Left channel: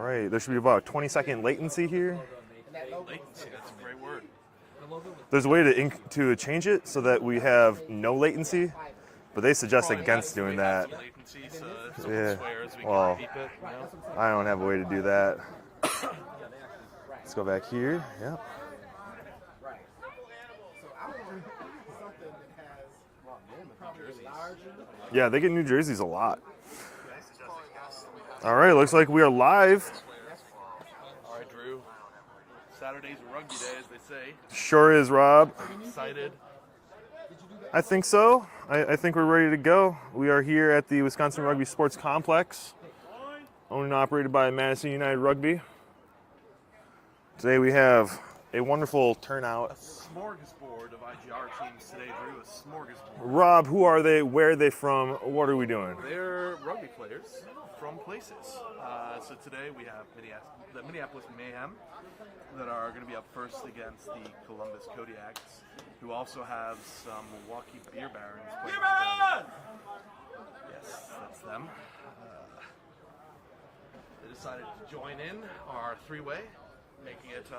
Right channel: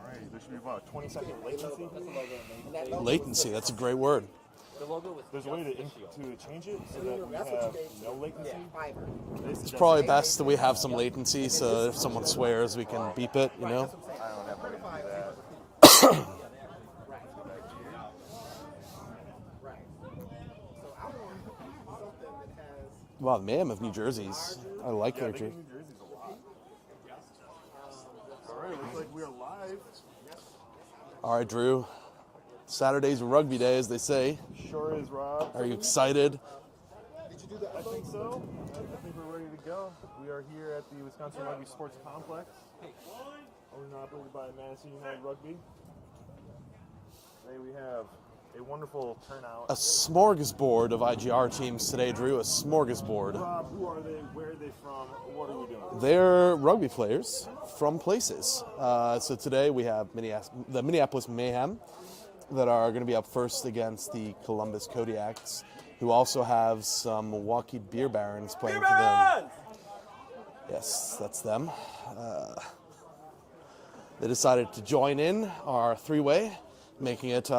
All right, there should be about a 20-second latency here. Latency, that's a great word. There's a way to change it so that we have no latency, but they suggest Probably against best that doing we have some latency, so if someone swears, we can beep it, you know? I don't have a way to do that. Let's go back here. Yeah. Wow, Mayhem of New Jerseys. I like Yeah, they get New Jerseys a lot. All right, looks like we are live. All right, Drew. Saturday's rugby day, as they say. Sure is, Rob. Are you excited? I think so. I think we're ready to go. We are here at the Wisconsin Rugby Sports Complex, owned and operated by Madison United Rugby. Today we have a wonderful turnout. A smorgasbord of IGR teams today, Drew. A smorgasbord. Rob, who are they? Where are they from? What are we doing? They're rugby players from places. So today we have the Minneapolis Mayhem that are going to be up first against the Columbus Kodiaks, who also have some Milwaukee Beer Barons playing for them. Yes, that's them. They decided to join in our three-way, making it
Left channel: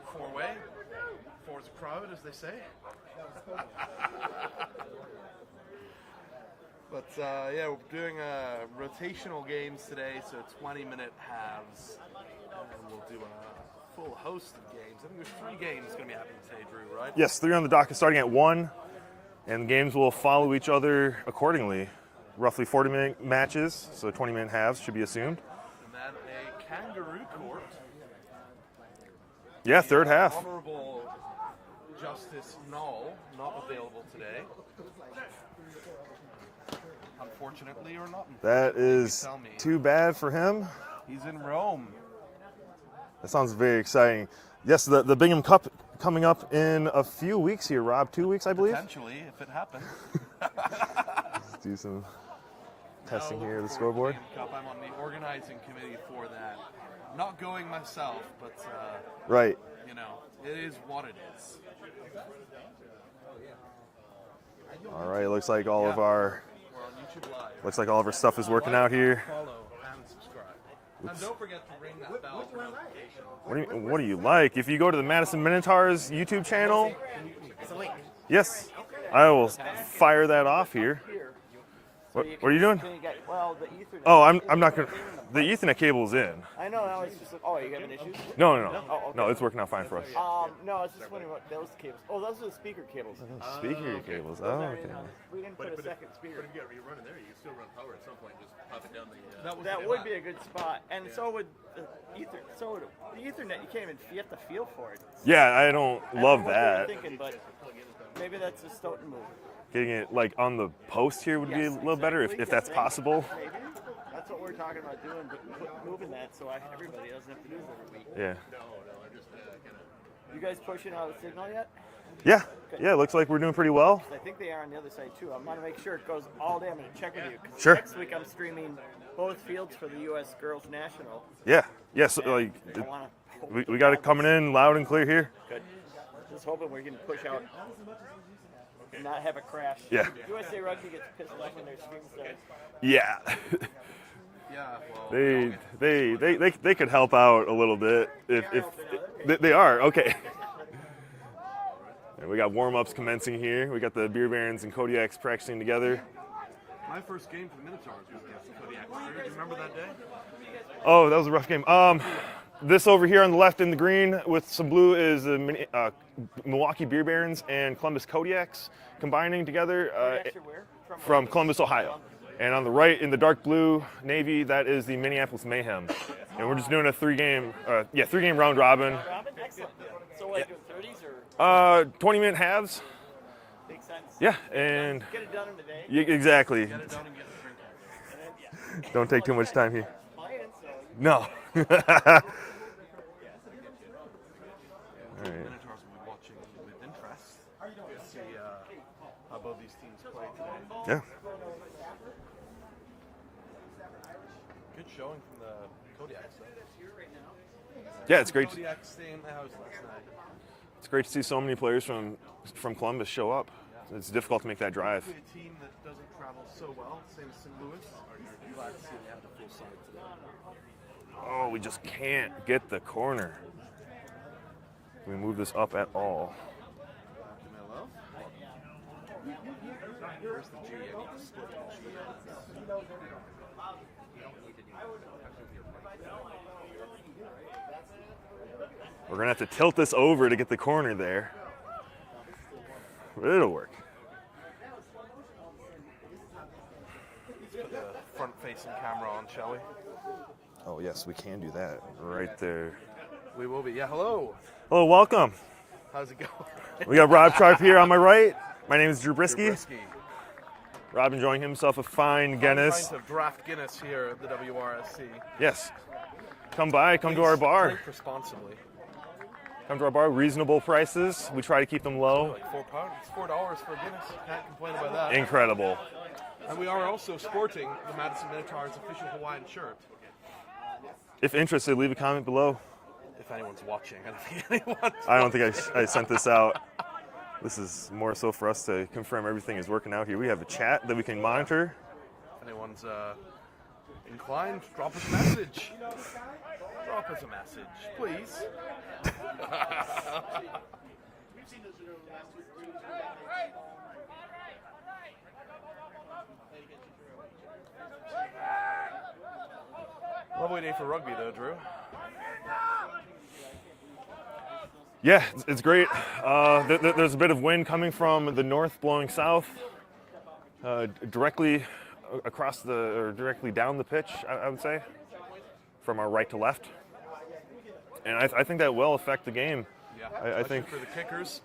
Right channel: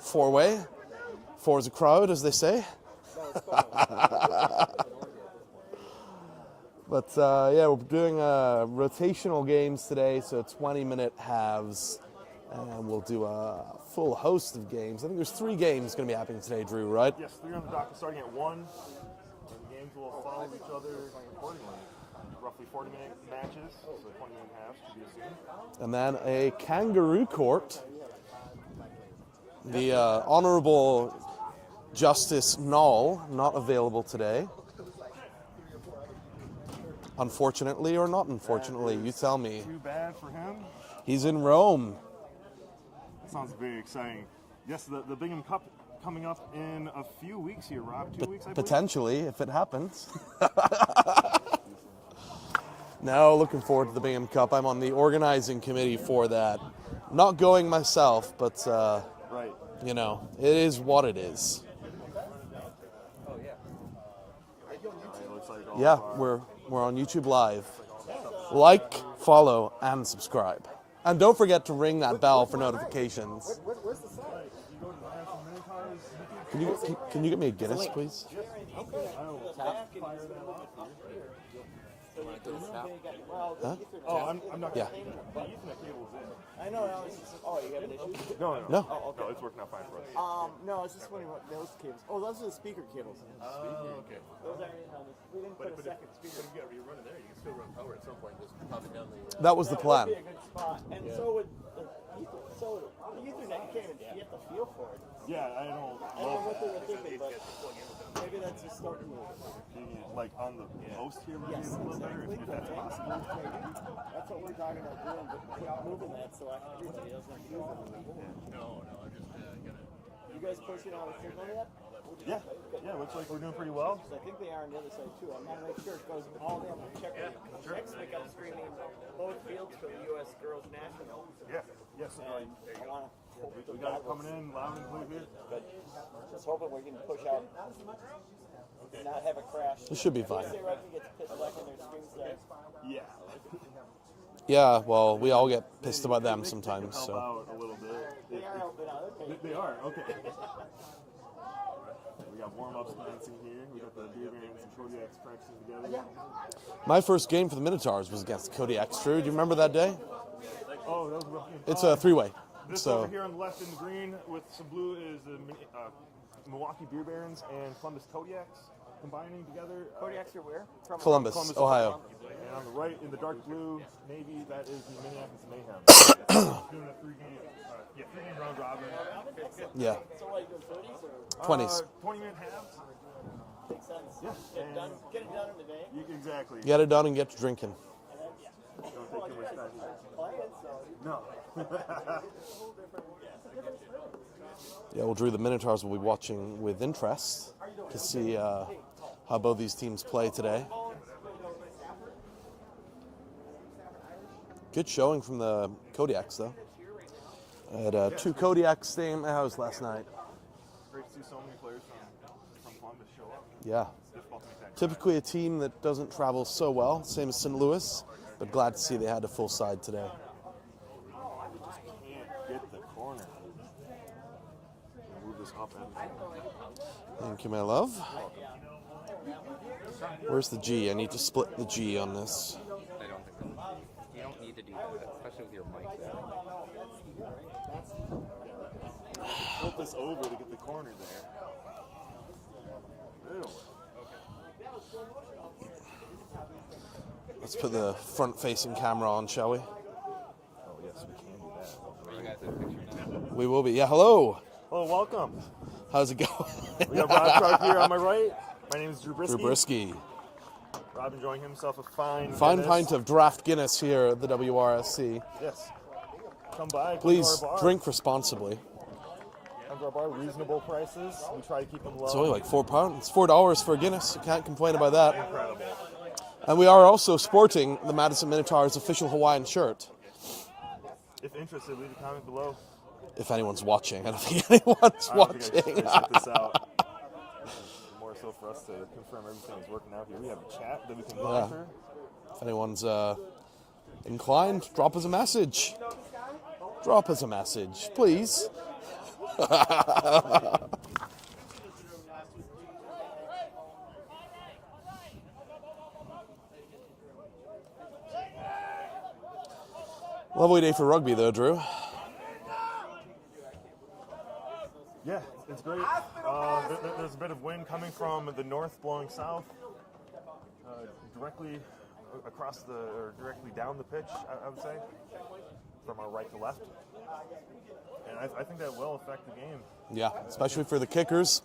four-way. Four is a crowd, as they say. But yeah, we're doing rotational games today, so 20-minute halves, and we'll do a full host of games. I think there's 3 games going to be happening today, Drew, right? Yes, 3 on the docket starting at 1, and the games will follow each other accordingly. Roughly 40-minute matches, so 20-minute halves should be assumed. And then a kangaroo court. Yeah, the, third half. Honorable Justice Knoll, not available today. Unfortunately or not unfortunately, that you is tell me. Too bad for him. He's in Rome. That sounds very exciting. Yes, the Bingham Cup coming up in a few weeks here, Rob. 2 weeks, I believe? Potentially, if it happens. Do some Now, looking forward to the Bingham Cup. I'm on the organizing committee for that. Not going myself, but, right. you know, it is what it is. All right, it looks like all of our... We're on YouTube Live. Looks like all of our stuff is working out here. Follow, and subscribe. And don't forget to ring that bell for notifications. What do you like? If you go to the Madison Minotaurs YouTube channel... Can you get me a Guinness, please? Yes. I will fire that off here. What are you doing? Huh? Oh, I'm not going to... The Ethernet cable is in. I know, now it's just, oh, you have an issue? No. No, it's working out fine for us. No, it's just wondering about those cables. Oh, those are the speaker cables. Speaker cables, oh, okay. But if you run it there, you can still run power at some point, just pop it down the... That was the plan. That would be a good spot. And so would the Ethernet, you can't even, you have to feel for it. Yeah, I don't love that. Thinking, but maybe that's a starting move. Getting it like on the post here would be a little better if that's possible. That's what we're talking about doing, but moving that so everybody doesn't have to do it every week. Yeah. You guys pushing on the signal yet? Yeah. Yeah, it looks like we're doing pretty well. I think they are on the other side too. I want to make sure it goes all day. I'm going to check with you. Sure. Next week I'm streaming both fields for the U.S. Girls National. Yeah. Yes. Like we got it coming in loud and clear here. Good. Just hoping we're going to push out and not have a crash. Yeah. Should be fine. USA Rugby gets pissed back in their streams there. Yeah. Yeah, well, we all get pissed about them they sometimes, could help so. out a little bit if they are okay. We got warm-ups commencing here. We got the Beer Barons and Kodiaks practicing together. My first game for the Minotaurs was against the Kodiaks. Drew, do you remember that day? Oh, that was a rough game. It's a three-way. This over here on the left in the green with some blue is the Milwaukee Beer Barons and Columbus Kodiaks combining together from Columbus, Ohio. And on the right in the dark blue navy, that is the Minneapolis Mayhem. We're just doing a three-game round robin. Yeah. So what, doing 30s or 20-minute halves. makes sense? Yeah, and Get it done in a day. exactly. Get it done and get to drinking. And then, yeah. Don't take too much time here. Playing, so No. Yeah, well, Drew, the Minotaurs will be watching with interest to see how both these teams play today. Yeah. Good showing from the Kodiaks, though. I had Yeah, it's two great. Kodiaks staying at my house last night. It's great to see so many players from Columbus show up. Yeah. It's difficult to make that drive. Typically a team that doesn't travel so well, same as St. Louis, but glad to see they had a full side today. Oh, we just can't get the corner. Can we move this up at all? Thank you, my love. Where's the G? I need to split the G on this. We're going to have to tilt this over to get the corner there. But it'll work. Let's put the front-facing camera on, shall we? Oh, yes, we can do that. Right there. We will be. Yeah, hello. Hello, welcome. How's it going? We got Rob Sharp here on my right. My name is Drew Brisky. Drew Brisky. Rob enjoying himself a fine Fine Guinness. pint of draft Guinness here at the WRSC. Yes. Come by, come Please to our bar. drink responsibly. Come to our bar, reasonable prices. We try to keep them It's only low. like £4. It's $4 for a Guinness. You can't complain about that. Incredible. And we are also sporting the Madison Minotaurs official Hawaiian shirt. If interested, leave a comment below. If anyone's watching. I don't think anyone's watching. I don't think I sent this out. This is more so for us to confirm everything is working out here. We have a chat that we can monitor. If anyone's inclined, drop us a message. Drop us a message, please. Lovely day for rugby, though, Drew. Yeah, it's great. There's a bit of wind coming from the north blowing south, directly across or directly down the pitch, I would say, from our right to left. And I think that will affect the game. Yeah, I especially think, for the kickers.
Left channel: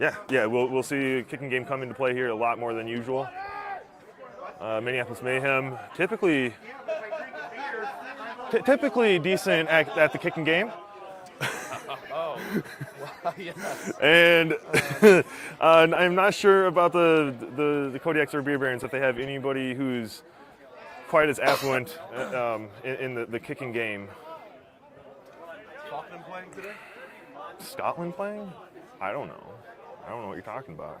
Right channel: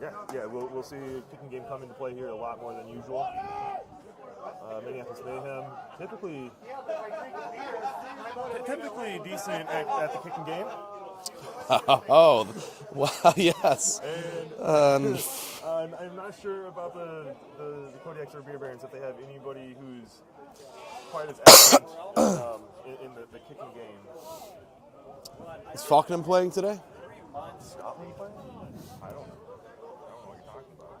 Yeah, we'll see a kicking game come into play here a lot more than usual. Minneapolis Mayhem, typically decent at the kicking game. Oh, well, yes. And I'm not sure about the Kodiaks or Beer Barons if they have anybody who's quite as excellent in the kicking game. Is Faulkner playing today? Scotland playing? I don't know. I don't know what you're talking about.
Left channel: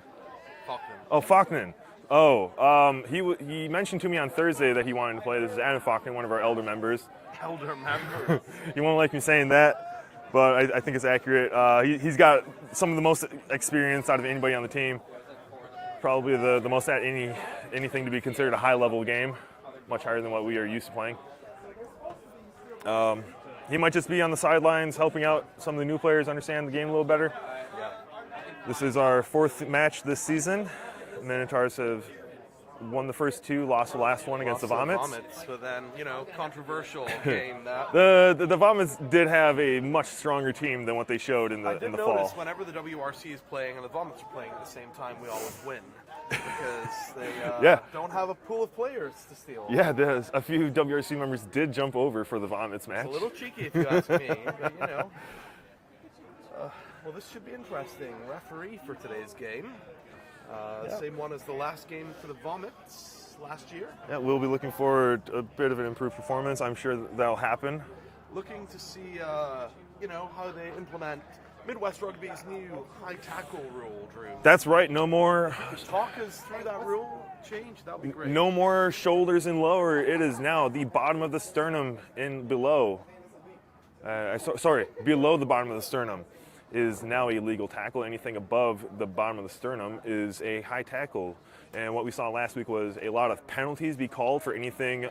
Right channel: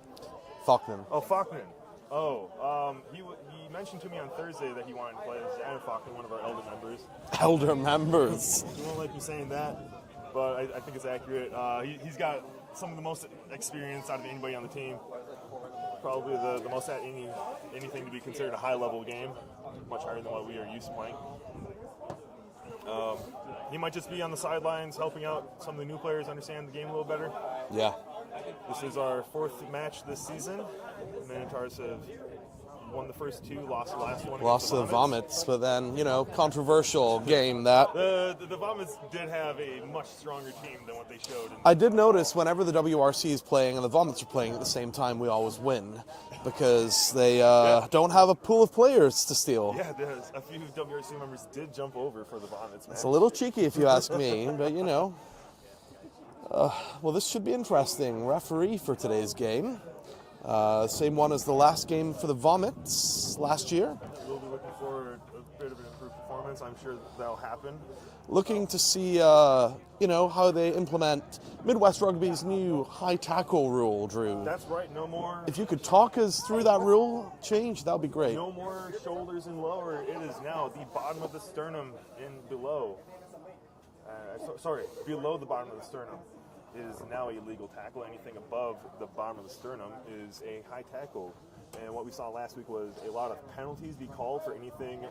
Faulkner. Oh, Faulkner. Oh, he mentioned to me on Thursday that he wanted to play. This is Adam Faulkner, one of our elder members. Elder members. He won't like me saying that, but I think it's accurate. He's got some of the most experience out of anybody on the team. Probably the most at anything to be considered a high-level game, much higher than what we are used to playing. He might just be on the sidelines helping out some of the new players understand the game a little better. Yeah. This is our fourth match this season. The Minotaurs have won the first two, lost the last one against the Vomits. But then, controversial game that. The Vomits did have a much stronger team than what they showed in the I did notice fall. whenever the WRC is playing and the Vomits are playing at the same time, we always win because they don't have a pool of players to steal. Yeah, a few WRC members did jump over for the Vomits match. It's a little cheeky if you ask me, but well, this should be interesting. Referee for today's game. Same one as the last game for the Vomits last year. Yeah, we'll be looking for a bit of an improved performance. I'm sure that'll happen. Looking to see, how they implement Midwest Rugby's new high tackle rule, Drew. That's right. No more. If you could talk us through that rule change, that would be great. No more shoulders and lower. It is now the bottom of the sternum and below. Below the bottom of the sternum is now a legal tackle. Anything above the bottom of the sternum is a high tackle. And what we saw last week was a lot of penalties be called for anything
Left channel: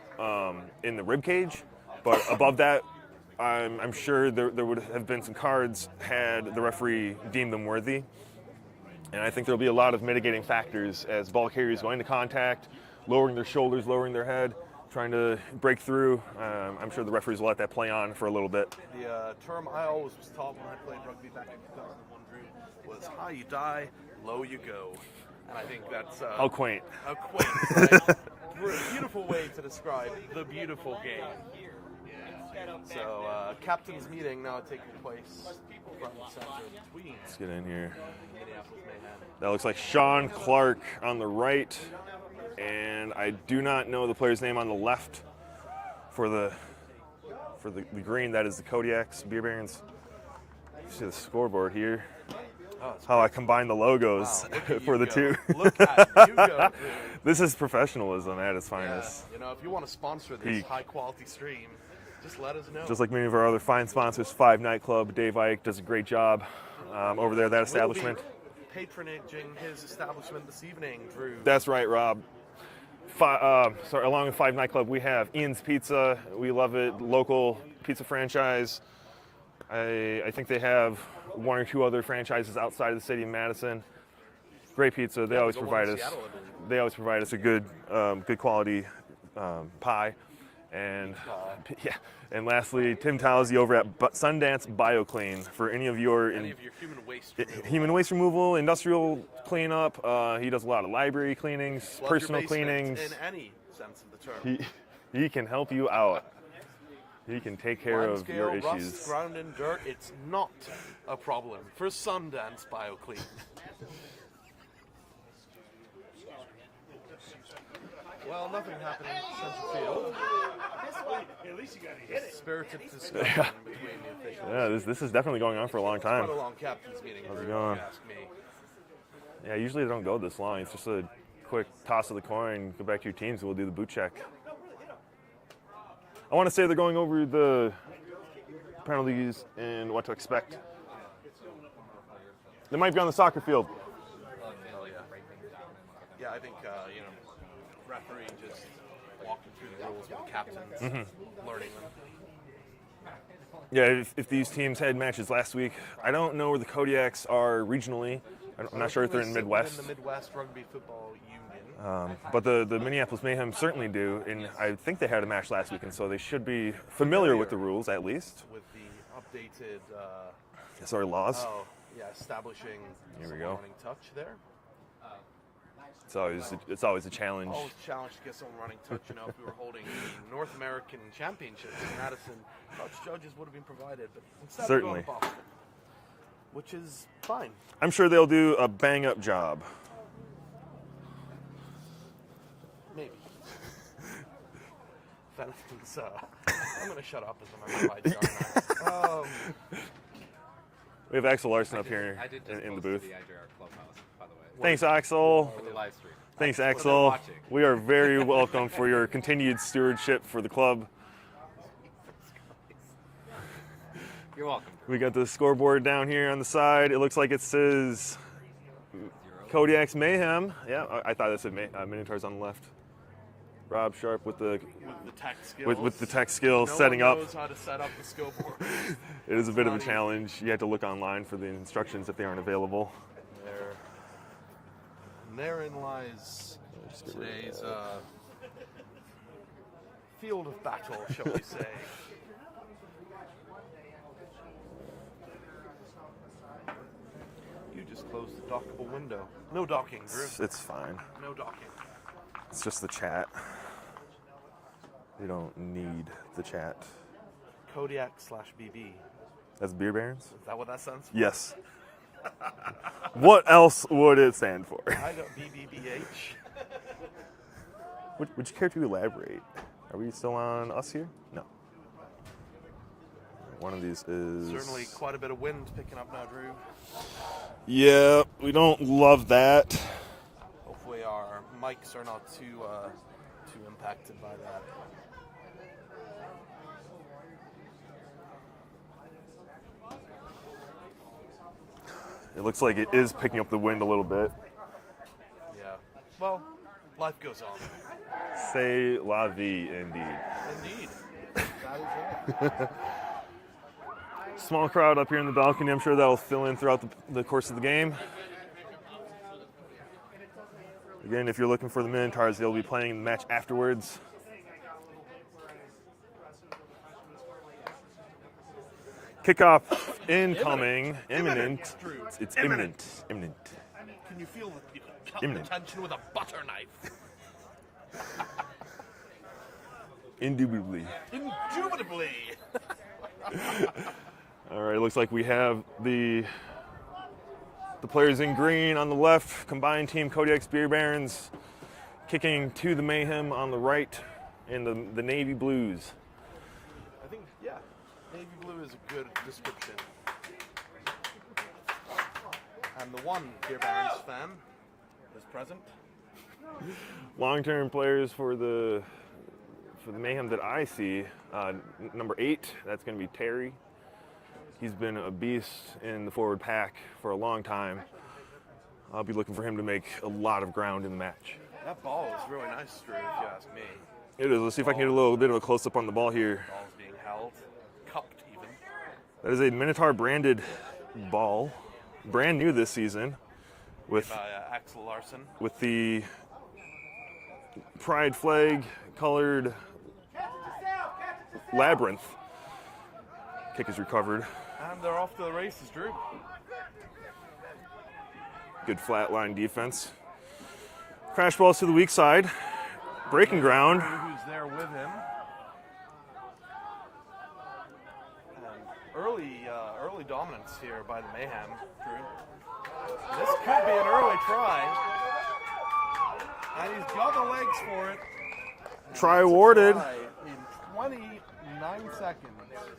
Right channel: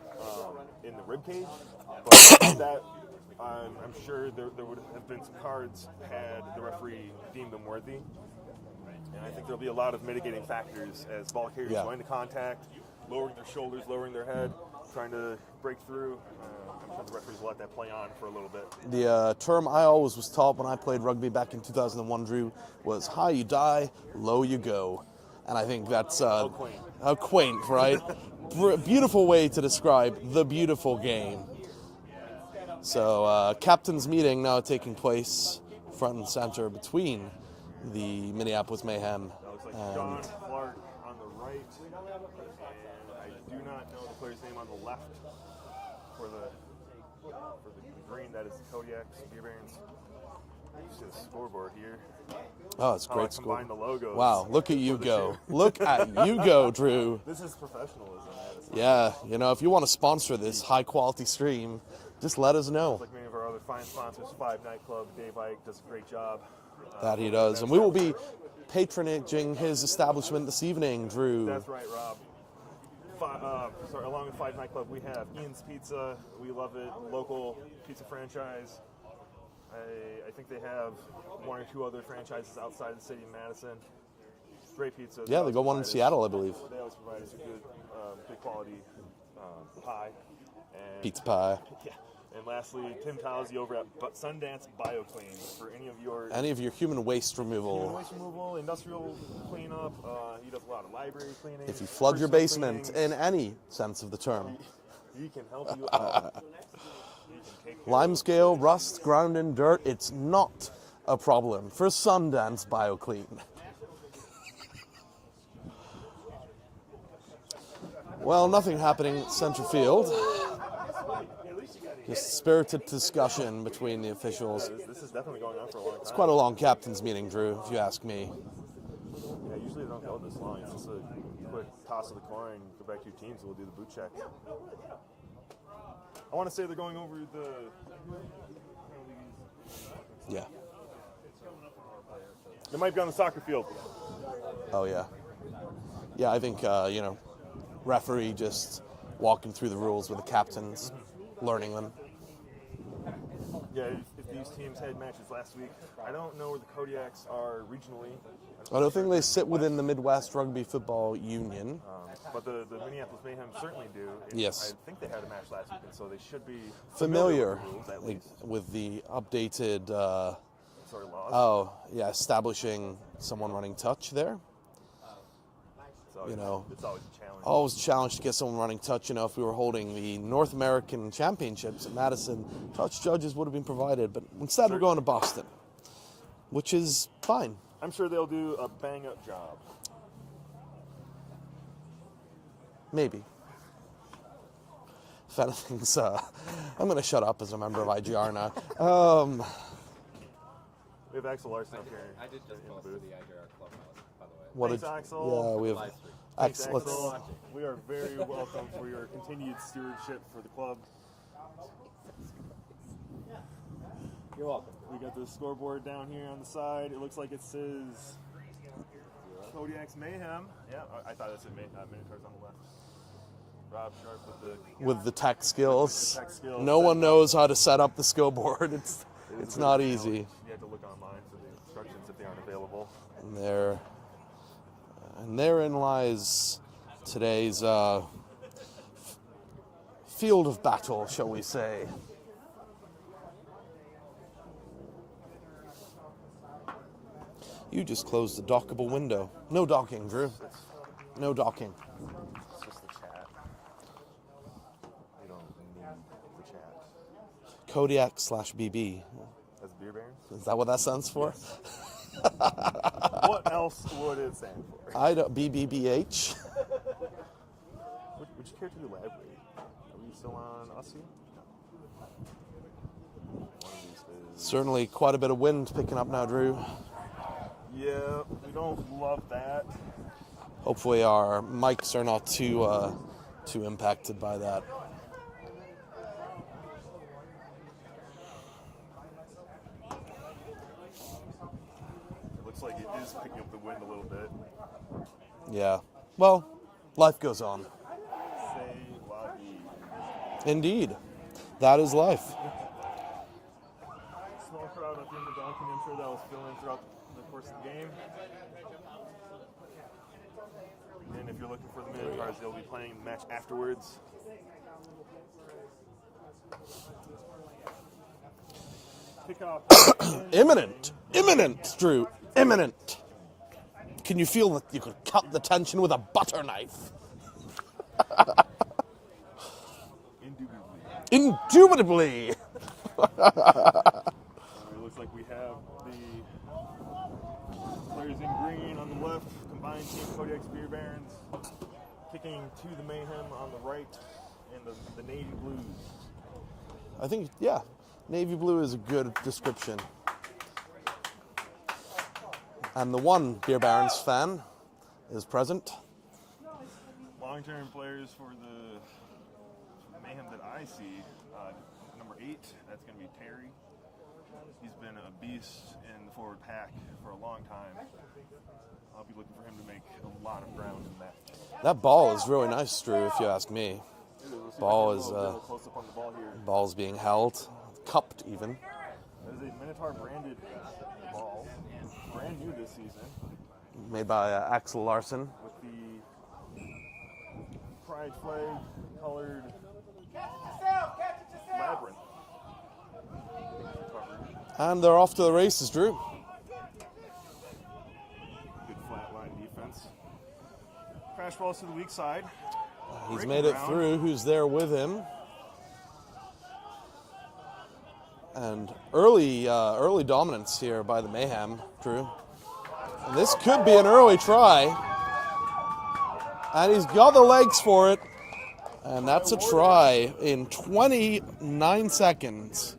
in the rib cage. But above that, I'm sure there would have been some cards had the referee deemed them worthy. And I think there'll be a lot of mitigating factors as ball carriers going to contact, lowering their shoulders, lowering their head, trying to break through. I'm sure the referees will let that play on for a little bit. The term I always was taught when I played rugby back in 2001, Drew, was high you die, low you go. And I think that's... How quaint. How quaint, right? Beautiful way to describe the beautiful game. So, captain's meeting now taking place front and center between Let's get in here. the Minneapolis Mayhem. That looks like Sean Clark on the right. And I do not know the player's name on the left for the green. That is the Kodiaks Beer Barons. You see the scoreboard here. Oh, it's How I combine the logos. Wow, look at you for the go. two. Look at you go, Drew. This is professionalism at its Yeah, finest. if you want to sponsor this high-quality stream, just let us know. Just like many of our other fine sponsors, 5 Nightclub, Dave Ike does a great job He over there at that does. We'll be establishment. patronaging his establishment this evening, Drew. That's right, Rob. Along with 5 Nightclub, we have Ian's Pizza. We love it. Local pizza franchise. I think they have 1 or 2 other franchises outside of the city of Madison. Great pizza. They yeah, we always got one in provide us. Seattle, I believe. They always provide us a good quality pie. And Pizza pie. Yeah. And lastly, Tim Towsey over at Sundance BioClean for any of your human waste removal. Human waste removal, industrial cleanup. He does a lot of library cleanings, If you flood your personal basement cleanings. in any sense of the term. He can help you out. He can take care of your Limescale, issues. rust, ground in dirt, it's not a problem for Sundance BioClean. Well, nothing happening at center field. Just spirited discussion between the officials. Yeah, this is definitely going on for a long time. Quite a long captain's meeting, Drew, if you ask me. Yeah, usually they don't go this long. It's just a quick toss of the coin, go back to your teams, and we'll do the boot check. I want to say they're going over the penalties and what to expect. They might be on the soccer field. Oh, yeah. Yeah, I think, referee just walking through the rules with the captains, learning them. Yeah, if these teams had matches last week, I don't know where the Kodiaks are regionally. I'm not sure if they they're in sit Midwest. within the Midwest Rugby Football Union. But the Minneapolis Mayhem certainly do. And Yes. I think they had a match last week, and so they should be familiar with the rules at least. With the updated, Laws. establishing someone go. running touch there. It's always a challenge. Always a challenge to get someone running touch. If we were holding the North American Championships in Madison, touch judges would have been provided. But instead, we're going to Boston, which is fine. I'm sure they'll do a bang-up job. Maybe. If anything's, I'm going to shut up as a member of IGR now. We have Axel Larson up here in the booth. The IGR clubhouse, by the way. Thanks, Axel. we have Live stream. Thanks, Axel. Axel. We are very welcome for your continued stewardship for the club. You're welcome. We got the scoreboard down here on the side. It looks like it says Kodiaks Mayhem. Yeah, I thought it said Minotaurs on the left. Rob Sharp with the tech skills. with the tech skills. No one setting up. knows how to set up the scoreboard. It is a it's bit not of a easy. challenge. You have to look online for the instructions if they aren't available. And therein lies today's field of battle, shall we say. You just closed the dockable window. No docking, Drew. It's fine. No docking. It's just the chat. You don't need the chat. Kodiak/BB. That's Beer Barons? Is that what that stands for? Yes. What else would it stand for? I don't. BBBH. Would you care to elaborate? Are we still on us here? No. One of these is... Certainly quite a bit of wind picking up now, Drew. Yeah, we don't love that. Hopefully our mics are not too impacted by that. It looks like it is picking up the wind a little bit. Yeah. Well, life goes on. C'est la vie, indeed. Indeed. That is life. Small crowd up here in the balcony. I'm sure that'll fill in throughout the course of the game. Again, if you're looking for the Minotaurs, they'll be playing the match afterwards. Kickoff incoming. Imminent, Drew. It's imminent. Imminent. Can you feel that you could cut Imminent. the tension with a butter knife? Indubitably. Indubitably. All right, looks like we have the players in green on the left, combined team Kodiaks Beer Barons, kicking to the Mayhem on the right, and the Navy Blues. I think, yeah, navy blue is a good description. And the one Beer Barons fan is present. Long-term players for the for the Mayhem that I see, number 8, that's going to be Terry. He's been a beast in the forward pack for a long time. I'll be looking for him to make a lot of ground in the match. That ball is really nice, Drew, if you ask me. It is. Let's see if I can get a little bit of a close-up on the ball here. Ball's being held, cupped even. That is a Minotaur branded ball, brand new this season. Made by Axel Larson. With the pride flag colored labyrinth. Kick is recovered. And they're off to the races, Drew. Good flat line defense. Crash balls to the weak side. Breaking ground. Who's there with him? And early dominance here by the Mayhem, Drew. This could be an early try. And he's got the legs for it. And try that's awarded. A try in 29 seconds.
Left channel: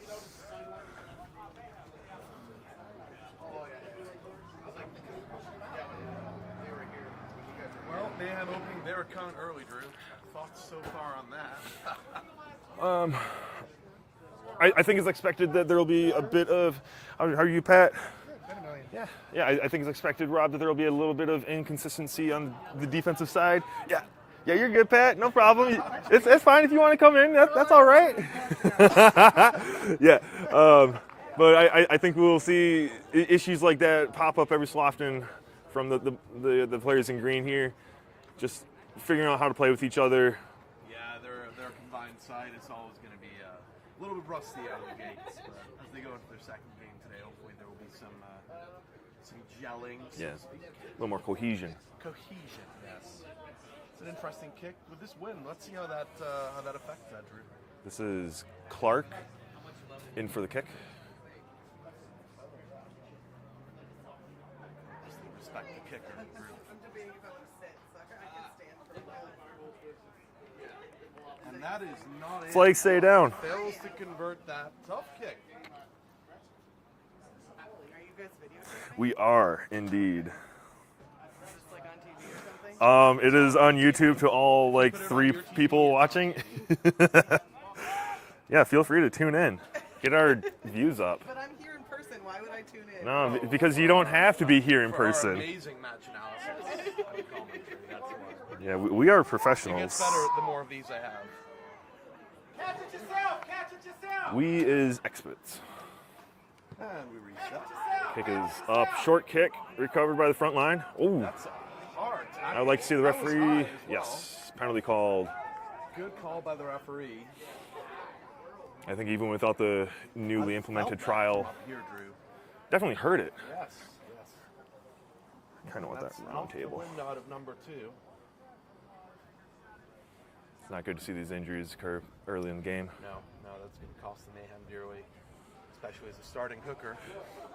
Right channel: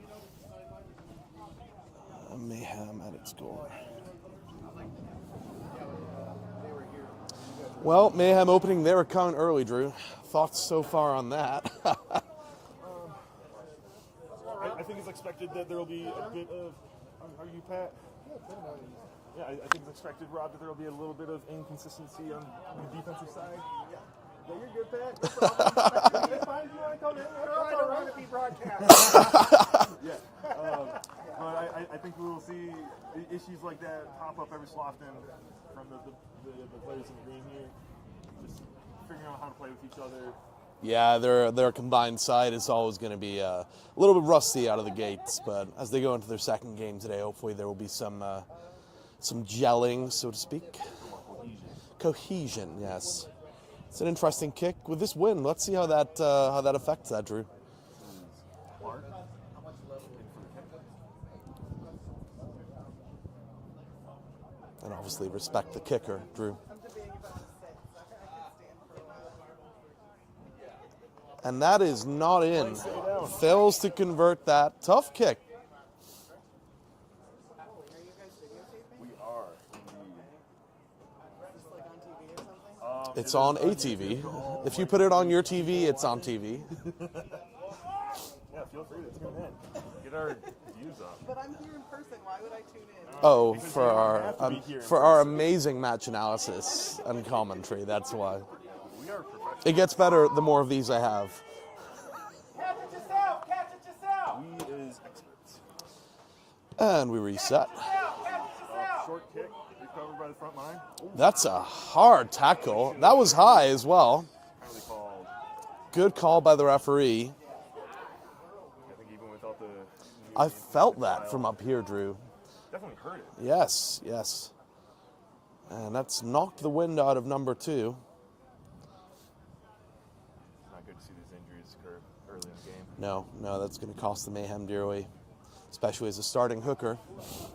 Mayhem at its goal. Well, Mayhem opening their account early, Drew. Thoughts so far on that? I think it's expected that there will be a bit of, how are you, Pat? Yeah, I think it's expected, Rob, that there will be a little bit of inconsistency on the defensive side. Yeah, you're good, Pat. No problem. it's fine if you want to come in. That's all right. Yeah, but I think we'll see issues like that pop up every so often from the players in green here. Just figuring out how to play with each other. Yeah, their combined side is always going to be a little bit rusty out of the gates, but as they go into their second game today, hopefully there will be some gelling, so to speak. A little more cohesion. Cohesion, yes. It's an interesting kick with this win. Let's see how that affects that, Drew. This is Clark in for the kick. And obviously respect the kicker, Drew. And that is not in. Flag stay down. Fails to convert that. Tough kick. We are indeed. It It's is on TV. YouTube to all If you like put it on 3 your TV, people it's watching. on TV. Yeah, feel free to tune in. Get our views up. But I'm here in person. Why would I tune in? No, because you don't have to be here in for person. our amazing match analysis and commentary, that's why. Yeah, we are professionals. It gets better the more of these I have. Catch it yourself! Catch it yourself! We is experts. And we reset. Kick is up, short kick, recovered by the front line. Ooh, That's a hard I'd tackle. like to see the That was referee- high as well. Yes, penalty called. Good call by the referee. I think even without the I newly felt implemented that trial, from up here, Drew. definitely heard it. Yes, yes. And that's knocked the wind out of number 2. It's not good to see these injuries occur early in the game. No, that's going to cost the Mayhem dearly, especially as a starting hooker. Yeah,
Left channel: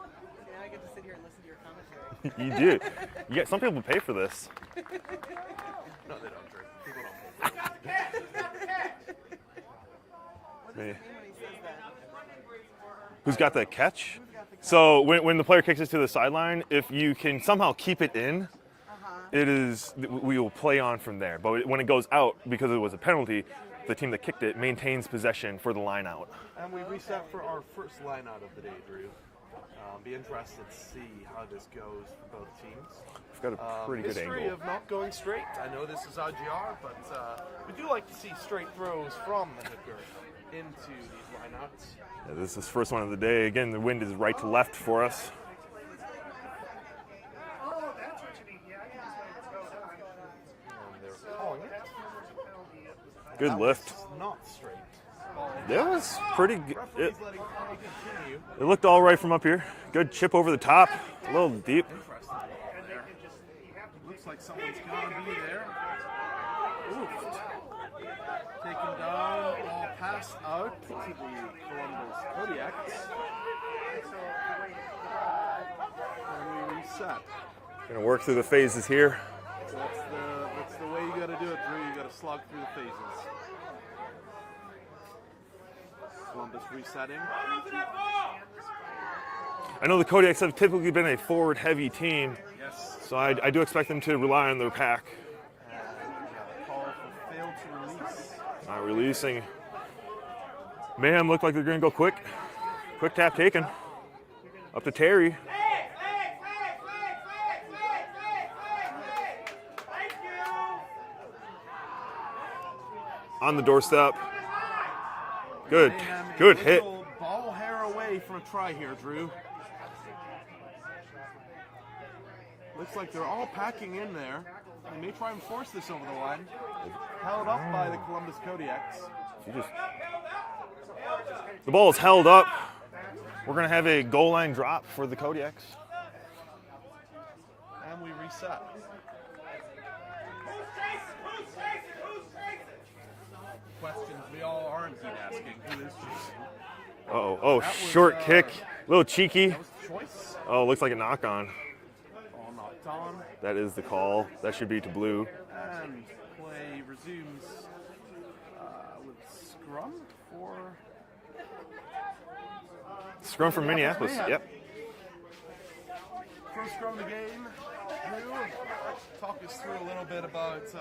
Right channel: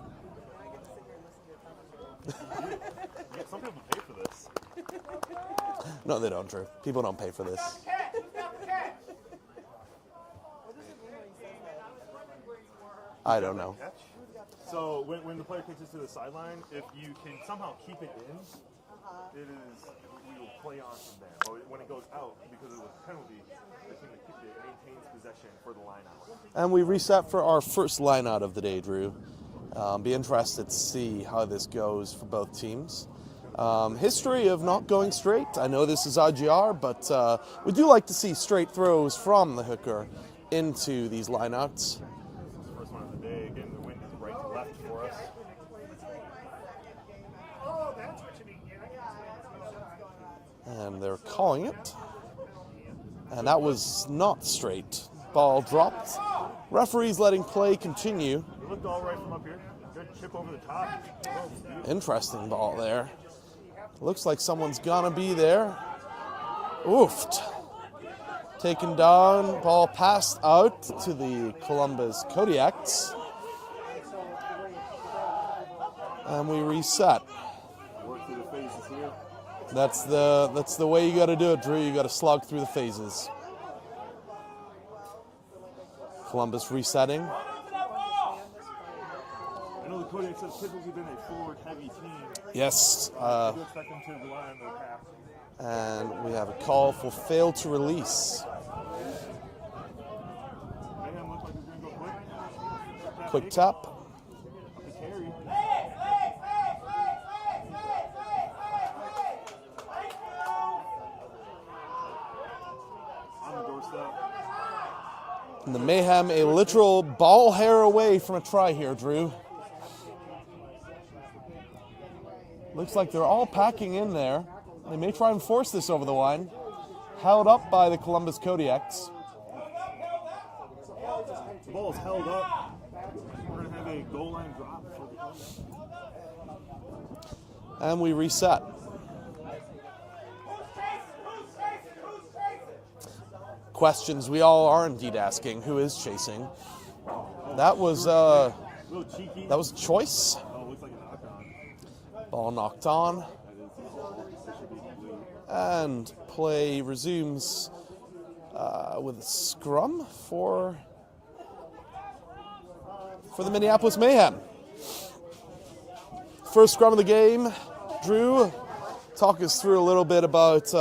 I get to sit here and listen to your commentary. You do. You get some people pay for this. No, they don't, Drew. People don't pay for this. Me. I Who's got don't the know. catch? So when the player kicks it to the sideline, if you can somehow keep it in, we will play on from there. But when it goes out, because it was a penalty, the team that kicked it maintains possession for the line out. And we reset for our first line out of the day, Drew. Be interested to see how this goes for both teams. History of not going straight. I know this is IGR, but we do like to see straight throws from the hooker into these lineouts. Yeah, this is the first one of the day. Again, the wind is right to left for us. And they're calling it. And Good that lift. was not straight. Ball That dropped. was pretty good. Referees letting play continue. It looked all right from up here. Good chip over the top. A little deep. Interesting ball there. Looks like someone's gonna be there. Oofed. Taken down, ball passed out to the Columbus Kodiaks. And we reset. Gonna work through the phases here. That's the way you gotta do it, Drew. You gotta slog through the phases. Columbus resetting. I know the Kodiaks have typically been a forward-heavy team, Yes. so I do expect them to rely on their pack. And we have a call for fail to release. Releasing. Mayhem looked like they're going to go quick. Quick tap Quick taken. tap. Up to Terry. On the doorstep. Good. Mayhem a Good literal ball hair away from a try here, Drew. Looks like they're all packing in there. They may try and force this over the line. Held up by the Columbus Kodiaks. The ball is held up. We're going to have a goal line drop for the Kodiaks. And we reset. Questions we all are indeed asking. Who is chasing? Oh, That was, short kick. A little cheeky. That was a choice. Oh, looks like a knock on. Ball knocked on. That is the call. That should be to blue. And play resumes with a scrum for Scrum the for Minneapolis Mayhem. Yep. First scrum of the game. Drew, talk us through a little bit about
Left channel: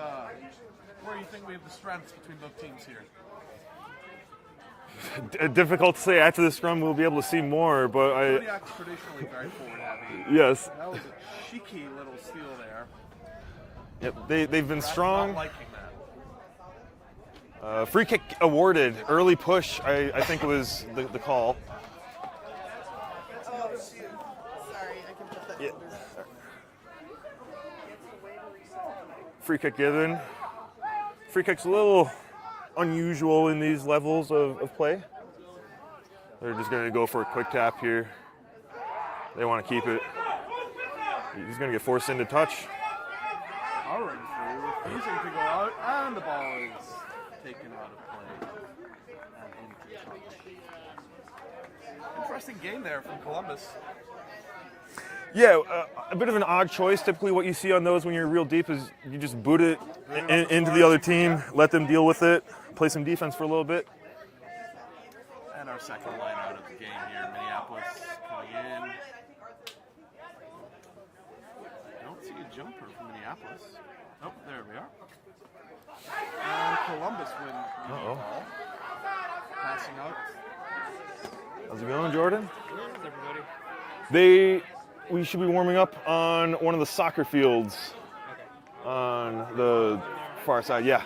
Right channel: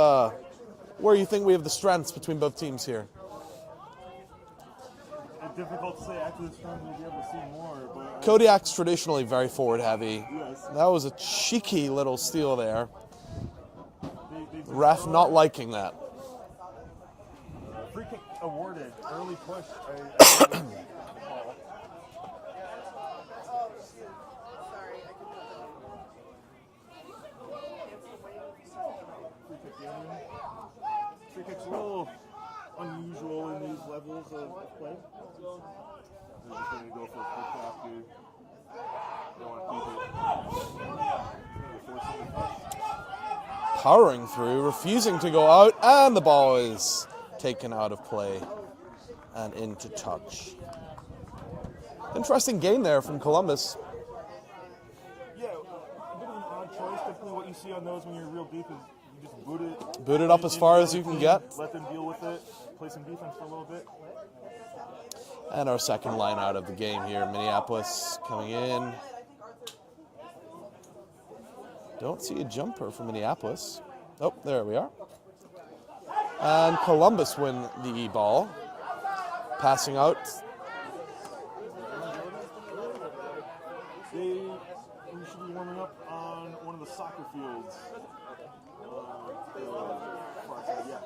where you think we have the strengths between both teams here. Difficult to say. After the scrum, we'll be able to see more. But Kodiak's traditionally very forward heavy. Yes. That was a cheeky little steal there. Yep. They've been Ref strong. not liking that. Free kick awarded. Early push. I think it was the call. Oh, shoot. Sorry, I can put that. Yeah. Free kick given. Free kick's a little unusual in these levels of play. They're just going to go for a quick tap here. They want to keep it. He's going to get forced into touch. Powering through, refusing to go out, and the ball is taken out of play and into touch. Interesting game there from Columbus. Yeah, a bit of an odd choice. Typically what you see on those when you're real deep is you just boot it Up as into far the as other you can team, get. let them deal with it, play some defense for a little bit. And our second line out of the game here, Minneapolis coming in. Don't see a jumper from Minneapolis. Oh, there we are. And Columbus win the ball. Passing out. How's it going, Jordan? We should be warming up on one of the soccer fields on the far side. Yeah.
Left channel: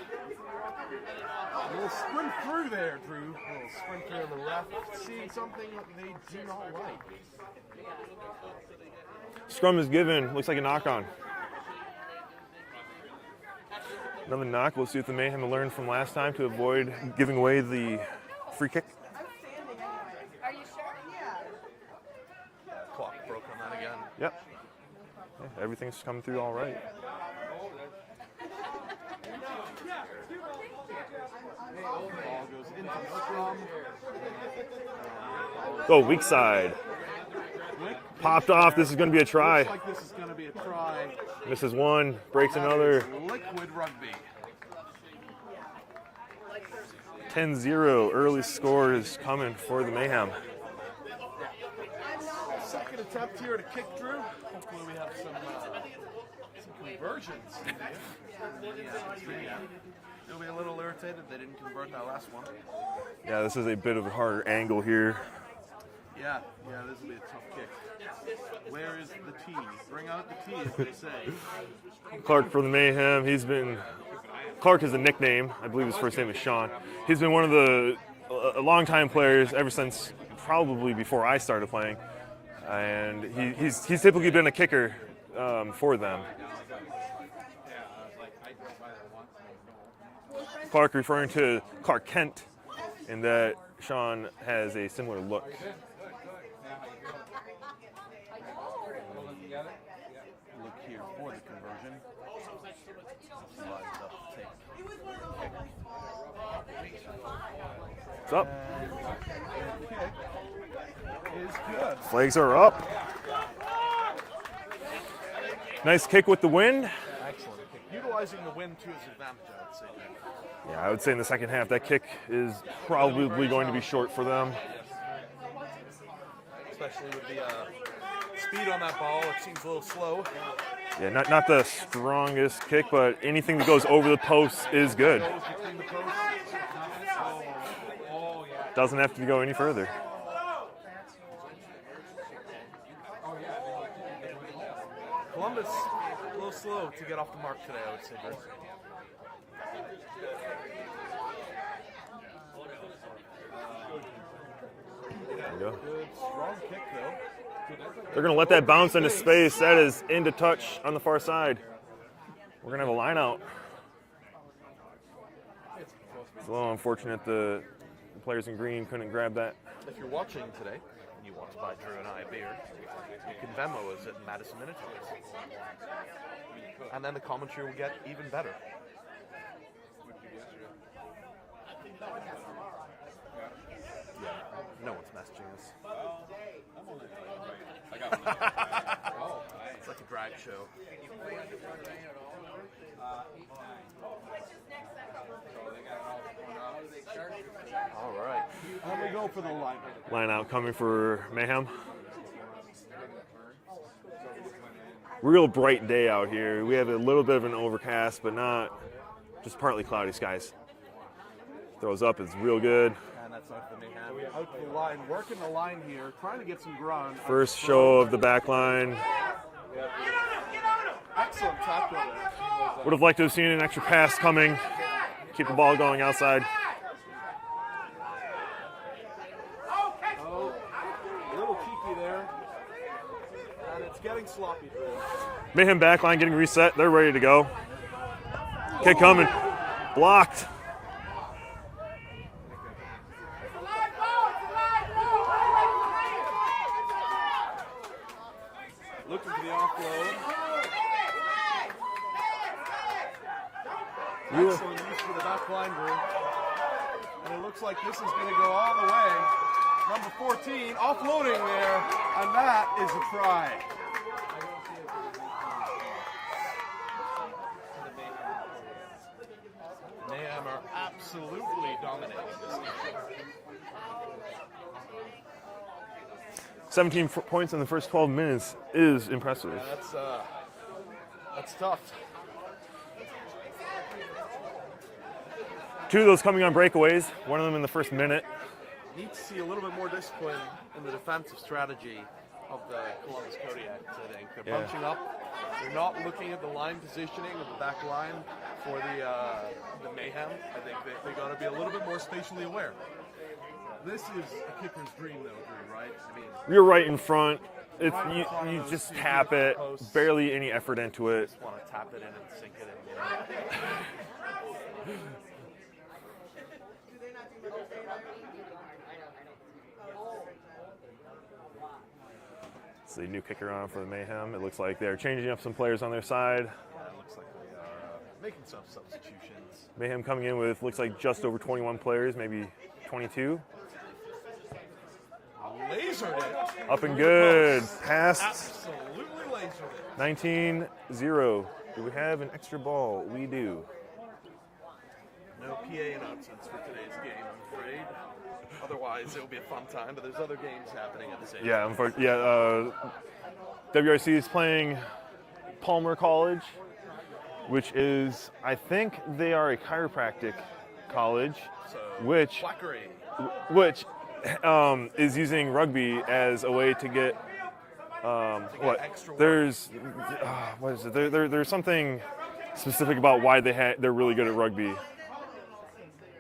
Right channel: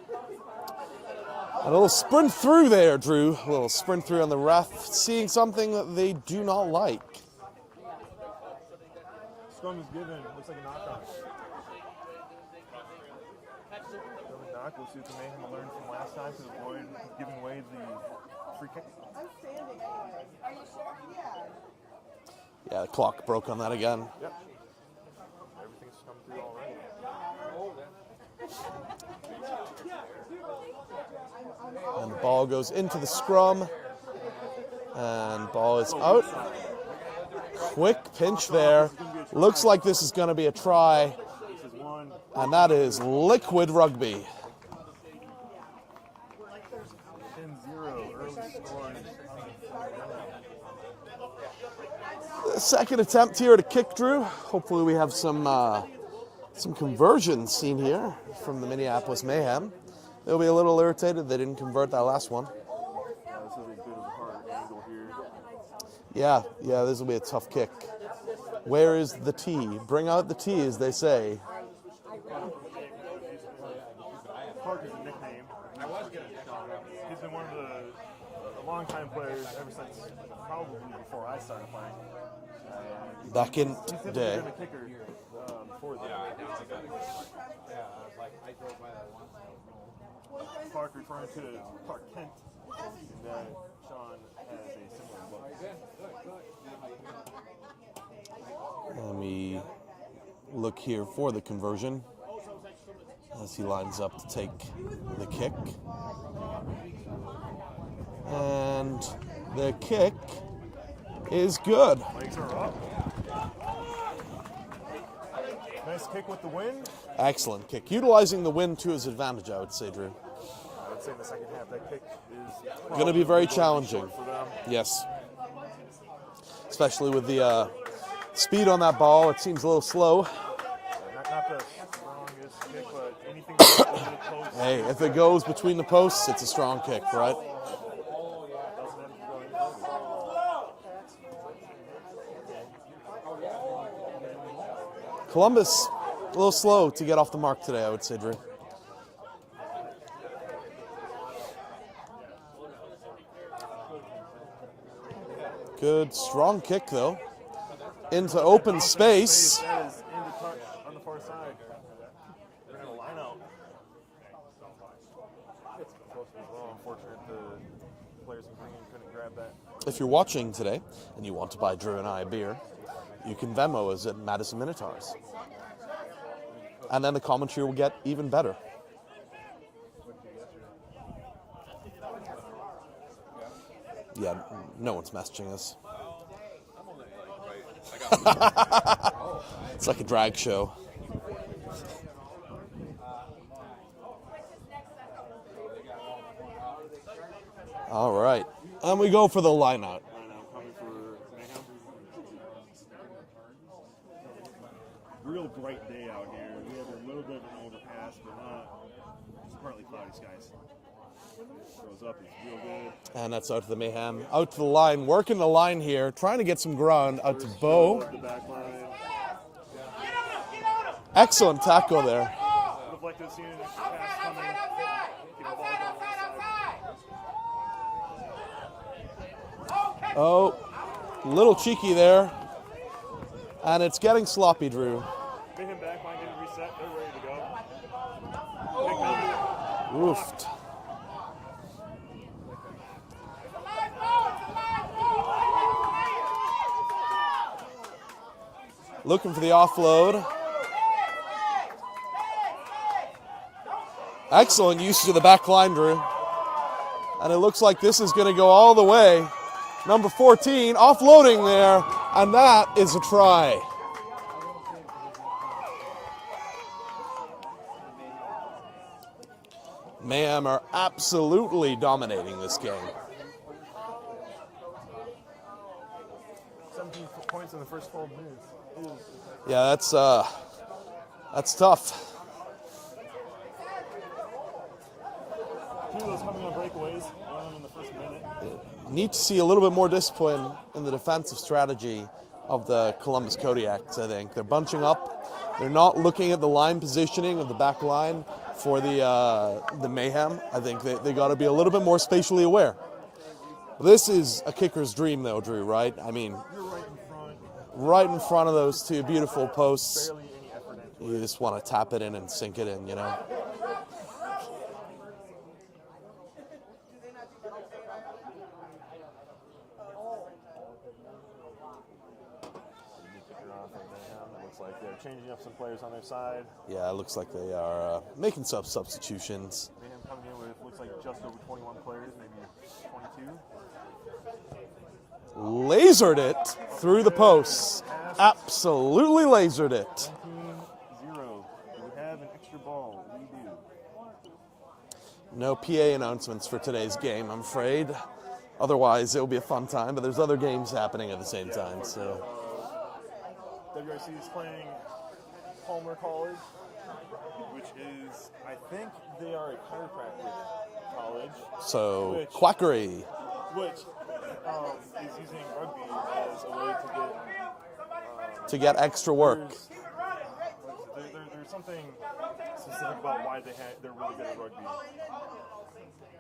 A little sprint through there, Drew. A little sprint through on the ref, seeing something that they do not like. Scrum is given. Looks like a knock on. Another knock. We'll see what the Mayhem learned from last time to avoid giving away the free kick. Yeah, the clock broke on that again. Yep. Yeah, everything's coming through all right. And the ball goes into the scrum. And ball is Oh, out. weak side. Quick pinch Popped there. off. This is going to be a try. Looks like this is going to be a try. This is one. Breaks And that another. is liquid rugby. 10-0. Early score is coming for the Mayhem. Second attempt here to kick, Drew. Hopefully we have some conversions seen here from the Minneapolis Mayhem. They'll be a little irritated they didn't convert that last one. Yeah, this is a bit of a harder angle here. Yeah, this will be a tough kick. Where is the tee? Bring out the tee, as they say. Clark for the Mayhem. Clark is a nickname. I believe his first name is Sean. He's been one of a longtime players ever since probably before I started playing. And he's typically been a kicker for them. Clark referring to Clark Kent in that Sean has a similar look. And we look here for the conversion as he lines up to take the kick. It's up. And the kick is good. Flags are up. Nice kick with the wind. Excellent kick. Utilizing the wind to his advantage, I would say, Drew. Yeah, I would say in the second half that kick is Gonna probably be very going to be challenging. short for them. Yes. Especially with the speed on that ball, it seems a little slow. Yeah, not the strongest kick, but anything that goes over the post is if good. it goes between the posts, it's a strong kick, right? Doesn't have to go any further. Columbus, a little slow to get off the mark today, I would say, Drew. Good, strong kick, though. We're going Into to let that open bounce into space. space. That is into touch on the far side. We're going to have a line out. It's a little unfortunate the players in green couldn't grab that. If you're watching today and you want to buy Drew and I a beer, you can Venmo us at Madison Minotaurs. And then the commentary will get even better. Yeah, no one's messaging us. It's like a drag show. All right, and we go for the line out. Line out coming for Mayhem. Real bright day out here. We have a little bit of an overcast, but not just partly cloudy skies. Throws up, it's real good. And that's out to the Mayhem. Out to the line, working the line here, trying to get some ground. Out First to show Bo. of the back line. Excellent tackle there. Would have liked to have seen an extra pass coming. Keep the ball going outside. Oh, little cheeky there. And it's getting sloppy, Drew. Mayhem back line getting reset. They're ready to go. Kick coming. Blocked. Looking for the offload. Excellent usage of the back line, Drew. And it looks like this is going to go all the way. Number 14 offloading there, and that is a try. Mayhem are absolutely dominating this game. 17 points in the first 12 minutes is impressive. Yeah, that's tough. Two of those coming on breakaways, one of them in the first minute. Need to see a little bit more discipline in the defensive strategy of the Columbus Kodiaks, I think. They're bunching up. They're not looking at the line positioning of the back line for the Mayhem. I think they got to be a little bit more spatially aware. This is a kicker's dream, though, Drew, right? I mean, You're right in front. right in front of You those just two tap beautiful it, posts. Barely any effort into You it. just want to tap it in and sink it in, you know? It's the new kicker on for the Mayhem. It looks like they're changing up some players on their side. Yeah, it looks like they are making some substitutions. Mayhem coming in with looks like just over 21 players, maybe 22. Lasered it Up through and the good. posts. Passed. Absolutely lasered it. 19-0. Do we have an extra ball? We do. No PA announcements for today's game, I'm afraid. Otherwise, it will be a fun time, but there's other games happening at the same Yeah, time. unfortunately, WRC is playing Palmer College, which is, I think they are a chiropractic college. So, Which- quackery. Which is using rugby as a way to get Extra work. There's what is it? There's something specific about why they're really good at rugby.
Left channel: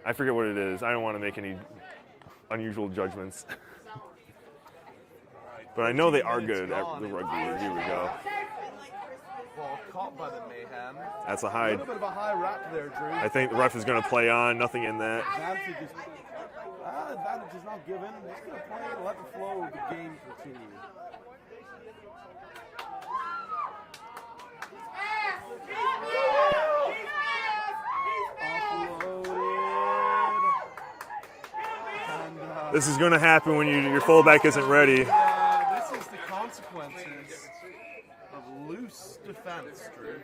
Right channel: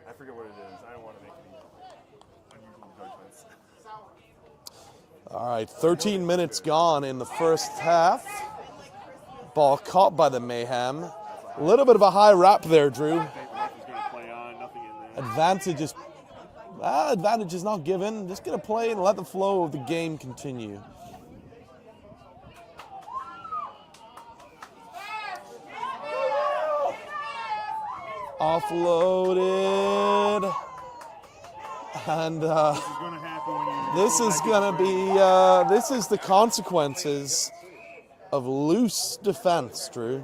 I forget what it is. I don't want to make any unusual judgments. All right, But I know they 13 are minutes good gone at in the rugby. first Here we go. half. Ball caught by the Mayhem. That's a A high. little bit of a high wrap there, Drew. I think the ref is going to play on. Nothing in that. Advantage is not given. Just gonna play and let the flow of the game continue. Offloaded. And This is going to happen when your this fullback is isn't gonna ready. be, this is the consequences of loose defense, Drew.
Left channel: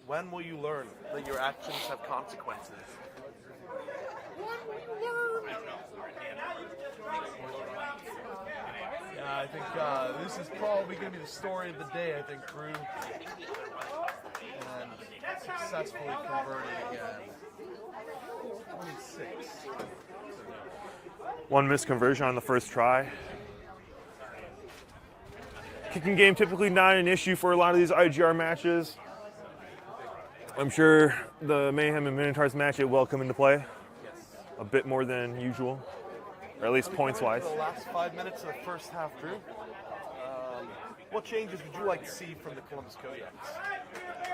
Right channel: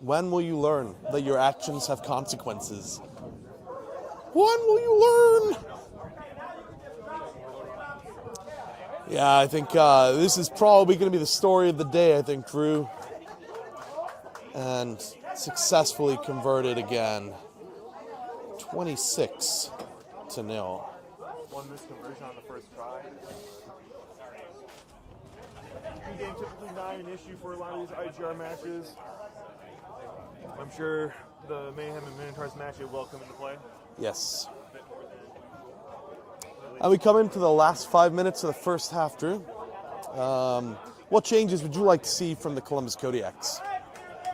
When will you learn that your actions have consequences? When will you learn? Yeah, I think this is probably going to be the story of the day, I think, Drew. And successfully converted again. 26-0. One missed conversion on the first try. Kicking game typically not an issue for a lot of these IGR matches. I'm sure the Mayhem and Minotaurs match it will come into play Yes. a bit more than usual, or at least And we come into points-wise. the last 5 minutes of the first half, Drew. What changes would you like to see from the Columbus Kodiaks?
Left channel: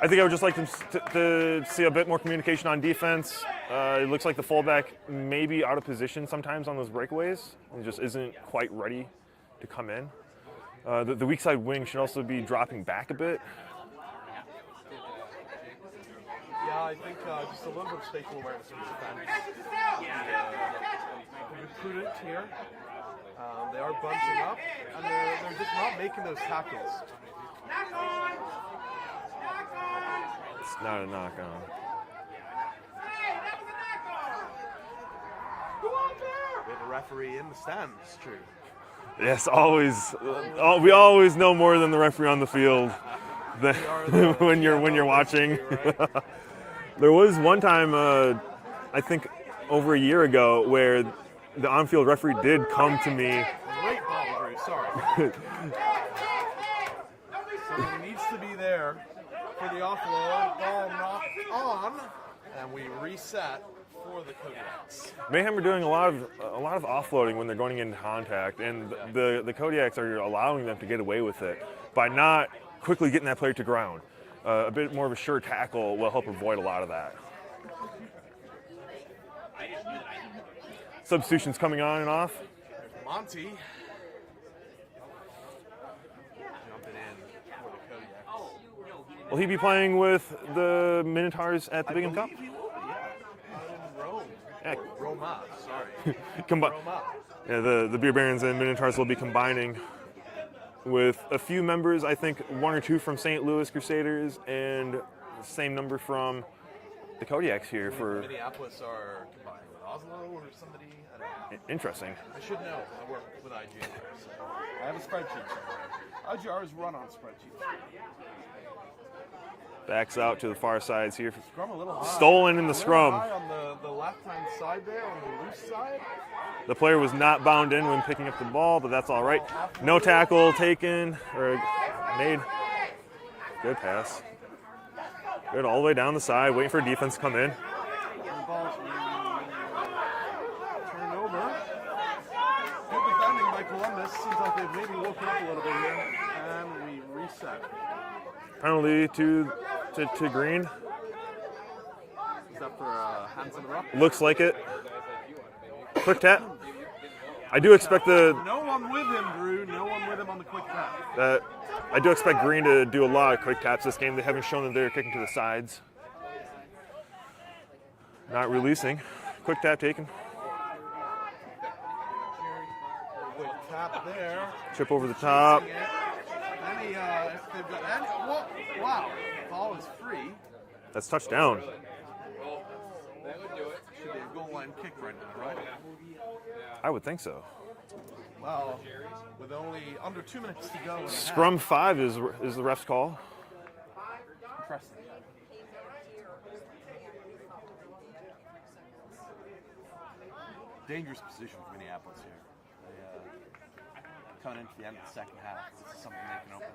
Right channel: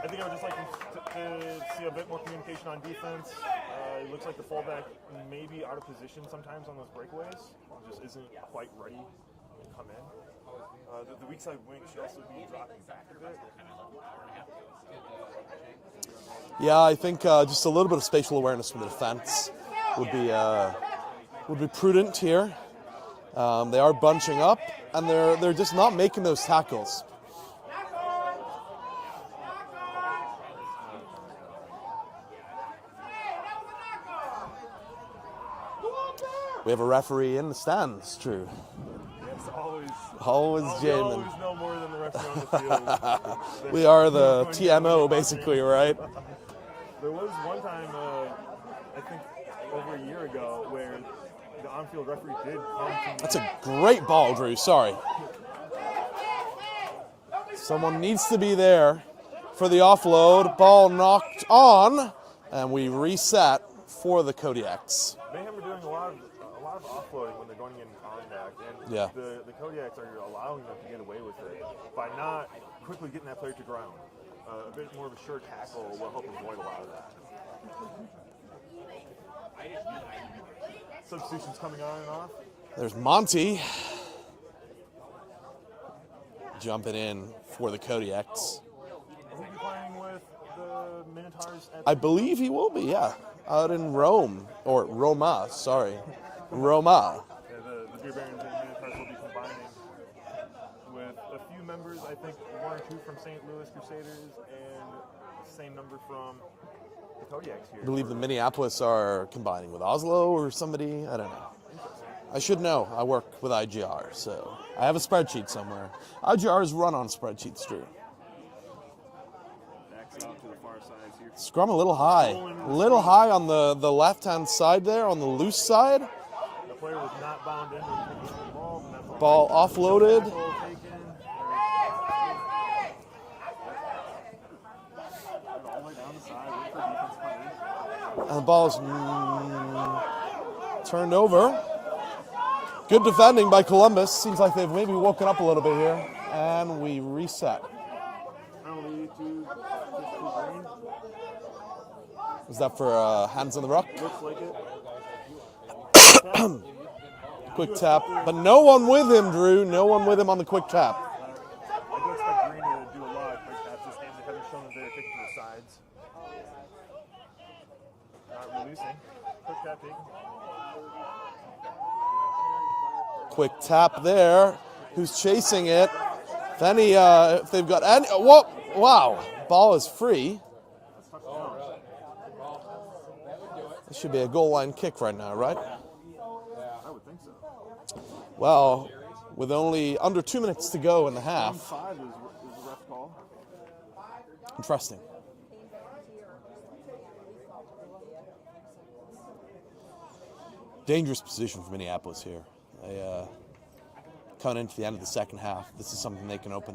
I think I would just like them to see a bit more communication on defense. It looks like the fullback may be out of position sometimes on those breakaways. He just isn't quite ready to come in. The weak side wing should also be dropping back a bit. Yeah, I think just a little bit of spatial awareness from the defense would be prudent here. They are bunching up, and they're just not making those tackles. It's not a knock-on. We have a referee in the stands, Drew. Yes, always. Always We jamming. always know more than the referee on the field. We are the when you're TMO, watching. basically, right? There was one time, I think over a year ago, where the on-field referee did come to me. It's a great ball, Drew. Sorry. Someone needs to be there for the offload. Ball knocked on, and we reset for the Kodiaks. Mayhem are doing a lot of offloading when they're going into contact, and Yeah. the Kodiaks are allowing them to get away with it by not quickly getting that player to ground. A bit more of a sure tackle will help avoid a lot of that. Substitutions coming on and off. There's Monty jumping in for the Kodiaks. Will he be playing with the Minotaurs at the I Big and believe he will be, yeah. Out in Rome, or Roma, sorry. Combi- Roma. Yeah, the Beer Barons and Minotaurs will be combining with a few members, I think 1 or 2 from St. Louis Crusaders, and same number from the Kodiaks here. I believe For the Minneapolis are combining with Oslo or somebody. I don't know. interesting. I should know. I work with IGR, so I have a spreadsheet somewhere. IGR is run on spreadsheets, Drew. Backs out to the far sides here. Scrum a little high. Stolen in the a little scrum. high on the left-hand side there, on the loose side. The player was not bound in when picking up the ball, but that's all Ball right. offloaded. No tackle taken or made. Good pass. Good all the way down the side, waiting for defense to come in. And the ball's turned over. Good defending by Columbus. Seems like they've maybe woken up a little bit here. And we reset. Penalty to Green. Is that for hands on the ruck? Looks like it. Tap. I do Quick expect tap. And no one with him, Drew. No one with him on the quick tap. I do expect Green to do a lot of quick taps this game. They haven't shown that they're kicking to the sides. Not releasing. Quick tap taken. Quick tap there. Chip over Who's the top. chasing it? Then if they've got any, whoa, wow, ball is free. That's touchdown. This should be a goal line kick right now, right? I would think so. Well, with only under 2 minutes to go in the half. Scrum 5 is the ref's call. Interesting. Dangerous position for Minneapolis here. They coming into the end of the second half. This is something they can open.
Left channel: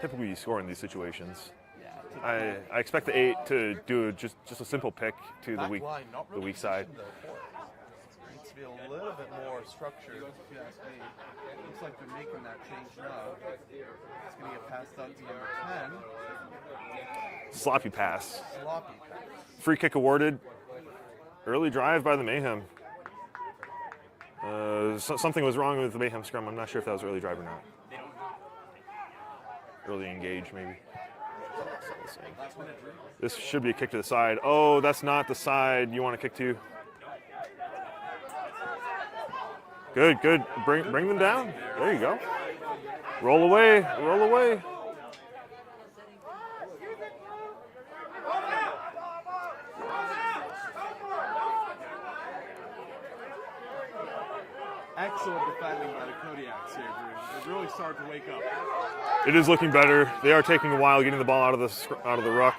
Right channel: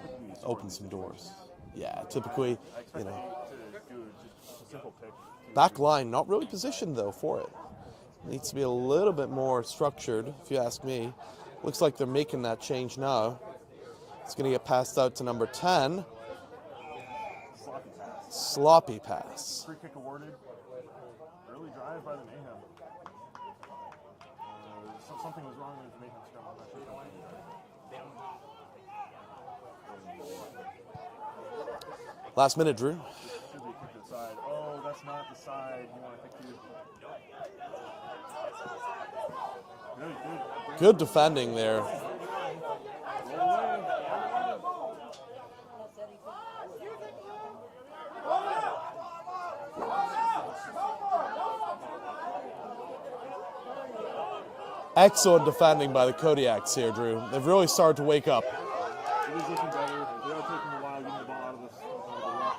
Typically you score in Open these some doors. situations. Yeah, typically. I expect the 8 to do just a simple pick to Back the weak, line, not really the weak positioned side. though for it. Needs to be a little bit more structured, if you ask me. Looks like they're making that change now. It's going to get passed out to number 10. Sloppy pass. Sloppy pass. Free kick awarded. Early drive by the Mayhem. Something was wrong with the Mayhem scrum. I'm not sure if that was early drive or not. Early engage, maybe. Last minute, Drew. This should be a kick to the side. Oh, that's not the side you want to kick to. Good. Bring them defending down. there. There you go. Roll away. Excellent defending by the Kodiaks here, Drew. They've really started to wake up. It is looking better. They are taking a while getting the ball out of the ruck.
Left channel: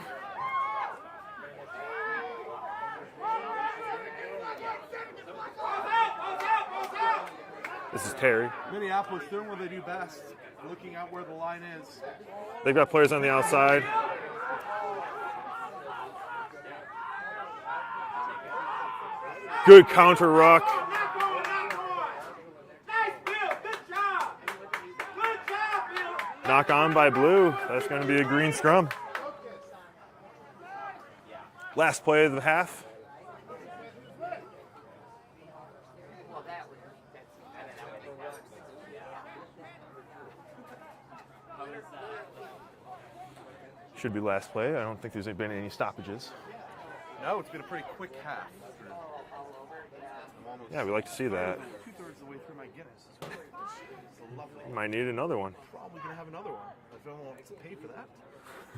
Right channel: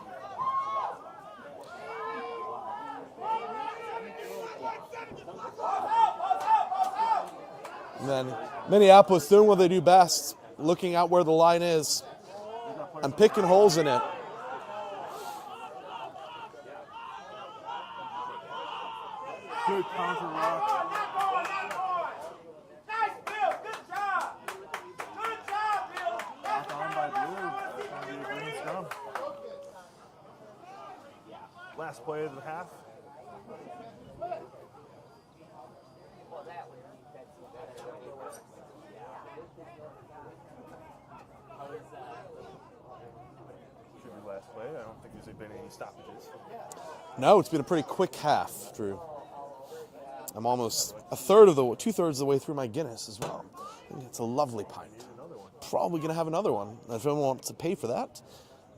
This is Terry. Minneapolis doing what they do best, looking out where the line is. They've got players and on the picking outside. holes in it. Good counter ruck. Knock on by Blue. That's going to be a green scrum. Last play of the half. Should be last play. I don't think there's been any stoppages. No, it's been a pretty quick half, Drew. I'm almost we like to see two-thirds of the way through my Guinness as well. It's a lovely. Might need another one. Probably going to have another one. If anyone wants to pay for that,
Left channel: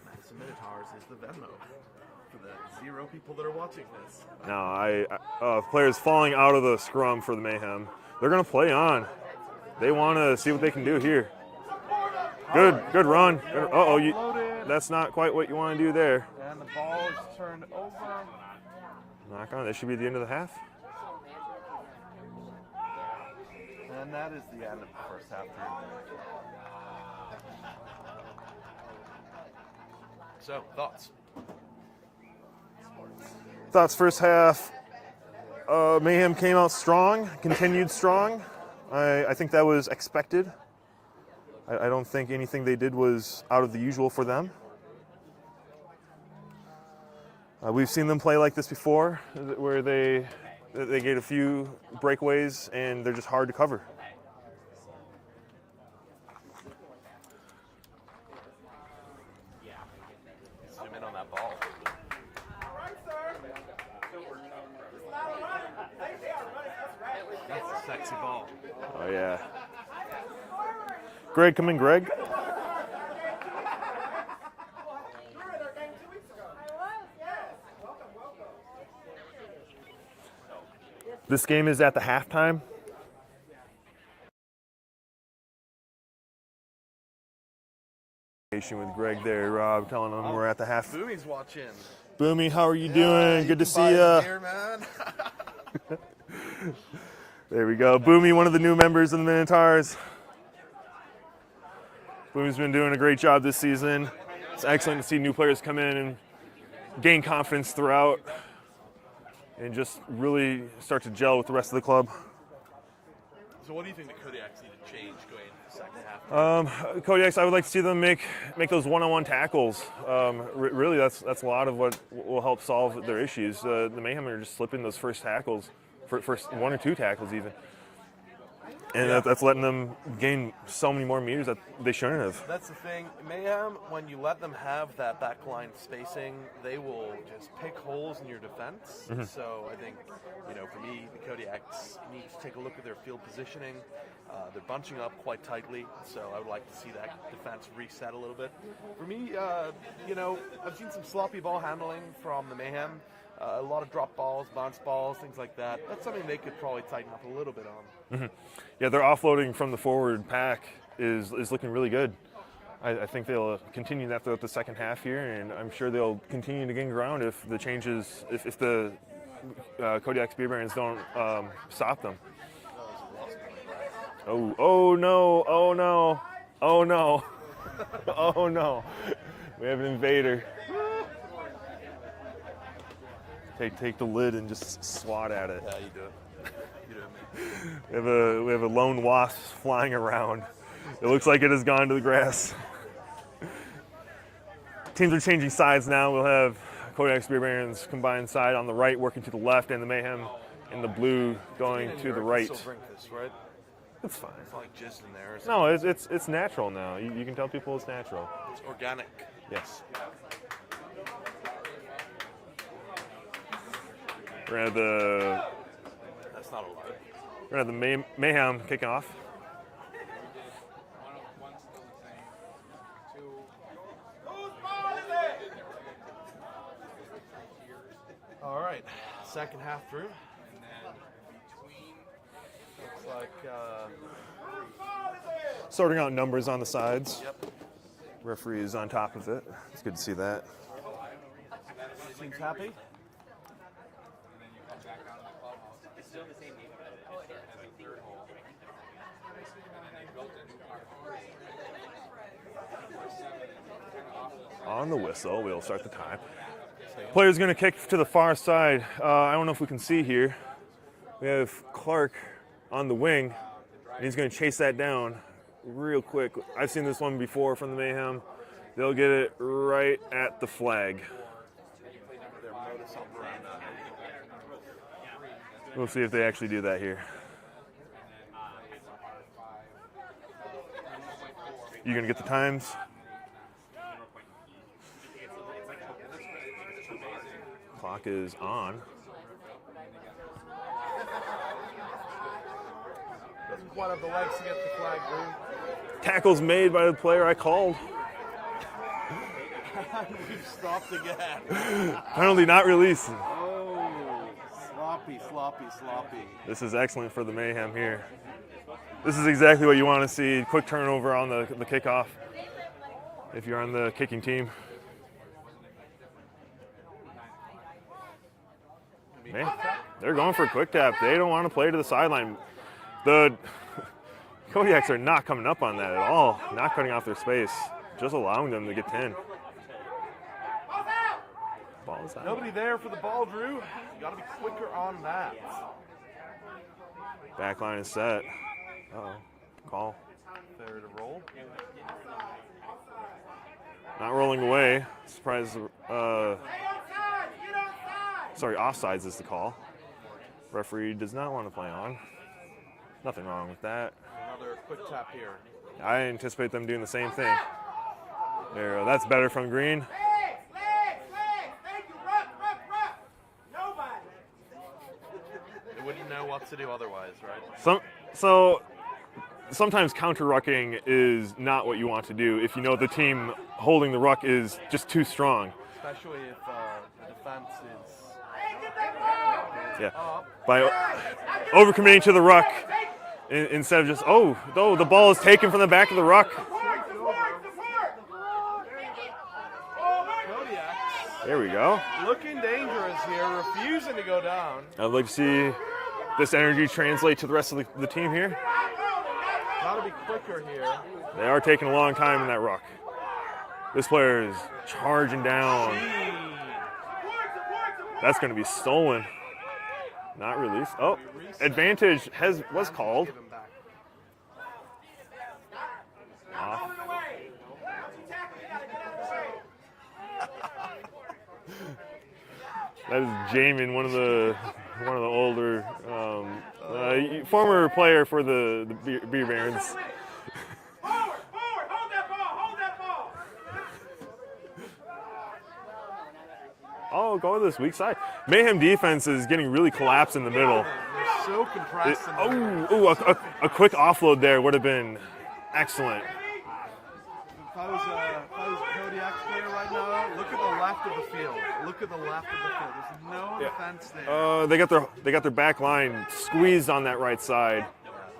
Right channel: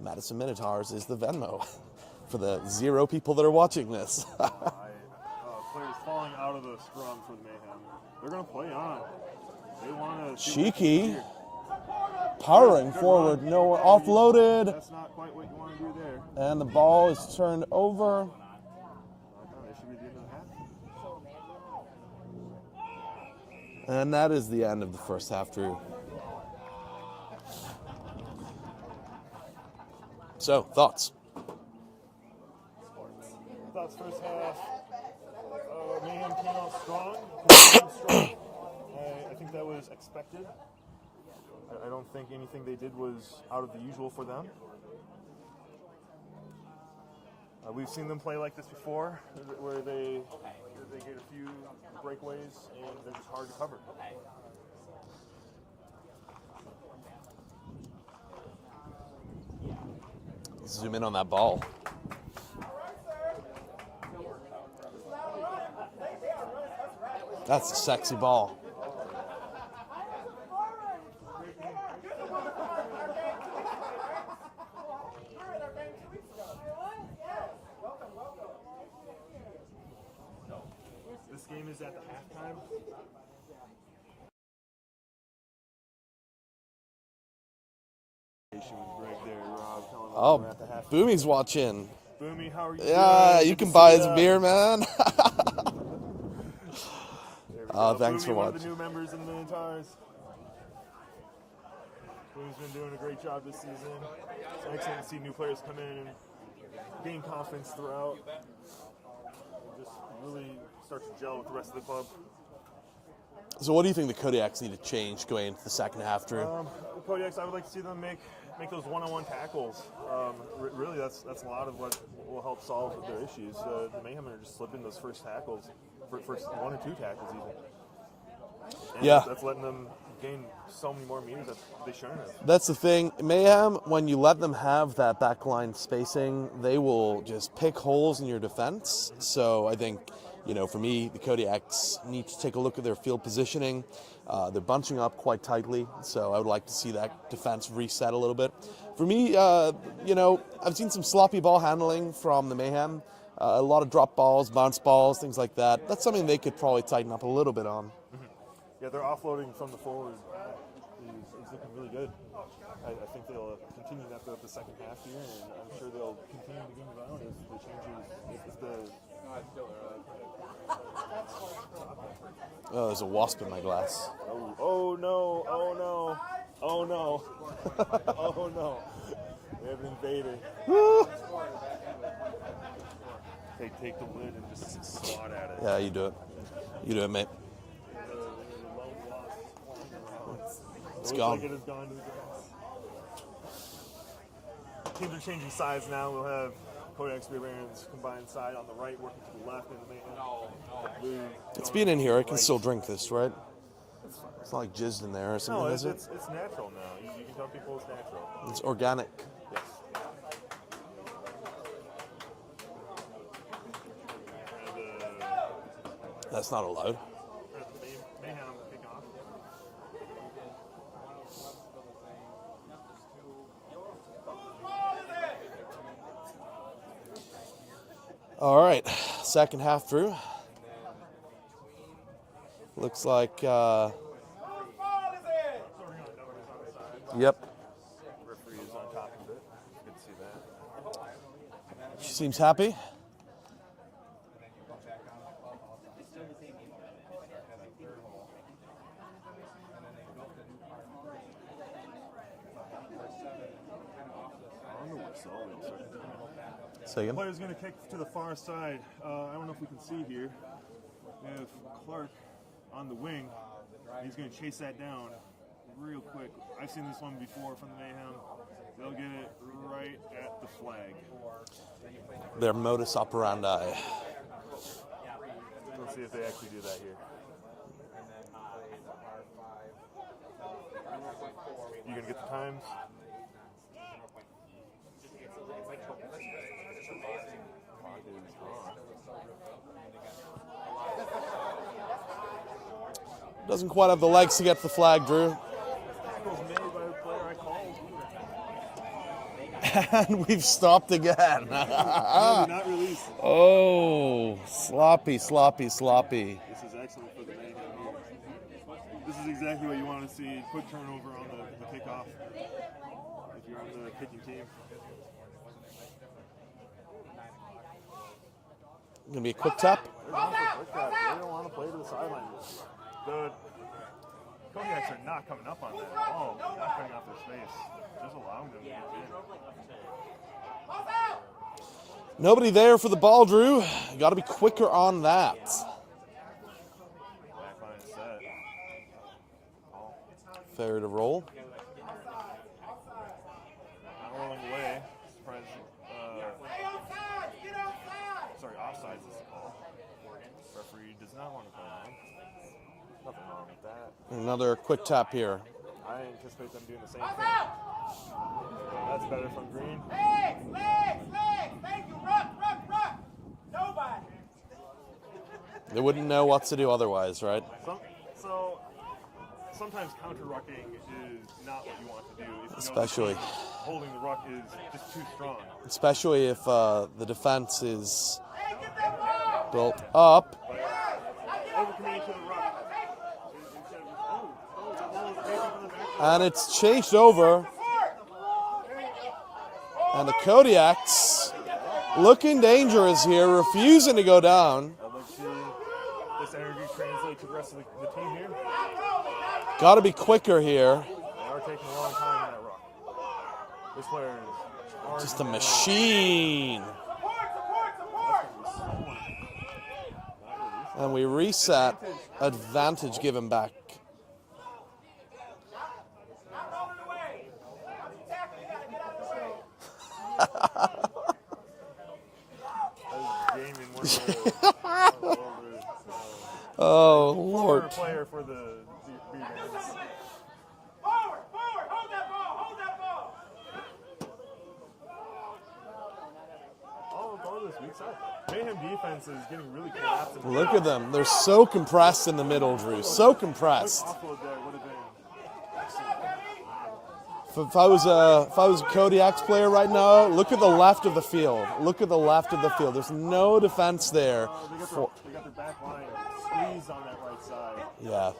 Madison Minotaurs is the Venmo for the 0 people that are watching this. No, players falling out of the scrum for the Mayhem. They're going to play on. They want to see what they can do here. Good run. No, offloaded. That's not quite what you want to do there. And the ball is turned over. Knock on. That should be the end of the half. And that is the end of the first half, Drew. So, thoughts? Thoughts first half. Mayhem came out strong, continued strong. I think that was expected. I don't think anything they did was out of the usual for them. We've seen them play like this before, where they get a few breakaways and they're just hard to cover. Zoom in on that ball. That's a sexy ball. Oh, yeah. Greg, come in, Greg. This game is at the halftime. With Greg there, Rob, telling them we're at the half. Boomy's watching. Boomy, how are you Yeah, doing? you Good can to buy see his ya. beer, man. There we go. thanks Boomy, so one of the much. new members of the Minotaurs. Boomy's been doing a great job this season. It's excellent to see new players come in and gain confidence throughout and just really start to gel with the rest of the club. So what do you think the Kodiaks need to change going into the second half, Drew? Kodiaks, I would like to see them make those one-on-one tackles. Really, that's a lot of what will help solve their issues. The Mayhem are just slipping those first tackles, first 1 or 2 tackles even. And that's letting them gain so many more meters that they shouldn't have. That's the thing. Mayhem, when you let them have that backline spacing, they will just pick holes in your defense. Mm-hmm. So I think, for me, the Kodiaks need to take a look at their field positioning. They're bunching up quite tightly, so I would like to see that defense reset a little bit. For me, I've seen some sloppy ball handling from the Mayhem. A lot of drop balls, bounce balls, things like that. That's something they could probably tighten up a little bit on. Mm-hmm. Yeah, their offloading from the forward pack is looking really good. I think they'll continue that throughout the second half here, and I'm sure they'll continue to gain ground if the changes, if the Kodiaks Beer Barons don't stop them. Oh, there's a wasp in my glass. Oh no, oh no, oh no, oh no. We have an invader. Take the lid and just swat at it. Yeah, you do it. You do it, mate. We have a lone wasp flying around. It looks gone. like it has gone to the grass. Teams are changing sides now. We'll have Kodiaks Beer Barons combined side on the right working to the left, and the Mayhem in the blue It's going been in to here. the I can right. still drink this, right? It's fine. It's not like jizzed in there or something. No, is it? it's natural now. You can tell people it's natural. It's organic. Yes. We're gonna have That's not allowed. the Mayhem kicking off. All right, second half through. Looks like, Sorting out numbers on the sides. yep, Referee is on top of it. It's good to see that. seems happy. On the whistle, we'll start the time. Second. Player's going to kick to the far side. I don't know if we can see here. We have Clark on the wing, and he's going to chase that down real quick. I've seen this one before from the Mayhem. They'll get it right at the flag. Their modus operandi. We'll see if they actually do that here. You going to get the times? Clock is on. Doesn't quite have the legs to get to the flag, Drew. Tackle's made by the player I called. And we've stopped again. Penalty not released. Oh, sloppy, sloppy, sloppy. This is excellent for the Mayhem here. This is exactly what you want to see. Quick turnover on the kickoff if you're on the kicking team. Gonna be a quick tap. They're going for a quick tap. They don't want to play to the sideline. The Kodiaks are not coming up on that at all. Not cutting off their space. Just allowing them to get 10. Ball's out. Nobody there for the ball, Drew. Got to be quicker on that. Back line is set. Uh-oh. Call. Fair to roll. Not rolling away. Surprise. Sorry, offsides is the call. Referee does not want to play on. Nothing wrong with that. Another quick tap here. I anticipate them doing the same thing. There, that's better from Green. They wouldn't know what to do otherwise, right? So sometimes counter-rucking is not what you want to do if you know Especially- the team holding the ruck is just too strong. Especially if the defense is built Yeah. up. By overcommitting to the ruck instead of just, the ball is taken from the back of the And ruck. it's changed over. And the Kodiaks There we go. looking dangerous here, refusing to go down. I'd like to see this energy translate to the rest of the team here. Got to be quicker here. They are taking a long time in that ruck. This player is charging The down. machine. That's going to be stolen. Not released. And we reset. Advantage was Advantage called. given back. That is Jamin, one of the older Oh, former Lord. player for the Beer Barons. Oh, go to this weak side. Mayhem defense is getting really collapsed in the middle. Look at them. They're so compressed in the middle. Drew. So a compressed. quick offload there would have been excellent. If I was a Kodiaks player right now, look at the left of the field. Look at the left of the field. There's no defense there. They got their back line squeezed on that right side. Yeah.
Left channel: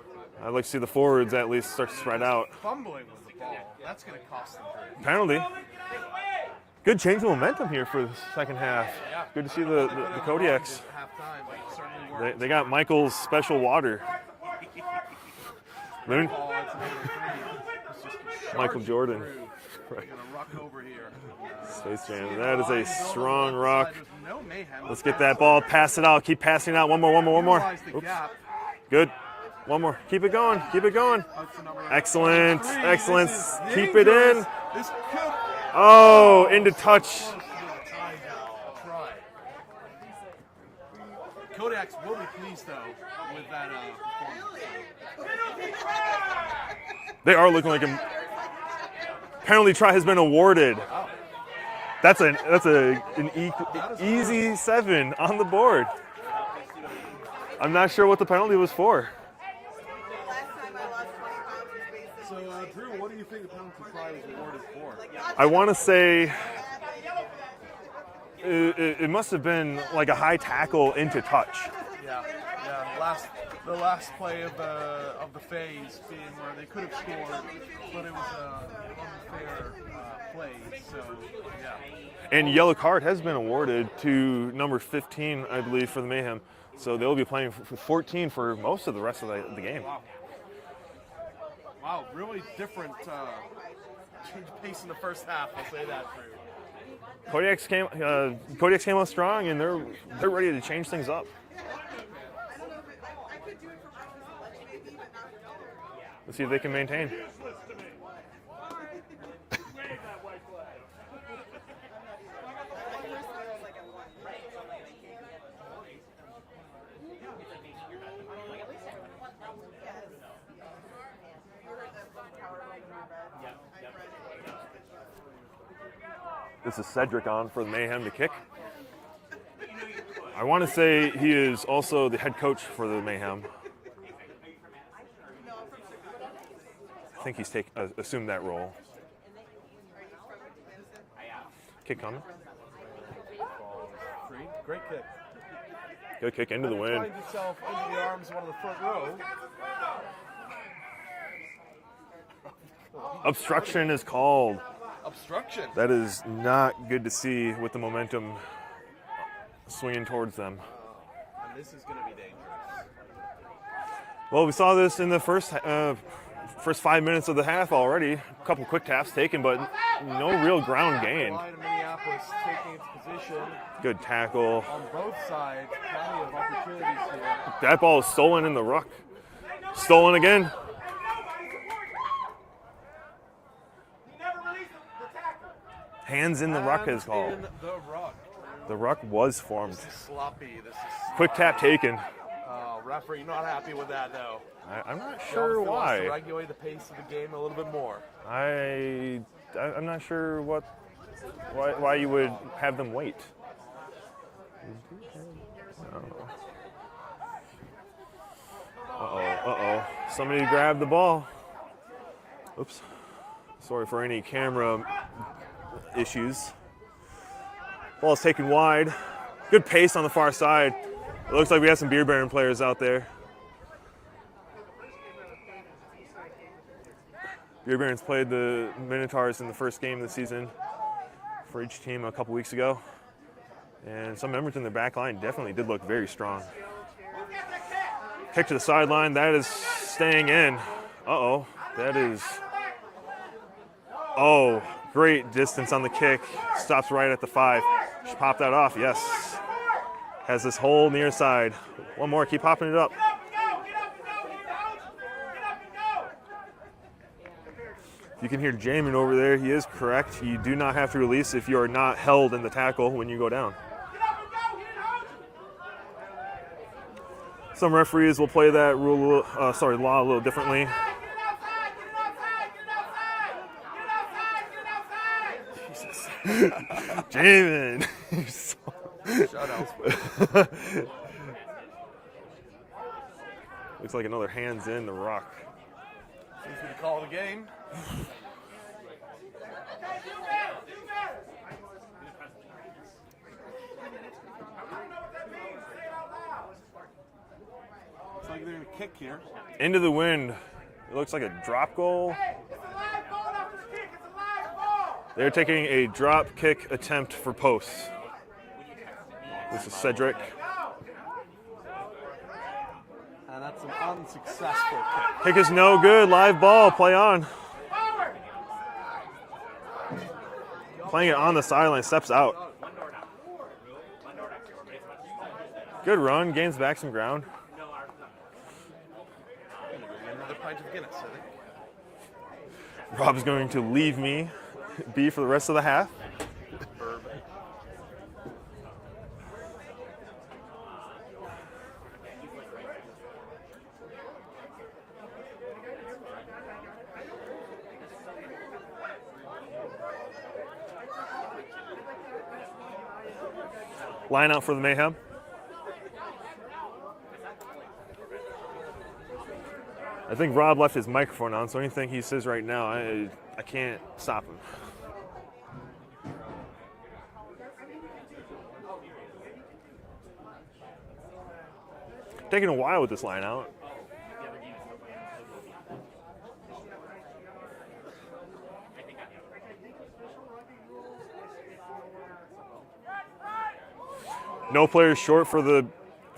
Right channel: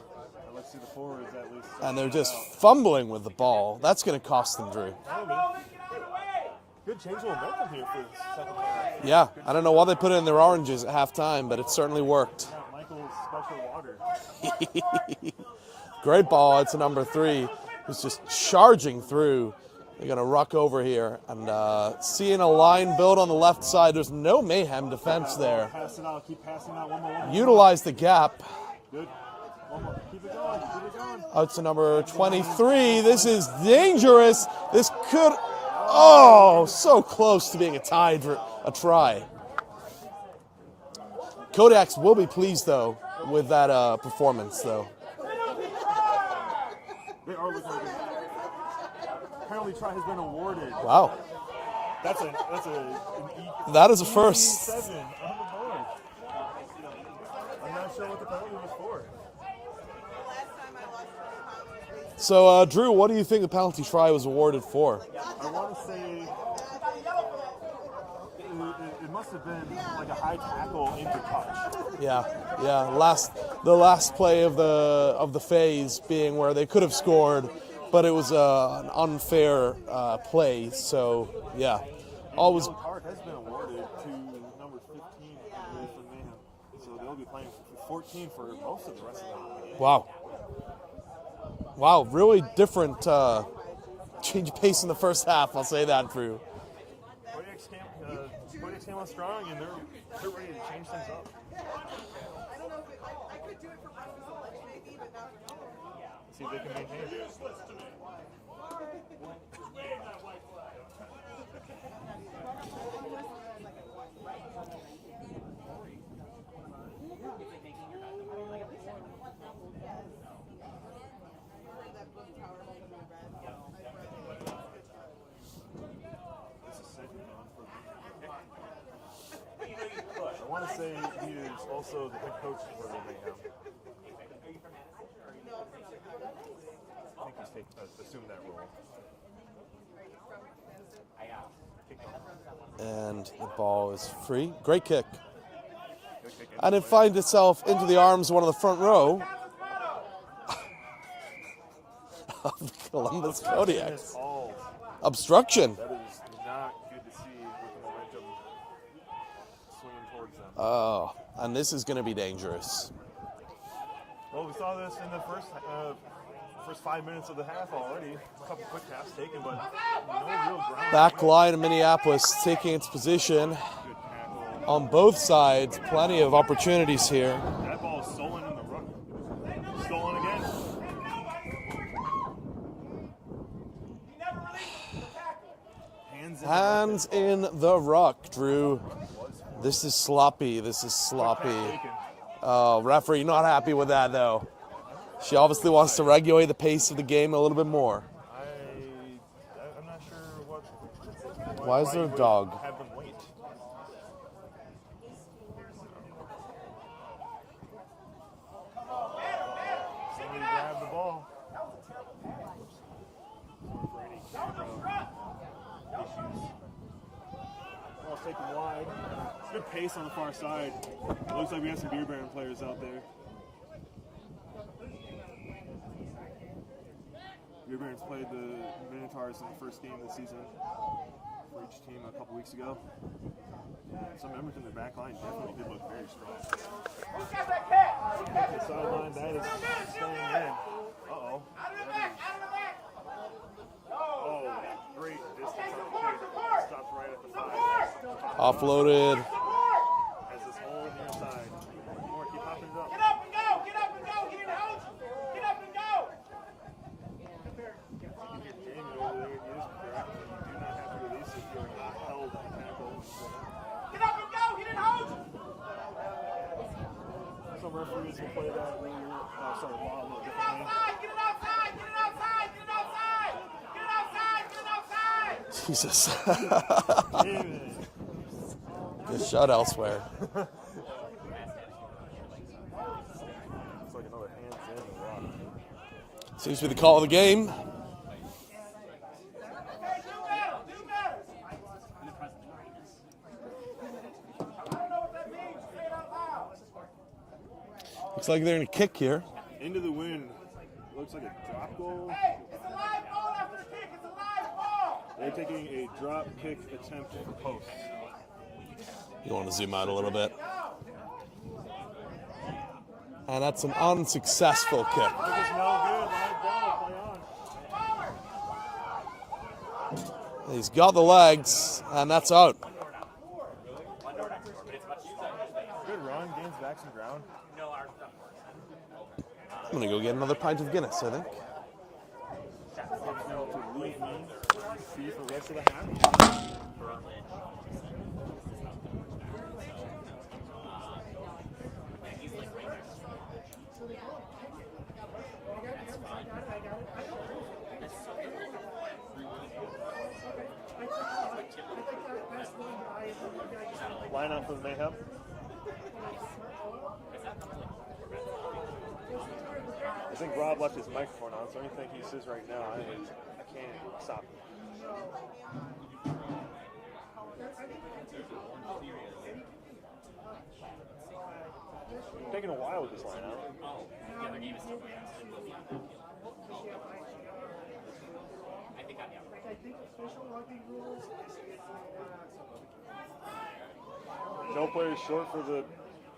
I'd like to see the forwards at least start And to they're spread just out. fumbling with the ball. That's going to cost them, Drew. Penalty. Good change of momentum here for the second half. Yeah. Good to I don't see know why they put it in their Kodiaks. oranges at halftime, but it certainly worked. They got Michael's special water. Great ball out to number 3, who's just charging Jordan. through. They're going to ruck over here. And seeing That a is line a build on the strong left ruck. side, there's no Mayhem Let's defense get that ball, there. pass it out, keep passing it out. One more. Utilize the gap. Good. One more. Keep it going. Out to number Excellent. 23. Excellent. This is Keep it in. dangerous. This could. Into so touch. close to being a try. Kodiaks will be pleased though with that performance though. They are looking like a penalty try has been awarded. Wow. That is a easy first 7 on the board. I'm not sure what the penalty was for. So Drew, what do you think the penalty try was awarded for? I want to say it must have been like a high tackle into touch. Yeah. The last play of the phase being where they could have scored, but it was an unfair play. So yeah. And yellow card has been awarded to number 15, I believe, for the Mayhem. So they'll be playing for 14 for most of the rest of the game. Wow, really different change of pace in the first half. I'll say that, Drew. Kodiaks came out strong, and they're ready to change things up. Let's see if they can maintain. This is Cedric on for the Mayhem to kick. I want to say he is also the head coach for the Mayhem. I think he's assumed that role. Kick coming. And the ball is free. Great kick. Good kick into And the it wind. finds itself into the arms of one of the front row. Of the Columbus Obstruction Kodiaks. is called. Obstruction. That is not good to see with the momentum swinging towards them. Oh, and this is going to be dangerous. Well, we saw this in the first 5 minutes of the half already. A couple quick taps taken, but no real ground Back gained. line of Minneapolis taking its position Good tackle. on both sides. Plenty of opportunities here. That ball is stolen in the ruck. Stolen again. Hands in the ruck is Hands called. in the ruck, Drew. The ruck was formed. This is sloppy. Quick tap taken. Oh, referee not happy with that, though. I'm not She sure obviously wants to why. regulate the pace of the game a little bit more. I'm not sure Why why is you there a would dog? have them wait. Uh-oh. Somebody grabbed the ball. Oops. Sorry for any camera issues. Ball is taken wide. Good pace on the far side. It looks like we have some Beer Baron players out there. Beer Barons played the Minotaurs in the first game of the season for each team a couple weeks ago. And some members in their back line definitely did look very strong. Kick to the sideline, that is staying in. Uh-oh, that is, oh, great distance on the kick. Stops right at the 5. Just pop that off, Offloaded. yes. Has this whole near side. One more, keep popping it up. You can hear Jamin over there. He is correct. You do not have to release if you are not held in the tackle when you go down. Some referees will play that law a little differently. Jesus. Jamin. Shot elsewhere. Looks like another hands in the rock. Seems to be the call of the game. Looks like they're going to kick here. Into the wind. It looks like a drop goal. They're taking a drop kick attempt for posts. You want to zoom out Cedric. a little bit. And that's an unsuccessful kick. Kick is no good. Live ball. Play on. He's got the Playing it legs. on the sideline, steps and that's out. out. Good run. Gains back some ground. I'm going to go get another pint of Guinness, I think. Rob's going to leave me be for the rest of the half. Line out for the Mayhem. I think Rob left his microphone on, so anything he says right now, I can't stop him. taking a while with this line out. No players short for the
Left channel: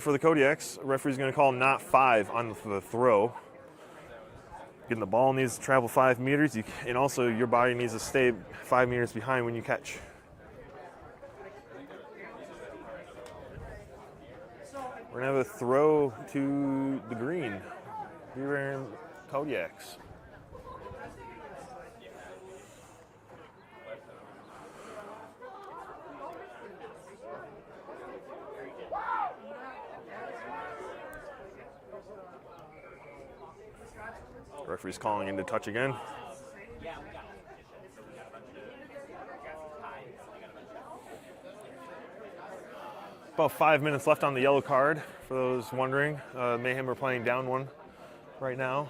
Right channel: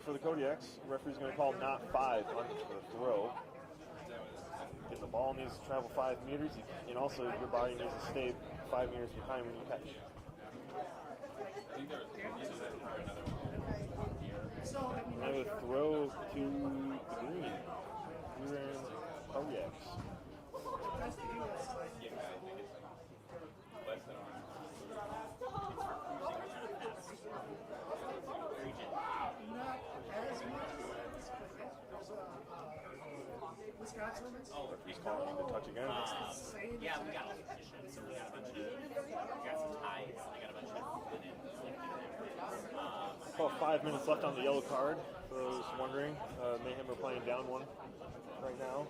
Kodiaks. Referee's going to call not 5 on the throw. Getting the ball needs to travel 5 meters, and also your body needs to stay 5 meters behind when you catch. We're going to have a throw to the green. Beer Barons Kodiaks. Referee's calling into touch again. About 5 minutes left on the yellow card, for those wondering. Mayhem are playing down 1 right now.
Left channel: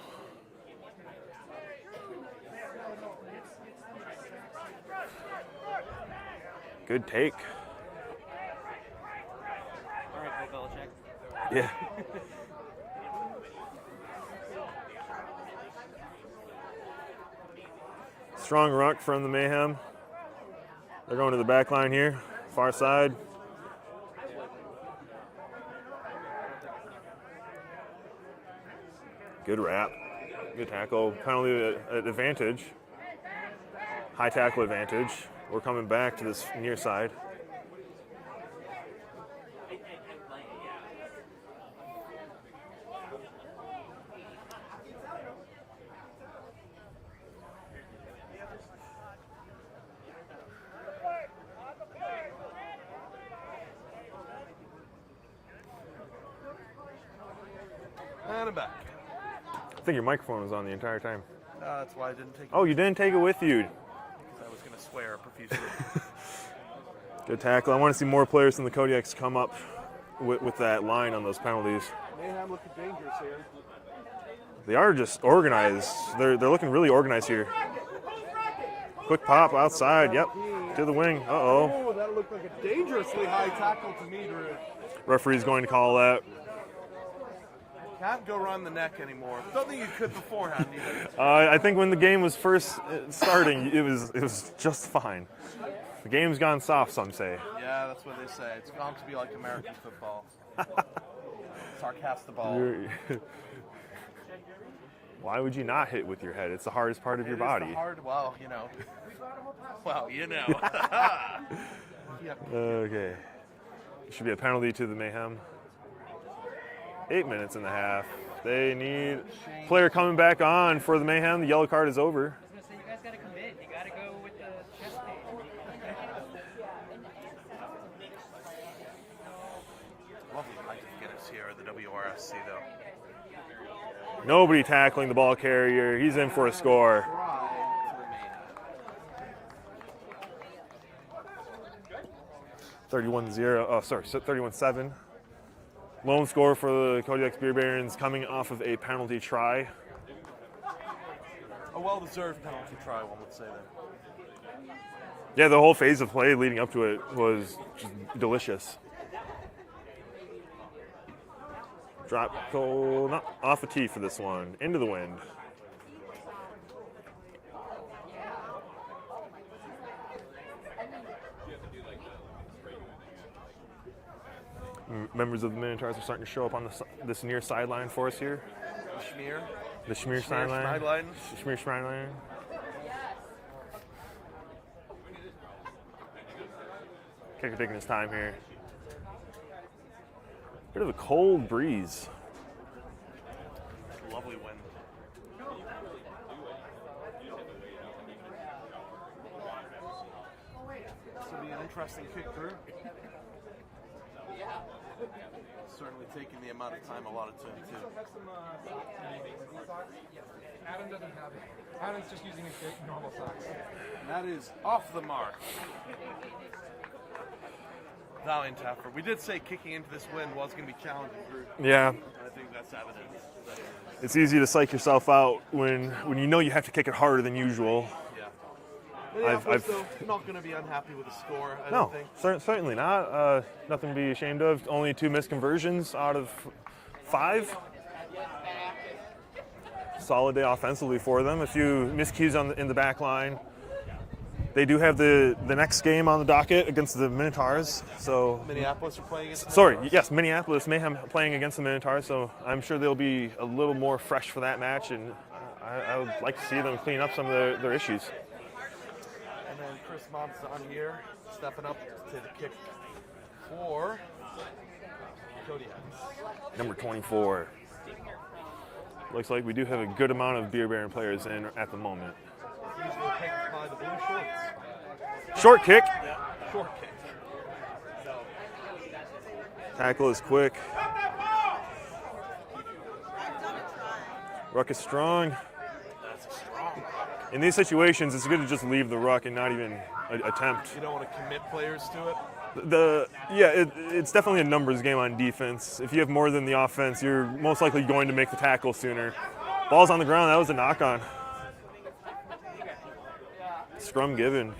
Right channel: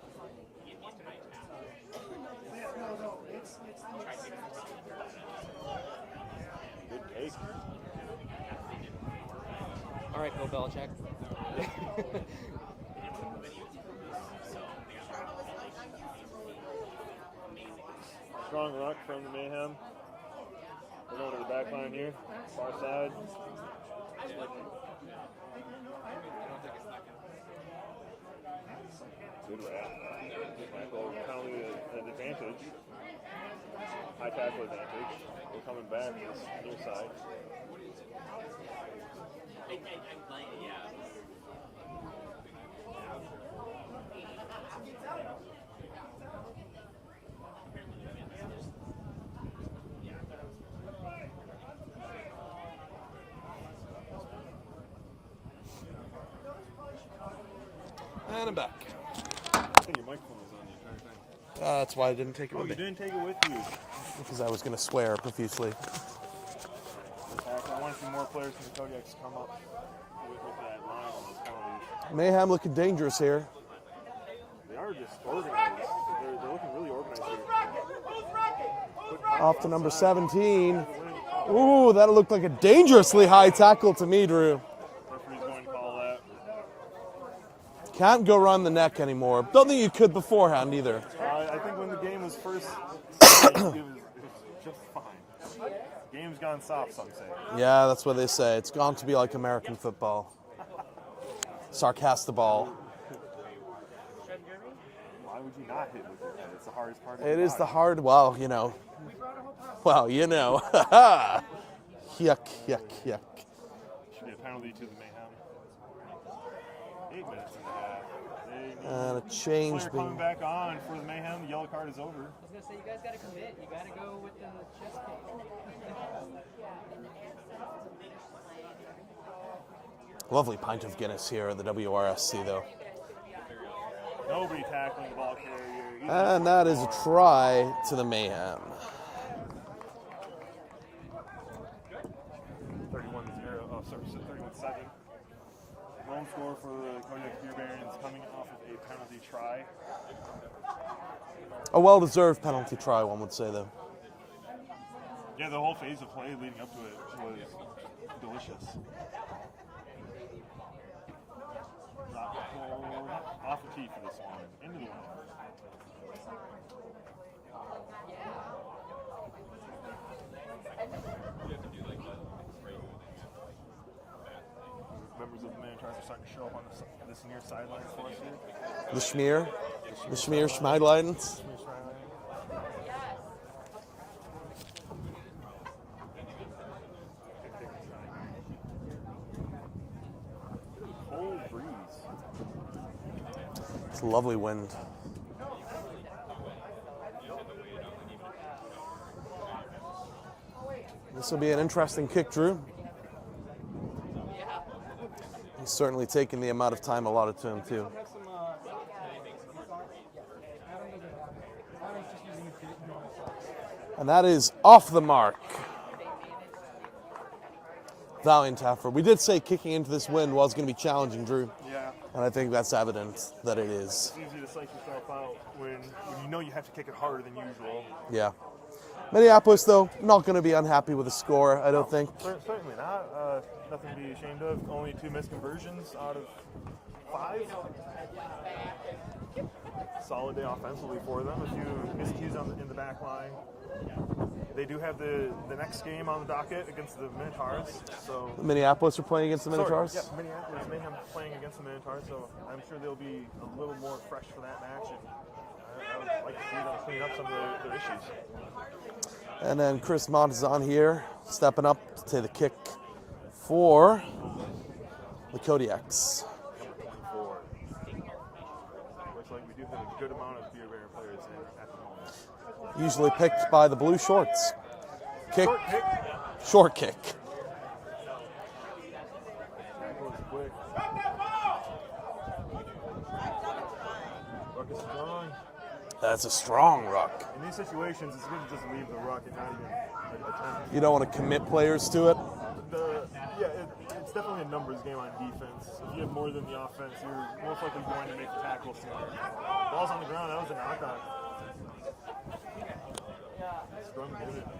Good take. All right, no Belichick. Yeah. Strong ruck from the Mayhem. They're going to the back line here, far side. Good wrap, good tackle, penalty advantage, high tackle advantage. We're coming back to this near side. And I'm back. I think your microphone was on the entire time. That's why I didn't take it. Oh, you didn't take it with you. Because I was going to swear profusely. Good tackle. I want to see more players from the Kodiaks come up with that line on those penalties. Mayhem looking dangerous here. They are just organized. They're looking really organized here. Quick pop Off to outside. number 17. Yep. To the wing. Uh-oh. Ooh, that looked like a dangerously high tackle to me, Drew. Referee's going to call that. Can't go around the neck anymore. Don't think you could beforehand either. I think when the game was first starting, it was just fine. The game's gone soft, some say. Yeah, that's what they say. It's gone to be like American football. Sarcastaball. Why would you not hit with your head? It's the hardest part of It your body. is the hard, well, you know. Well, you know. Yuck, yuck, Okay. yuck. Should be a penalty to the Mayhem. 8 minutes and a half. They need change player the- coming back on for the Mayhem. The yellow card is over. I was gonna say, you guys gotta commit. You gotta go with the chest page. Lovely pint of Guinness here at the WRSC, though. Nobody tackling the ball carrier. He's in And for a that is score. a try to the Mayhem. 31-7. Lone score for the Kodiaks Beer Barons coming off of a penalty try. A well-deserved penalty try, one would say, though. Yeah, the whole phase of play leading up to it was just delicious. Drop goal, not off a tee for this one, into the wind. Members of the Minotaurs are starting to show up on this near sideline for us here. The Schmear. The Schmear Schmear sideline. Schneidlines. Schmear sideline. Kicker taking his time here. Bit of a cold breeze. It's a lovely wind. This will be an interesting kick, Drew. He's certainly taking the amount of time allotted to him, too. And that is off the mark. Valiant effort. We did say kicking into this wind was going to be challenging, Drew. Yeah, And I think that's evident that it is. it's easy to psych yourself out when you know you have to kick it harder than usual. Yeah. Minneapolis, I've- though, not going to be unhappy with the score, I don't No, think. certainly not. Nothing to be ashamed of. Only 2 missed conversions out of 5. Solid day offensively for them. A few miscues in the back line. They do have the next game on the docket against the Minotaurs. So Minneapolis are playing against the sorry, Minotaurs? yes, Minneapolis Mayhem playing against the Minotaurs. So I'm sure they'll be a little more fresh for that match, and I would like to see them clean up some of their issues. And then Chris Mott is on here, stepping up to the kick for the Kodiaks. Number 24. Looks like we do have a good amount of Beer Baron players in at the moment. Usually picked by the blue shorts. Short kick. Short kick. Tackle is quick. Ruck is strong. That's a strong ruck. In these situations, it's good to just leave the ruck and not even attempt. You don't want to commit players to it. It's definitely a numbers game on defense. If you have more than the offense, you're most likely going to make the tackle sooner. Ball's on the ground. That was a knock-on. Scrum given.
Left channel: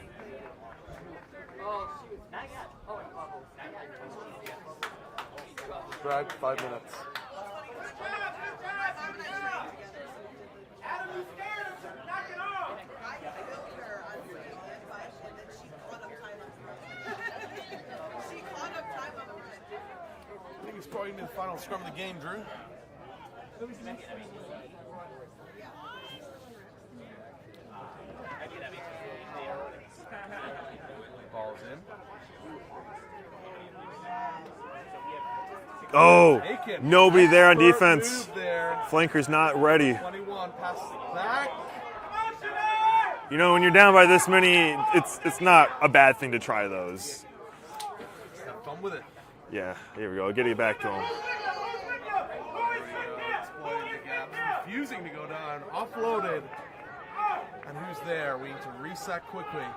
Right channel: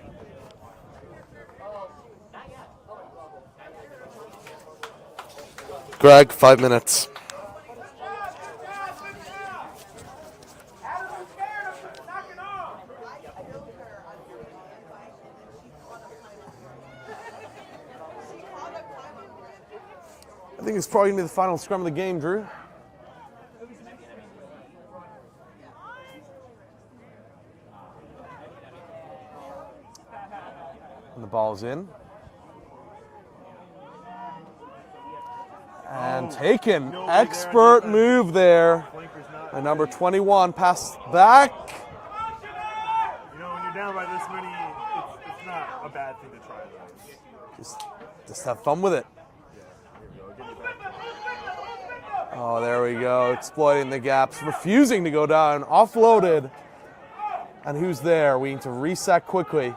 Greg, 5 minutes. I think it's probably going to be the final scrum of the game, Drew. And the ball's in. Oh, taken. nobody there on Expert defense. Move there. Flanker's not And ready. Number 21 pass back. You know, when you're down by this many, it's not a bad thing to try those. Just have fun with it. Yeah, here we go. Get it back to him. Oh, there we go. Exploiting the gaps, refusing to go down. Offloaded. And who's there? We need to reset quickly.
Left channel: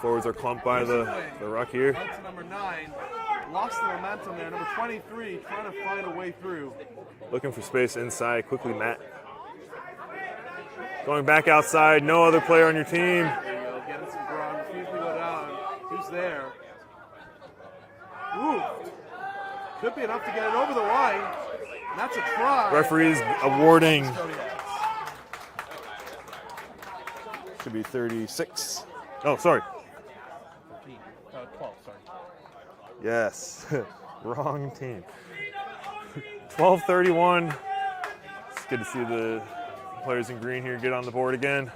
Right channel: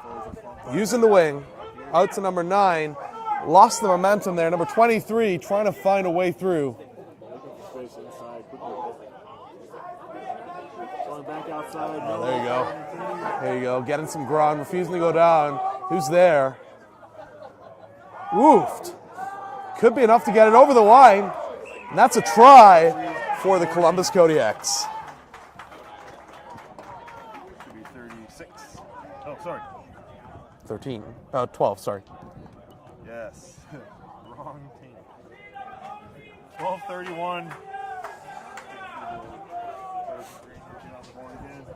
Forwards are clumped by Using the wing. The ruck here. Out to number 9. Lost the momentum there. Number 23 trying to find a way through. Looking for space inside. Quickly, Matt. Going back outside. No other player on your team. There you go. Getting some ground. Refusing to go down. Who's there? Woofed. Could be enough to get it over the line. And that's a try Referees for the awarding. Columbus Kodiaks. Should be 36. Oh, sorry. 12, sorry. Yes. Wrong team. 12-31. It's good to see the players in green here get on the board again.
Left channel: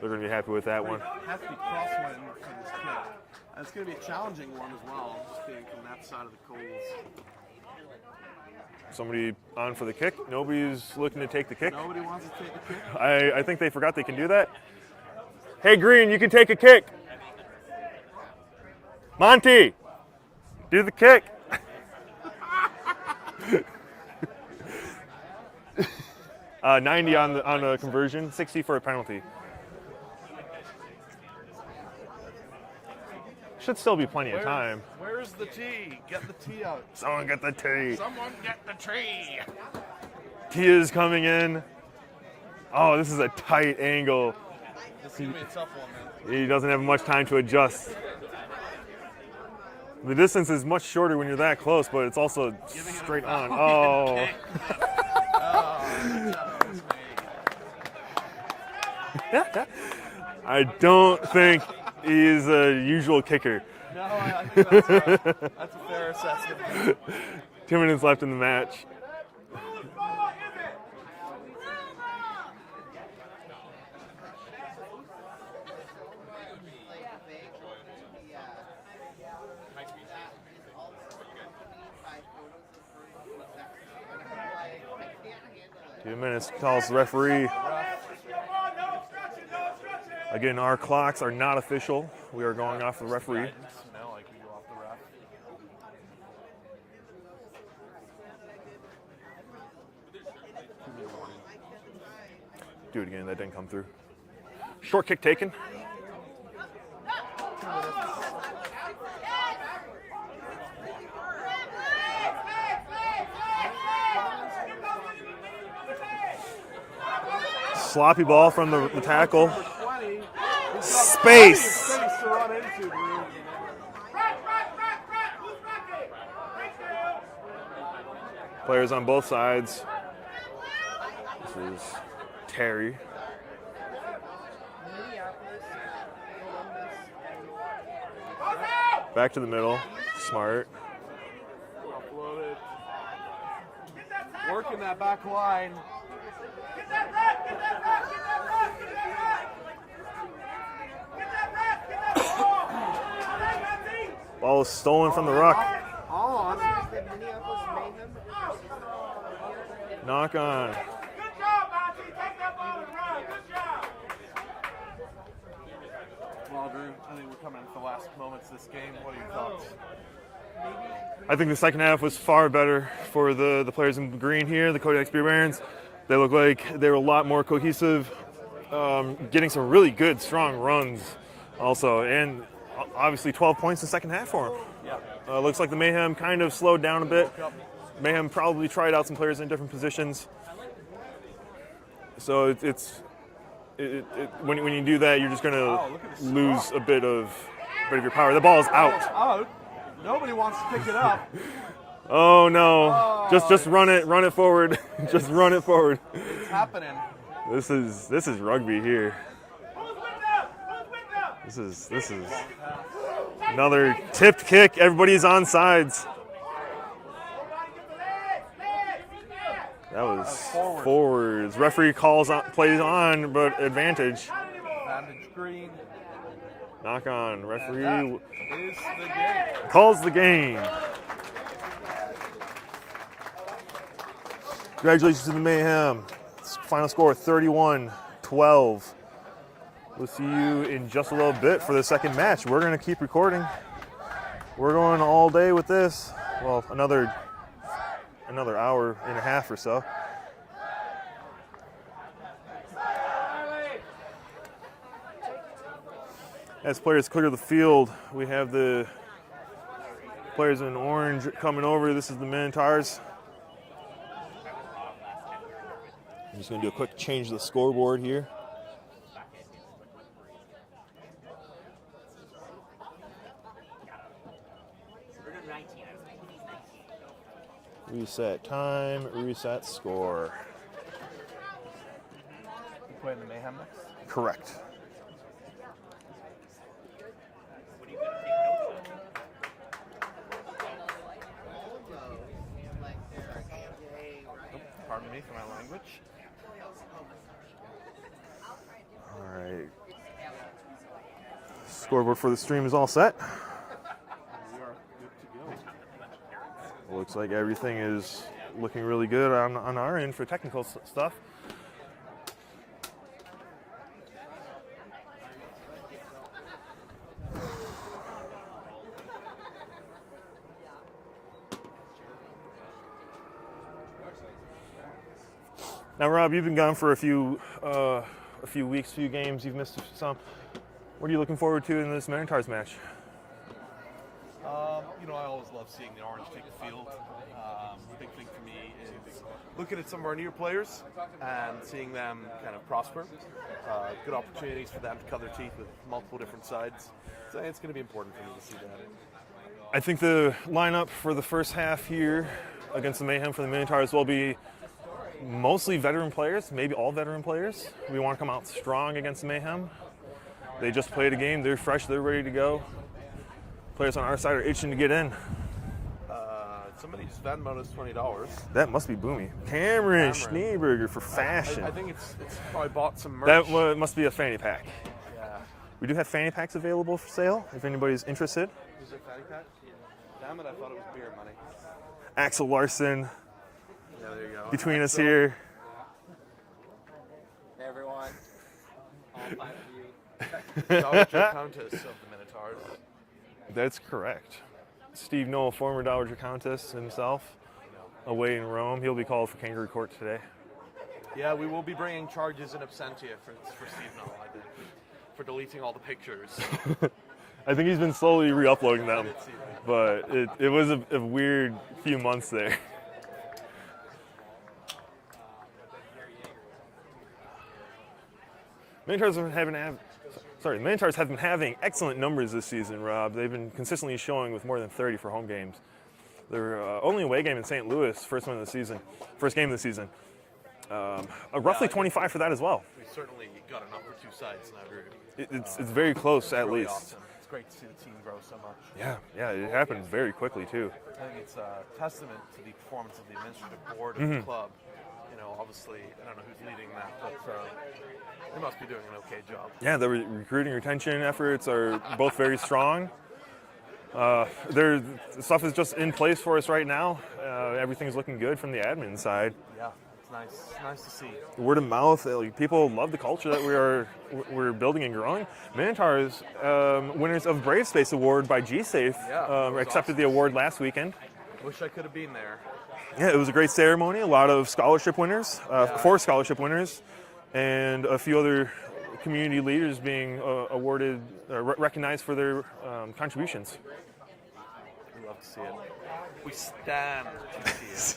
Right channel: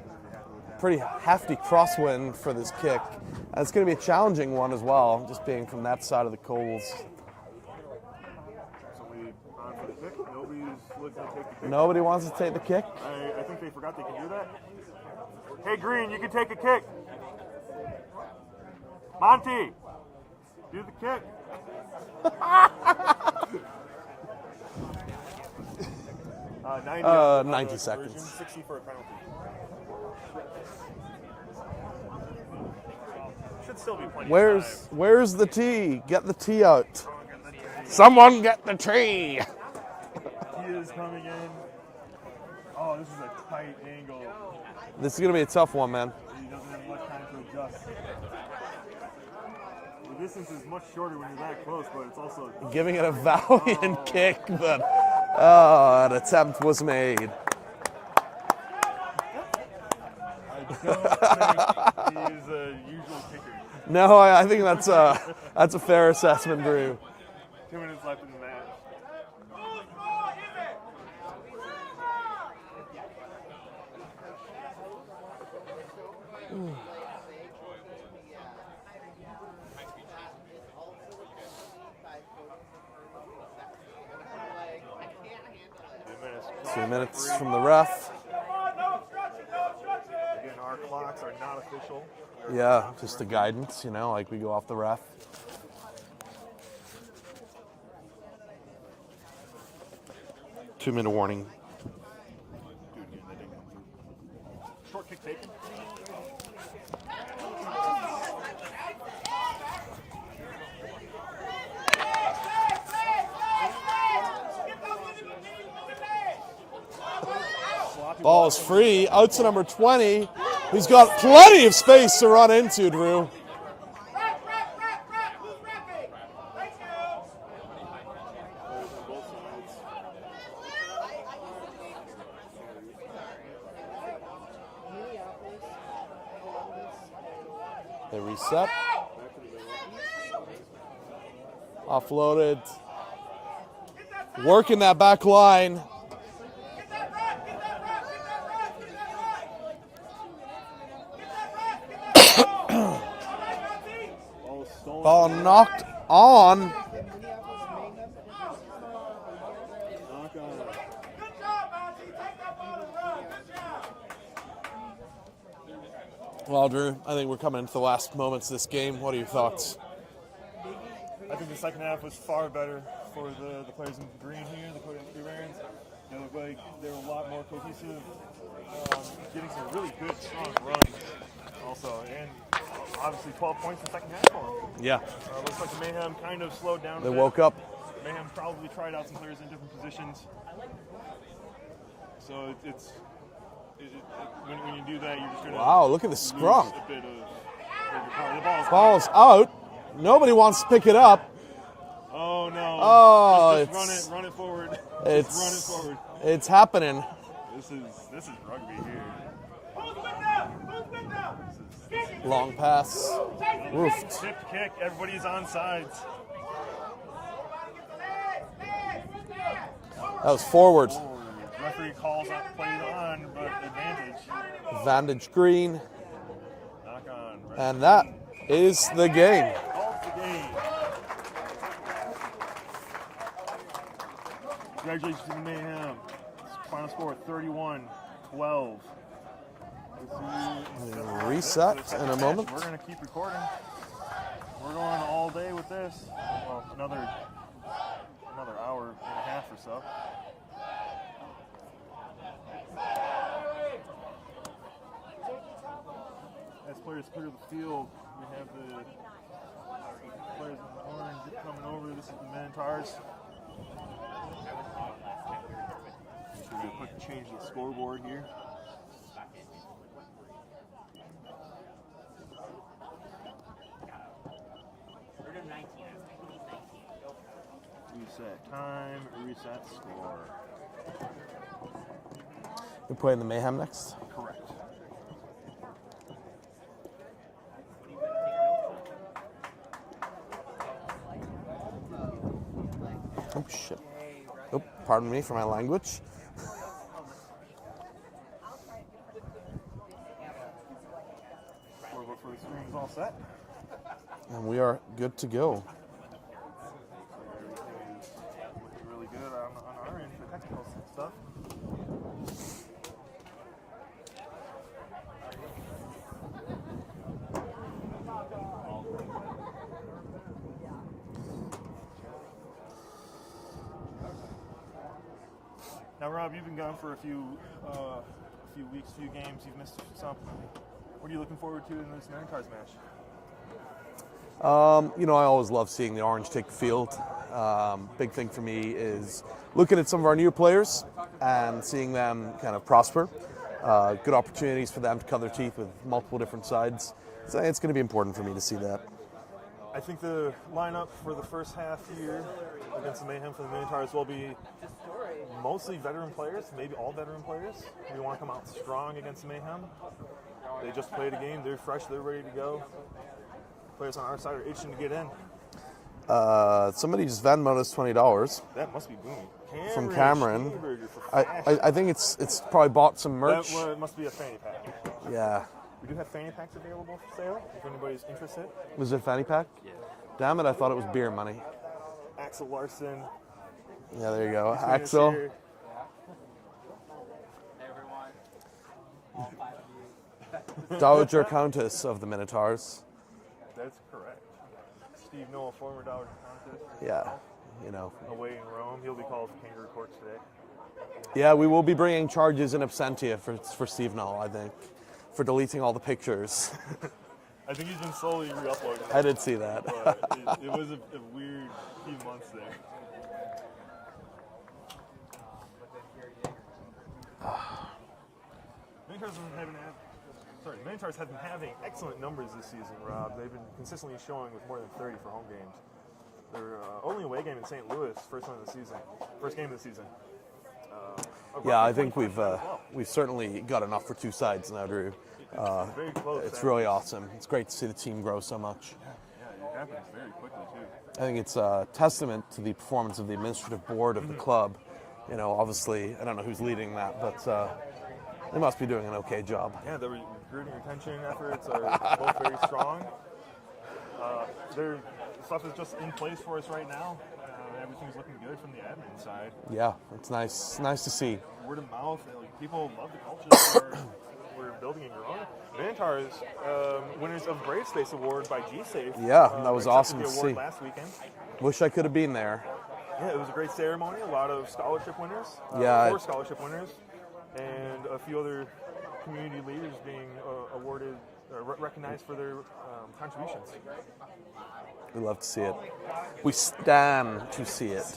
They're going to be happy with that Pretty one. hefty crosswind for this kick. And it's going to be a challenging one as well, just being from that side of the coals. Somebody on for the kick. Nobody's looking to take the kick. Nobody wants to take the kick. I think they forgot they can do that. Hey, Green, you can take a kick. Monty, do the kick. 90 on the 90 conversion, seconds. 60 for a penalty. Should still be plenty of time. Where's the tee? Get the tee out. Someone get the tee. Someone get the tee. Tee is coming in. Oh, this is a tight angle. This is going to be a tough one, man. He doesn't have much time to adjust. The distance is much shorter when you're that close, but it's also Giving it a straight on. valiant Oh. kick. An attempt was made. I don't think he's a usual kicker. No, I think that's a fair assessment, Drew. 2 minutes left in the match. Two minutes, calls the referee. From the ref. Again, our clocks are not official. We are going Yeah, off the just the referee. guidance, you know, like we go off the ref. 2-minute warning. Do it again, that didn't come through. Short kick taken. Sloppy ball Ball's from free. the Out to tackle. number 20, who's got Space. plenty of space to run into, Drew. Players on both sides. This is Terry. They reset. Back to the middle. Smart. Offloaded. Working that back line. Ball is stolen Oh, from the ruck. knocked on. Knock on. Good job, Monty. Take that ball and run. Good job. Well, Drew, I think we're coming into the last moments of this game. What are your thoughts? I think the second half was far better for the players in green here, the Kodiaks Beer Barons. They look like they were a lot more cohesive, getting some really good, strong runs also. And obviously 12 points in the second half for them. Yeah. Looks like the Mayhem kind of slowed down a They bit. woke up. Mayhem probably tried out some players in different positions. So when you do that, you're just going to Wow, look at the scrum. lose a bit of your power. The ball's Ball's out. out. Nobody wants to pick it up. Oh no! Oh, just run it forward. Just run it forward. It's happening. This is rugby here. This is Long pass. another tipped kick. Everybody's on sides. That was forward. Forwards. Referee plays on, but advantage. Vantage green. Knock on. Referee And that is the game. calls the game. Congratulations to the Mayhem. Final score 31-12. We'll see you in just a little bit for the Reset second in a match. moment. We're going to keep recording. We're going all day with this. Well, another hour and a half or so. As players clear the field, we have the players in orange coming over. This is the Minotaurs. I'm just going to do a quick change of the scoreboard here. Reset time, reset score. We're playing the Mayhem next. Correct. Oh, shit. Oh, pardon me for my language. All right. Scoreboard for the stream is all set. And we are good to go. Looks like everything is looking really good on our end for technical stuff. Now, Rob, you've been gone for a few weeks, few games. You've missed some. What are you looking forward to in this Minotaurs match? You know, I always love seeing the orange take the field. Big thing for me is looking at some of our newer players and seeing them kind of prosper. Good opportunities for them to cut their teeth with multiple different sides. So it's going to be important for me to see that. I think the lineup for the first half here against the Mayhem for the Minotaurs will be mostly veteran players, maybe all veteran players. We want to come out strong against the Mayhem. They just played a game, they're fresh, they're ready to go. Players on our side are itching to get in. Somebody just Venmoed us $20. That must be Boomy. Cameron Schneeberger for fashion. I think it's probably bought some merch. That must be a fanny pack. Yeah. We do have fanny packs available for sale if anybody's interested. Was it a fanny pack? Damn it, I thought it was beer money. Axel Larson Yeah, there you go. between us Axel. here. Hey everyone. All 5 of you. Dowager Countess of the Minotaurs. That's correct. Steve Knoll, former Dowager Countess himself, You know. away in Rome. He'll be called for kangaroo court today. Yeah, we will be bringing charges in absentia for Steve Knoll, I think, for deleting all the pictures. I think he's been slowly re-uploading them. I did see that. But it was a weird few months there. Minotaurs have been having excellent numbers this season, Rob. They've been consistently showing with more than 30 for home games. their only away game in St. Louis, first game of the season. Roughly 25 for that as well. We've certainly got enough for two sides now, Drew. It's very close. It's at really least. awesome. It's great to see the team grow so much. Yeah, it happens very quickly too. I think it's a testament to the performance of the administrative board of the club. You know, obviously, I don't know who's leading that, but they must be doing an okay job. Yeah, the recruiting retention efforts are both very strong. Their stuff is just in place for us right now. Everything's looking good from the admin side. Yeah, it's nice to see. Word of mouth, people love the culture that we're building and growing. Minotaurs, winners of Brave Space Award by G-Safe, Yeah, that was accepted awesome the to award see. last weekend. Wish I could have been there. Yeah, it was a great ceremony. A lot of scholarship winners, Yeah. 4 scholarship winners, and a few other community leaders being awarded, recognized for their contributions. We love to see it. We stand to see it.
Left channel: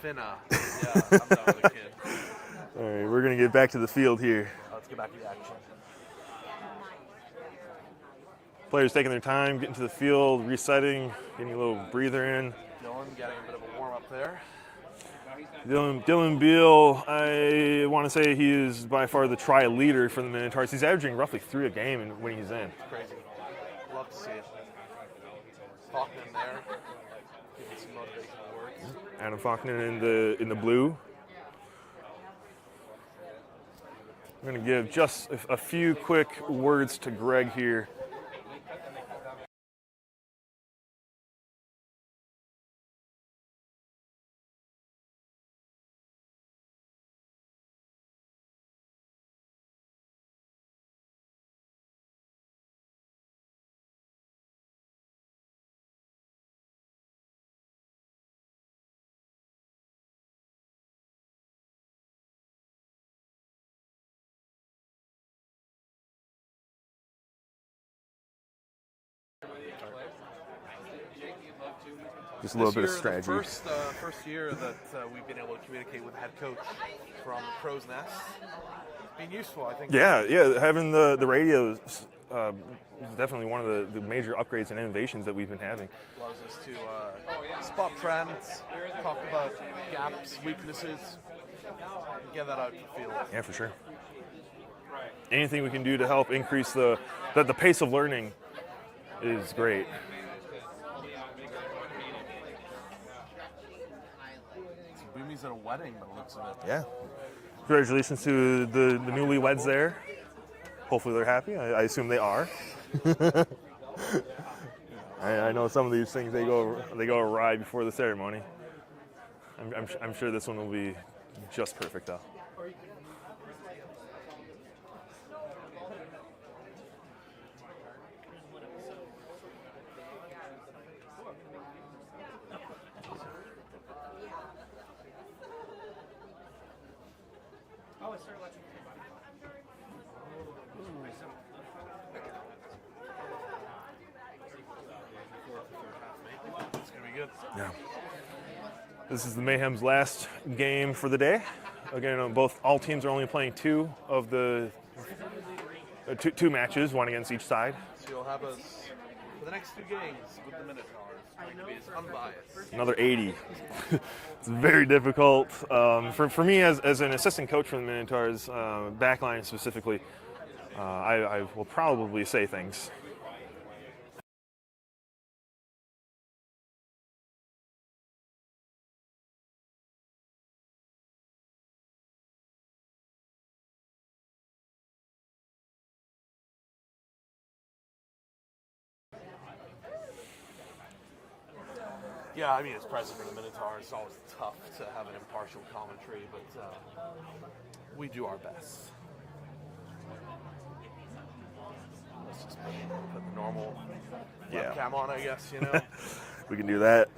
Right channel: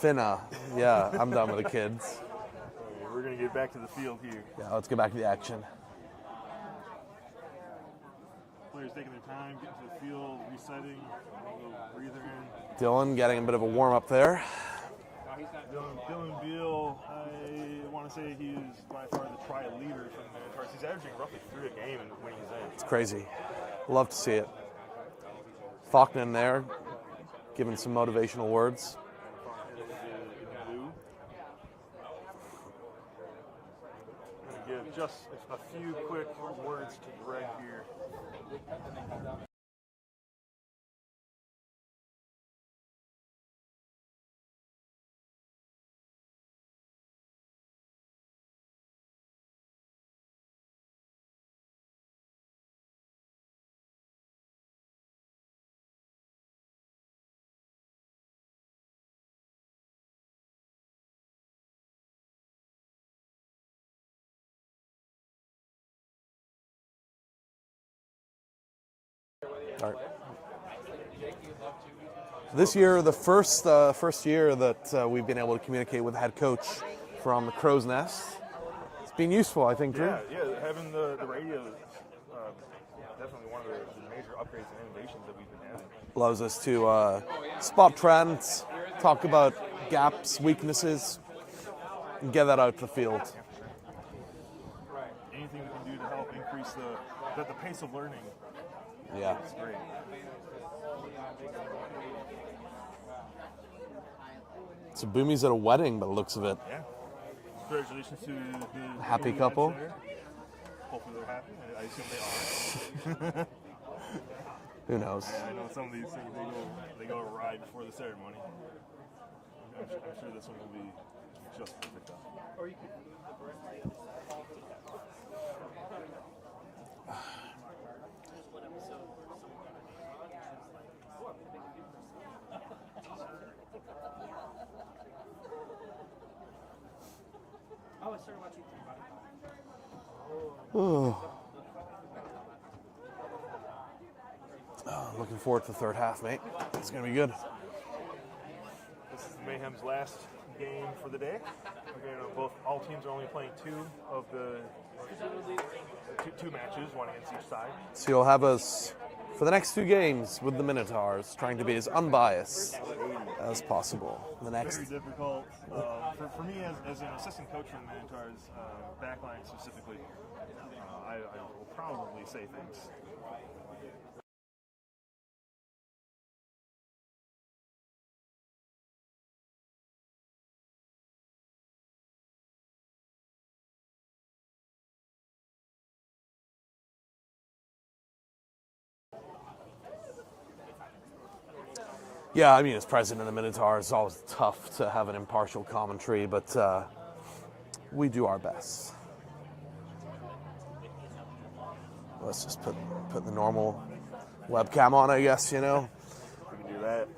Finna. Yeah, I'm done with the kids. All right, we're going to get back to the field here. Yeah, let's get back to the action. Players taking their time, getting to the field, resetting, getting a little breather in. Dylan getting a bit of a warm up there. Dylan Beal, I want to say he is by far the try leader for the Minotaurs. He's averaging roughly 3 a game when he's in. It's crazy. Love to see it. Faulkner in there, giving some motivational words. Adam Faulkner in the blue. I'm going to give just a few quick words to Greg here. All right. Just a This little bit year, of the strategy. first year that we've been able to communicate with the head coach from the Crow's Nest. It's been useful, I think. Yeah, having the radios is definitely one of the major upgrades and innovations that we've been having. Allows us to spot trends, talk about gaps, weaknesses, and get that out to the field. Yeah, for sure. Anything we can do to help increase the pace of learning is great. So Boomy's at a wedding by the looks of it. Yeah. Congratulations to the Happy newlyweds couple. there. Hopefully they're happy. I assume they are. Who knows? I know some of these things they go awry before the ceremony. I'm sure this one will be just perfect though. Looking forward to the third half, mate. It's gonna be good. Yeah. This is the Mayhem's last game for the day. Again, all teams are only playing 2 of the two matches, one against each side. So you'll have us for the next 2 games with the Minotaurs, trying to be as unbiased Another 80. as possible. It's very difficult. For me as an assistant coach for the Minotaurs, backline specifically, I will probably say things. Yeah, I mean, as president of Minotaurs, it's always tough to have an impartial commentary, but we do our best. Let's just put the normal webcam on, I guess, you know. We can do that.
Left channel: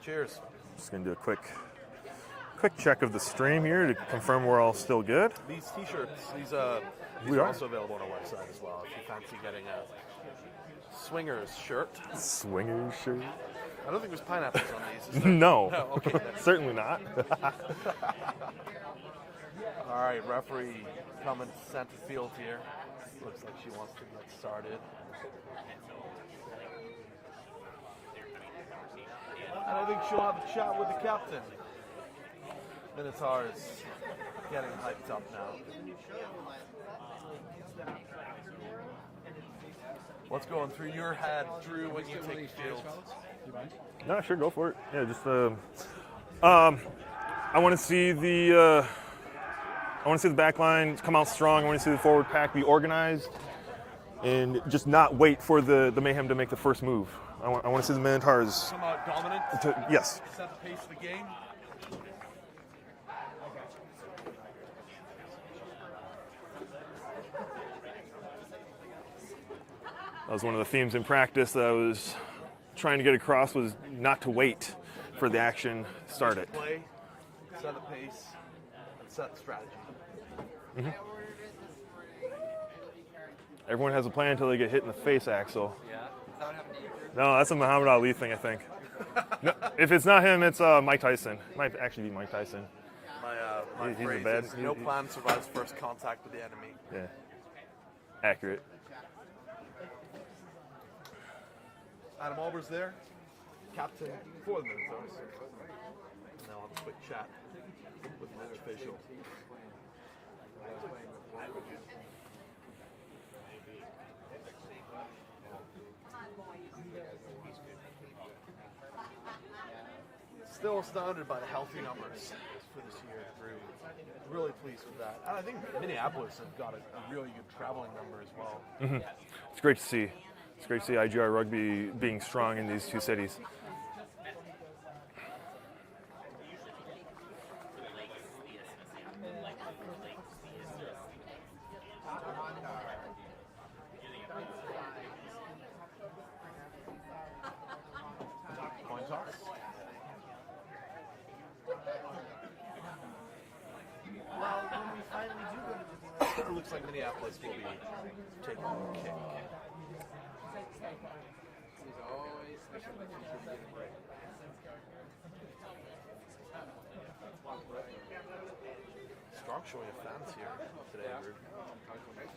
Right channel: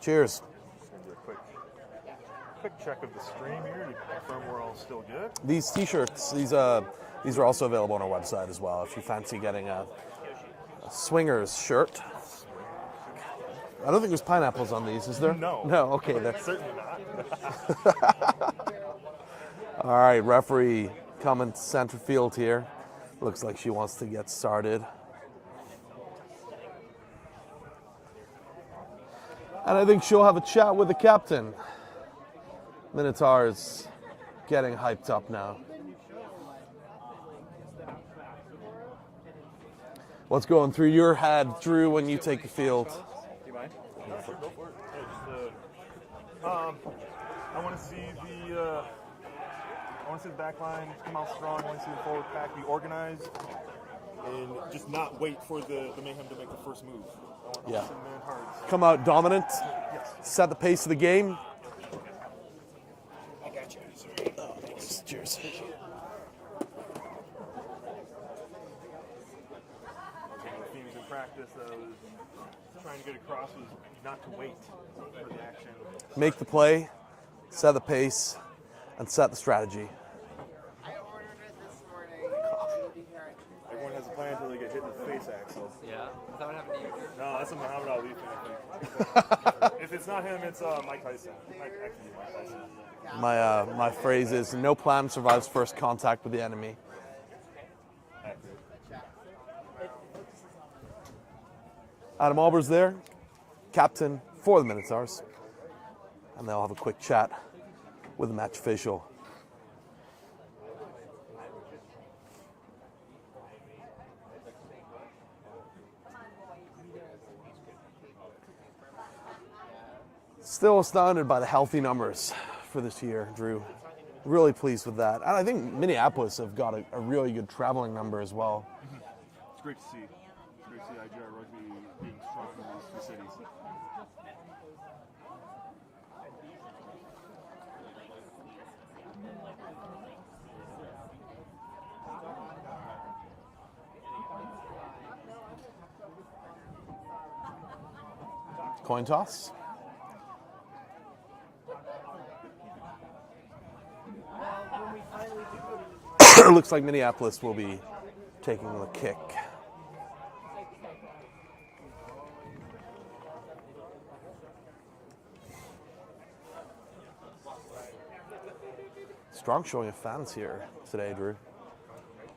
Cheers. Just gonna do a quick check of the stream here to confirm we're all still good. These T-shirts, these are also available on our website as well. If you fancy getting a Swingers shirt. Swingers shirt. I don't think there's pineapples on these, is there? No. No, okay. Certainly not. All right, referee coming to center field here. Looks like she wants to get started. And I think she'll have a chat with the captain. Minotaurs getting hyped up now. What's going through your head, Drew, when you take the field? No, sure, go for it. Yeah, just I want to see the back line come out strong. I want to see the forward pack be organized and just not wait for the Mayhem to make the first move. I want to see the Minotaurs Come out dominant, yes. set the pace of the game. Cheers. That was one of the themes in practice that I was trying to get across, was not to wait for the action started. Make the play, set the pace, and set the strategy. Everyone has a plan until they get hit in the face, Axel. Yeah. No, that's a Muhammad Ali thing, I think. No, if it's not him, it's Mike Tyson. Might actually be Mike Tyson. My He's phrase the best. is, no plan survives first contact with the enemy. Yeah. Accurate. Adam Alber's there, captain for the Minotaurs. And they'll have a quick chat with the match official. Still astounded by the healthy numbers for this year, Drew. Really pleased with that. And I think Minneapolis have got a really good traveling number as well. It's great to see. It's great to see IGR rugby being strong in these two cities. Coin toss. It looks like Minneapolis will be taking the kick. Strong showing of fans here today, Drew.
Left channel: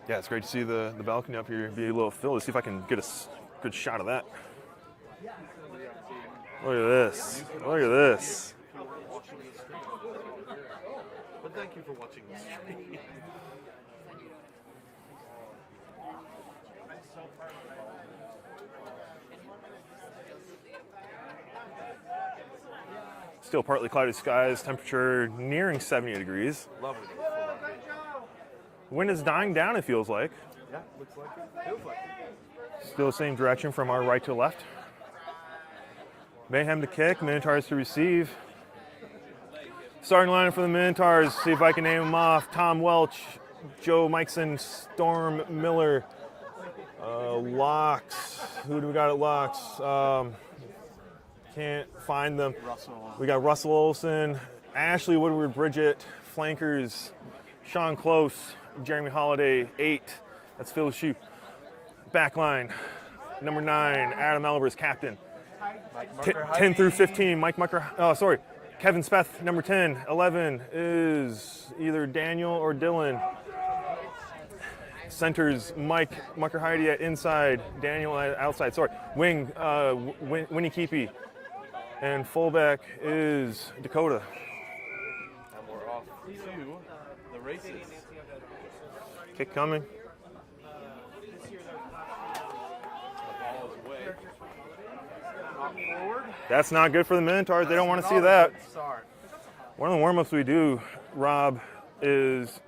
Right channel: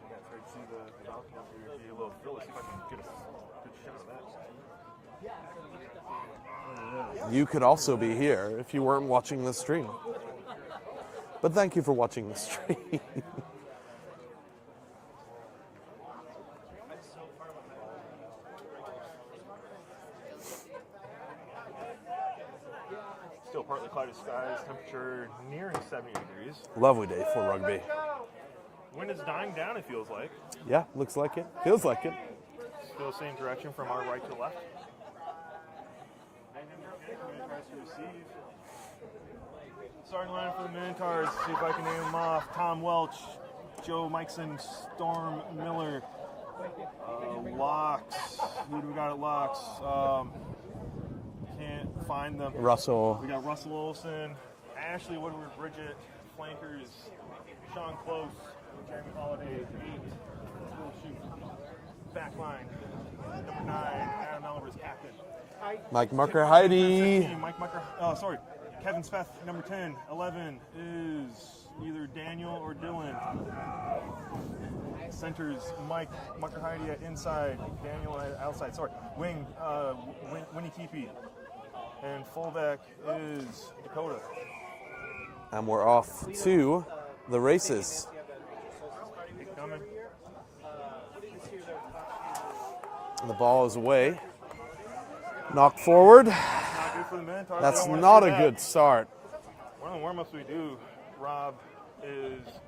Yeah, it's great to see the balcony up here be a little filled. Let's see if I can get a good shot of that. Look at this. You could Look at also be this. here if you weren't watching the stream. But thank you for watching the stream. Still partly cloudy skies, temperature nearing 70 degrees. Lovely day for rugby. Wind is dying down, it feels like. Yeah, looks like it. Feels like it. Still the same direction from our right to left. Mayhem to kick, Minotaurs to receive. Starting line for the Minotaurs, see if I can name them off. Tom Welch, Joe Mikeson, Storm Miller, Locks. Who do we got at Locks? Can't find them. Russell. We got Russell Olson, Ashley Woodward Bridget, flankers, Sean Close, Jeremy Holiday, 8. That's Phil Shue. Backline, number 9, Adam Elvers, captain. Mike Mucker, 10 through 15, Mike Mucker. Oh, sorry. Kevin Speth, number 10. 11 is either Daniel or Dylan. Centers, Mike Mucker Heidi at inside, Daniel at outside. Sorry. Wing, Winnie Keepy. And fullback is Dakota. And we're off to the races. Kick coming. And the ball is away. Knocked forward. That's not good for the Minotaurs. That's They don't want to not see a that. good start. One of the warm-ups we do, Rob, is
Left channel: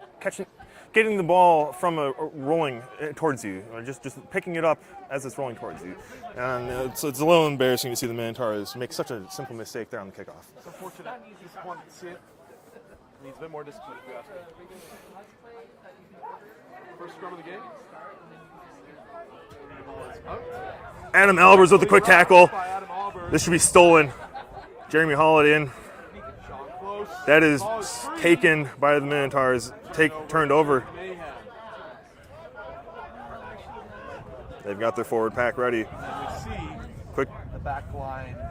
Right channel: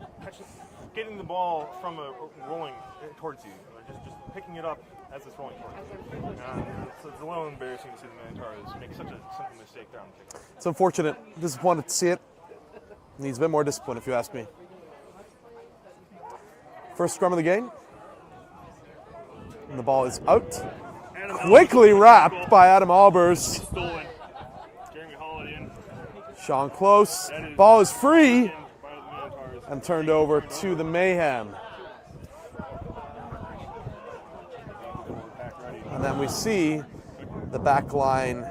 getting the ball from rolling towards you, or just picking it up as it's rolling towards you. And it's a little embarrassing to see the Minotaurs make such a simple mistake there on the kickoff. It's unfortunate. Disappointed to see it. Needs a bit more discipline, if you ask me. First scrum of the game. And the ball is out. Adam Albers with a Quickly quick wrapped tackle. by Adam Albers. This should be stolen. Jeremy Holiday in. Sean Close. That is ball is free taken by the Minotaurs. and turned over to the Mayhem. They've got their forward pack ready. And then we see Quick. the back line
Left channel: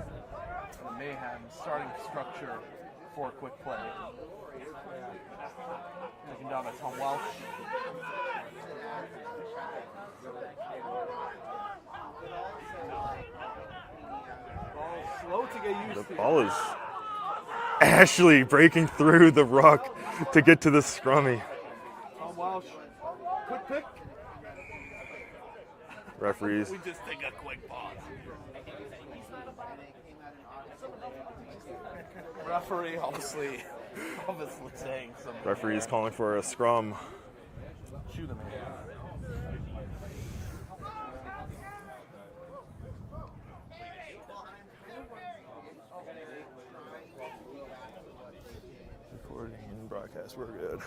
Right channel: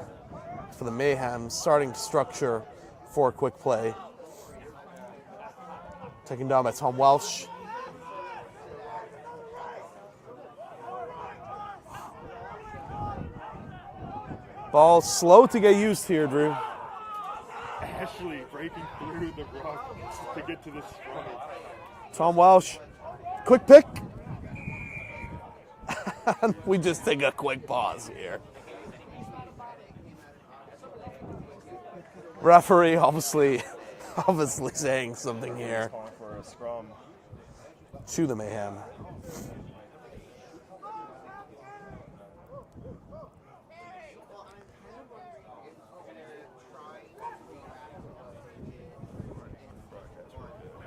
for the Mayhem starting to structure for a quick play. Taken down by Tom Welsh. Ball slow to get used here, Ball Drew. is Ashley breaking through the ruck to get to the scrummy. Tom Welsh, quick pick. Referees. We just take a quick pause here. Referee obviously saying something Referees here calling for a scrum. to the Mayhem. Broadcast, we're good.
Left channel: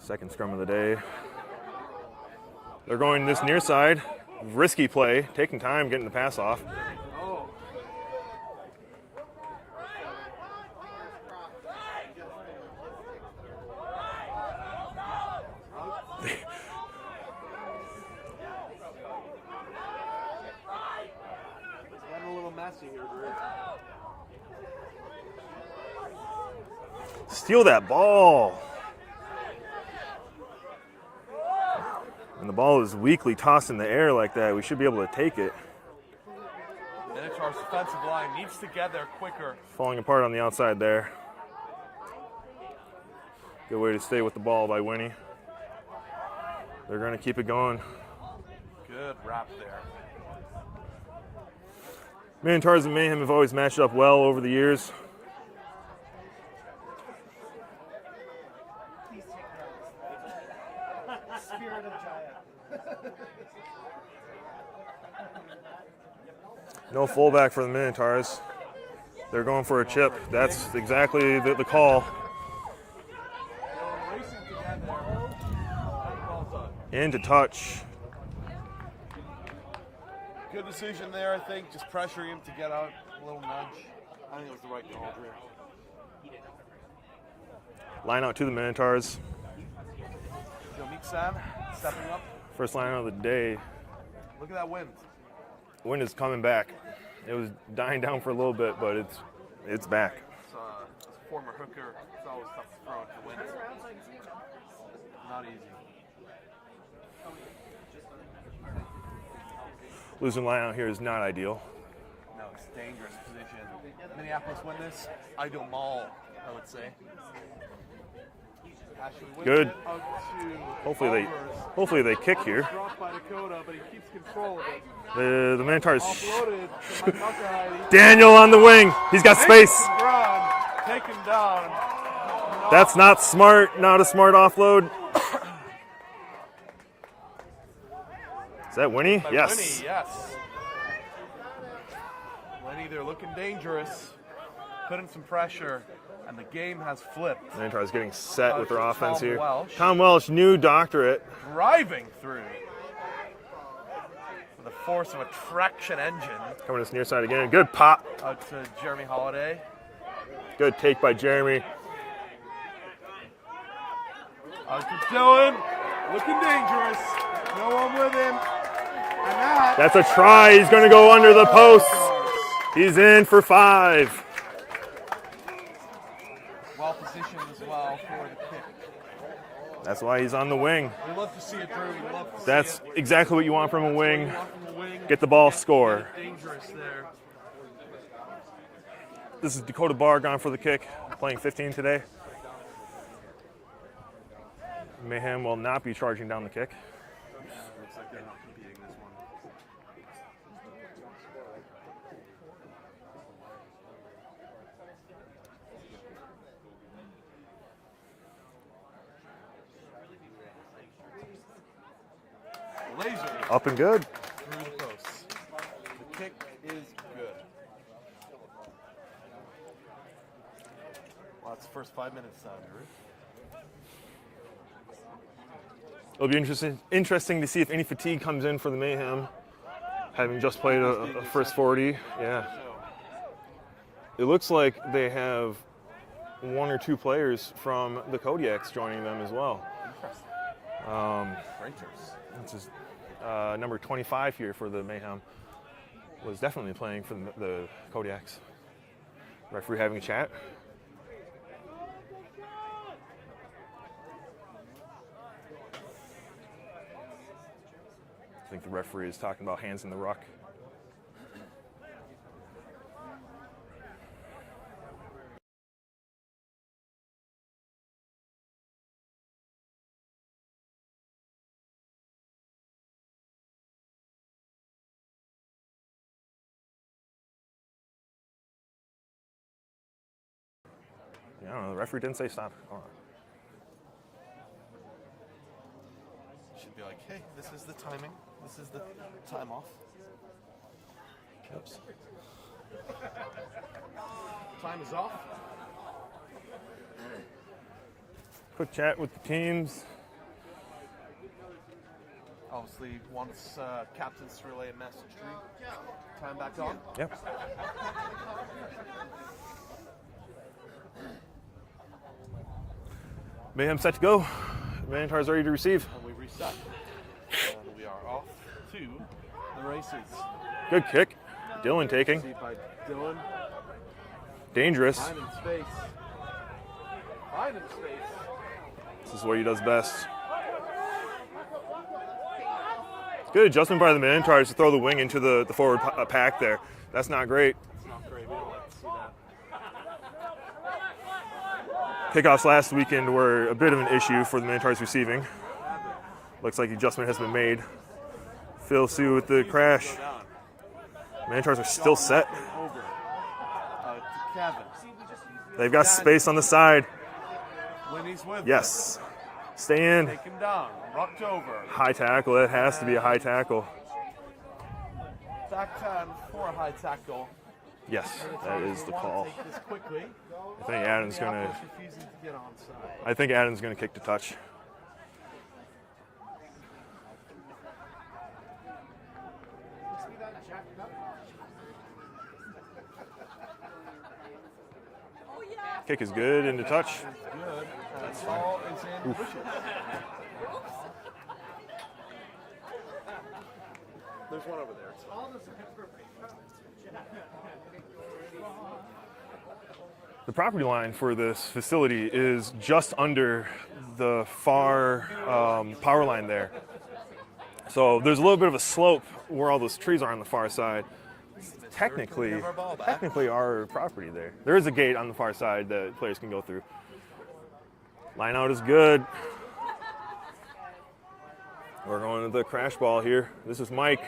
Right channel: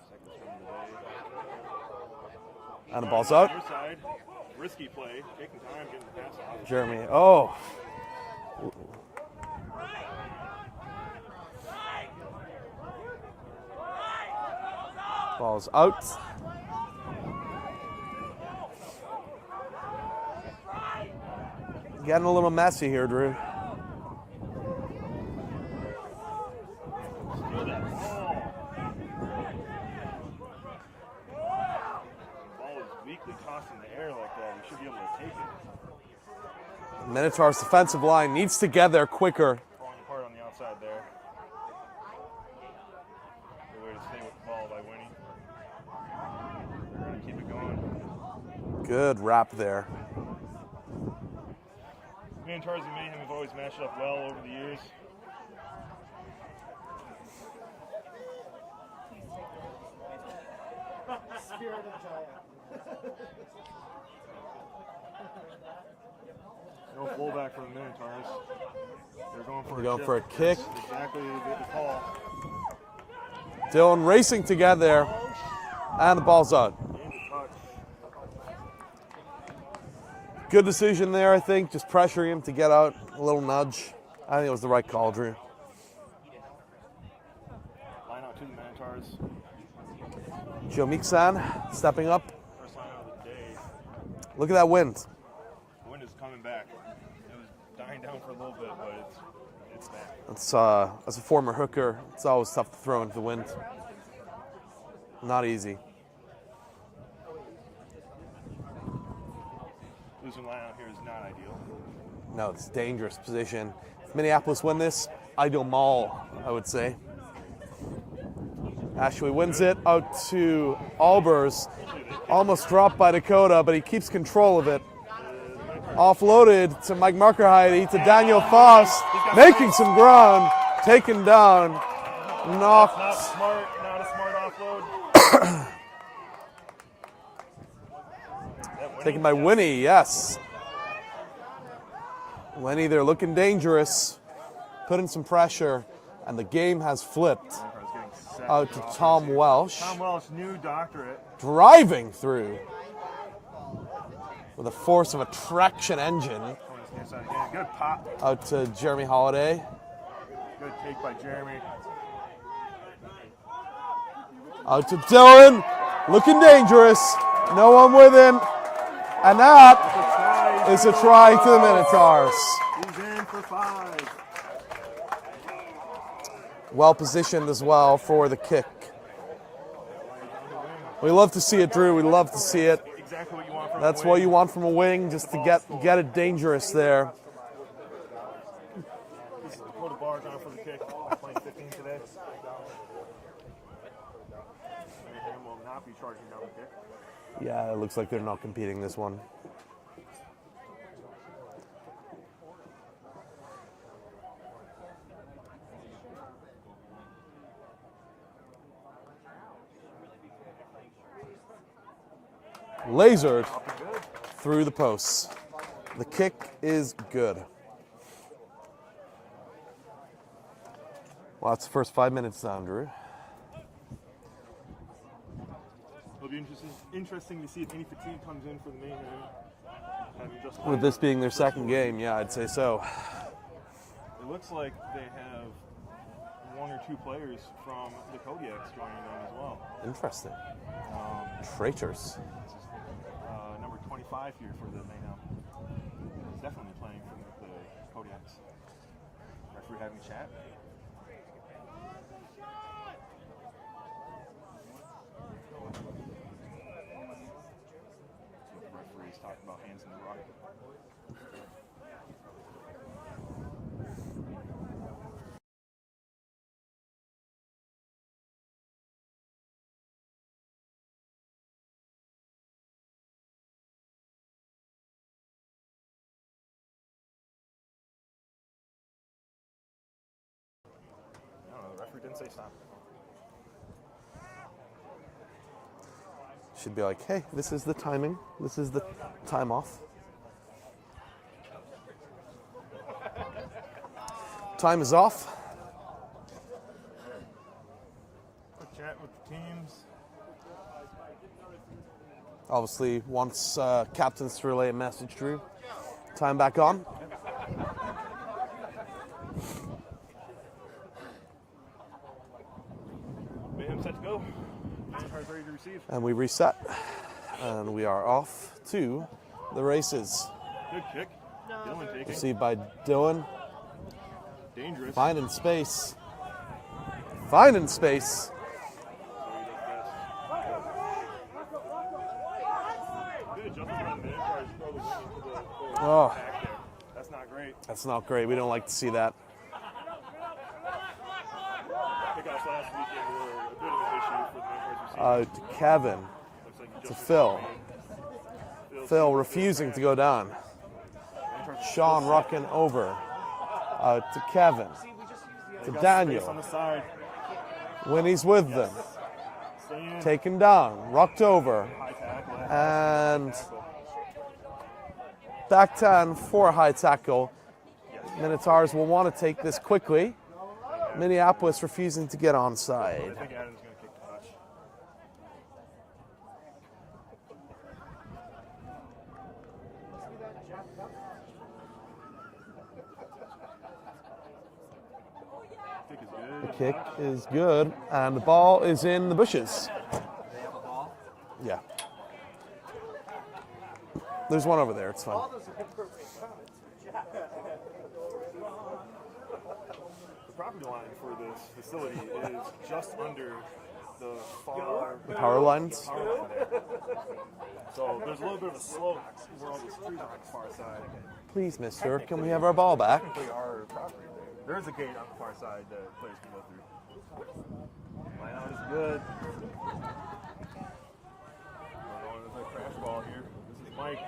Second scrum of the day. They're And going ball's this up. near side. Risky play, taking time, getting the pass off. Jeremy. Oh. Ball's out. Getting a little messy here, Drew. Steal that ball. And the ball is weakly tossed in the air like that. We should be able to take it. Minotaurs defensive line needs to get there quicker. Falling apart on the outside there. Good way to stay with the ball by Winnie. They're going to keep it going. Good wrap there. Minotaurs and Mayhem have always matched up well over the years. No fullback for the Minotaurs. They're going for a Go chip. for a That's kick. exactly the call. Dylan racing to get there. And the ball's out. Into touch. Good decision there, I think. Just pressuring him to get out. A little nudge. I think it was the right call, Drew. Line out to the Minotaurs. Joe Meeksan stepping up. First line out of the day. Look at that wind. Wind is coming back. It was dying down for a little bit, but it's back. It's, as a former hooker, it's always tough to throw into the wind. Not easy. Losing line out here is not ideal. No, it's a dangerous position. If Minneapolis win this, ideal maul, I would say. Ashley wins Good. it out to Hopefully Albers. Hopefully they kick Almost here. dropped by Dakota, but he keeps control of it. The Minotaurs. Offloaded to Mike Markerheide. Daniel on the wing. He's got making space. some ground. Taken down. That's not smart. Not a smart offload. Is that Winnie? Taken by Yes. Winnie, yes. Winnie, they're looking dangerous. Putting some pressure, and the game has flipped. Minotaurs getting set Out with their to offense Tom here. Welsh. Tom Welsh, new doctorate. Driving through with the force of a traction engine. Coming to this near side again. Good pop. Out to Jeremy Holiday. Good take by Jeremy. Out to Dylan. Looking dangerous. No one with him. And That's a try. He's going to go under the post. Cars. He's in for 5. Well positioned as well for the kick. That's why he's on the wing. We love to see it, Drew. We love to see That's it. exactly what you want from That's a wing. what you want from a wing. Get just the to ball score. Get it dangerous there. This is Dakota Barr gone for the kick, playing 15 today. Mayhem will not be charging down the kick. Yeah, it looks like they're not competing this one. Lasered Up and good. through the posts. The kick is good. Well, that's the first 5 minutes down, Drew. It'll be interesting to see if any fatigue comes in for the Mayhem, having just played With this being their first second 40. game, yeah, I'd say so. It looks like they have 1 or 2 players from the Kodiaks joining them as well. Interesting. Freighters. This is number 25 here for the Mayhem. Was definitely playing for the Kodiaks. Referee having a chat. think the referee is talking about hands in the ruck. I don't know, the referee didn't say stop. Hold on. Should be like, hey, this is the timing. This is the time off. Oops. Time is off. Quick chat with the teams. Obviously, wants captains to relay a message, Drew. Time back on. Yep. Mayhem set to go. Minotaurs ready to receive. And we reset. And we are off to the races. Good kick. Dylan taking. Received by Dylan. Dangerous. Finding space. Finding space. This is what he does best. Good adjustment by the Minotaurs to throw the wing into the forward pack there. That's not great. That's not great. We don't like to see that. Kickoffs last weekend were a bit of an issue for the Minotaurs receiving. Kevin. Looks like adjustment Phil. has been made. Phil Phil Sue with the refusing crash. to go down. Minotaurs are Sean still set. rocking over to Kevin. They've got Daniel. space on the side. When he's with Yes. Stay them. in. Taken down. Rocked over. High tackle. It has to be a high And- tackle. Back 10 for a high tackle. Yes. Minotaurs that is will the want call. to take this quickly. I think Adam's Minneapolis refusing to get onside. I think Adam's going to kick the touch. Kick is good into Kick touch. is good, and the ball is in the bushes. Yeah. There's one over there. It's fine. The property line for this facility is just under the far power line there. So there's a little bit of a slope where all those trees are on the far side. Please, mister, can Technically, we have our ball back? Technically our property there. There is a gate on the far side that players can go through. Line out is good. We're going to the crash ball here. This is Mike.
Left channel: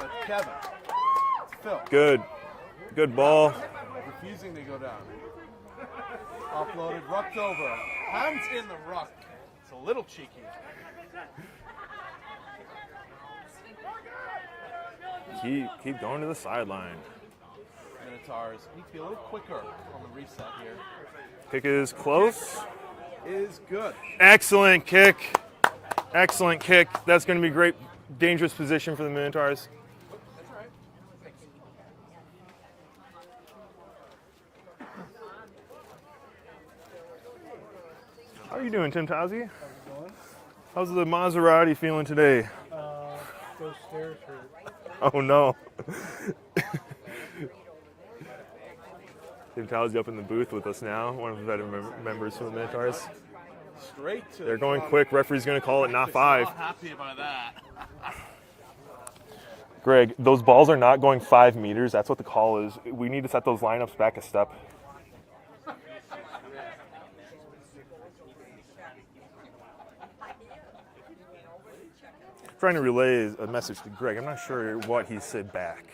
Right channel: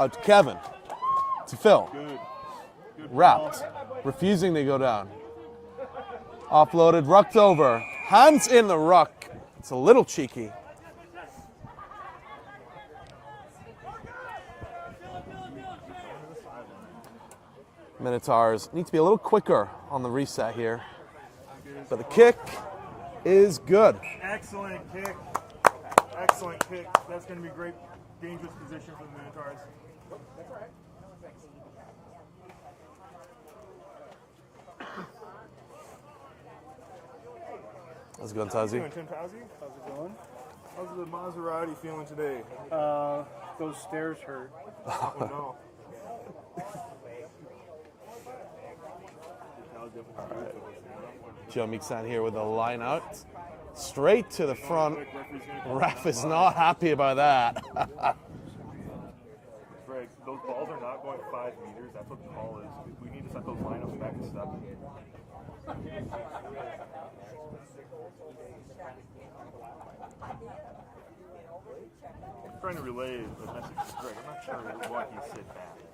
Out to Kevin. To Phil. Good. Good ball. Wrapped. Refusing to go down. Offloaded, rucked over. Hands in the ruck. It's a little cheeky. Keep going to the sideline. Minotaurs need to be a little quicker on the reset here. Kick is The close. kick is good. Excellent kick. Excellent kick. That's going to be great, dangerous position for the Minotaurs. How's it going, How you Tazzy? doing, Tim Towsey? How's the Maserati feeling today? Those stairs hurt. Oh no. Tim Towsey up in the booth with us now. One of the Joe veteran Mixon here members with the of the line Minotaurs. out. Straight to They're the going front. quick. Referee's going to call it Ref not is five. not happy about that. Greg, those balls are not going 5 meters. That's what the call is. We need to set those lineups back a step. Trying to relay a message to Greg. I'm not sure what he said back.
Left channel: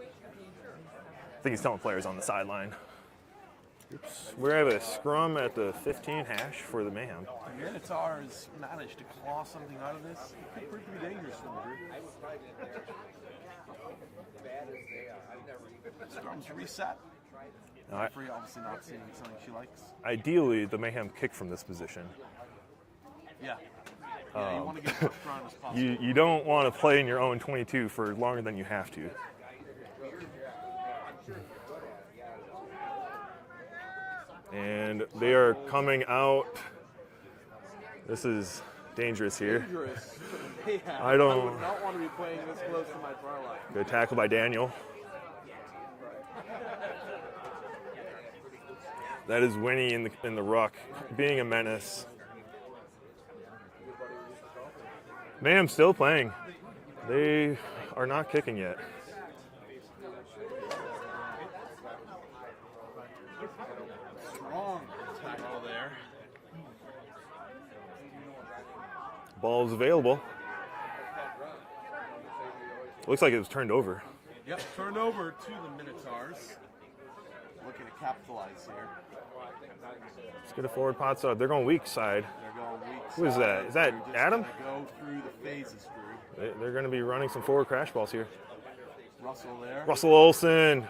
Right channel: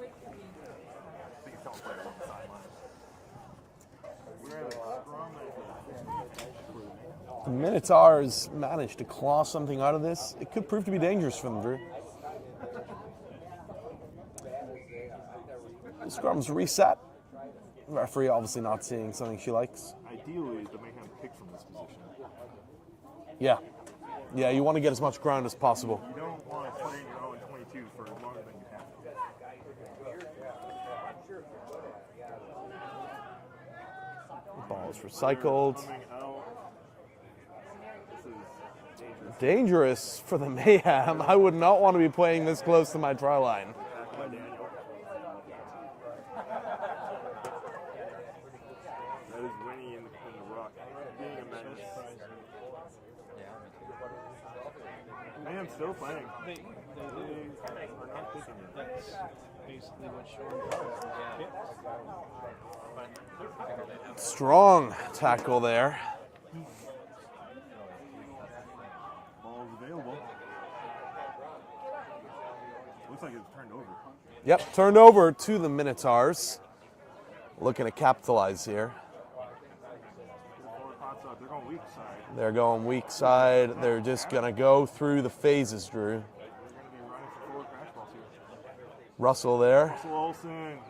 I think he's telling players on the sideline. We have a scrum at the 15 hash for the Mayhem. The Minotaurs managed to claw something out of this. It could prove to be dangerous for them, Drew. The scrum's reset. The referee obviously not seeing something she likes. Ideally, the Mayhem kick from this position. Yeah. Yeah, you want to get as much ground as possible. You don't want to play in your own 22 for longer than you have to. And they are Cycled. coming out. This is dangerous here. Dangerous for the Mayhem. I don't I know. would not want to be playing this close to my try line. Good tackle by Daniel. That is Winnie in the ruck, being a menace. Mayhem still playing. They are not kicking yet. Strong tackle there. Ball is available. Looks like it was turned over. Yep, turned over to the Minotaurs. Looking to capitalize here. Let's get a forward pot side. They're going weak side. They're going weak that? side. Is that They're just Adam? going to go through the phases, Drew. They're going to be running some forward crash balls here. Russell there. Russell Olsen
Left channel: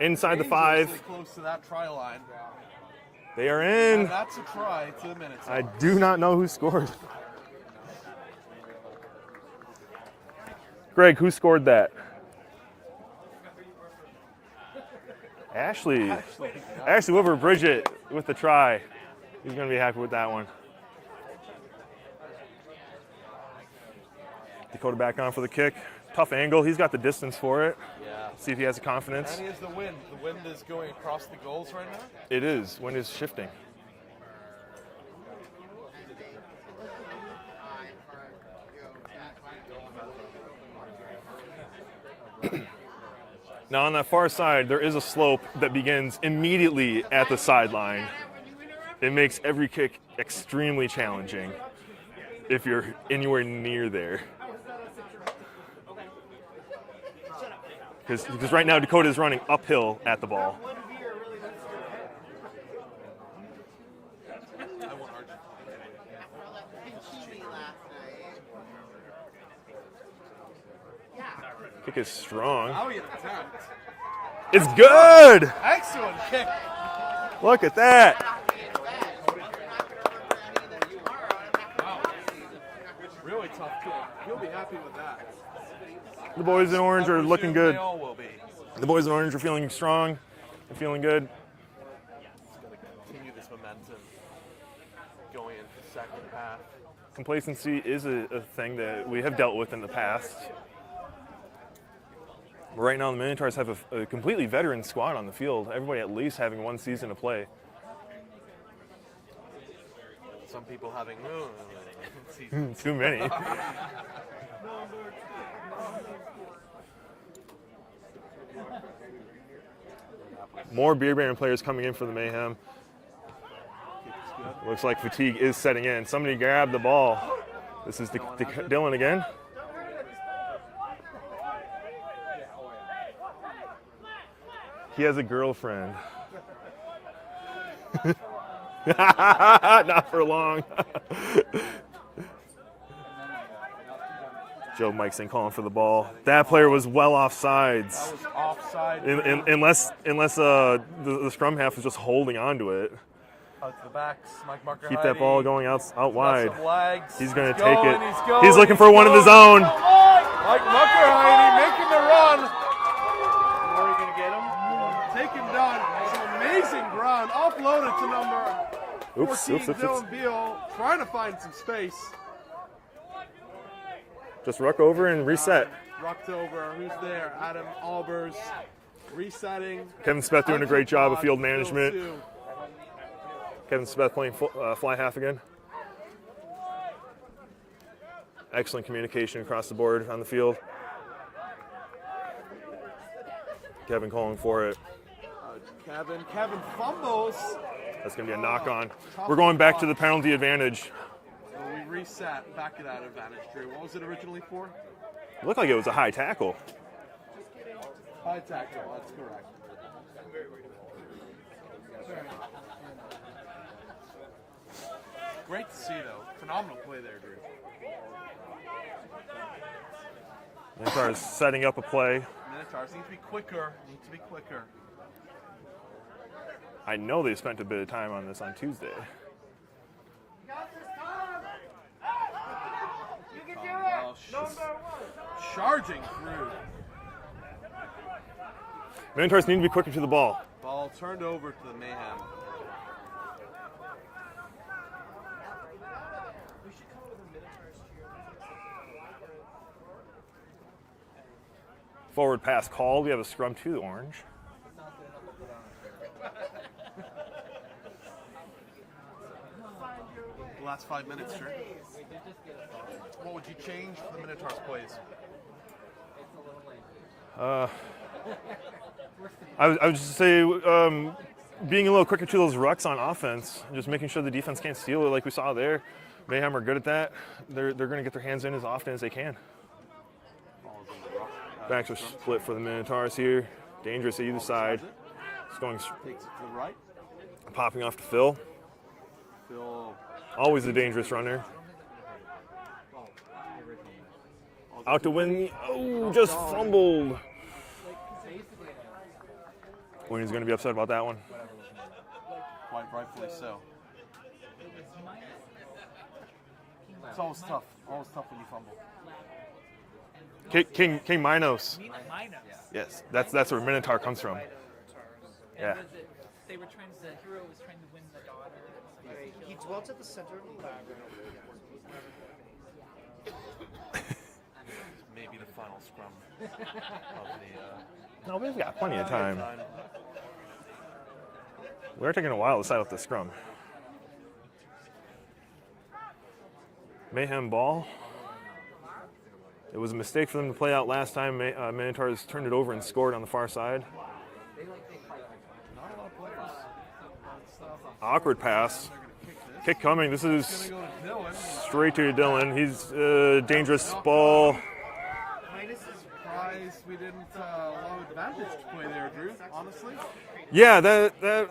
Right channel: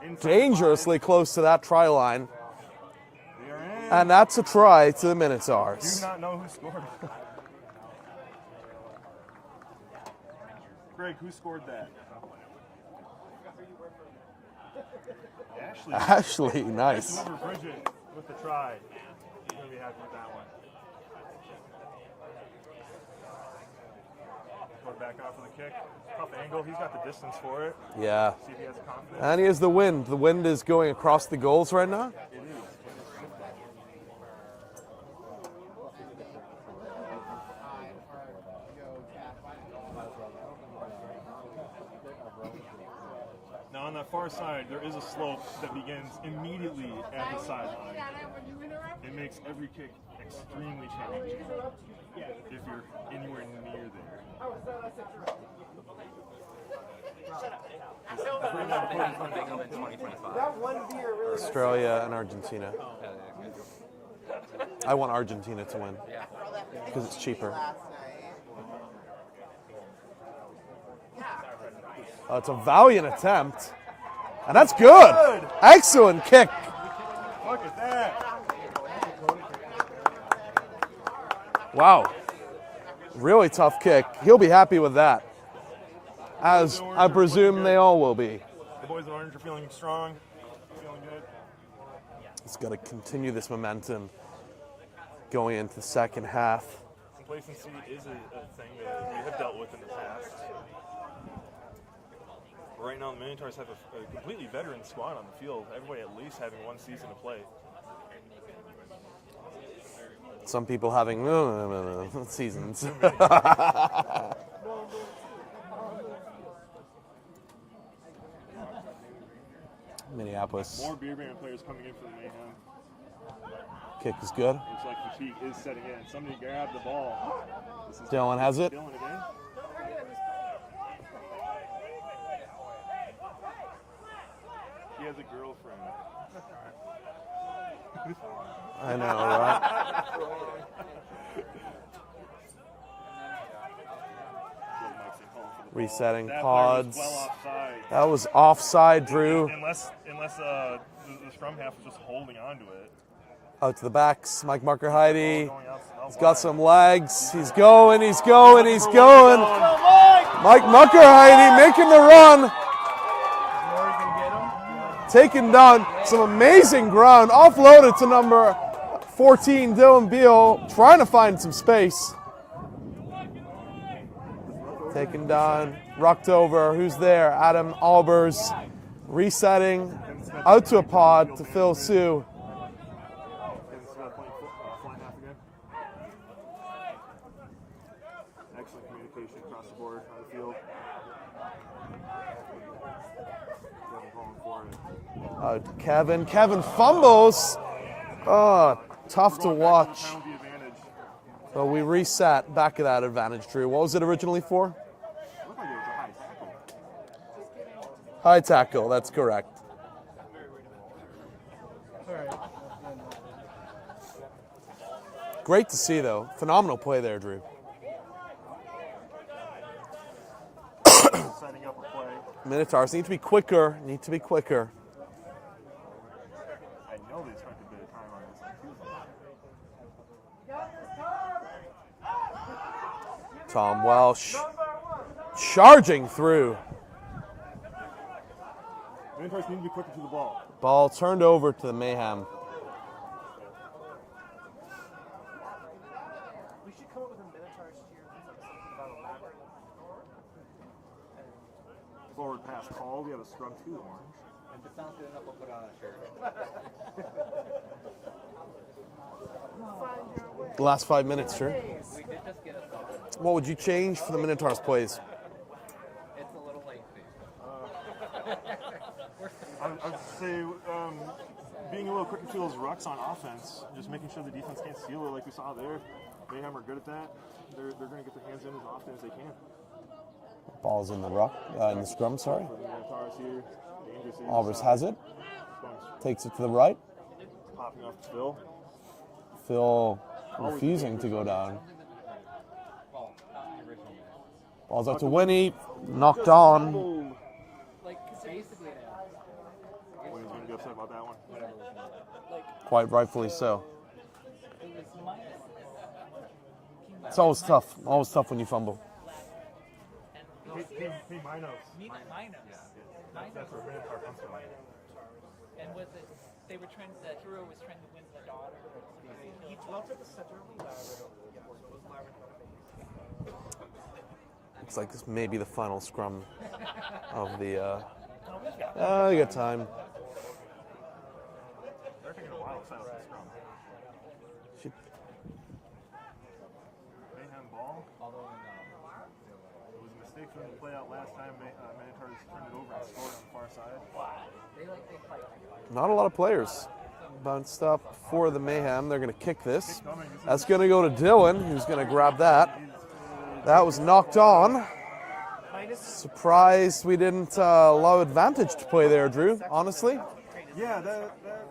inside the Dangerously 5. close to that try line. They are in. And that's a try to the I Minotaurs. do not know who scored. Greg, who scored that? Ashley. Ashley, nice. Ashley Wilbur Bridget with the try. He's going to be happy with that one. Dakota back on for the kick. Tough angle. He's got the distance for it. Yeah. See if he has the confidence. And he has the wind. The wind is going across the goals right now. It is. Wind is shifting. Now on that far side, there is a slope that begins immediately at the sideline. It makes every kick extremely challenging if you're anywhere near there. Because right now Dakota is running uphill at the ball. Australia and Argentina. I want Argentina to win because it's cheaper. Kick is strong. That's a valiant attempt. And It's that's good. Excellent kick. Look at that. Wow. Really tough kick. He'll be happy with that. The boys As in orange I are looking presume good. they all will be. The boys in orange are feeling strong. They're feeling good. It's got to continue this momentum going into the second half. Complacency is a thing that we have dealt with in the past. But right now, the Minotaurs have a completely veteran squad on the field. Everybody at least having one season to play. Some people having seasons. Too many. Minneapolis. More Beer Baron players coming in for the Mayhem. Kick is good. Looks like fatigue is setting in. Somebody grabbed the ball. This is Dylan has it. Dylan again. He has a girlfriend. I know, right? Not for long. Joe Mikeson calling for the ball. Resetting That player was pods. well offsides. That was offside, Drew. Unless the scrum half was just holding on to it. Out to the backs. Mike Marker Keep that hiding. ball going out He's wide. got some legs. He's He's, gonna take going. it. He's going. He's looking for one of his own. Mike Muckerheide making the run. Taking down some amazing ground. Offloaded to number 14, Dylan Beal. Trying to find some space. Just ruck over and Taken reset. down, rucked over. Who's there? Adam Albers. Resetting. Kevin Smith doing a great job of field to Phil management. Sue. Kevin Smith playing fly half again. Excellent communication across the board on the field. Kevin calling for it. Kevin fumbles. That's going to be a knock on. tough We're going to back to the watch. penalty advantage. So we reset back of that advantage, Drew. What was it originally for? It looked like it was a high tackle. High tackle, that's correct. Great to see, though. Phenomenal play there, Drew. Setting up a play. Minotaurs need to be quicker. I know they spent a bit of time on this on Tuesday. Tom Welsh charging through. Minotaurs need to be quicker to the ball. Ball turned over to the Mayhem. Forward pass called. We have a scrum to the orange. The last 5 minutes, Drew. what would you change for the Minotaurs plays? I would just say being a little quicker to those rucks on offense, just making sure the defense can't steal it like we saw there. Mayhem are good at that. They're going to get their hands in as often as they can. Ball's in the rock. Backs are split for the Minotaurs here. Dangerous at either Alvis side. has it. It's going Takes it to the right. popping off to Phil. Phil. Always a refusing dangerous to go runner. down. Ball's Out out to to Winnie. Winnie. Knocked Just on. fumbled. Winnie's going to be upset about that one. Quite rightfully so. It's always tough. Always tough when you fumble. King Minos. Yes, that's where Minotaur comes from. Yeah. They were trying. The hero was trying to win the daughter. He dwelt at the center of the lab. Looks like this may be the final scrum of the. No, we've got plenty of time. We're taking a while to set up the scrum. Mayhem ball. It was a mistake for them to play out last time. Minotaurs turned it over and scored on the far side. Not a lot of players. Bounced up for Awkward the pass. Mayhem. They're going to kick this. Kick coming. This is That's going to go to Dylan. He's going to straight to grab that. Dylan. He's That dangerous was knocked ball. on. Surprised we didn't allow advantage to play there, Drew, honestly. Yeah, that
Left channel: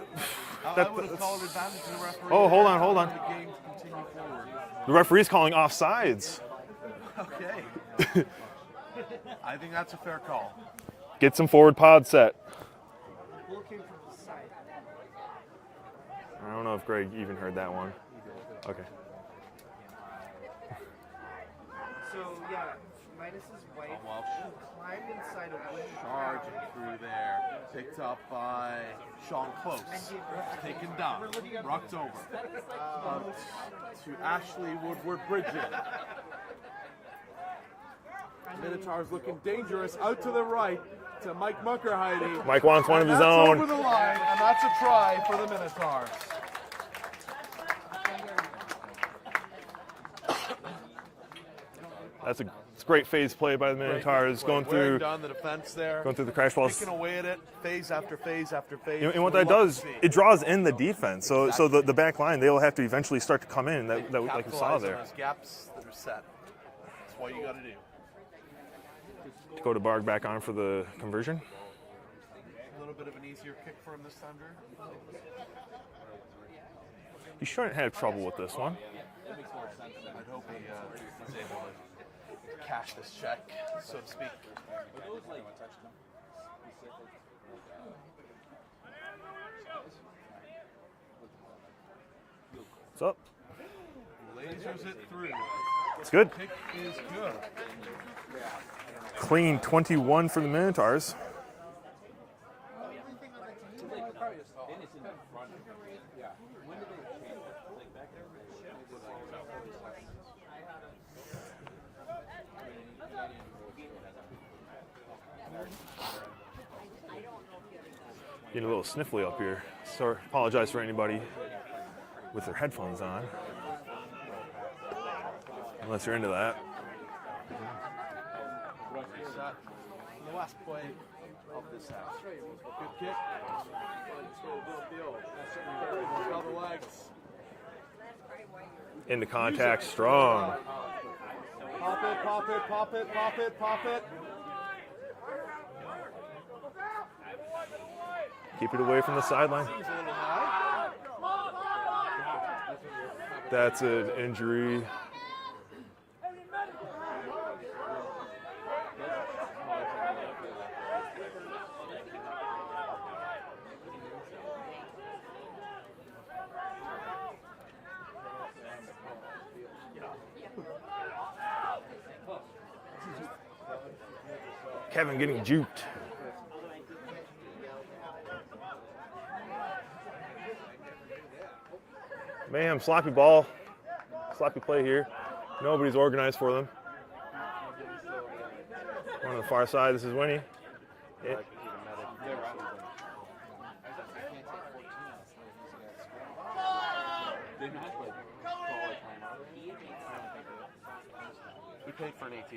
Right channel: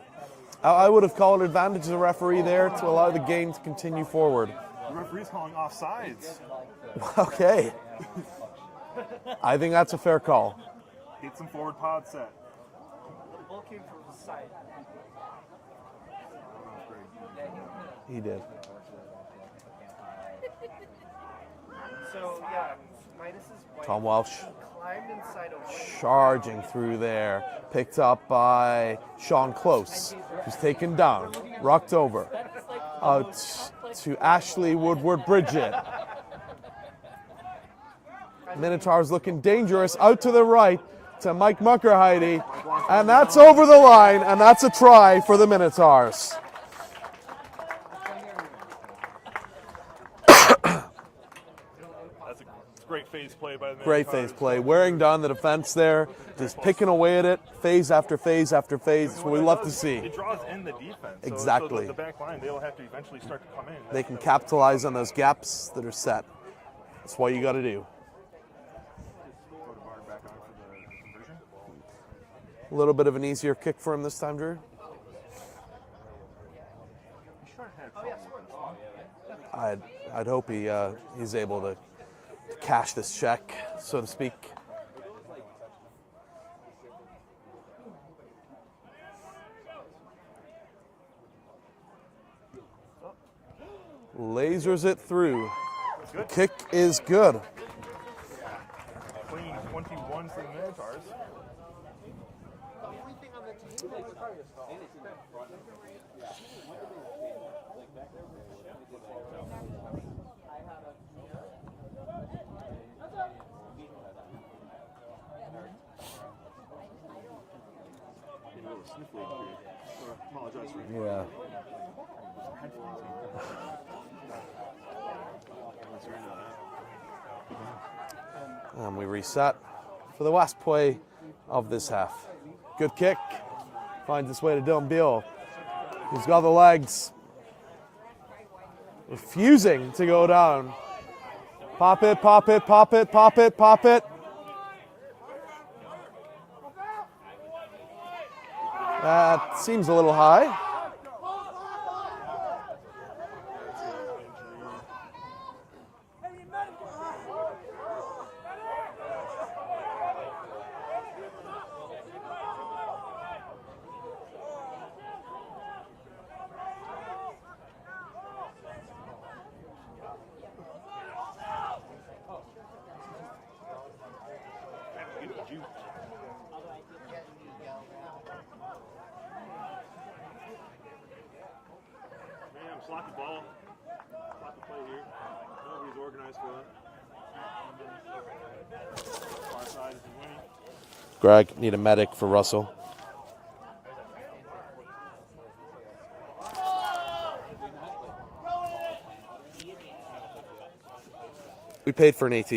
I would have called advantage to the referee Oh, there hold on, to hold allow on. the game to continue forward. the referee's calling offsides. Okay. I think that's a fair call. Get some forward pod set. Ball came from the side. I don't know if Greg even heard that one. He did. Okay. So yeah, Minus is white. Tom Welsh Climbed inside a white. charging through there. Picked up by Sean Close, who's taken down. Rocked over. Out to Ashley Woodward-Bridget. Minotaurs looking dangerous. Out to the right to Mike Muckerheide. Mike wants one And of his that's own. over the line, and that's a try for the Minotaurs. That's a great phase play by the Great Minotaurs. phase play. going Wearing through- down the defense there. going through the crash Just balls. picking away at it, phase after phase after phase. And what we that love does, to see. it draws in the defense. So, Exactly. so the back line, they'll have to eventually start to come in. They can like we saw capitalize on there. those gaps that are set. That's what you got to do. Dakota Barg back on for the conversion. A little bit of an easier kick for him this time, Drew. You shouldn't have trouble with this one. I'd hope he's able to cash this check, so to speak. What's up? Lasers it through. It's good. Kick is good. Clean 21 for the Minotaurs. Getting a little sniffly up here. So apologize for anybody with their headphones on. Unless you're into that. And we reset for the last play of this half. Good kick. Finds its way to Dylan Beal. He's got the legs. Into Fusing contact, to go strong. down. Pop it, pop it, pop it, pop it, pop it. Keep it away from the sideline. Seems a little high. That's an injury. Kevin getting juked. Mayhem, sloppy ball. Sloppy play here. Nobody's organized for them. On the far side, this is Winnie. Greg, need a medic for Russell. We paid for an AT.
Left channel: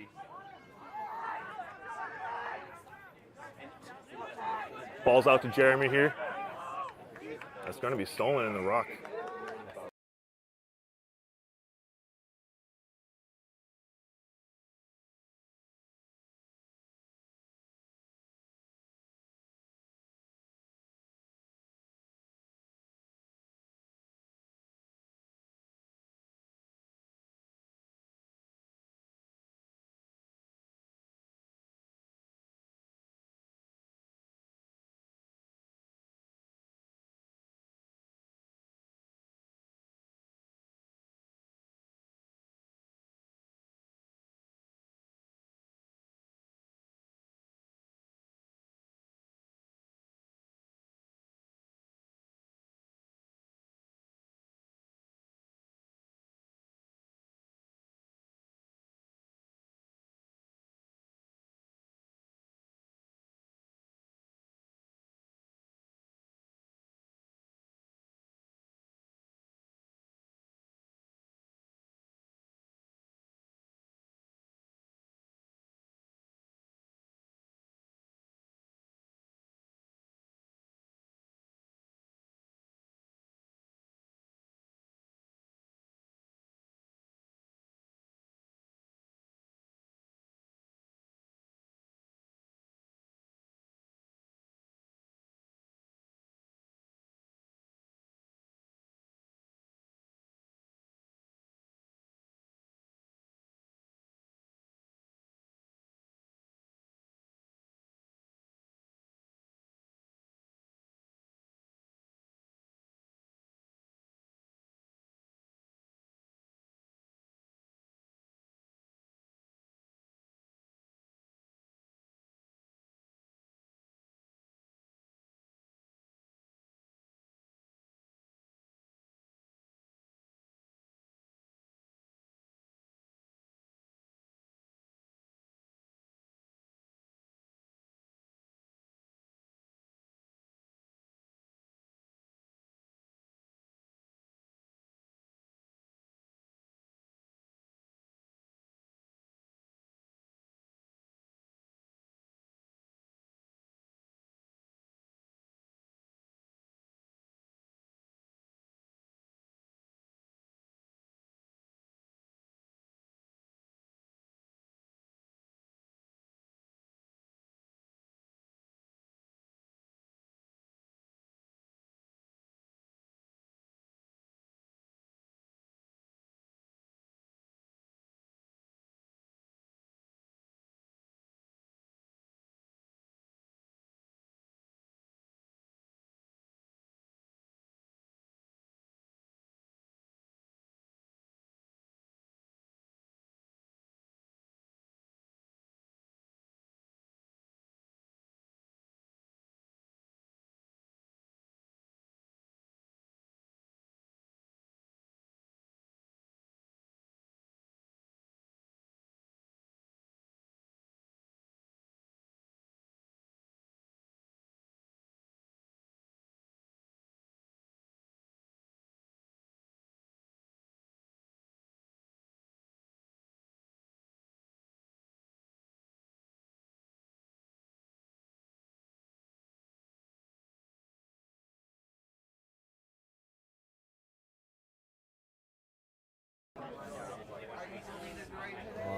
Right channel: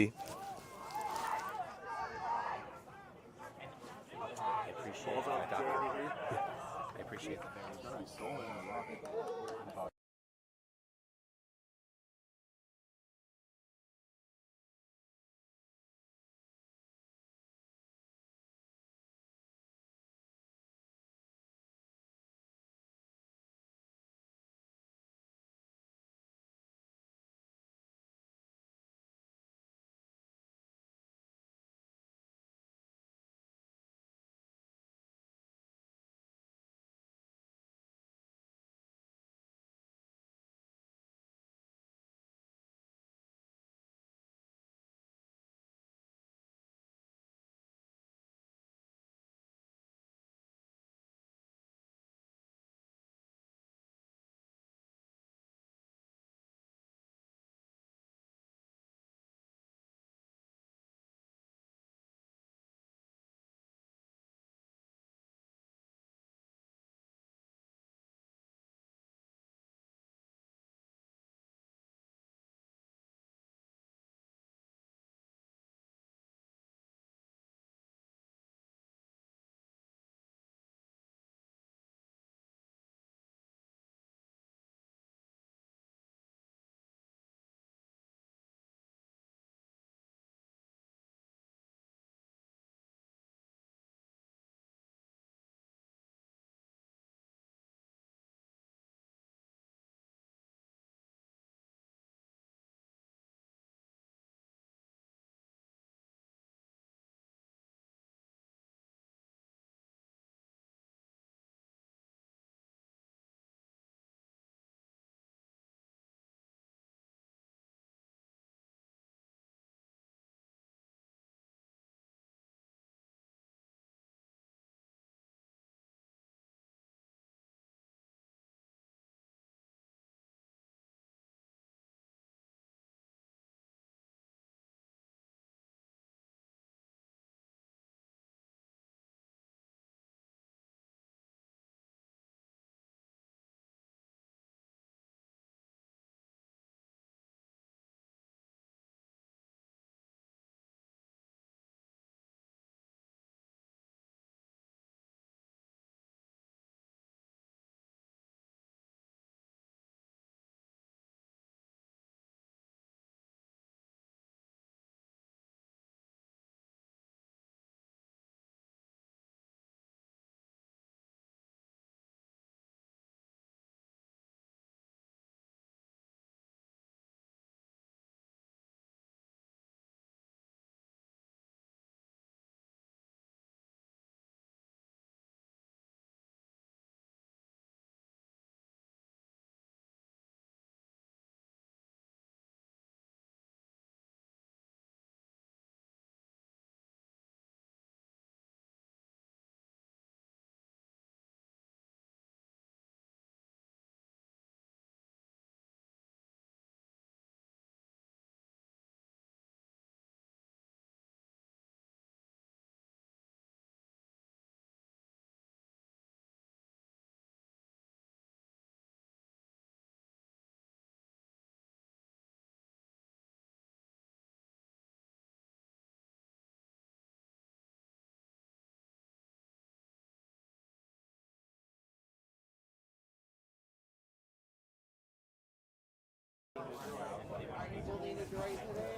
Falls out to Jeremy here. It's going to be stolen in the ruck.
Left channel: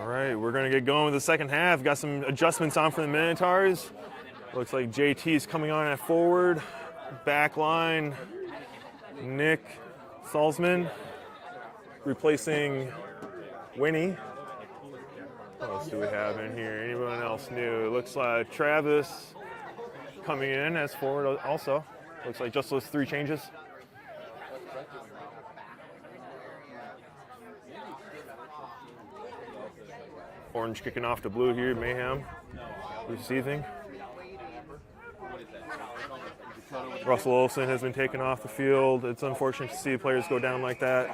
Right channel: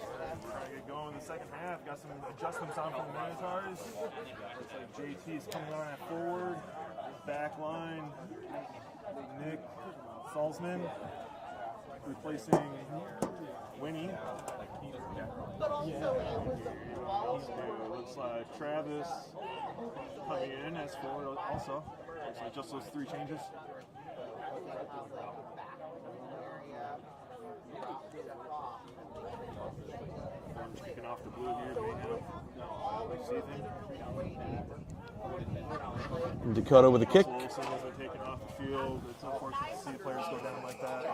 All right, we're going to get going with the second half. Got some adjustments on for the Minotaurs. Looks like JT is coming on at forward. Back line, Nick Salzman replacing Winnie. What else do we have in here? Anyone else new? It looks like Travis coming in as forward also. Looks like just those three changes. Orange kicking off to blue here, Mayhem receiving. Dakota with a kick. Russell Olsen has been taken off the field. It's unfortunate to see players go down like that.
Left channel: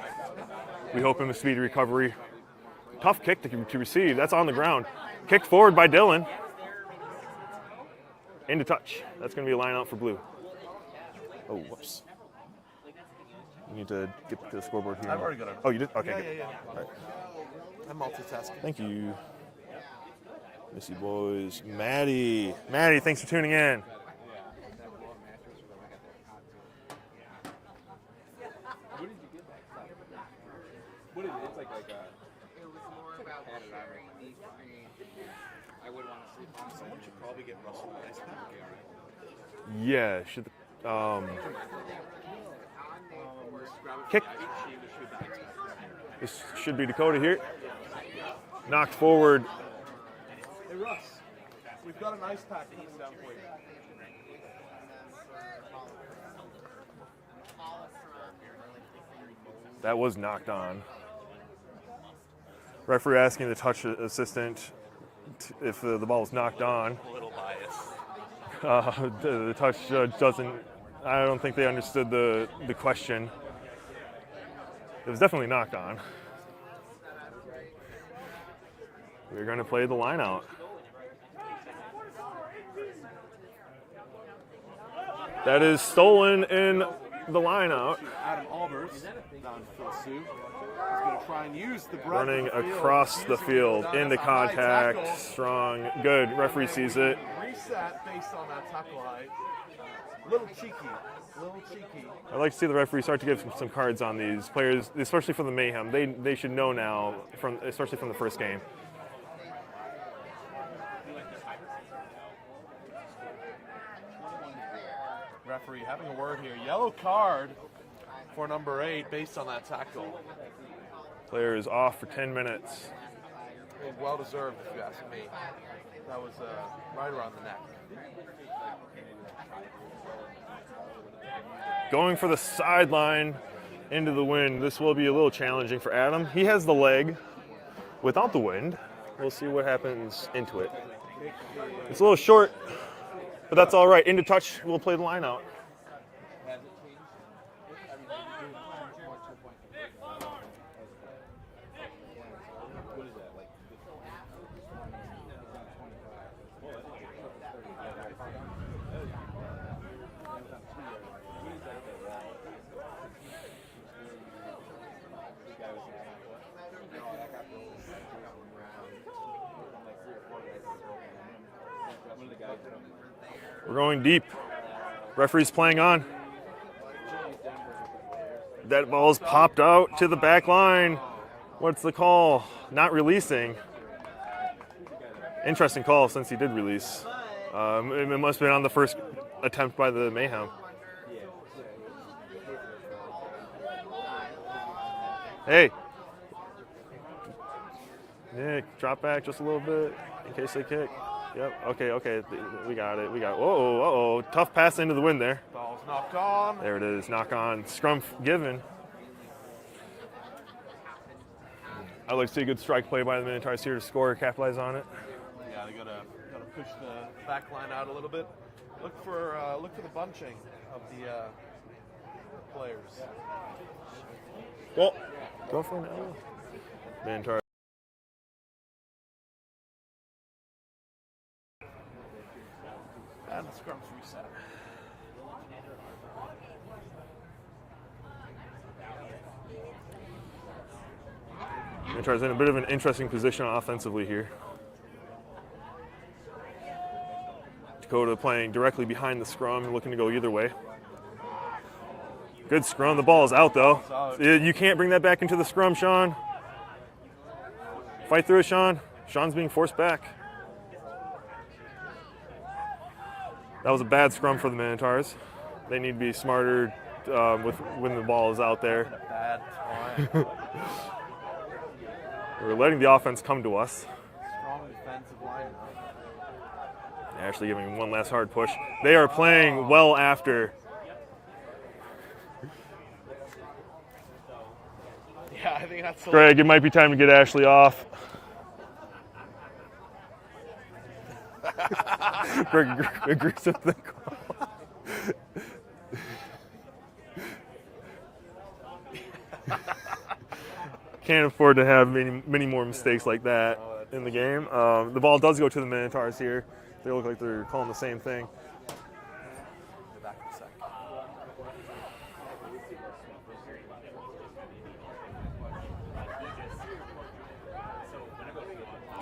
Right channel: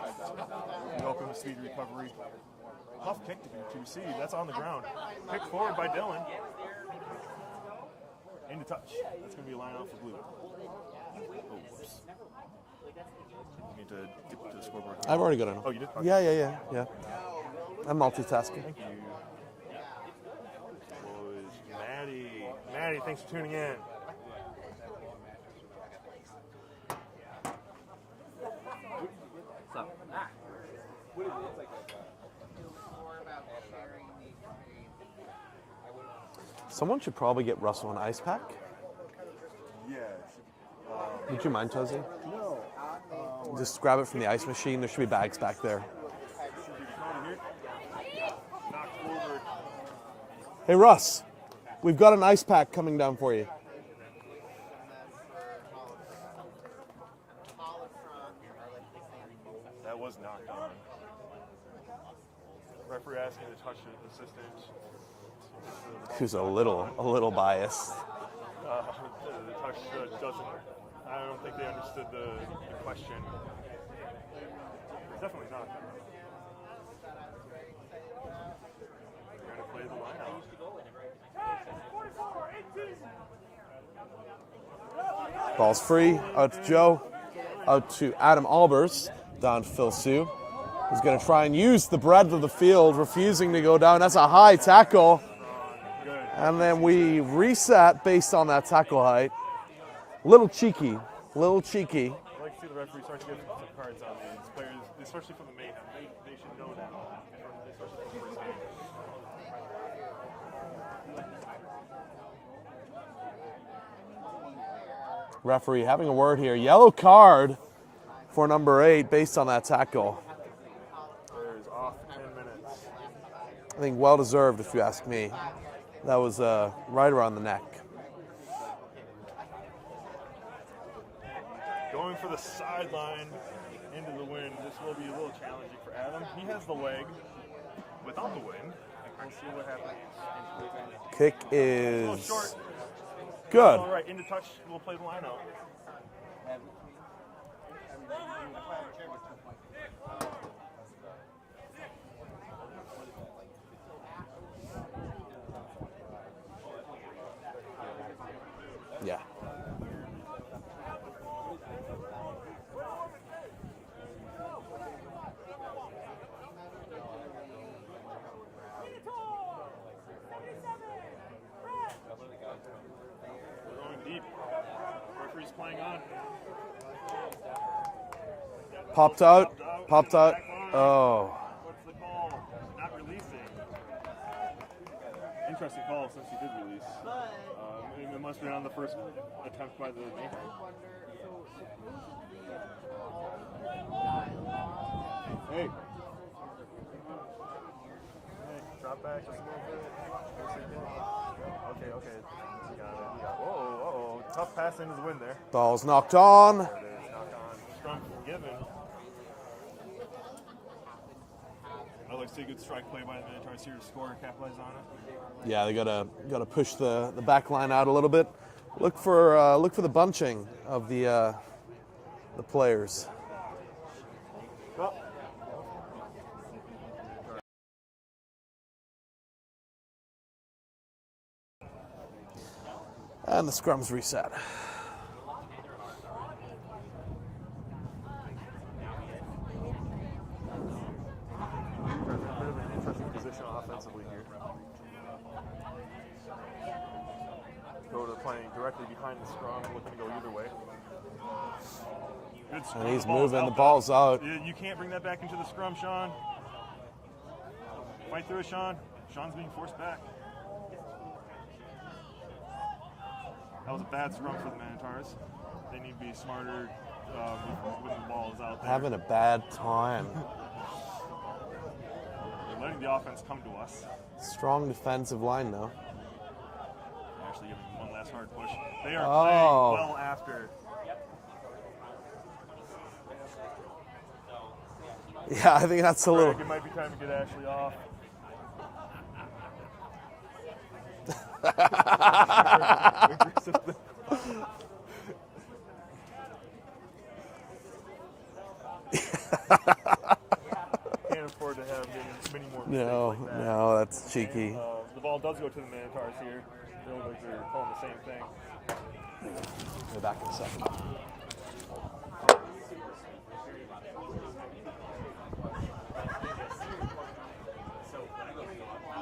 We hope him a speedy recovery. Tough kick to receive. That's on the ground. Kick forward by Dylan. Into touch. That's going to be a line out for blue. Oh, whoops. You need to get to the scoreboard here. I've already got it. Oh, you did? Okay. Yeah. I'm multitasking. Thank you. Missy boys. Maddie. Maddie, thanks for tuning in. Someone should probably get Russell an ice pack. Yeah, should Would you mind, Tozy? Just grab it from the ice machine. There should be bags back there. this should be Dakota here. Knocked forward. Hey, Russ, we've got an ice pack coming down for you. That was knocked on. Referee asking the touch assistant if the ball was He's knocked on. a little biased. The touch judge doesn't. I don't think they understood the question. It was definitely knocked on. We're going to play the line out. That Ball's is free. stolen Out to in Joe. the line Out out. to Adam Albers, down to Phil Sue. He's going to try and use the breadth of Running the field, across the refusing to go field down. That's into a high contact. tackle. Strong, good. And Referee then sees we it. reset based on that tackle height. Little cheeky. I'd like to see the referee start to give some cards on these players, especially for the Mayhem. They should know now, especially from the first game. Referee having a word here. Yellow card for number 8 based on that tackle. Player is off for 10 minutes. I think well deserved, if you ask me. That was right around the neck. Going for the sideline into the wind. This will be a little challenging for Adam. He has the leg without the wind. We'll see what happens into it. Kick is It's a little short, but Good. that's all right. Into touch, we'll play the line out. Yeah. We're going deep. Referee's playing on. That ball's popped out to the back line. Oh. What's the call? Not releasing. Interesting call since he did release. It must have been on the first attempt by the Mayhem. Hey. Nick, drop back just a little bit in case they kick. Yep, okay. We got it. Whoa. Tough pass into the wind there. Ball's knocked on. There it is. Knock on. Scrum given. I'd like to see a good strike play by the Minotaurs here to score, capitalize on it. Yeah, they gotta push the back line out a little bit. Look for the bunching of the players. Go for it now. Minotaurs. And the scrum's reset. Minotaurs in a bit of an interesting position offensively here. Dakota playing directly behind the scrum, looking to go either way. Good scrum. The ball is out, though. Ball's out. You can't bring that back into the scrum, Sean. Fight through it, Sean. Sean's being forced back. That was a bad scrum for the Minotaurs. They need to be smarter when the ball is out there. Having a bad time. We're letting the offense come to us. Strong defensive line, though. Actually giving one last hard push. They are playing well after. Yeah, I think that's a Greg, it might be time to get Ashley off. Agrees with the call. Can't afford to have many more mistakes like that that's in the cheeky. game. The ball does go to the Minotaurs here. They look like they're calling the same thing. Go back in a second.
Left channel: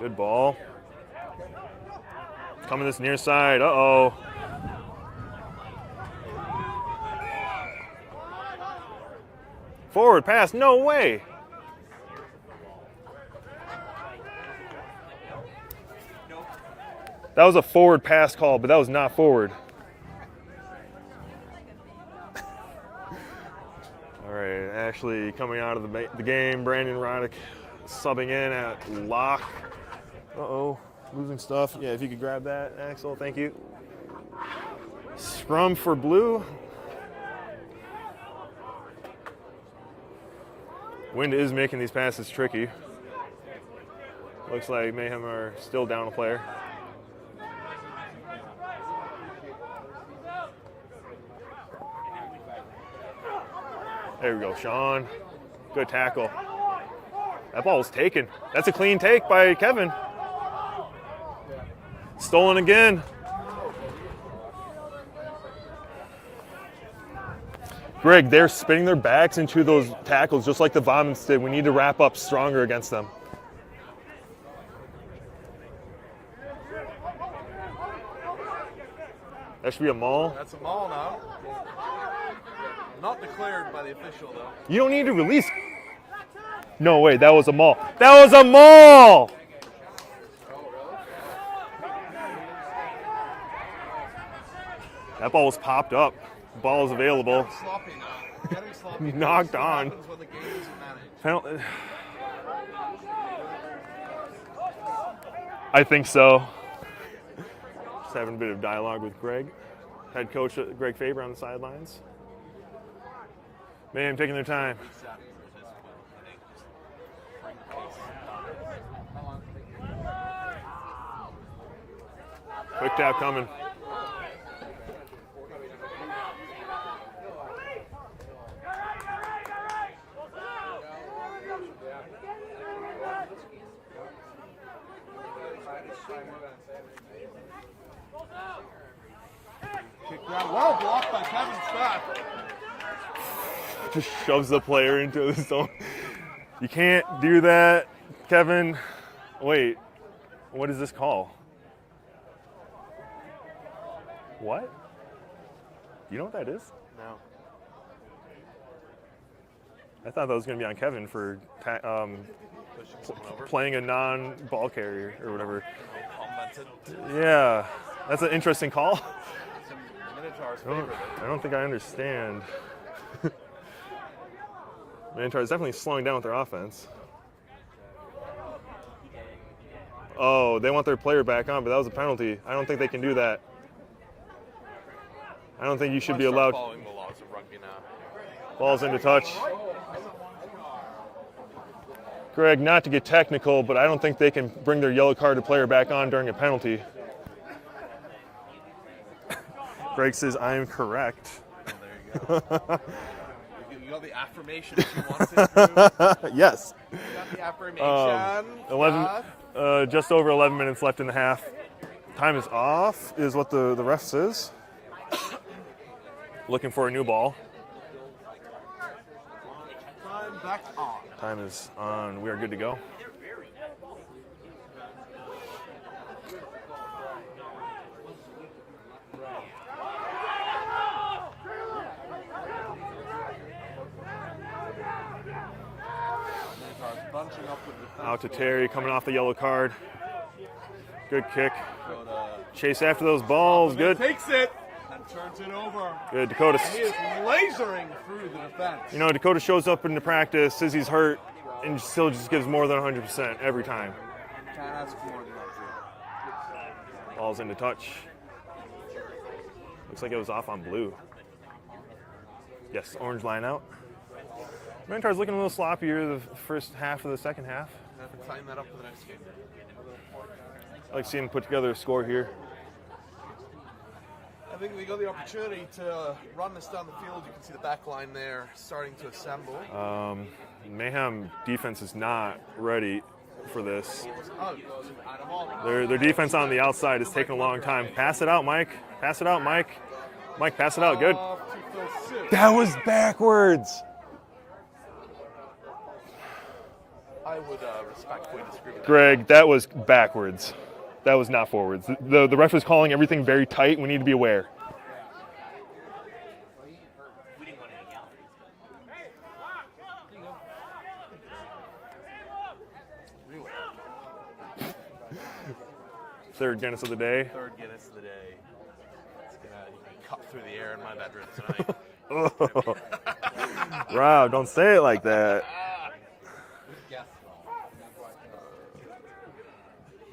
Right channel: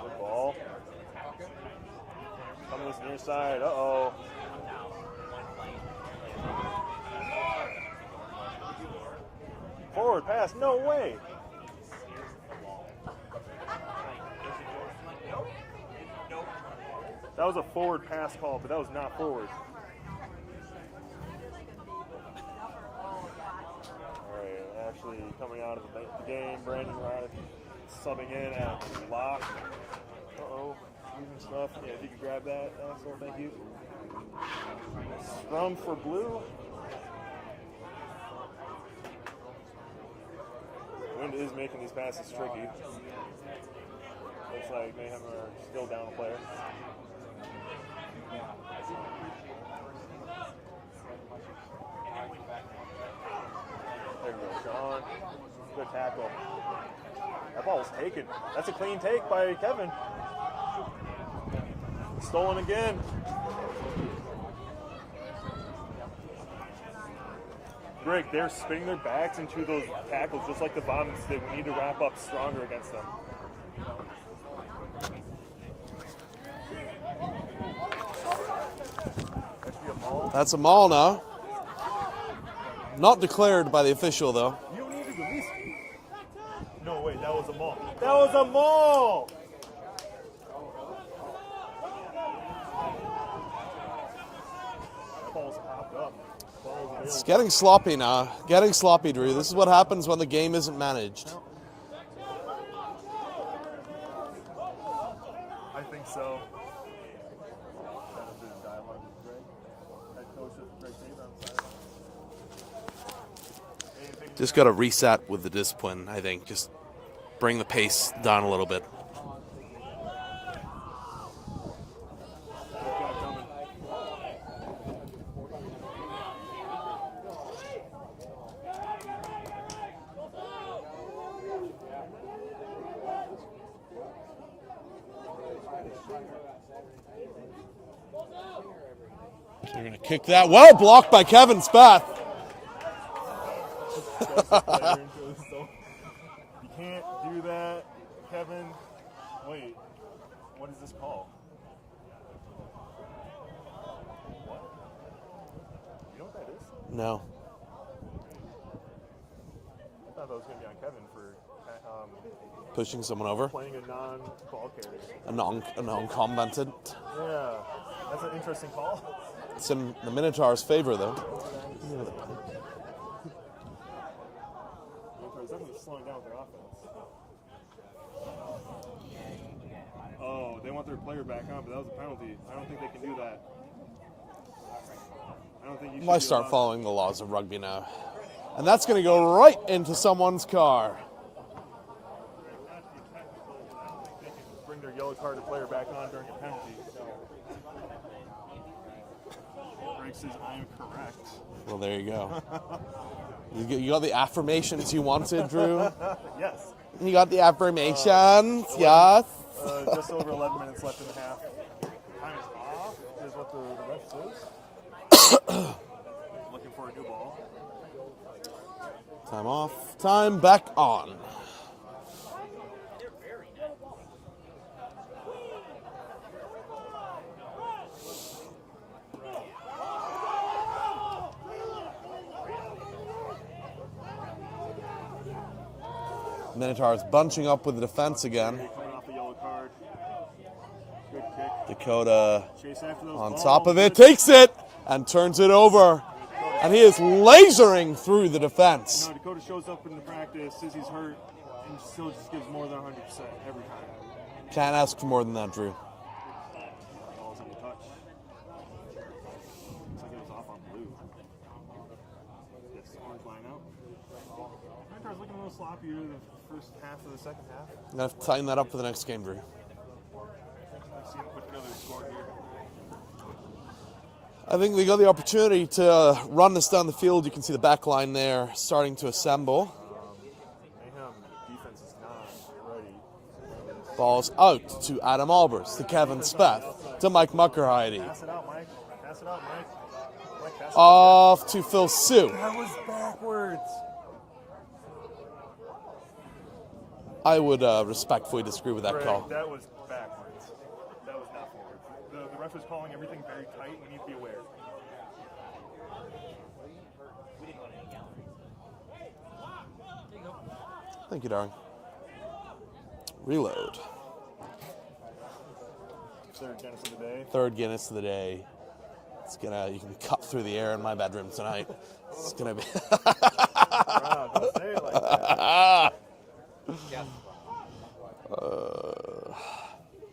Good ball. Coming this near side. Uh-oh. Forward pass. No way. That was a forward pass call, but that was not forward. All right, Ashley coming out of the game. Brandon Roddick subbing in at lock. Uh-oh, losing stuff. Yeah, if you could grab that, Axel, thank you. Scrum for blue. Wind is making these passes tricky. Looks like Mayhem are still down a player. There we go, Sean. Good tackle. That ball was taken. That's a clean take by Kevin. Stolen again. Greg, they're spinning their backs into those tackles just like the Vomits did. We need to wrap up stronger against them. That should be a maul. That's a maul now. Not declared by the official, though. You don't need to release. No, wait, that was a maul. That was a maul! That ball was popped up. The ball is available. It's getting sloppy now. Getting sloppy, Drew. This is what Knocked on. happens when the game isn't managed. I think so. Just having a bit of dialogue with Greg. Head coach Greg Faber on the sidelines. Man, taking their Just time. got to reset with the discipline, I think. Just bring the pace down a little bit. Quick tap coming. Kick that. Well blocked by Kevin Spath. Just shoves the player into the zone. You can't do that, Kevin. Wait, what is this call? What? You know what that is? No. I thought that was going to be on Kevin for Pushing someone over. playing a non-ball carrier. Or whatever. A non-commented. Yeah, that's an interesting call. It's in the Minotaurs' favor, though. I don't think I understand. Minotaurs definitely slowing down with their offense. Oh, they want their player back on, but that was a penalty. I don't think they can do that. I don't think you should Why be start allowed. following the laws of rugby now? And Balls that's going to into go touch. right into someone's car. Greg, not to get technical, but I don't think they can bring their yellow carded player back on during a penalty. Greg says, I am correct. Well, there you go. You got the affirmations you wanted, Drew? Yes. You got the affirmations, 11 yes. Just over 11 minutes left in the half. Time is off, is what the ref says. Looking for a new ball. Time off, time back on. Time is on. We are good to go. Minotaurs bunching up with the defense again. Terry coming off the yellow card. Good kick. Dakota Chase after those on balls. top of it, Good. takes it, and turns it over. Good. Dakota. And he is lasering through the defense. You know, Dakota shows up into practice, says he's hurt, and still just gives more than 100% every time. Can't ask for more than that, Drew. Ball's into touch. Looks like it was off on blue. Yes, orange line out. Minotaurs looking a little sloppier the first half of the second half. I'm going to have to tighten that up for the next game, Drew. I like seeing them put together a score here. I think they got the opportunity to run this down the field. You can see the back line there starting to assemble. Mayhem defense is not ready for this. Ball's out to Adam Albers. Their to Kevin defense Speck, on the outside to is Mike taking a long time. Muckerheide. Pass it out, Mike. Pass it out, Mike. Mike, pass it out. Good. Off to Phil Sue. That was backwards. I would respectfully disagree with that. Greg, call. that was backwards. That was not forwards. The ref was calling everything very tight. We need to be aware. Thank you, darling. Reload. Third Guinness of the day. Third Guinness of the day. You can be cut through the air in my bedroom tonight. It's gonna be- Wow, don't say it like that.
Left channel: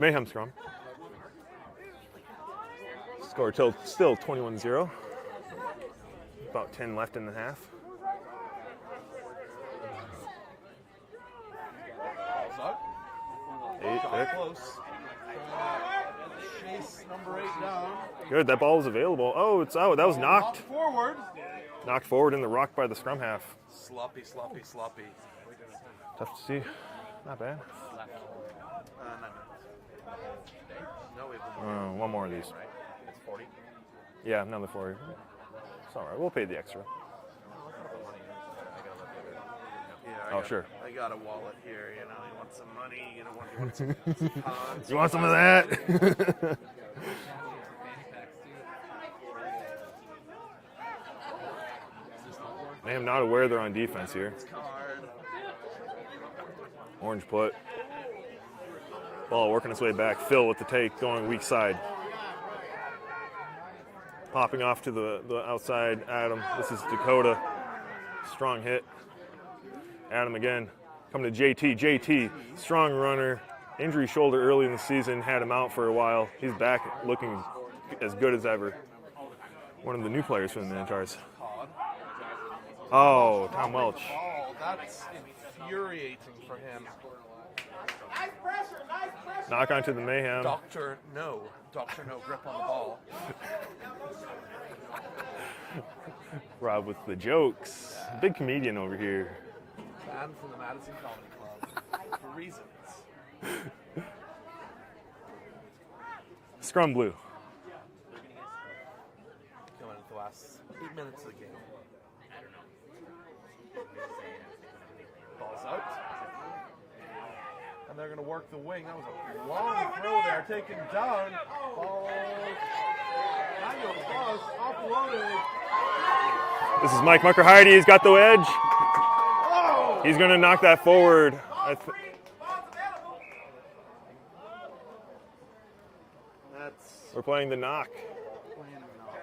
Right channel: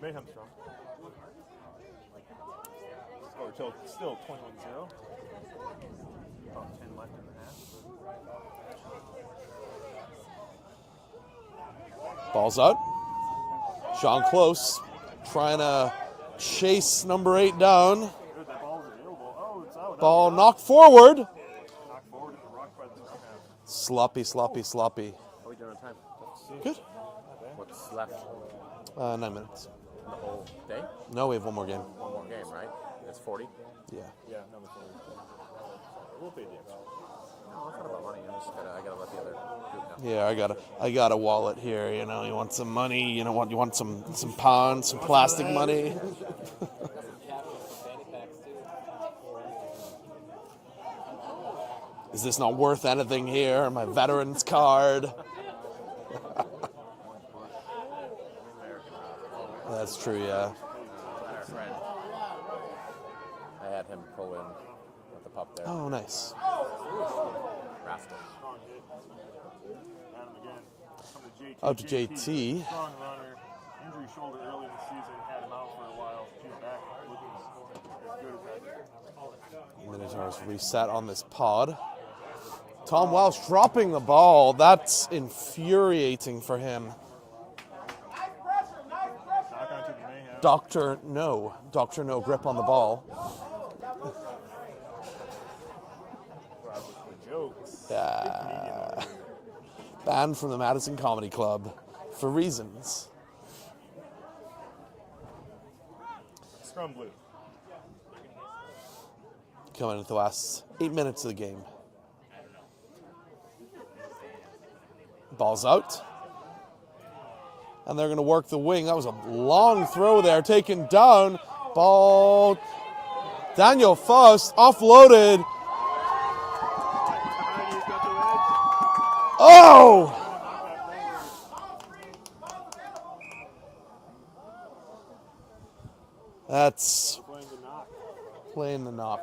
Mayhem scrum. Score still 21-0. About 10 left in the half. Ball's out. Eight. Shot close. Trying to chase number 8 down. Good, that ball was available. Oh, it's out. That Ball was knocked forward. knocked forward in the rock by the scrum half. Sloppy, sloppy, sloppy. Tough to see. Not bad. What's left? 9 minutes. The whole day? No, we have one more game. One more of these. Right? It's 40. Yeah. Yeah, another 40. It's all right. We'll pay the extra. Oh, it's not about money. I gotta let the other group know. Yeah, sure. I got a wallet here. You know, you want some money. You want some pounds, some want some of plastic that? money. Is this not worth I'm not anything aware they're here? on My defense veterans card. Orange put. Ball working its way That's back. true, Phil yeah. with the take, going weak side. I had him pull it. Hopping off to the outside. nice. Adam. This is Dakota. Strong hit. Adam again. Coming to JT. Up JT. Strong runner. Injury shoulder early in the season. Had him out for a while. He's back looking as good as ever. One of the new players We've for the sat on Minotaurs. this pod. Tom Welsh dropping the ball. That's infuriating for him. Knock onto the Mayhem. Dr. No grip on the ball. Rob with the jokes. Big comedian over here. Banned from the Madison Comedy Club for reasons. Scrum blue. Coming into the last 8 minutes of the game. Ball's out. And they're going to work the wing. That was a long throw there, taken down. Ball. Daniel Faust offloaded. This is Mike Mucker-Heide. He's got the edge. Oh! He's going to knock that forward. That's We're playing the knock. playing the knock.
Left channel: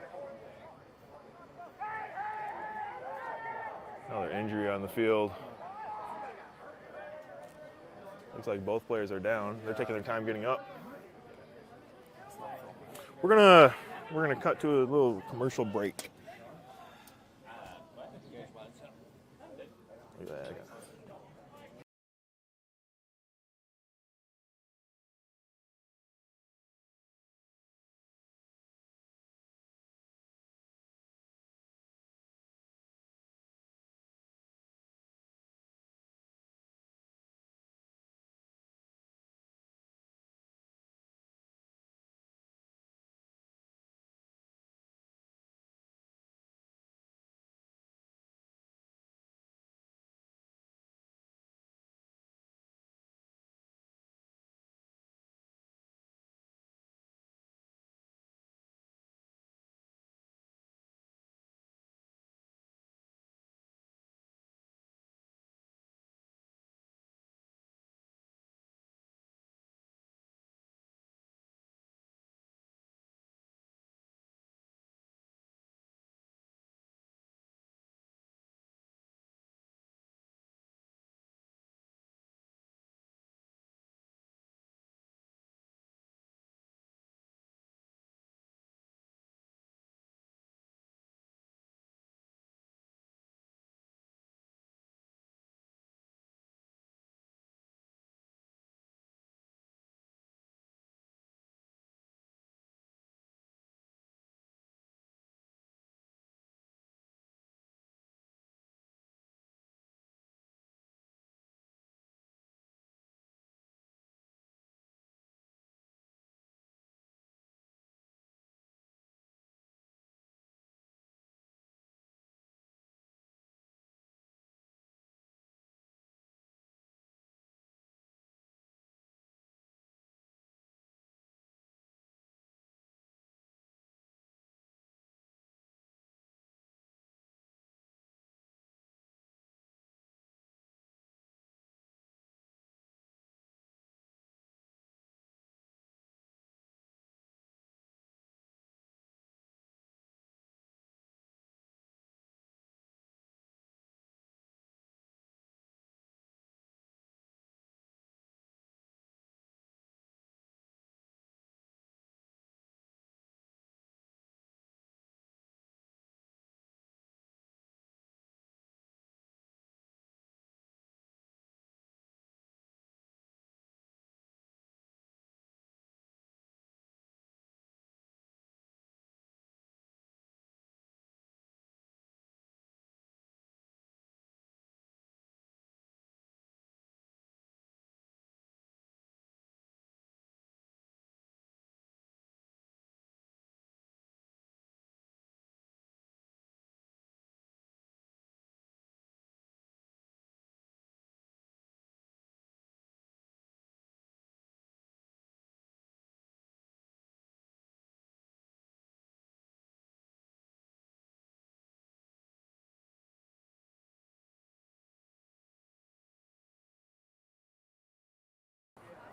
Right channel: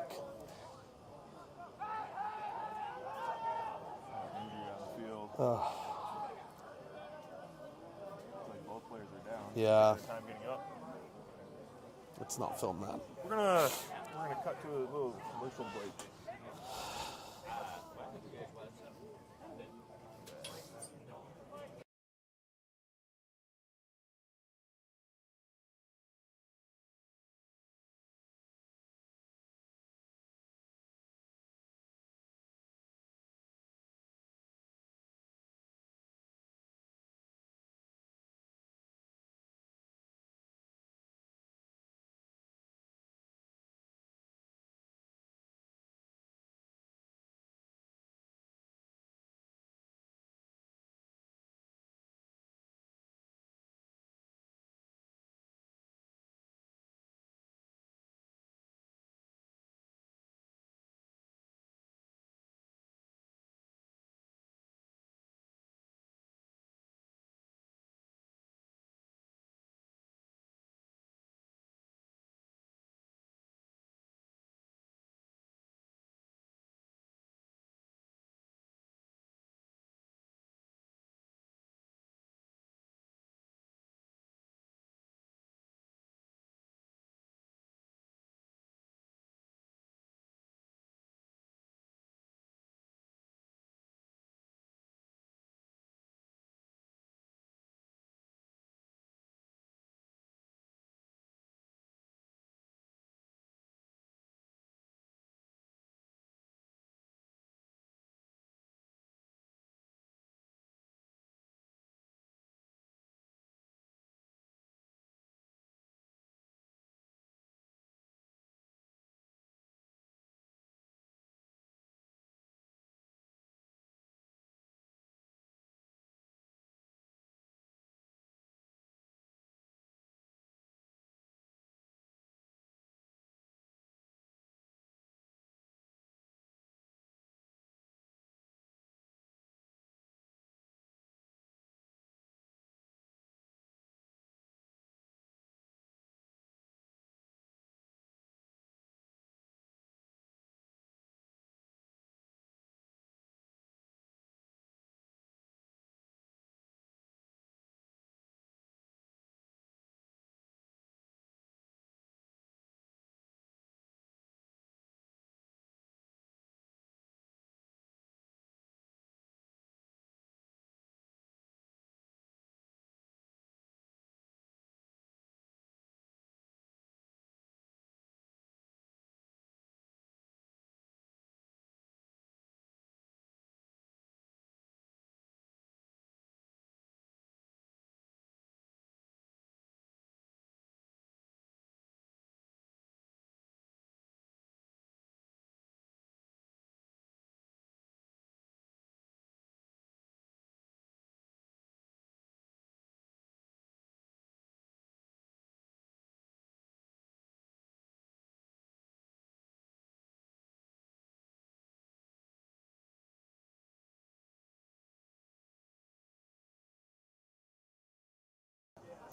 Another injury on the field. Looks like both players are down. They're Yeah. taking their time getting up. Let's not film that. We're gonna cut to a little commercial break.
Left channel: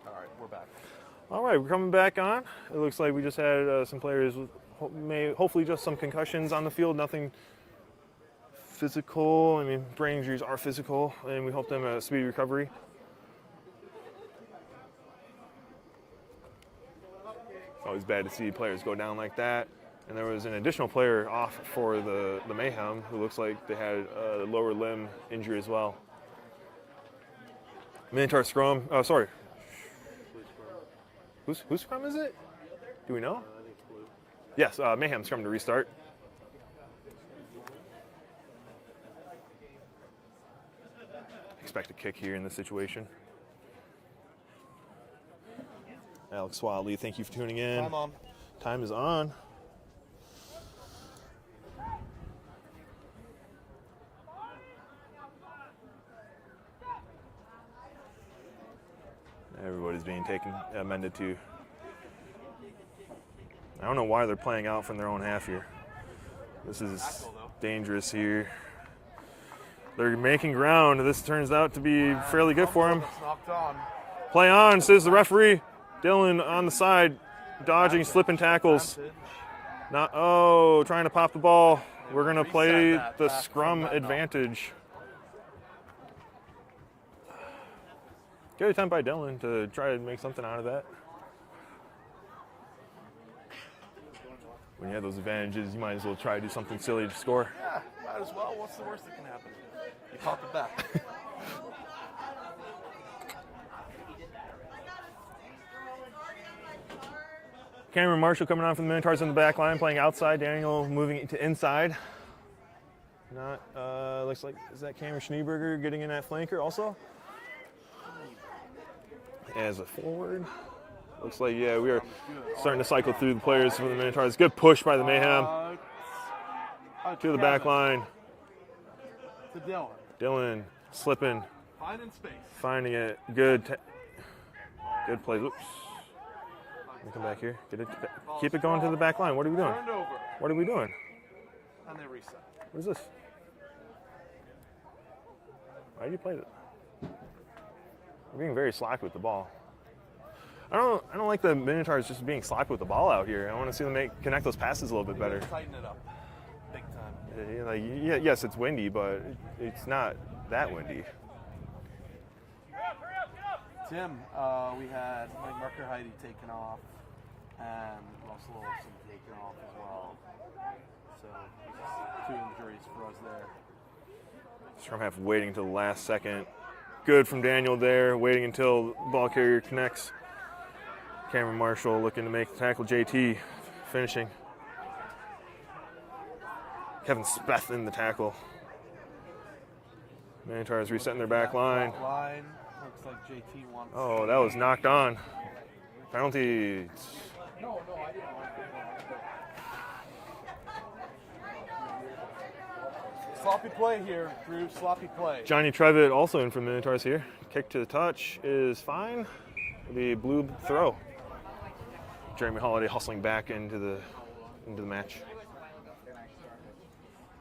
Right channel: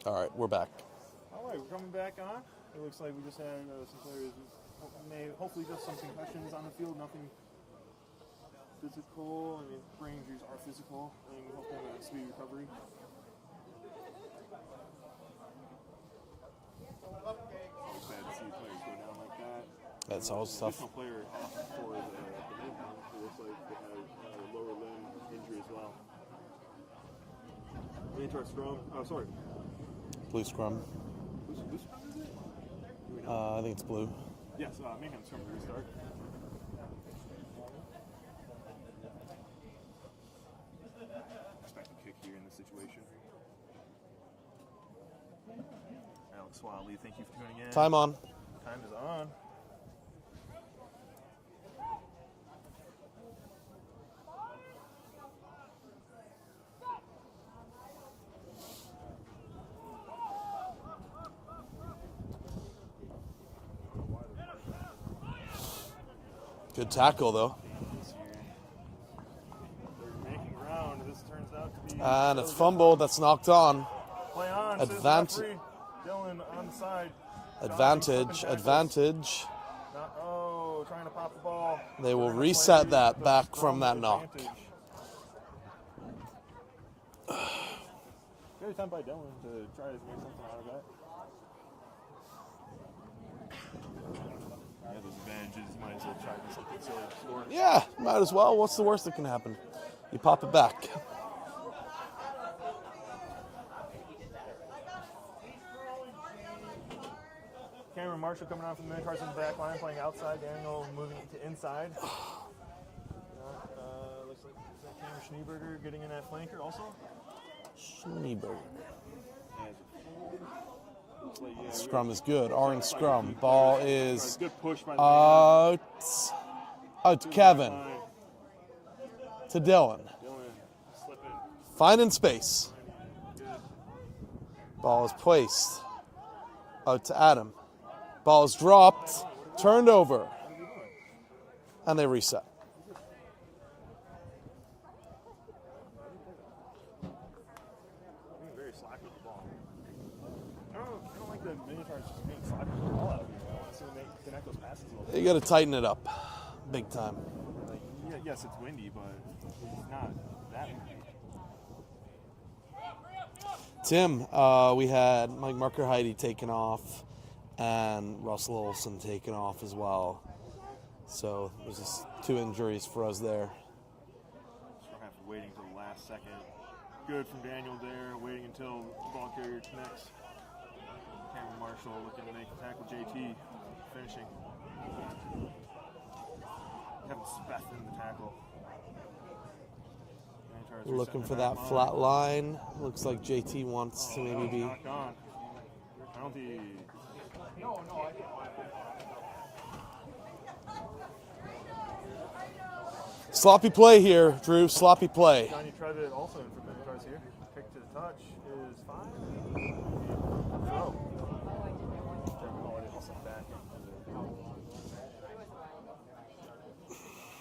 All right, we're back. All right, we're coming back on. It looks like we just had some players with hopefully just some concussions on the field, nothing physical. I mean, brain injuries are physical, and we hope them a speedy recovery. Always bad to see players go down like that. And That's there was all an stuff. additional player off for the Mayhem who looks like they had a lower limb injury as well. Minotaur scrum. Oh, sorry. Blue scrum. Whose scrum is it? Do we know? I think it's blue. Yes, Mayhem scrum to restart. Expect a kick here in this situation. Alex Wiley, thank you for tuning in. Time on. Time is on. Everybody's being amended to. I don't know why they're playing out from their own half here. This Good is tackle, though. dangerous here. They're making ground. This turns out to be And fairly a good fumble for them. that's knocked on. Play on, says the Advantage. referee. Dylan on the side, dodging, slipping tackles. Advantage. Trying to pop the ball. They We're will going to reset play that the back scrum from that knock. advantage. Good attempt by Dylan to try to make something out of that. When you have those advantages, you might as well try to do something silly to score. Yeah, might as well. What's the worst that can happen? You pop it back. Cameron Marshall coming on from the Minotaurs on the back line, playing outside. Daniel moving to inside. Looks like, is that Cameron Schneeberger getting in that flanker also? As a forward. Looks like, yeah, we are Scrum is good. starting to cycle Scrum. through the players Ball from the is Minotaurs. Good push by the Mayhem. Out To to the back Kevin. line. To Dylan. Dylan slipping, Finding space. finding it. Good. Ball is Good play. placed. Out to Back Adam. here. Get it, Ball keep is it going to dropped. the back line. What are we doing? Turned over. What are we doing? And they reset. What is this? Why do you play that? We're being very slack with the ball. I don't like the Minotaurs just being slack with the ball out here. I want to see them connect those passes a little bit You better. got to tighten it up. Big time. Yes, it's windy, but it's not that windy. Tim, we had Mike Marker-Heidi taken off and Russell Olson taken off as well. So there's just 2 injuries for us there. Scrum half waiting until the last second. Good from Daniel there, waiting until the ball carrier connects. Cameron Marshall looking to make the tackle. JT finishing. Kevin Speth in the tackle. Minotaurs resetting Looking their for back that line. flat line. Looks like JT wants Oh, to that was maybe- knocked on. Penalty. Sloppy play here, Drew. Sloppy play. Johnny Trevitt also in from Minotaurs here. Kick to the touch is fine. The blue throw. Jeremy Holiday hustling back into the match.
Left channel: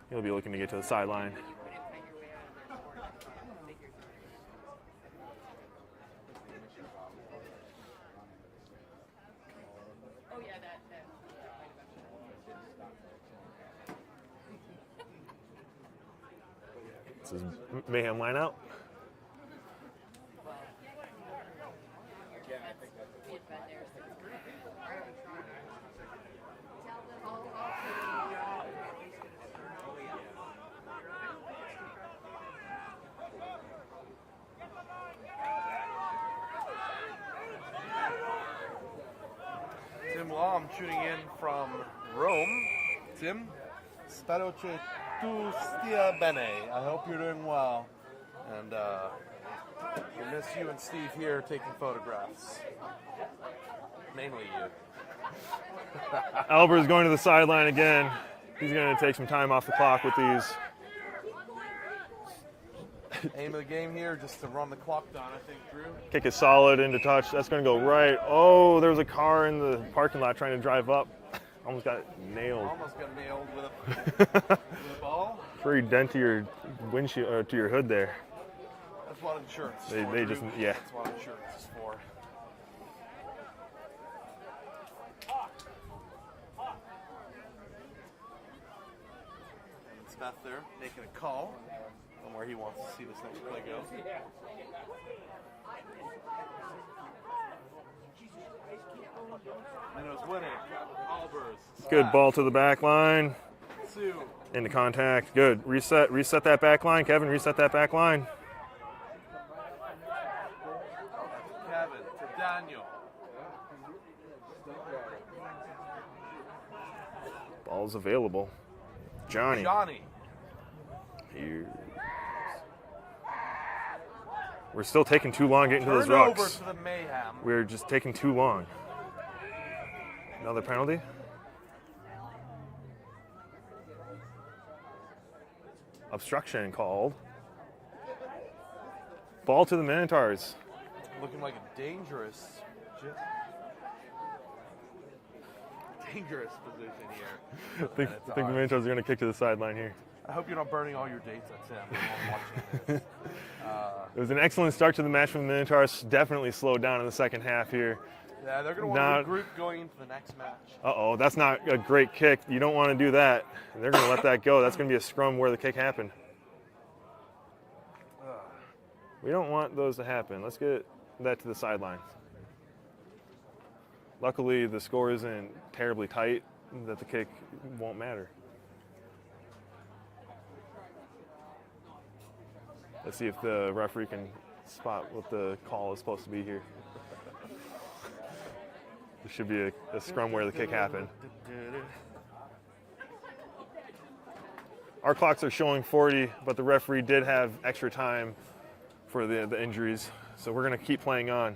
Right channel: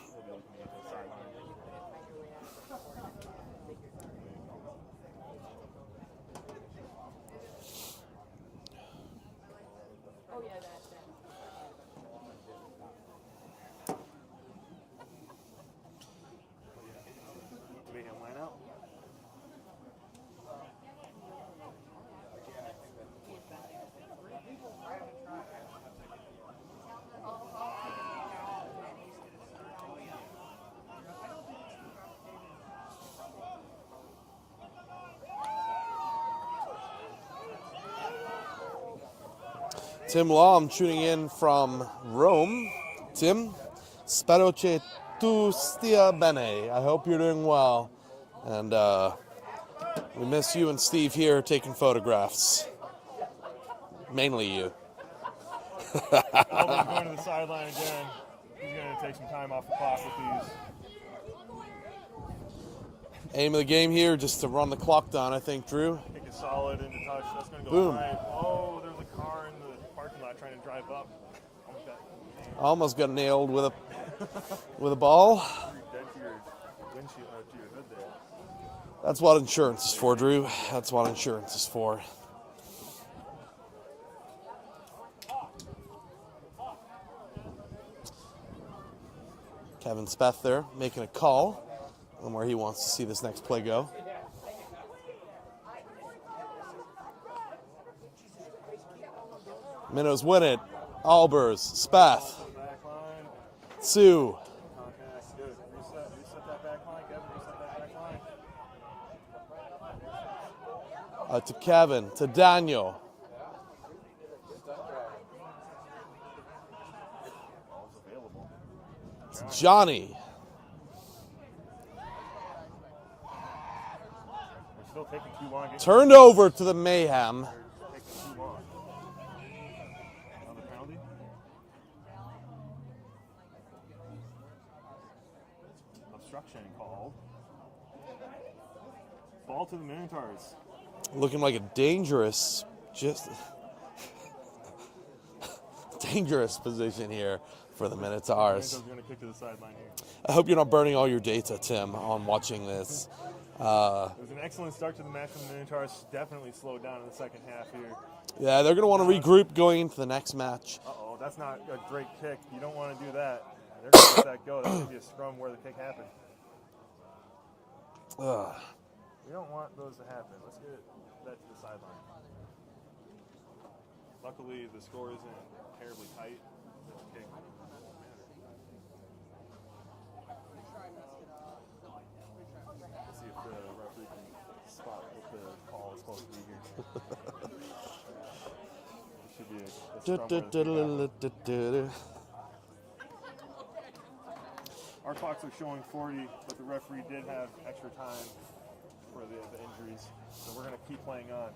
He'll be looking to get to the sideline. Oh yeah, that. This is Mayhem line out. Tim Lom tuning in from Rome. Tim, spero che tu stia bene. I hope you're doing well. And we miss you and Steve here taking photographs. Mainly you. Albert's going to the sideline again. He's going to take some time off the clock with these. Aim of the game here, just to run the clock down, I think, Drew. Kick is solid into touch. That's going to go Boom. right. Oh, there was a car in the parking lot trying to drive up. Almost got nailed. Almost got nailed with a ball. Pretty dent to your windshield or to your hood there. That's what insurance is for, They Drew. just- yeah. That's what insurance is for. Evan Speth there making a call on where he wants to see this next play go. Minnows win it. Albers, Speth. Good ball to the back line. Sue. Into contact. Good. Reset that back line. Kevin, reset that back line. To Kevin, to Daniel. Ball's available. Johnny. Johnny. Here. We're still taking too long getting Turned to those over rucks. to the Mayhem. We're just taking too long. Another penalty. Obstruction called. Ball to the Minotaurs. Looking like a dangerous, dangerous position here for the I think the Minotaurs. Minotaurs are going to kick to the sideline here. I hope you're not burning all your data, Tim, on watching this. It was an excellent start to the match from the Minotaurs. Definitely slowed down in the second half here. Yeah, they're going to want to regroup going into the next match. Uh-oh, that's not a great kick. You don't want to do that. They're going to let that go. That's going to be a scrum where the kick happened. We don't want those to happen. Let's get that to the sideline. Luckily, the score isn't terribly tight that the kick won't matter. Let's see if the referee can spot what the call is supposed to be here. There should be a scrum where the kick happened. Our clocks are showing 40, but the referee did have extra time for the injuries, so we're going to keep playing on.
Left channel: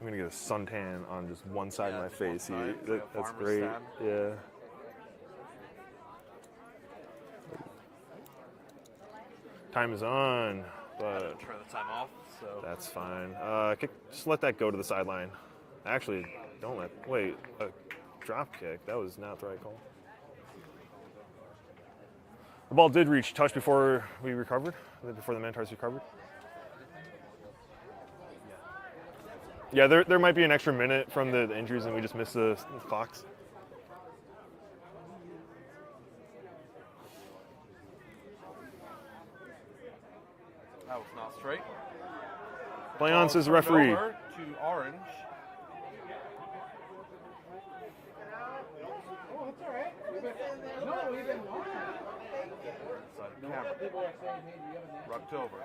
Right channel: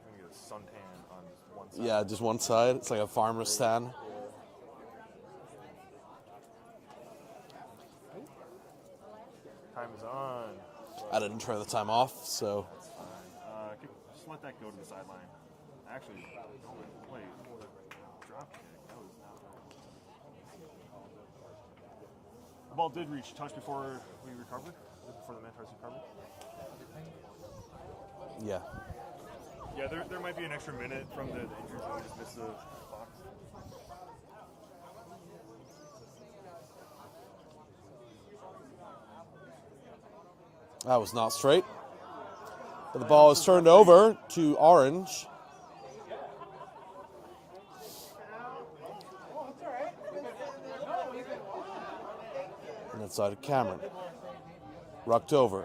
I'm going to get a suntan on just one side. Yeah, of my just face one side. here. It's like a That's farmer's great. tan. Yeah. Time is on. I didn't turn the time off, so. That's fine. Just let that go to the sideline. Actually, don't let. Wait, a drop kick. That was not the right call. The ball did reach touch before we recovered, before the Minotaurs recovered. Yeah. Yeah, there might be an extra minute from the injuries, and we just missed the clocks. That was not straight. The Play ball on, is says turned referee. over to Orange. And inside to Cameron. Rucked over.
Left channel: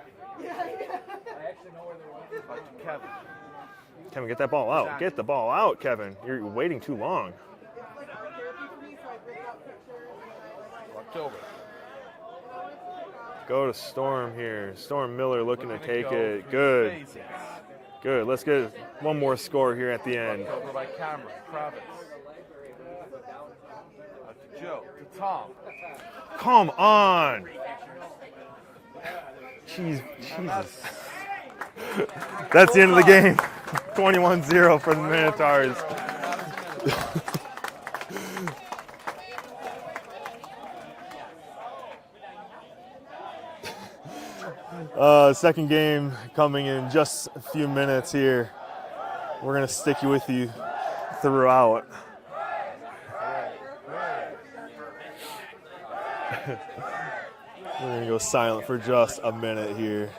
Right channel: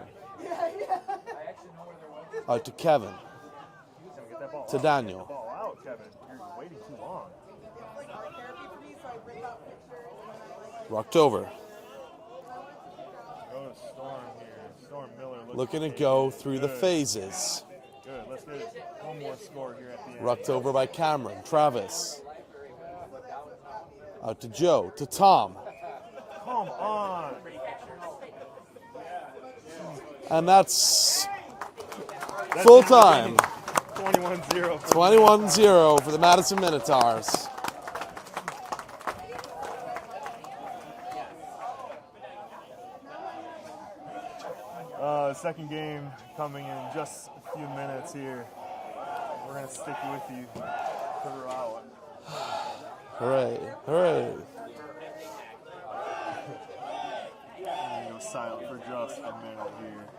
Out to Kevin. Kevin, get that ball To out. Daniel. Get the ball out, Kevin. You're waiting too long. Rucked over. Go to Storm here. Storm Miller looking Looking to to take go it. through Good. the phases. Good. Let's get one more score here at the end. Rucked over by Cameron. Travis. Out to Joe. To Tom. Come on. Jeez. And that's That's full the end of the time. game. 21-0 for the Minotaurs. 21-0 for the Madison Minotaurs. Second game coming in just a few minutes here. We're going to stick with you throughout. Hooray. Hooray. We're going to go silent for just a minute here.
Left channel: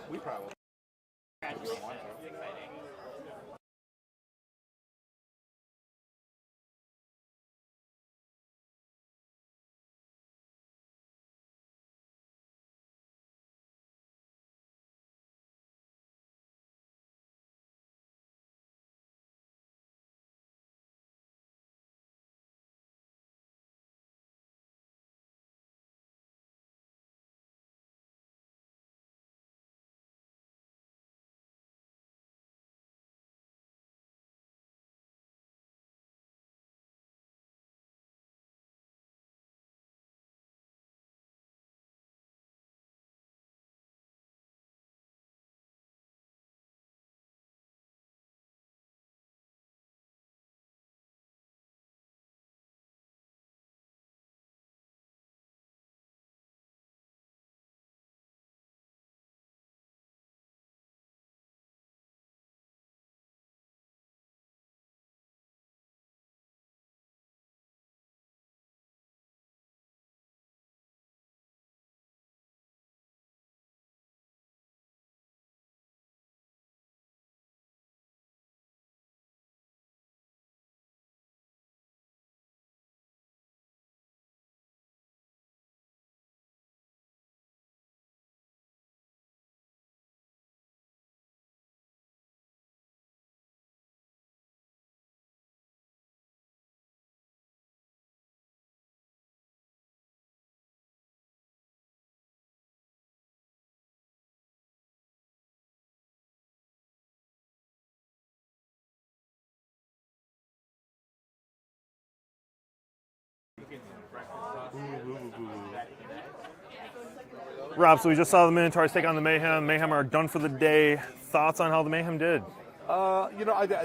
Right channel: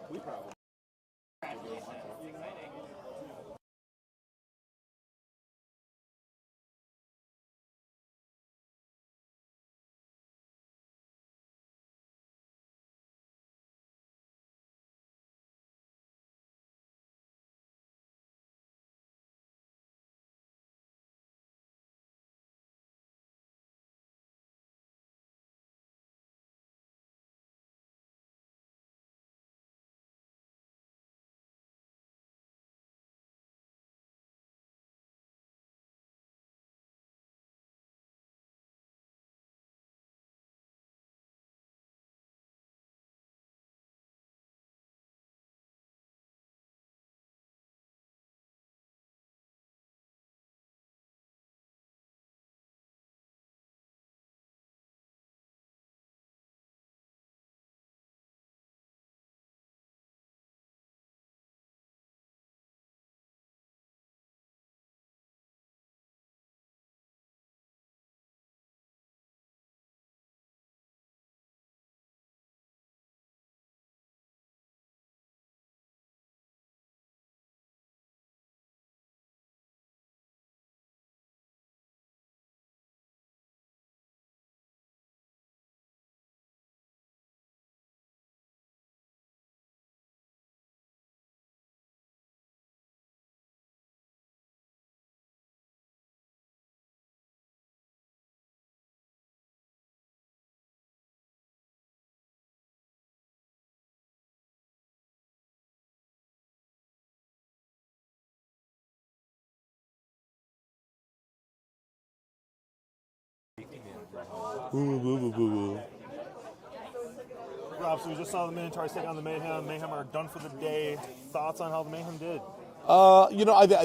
Rob, so we just saw the Minotaurs take on the Mayhem. Mayhem are done for the day. Thoughts on how the Mayhem did? I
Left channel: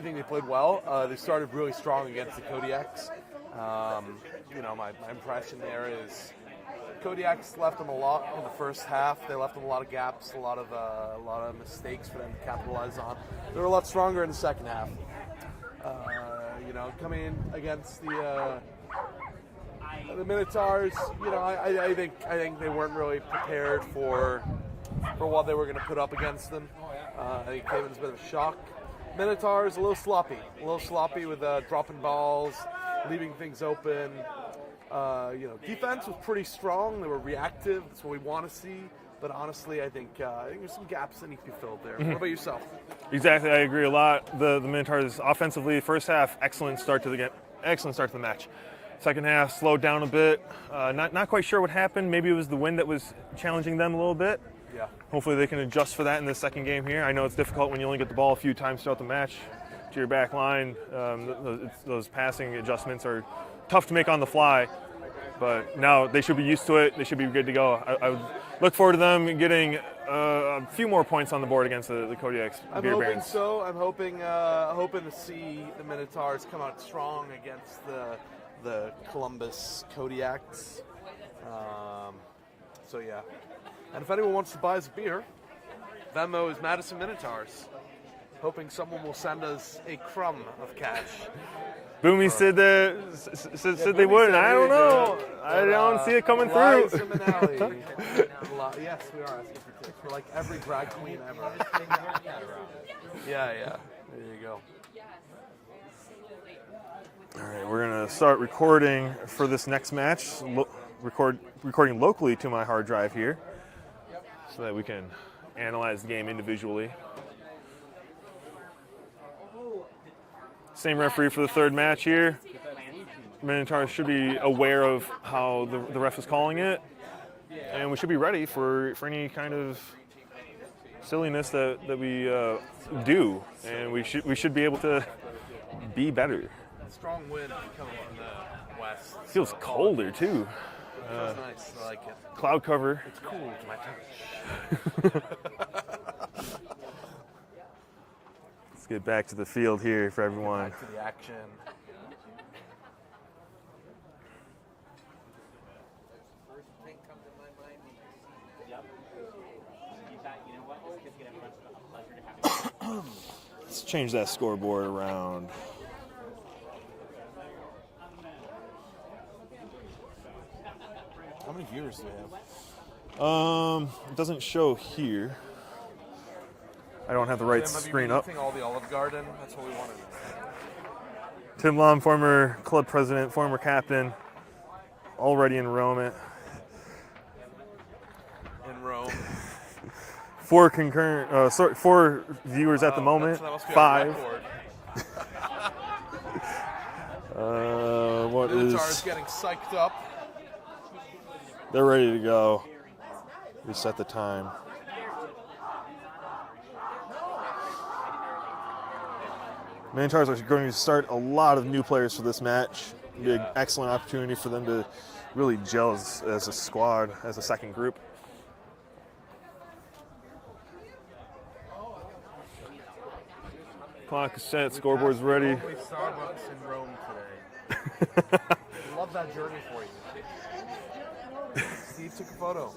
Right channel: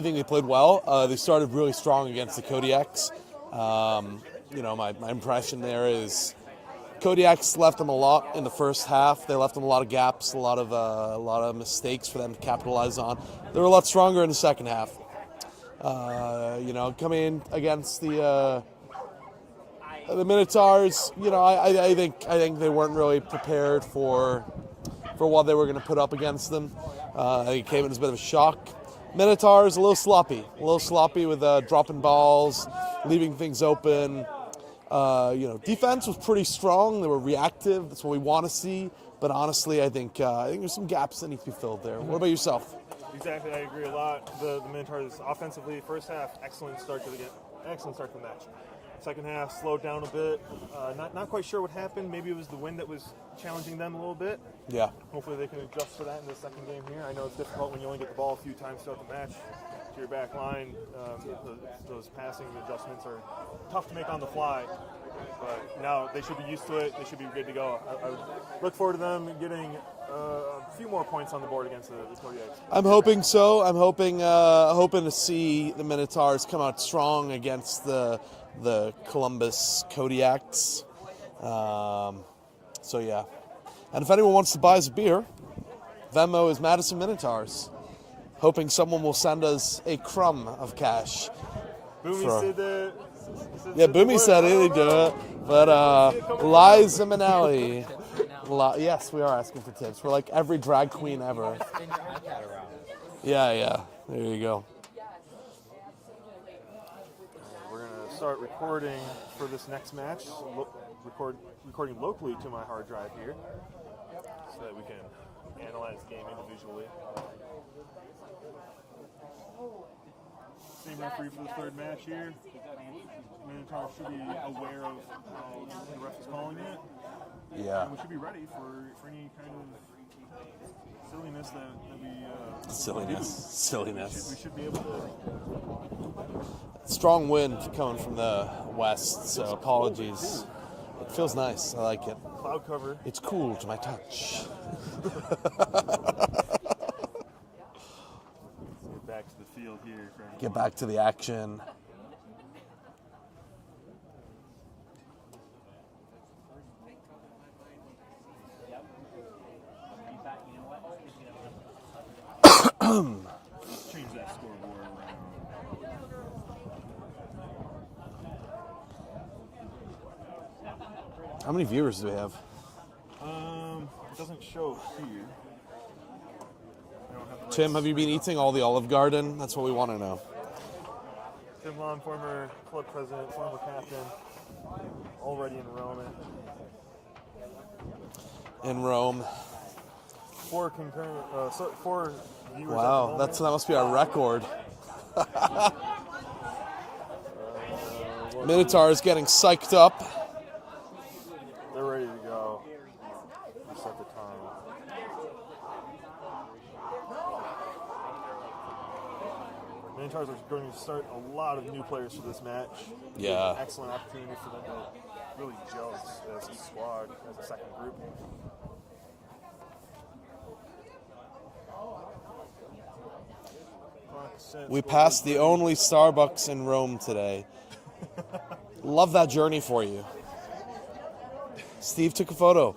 think they played well. They started really strong against the Kodiaks. My impression there is Kodiaks left them a lot in the first half. They left them a lot of gaps, a lot of mistakes for them to capitalize on. They were a lot stronger in the second half. Coming in against the Minotaurs, I think they weren't really prepared for what they were going to put up against them. It came in as a bit of a shock. Minotaurs a little sloppy with dropping balls, leaving things open. Defense was pretty strong. They were reactive. That's what we want to see. But honestly, I think there's some gaps that need to be filled there. What about yourself? Exactly, I agree a lot. The Minotaurs offensively, first half, excellent start to the match. Second half slowed down a bit. Not quite sure what happened. Maybe it was the wind that was challenging them a little bit. Yeah. Hopefully they can adjust for that in the second game here. I know it's difficult when you only get the ball a few times throughout the match to your back line. Those passing adjustments are tough to make on the fly. But now they should be used to it. They should be good to go. I would look forward to them getting a few more points on the board against the Kodiaks. I'm hoping so. I'm hoping to see the Minotaurs come out strong against the Columbus Kodiaks. Yeah. And if anyone wants to buy us a beer, Venmo is Madison Minotaurs. Hoping someone will send us a crumb of cash. Boomy said they Boomy would. said I he don't would do know. it. I But don't see it coming Liza through. Minnelli. Yes, we are asking for tips. We're like every drag queen ever. Yeah. There you go. All right, we're gonna start recording for this next match. Recording locally to my hard drive here, so that we can analyze the game individually. Same referee for the third match here. Minotaurs should be aware of how the ref is calling it, and we should be ready for any kind of silliness that we do. And we should be able to be better. Strong wind coming from the west. Feels colder too. Feels nice. I like it. Cloud cover. It's cool to my touch. Let's get back to the field here for everyone. Get back to the action. Let's change that scoreboard around. How many viewers do we have? It doesn't show here. I don't have the right Tim, have you screen been up. eating all the Olive Garden? That's what we want to know. Tim Lom, former club president, former captain, already in Rome. In Rome. 4 viewers at the moment. That must be 5. our record. What Minotaurs is- getting psyched up. They're ready to go. We set the time. Minotaurs are going to start a lot of new players for this match. Be an Yeah. excellent opportunity for them to really gel as a squad, as a second group. Clock is set, We scoreboard's passed the ready. only Starbucks in Rome today. Love that journey for you. Steve took a photo.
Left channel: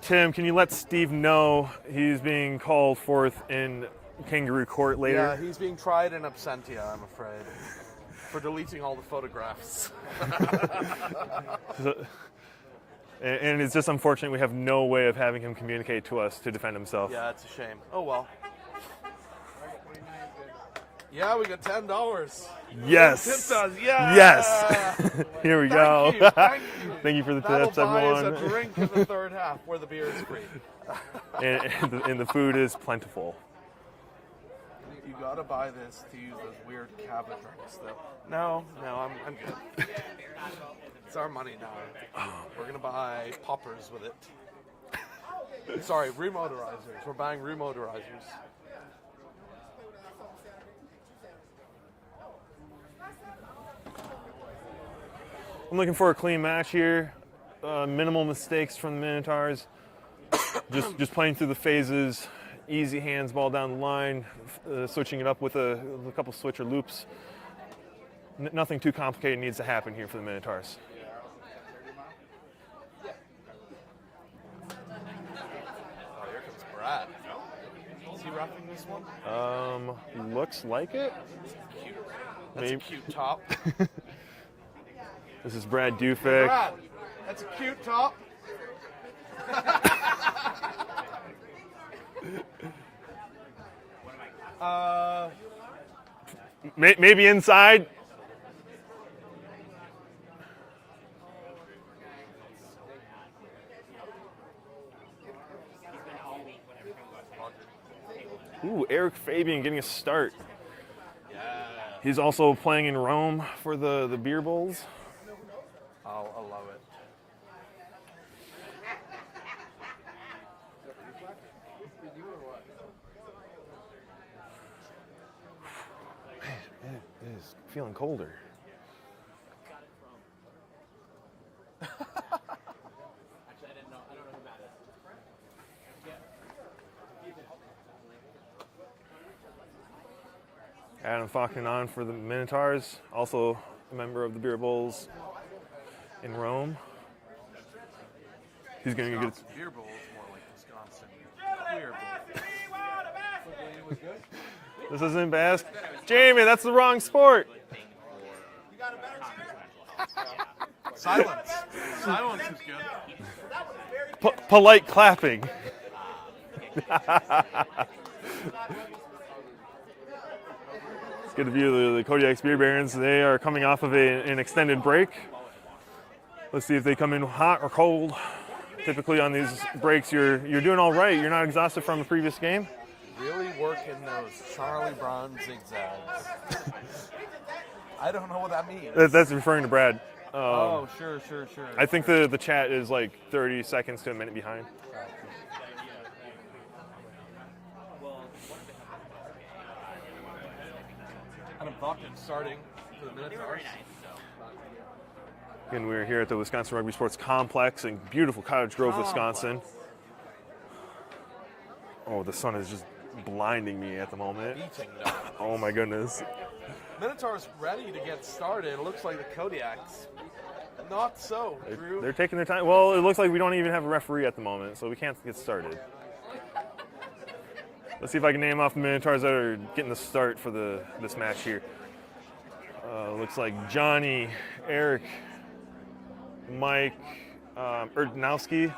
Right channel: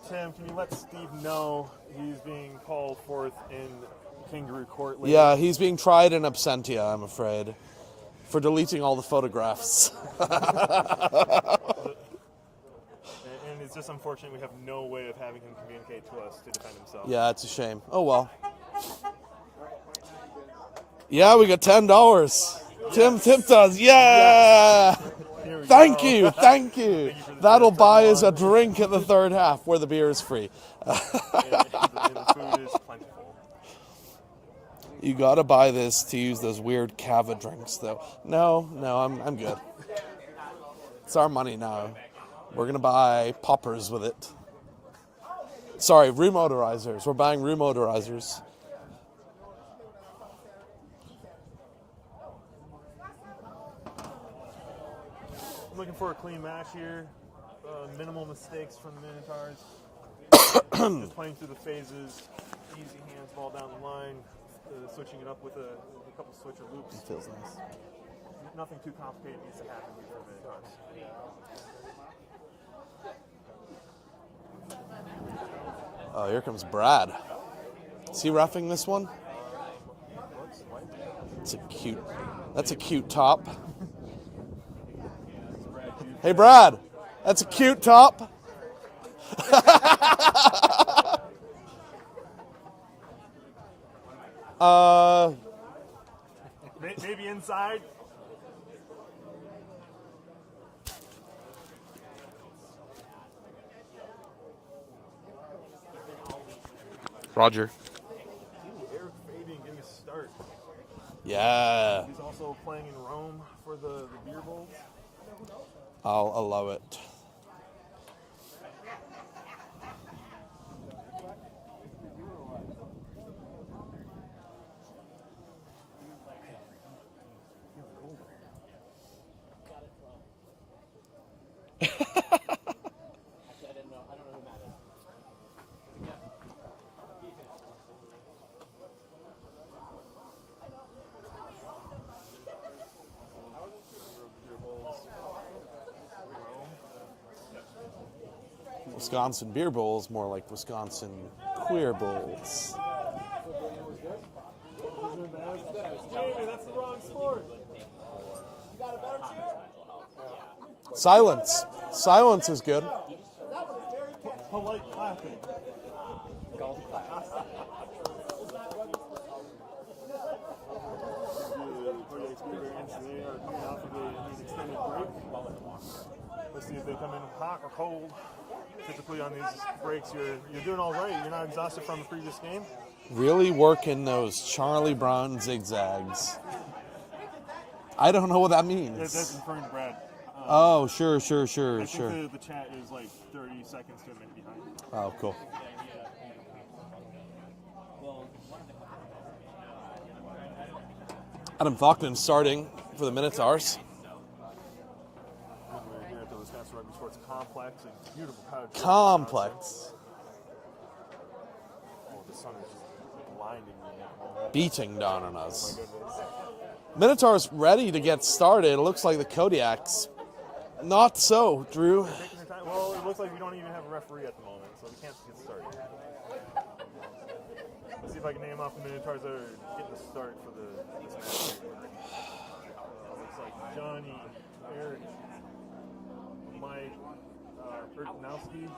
Tim, can you let Steve know he's being called forth in kangaroo court later? Yeah, he's being tried in absentia, I'm afraid, for deleting all the photographs. And it's just unfortunate we have no way of having him communicate to us to defend himself. Yeah, it's a shame. Oh, well. Yeah, we got $10. Yes. Tim tipped us. Yeah. Yes. Here we Thank go. you. Thank you. Thank you for the That'll tips, buy us a everyone. drink in the third half where the beer is free. and the food is plentiful. You gotta buy this to use those weird cava drinks, though. No, I'm good. It's our money now. We're gonna buy poppers with it. Sorry, remotorizers. We're buying remotorizers. I'm looking for a clean match here. Minimal mistakes from the Minotaurs. just playing through the phases. Easy hands, ball down the line. Switching it up with a couple switcher loops. Nothing too complicated needs to happen here for the Minotaurs. Oh, here comes Brad. Is he roughing this one? Looks like it. It's a cute. That's Maybe. a cute top. This is Brad Dufay. Hey, Brad. That's a cute top. Maybe inside. Roger. Ooh, Eric Fabian getting a start. Yeah. He's also playing in Rome for the Beer Bulls. I'll allow it. It is feeling colder. Adam Faulkner on for the Minotaurs, also a member of the Beer Bulls in Rome. He's going to Wisconsin Beer Bowls, more like Wisconsin Queer Bowls. This isn't best. Jamie, that's the wrong sport. Silence. Silence is good. Polite clapping. Get a view of the Kodiaks Beer Barons. They are coming off of an extended break. Let's see if they come in hot or cold. Typically on these breaks, you're doing all right. You're not exhausted from the previous game. Really working those Charlie Brown zigzags. I don't know what that means. That's referring to Brad. Oh, sure. I think the chat is like 30 seconds to a minute behind. Oh, cool. Adam Faulkner starting for the Minotaurs. Again, we're here at the Wisconsin Rugby Sports Complex in beautiful Cottage Grove, Wisconsin. Oh, the sun is just blinding me at the moment. Beating down on us. Oh my goodness. Minotaurs ready to get started. It looks like the Kodiaks. Not so, Drew. They're taking their time. Well, it looks like we don't even have a referee at the moment, so we can't get started. Let's see if I can name off the Minotaurs that are getting the start for this match here. Looks like Johnny, Eric, Mike, Erdnowski,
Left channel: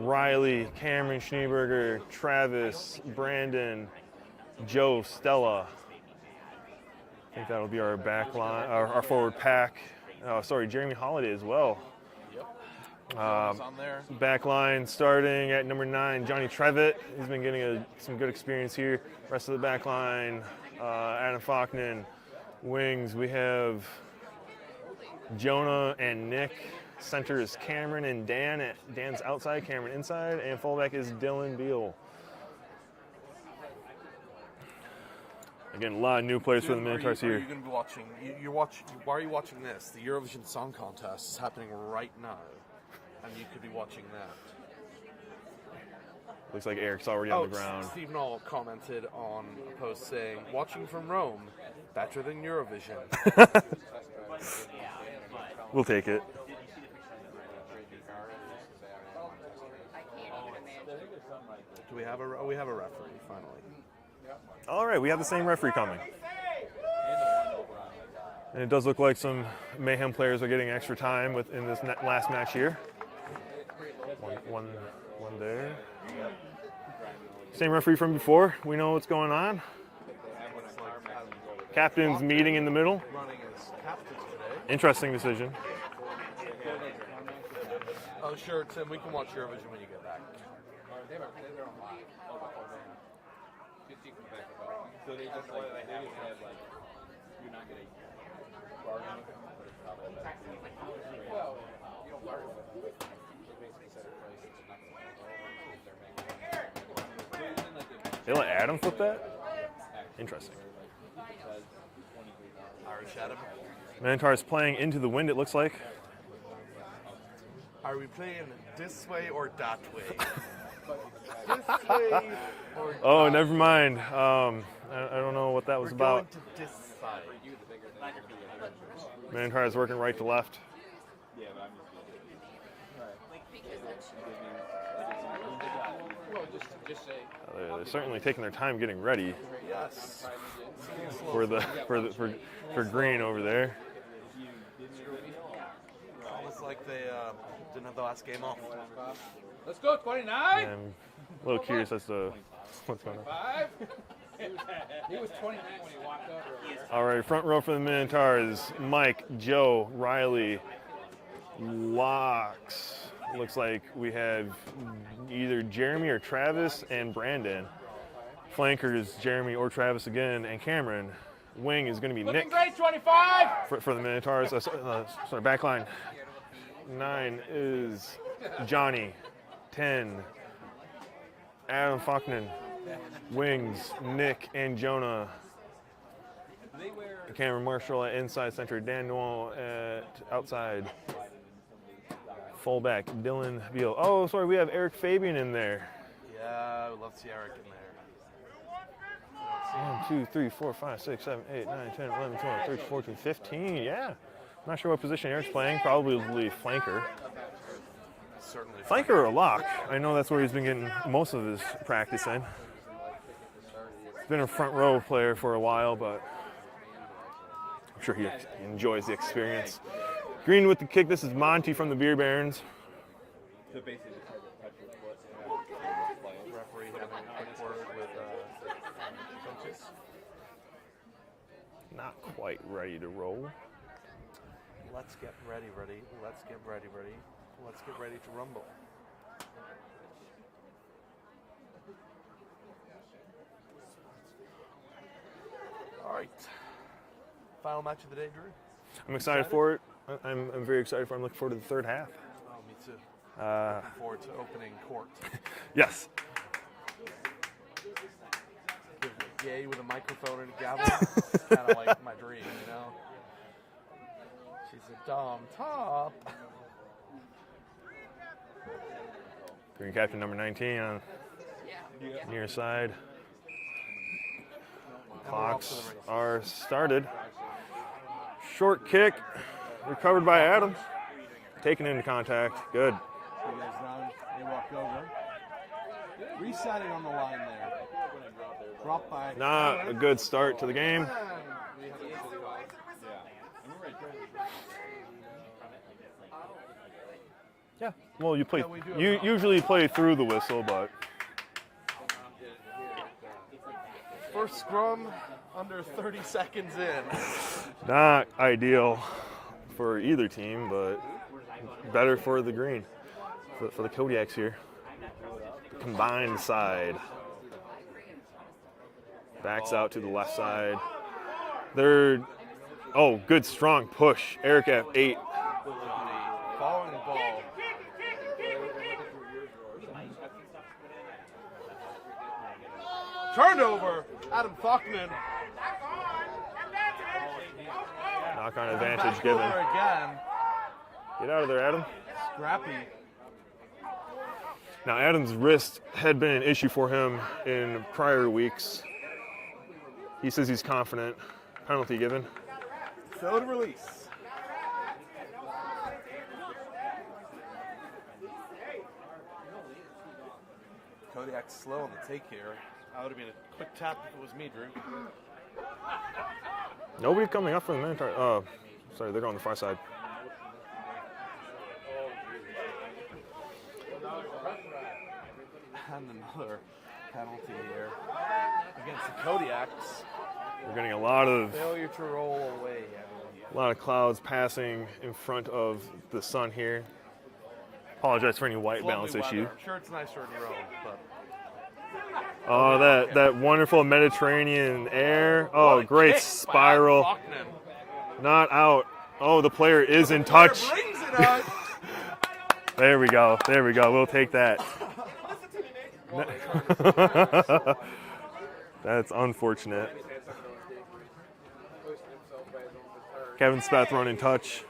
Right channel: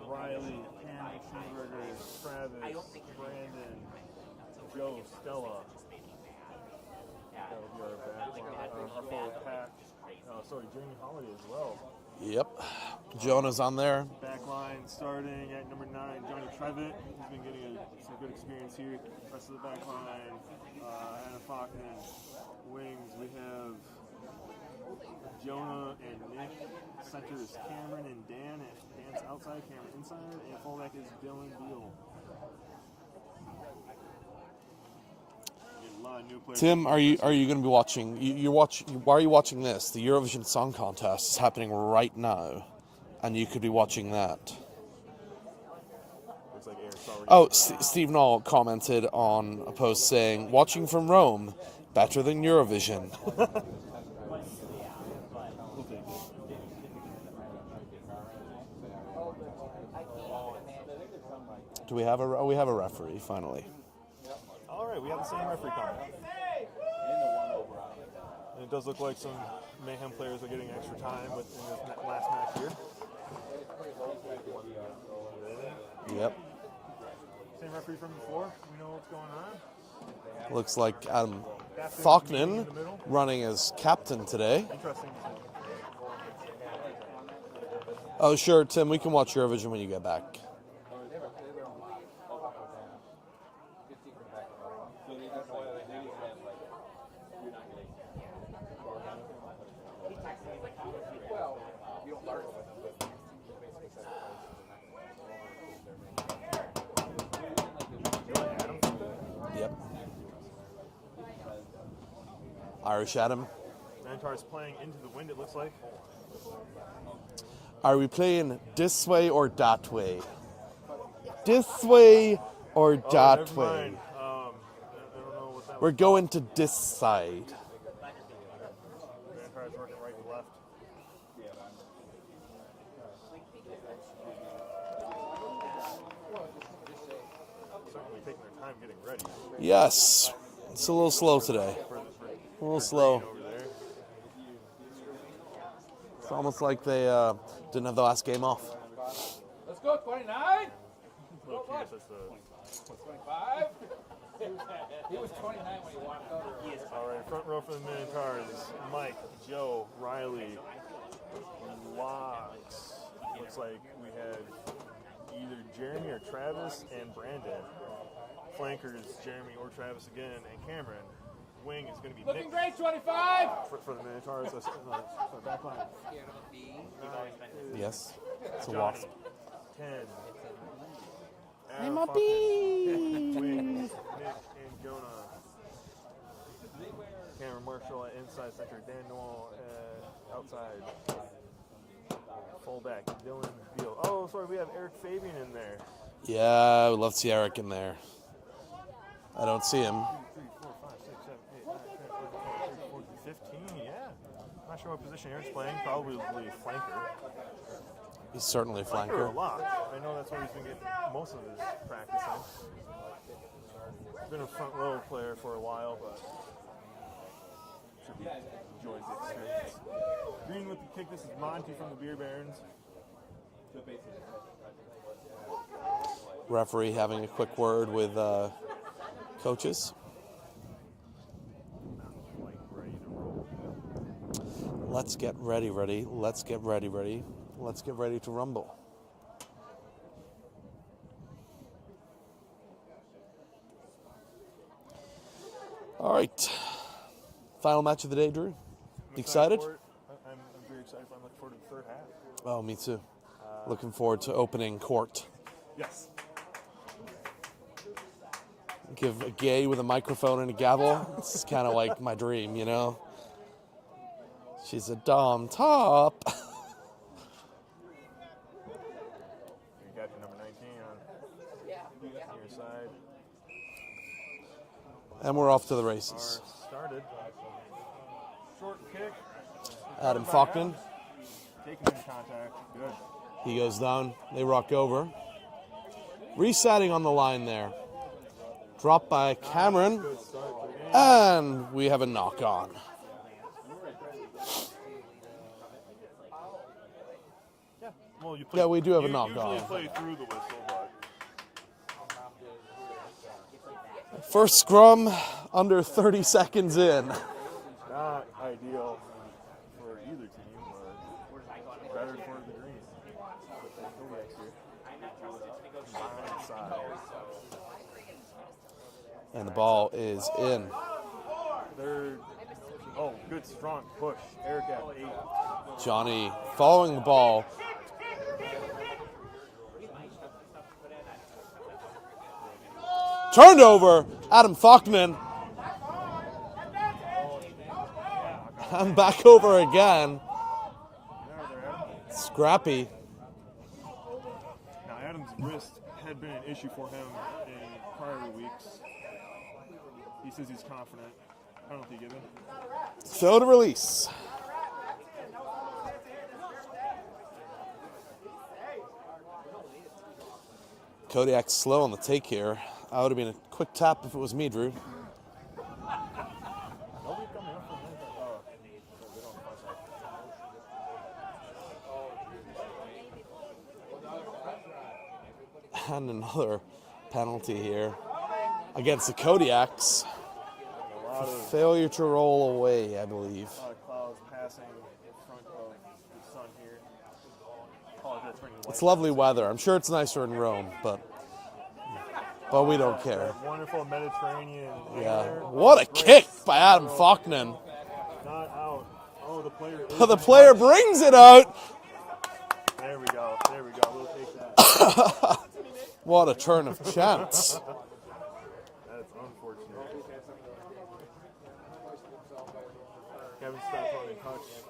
Riley, Cameron Schneeberger, Travis, Brandon, Joe, Stella. I think that'll be our back line, our forward pack. Jeremy Holiday as well. Yep. Jonah's on there. Back line starting at number 9, Johnny Trevitt. He's been getting some good experience here. Rest of the back line, Adam Faulkner. Wings, we have Jonah and Nick. Center is Cameron and Dan. Dan's outside, Cameron inside. And fullback is Dylan Beal. Again, a lot of new players. Tim, are you going to be watching? Why are you watching this? The Eurovision Song Contest is happening right now, and you could be watching that. Looks like Eric's already on the ground. Steve Knoll commented on a post saying, "Watching from Rome, better than Eurovision." We'll take it. Do we have a? We have a referee finally. All right, we have the same referee coming. And it does look like some Mayhem players are getting extra time in this last match here. One there. Yep. Same referee from before. We know what's going on. Looks like Adam Captain's Faulkner meeting in the middle. running as captain today. Interesting decision. Oh, sure, Tim. We can watch Eurovision when you get back. They let Adam flip that? Yep. Interesting. Irish Adam. Minotaurs playing into the wind, it looks like. Are we playing this way or that way? This way or that way? Oh, never mind. I don't know what that was We're about. going to this side. Minotaurs working right to left. They're certainly taking their time getting ready Yes. It's a little slow for today. for slow. green over there. It's almost like they didn't have the last game off. Let's go, 29. And a little curious as to what's going on. He was 29 when he walked over. All right, front row for the Minotaurs. Mike, Joe, Riley, Locks. Looks like we have either Jeremy or Travis and Brandon. Flankers, Jeremy or Travis again, and Cameron. Wing is going to be Looking Nick great, 25. for the Minotaurs. Sorry, back line. 9 is Johnny. 10, Adam Faulkner. Wings, Nick and Jonah. Cameron Marshall at inside center. Dan Noel at outside. Fullback, Dylan Beal. Oh, sorry, we have Eric Fabian in there. Yeah, I would love to see Eric in there. I don't see him. 2, 3, 4, 5, 6, 7, 8, 9, 10, 11, 12, 13, 14, 15. Yeah. Not sure what position Eric's playing. Probably flanker. He's certainly Flanker or lock. I know that's where he's been getting most of his practice in. He's been a front row player for a while, but I'm sure he enjoys the experience. Green with the kick. This is Monty from the Beer Barons. Referee having a quick word with coaches. Not quite ready to roll. Let's get ready. Let's get ready. Let's get ready to rumble. All right. Final match of the day, Drew. I'm excited for it. I'm very excited for it. I'm looking forward to the third half. Oh, me too. Looking forward to opening court. Yes. Give a gay with a microphone and a gavel. It's kind of like my dream, you know? She's a dom top. Green captain number 19 on near side. And we're off to the races. Are started. Short kick. Recovered Adam by Faulkner. Adam. Taken into contact. Good. He goes down. They rock over. Resetting on the line there. Dropped by Not Cameron. a good start to the game. And we have a knock on. Yeah. Well, you play. Yeah, we do have a knock usually on. play through the whistle, but First scrum under 30 seconds in. not ideal for either team, but better for the green, for the Kodiaks here. Combined side. And the Backs ball out to the is left in. side. They're, good strong push. Eric at 8. Johnny following the ball. Turned over. Adam Faulkner. Knock on And advantage. back over again. Get out of there, Adam. Scrappy. Now, Adam's wrist had been an issue for him in prior weeks. He says he's confident. Penalty given. Throw to release. Kodiak's slow on the take here. I would have been a quick tap if it was me, Drew. Nobody coming up from the Minotaurs. Sorry, they're going to the far side. And another penalty here against the Kodiaks. We're getting a lot of Failure to roll away, I believe. clouds passing in front of the sun here. Apologize for any white It's lovely balance weather. issue. I'm sure it's nicer in Rome, but Oh, we don't care. that wonderful Mediterranean air. what Oh, a great kick by Adam spiral. Faulkner. Not out. Oh, the player is But the in player touch. brings it out. There we go. We'll take that. What a turn of chance. That's unfortunate. Kevin Speth running touch.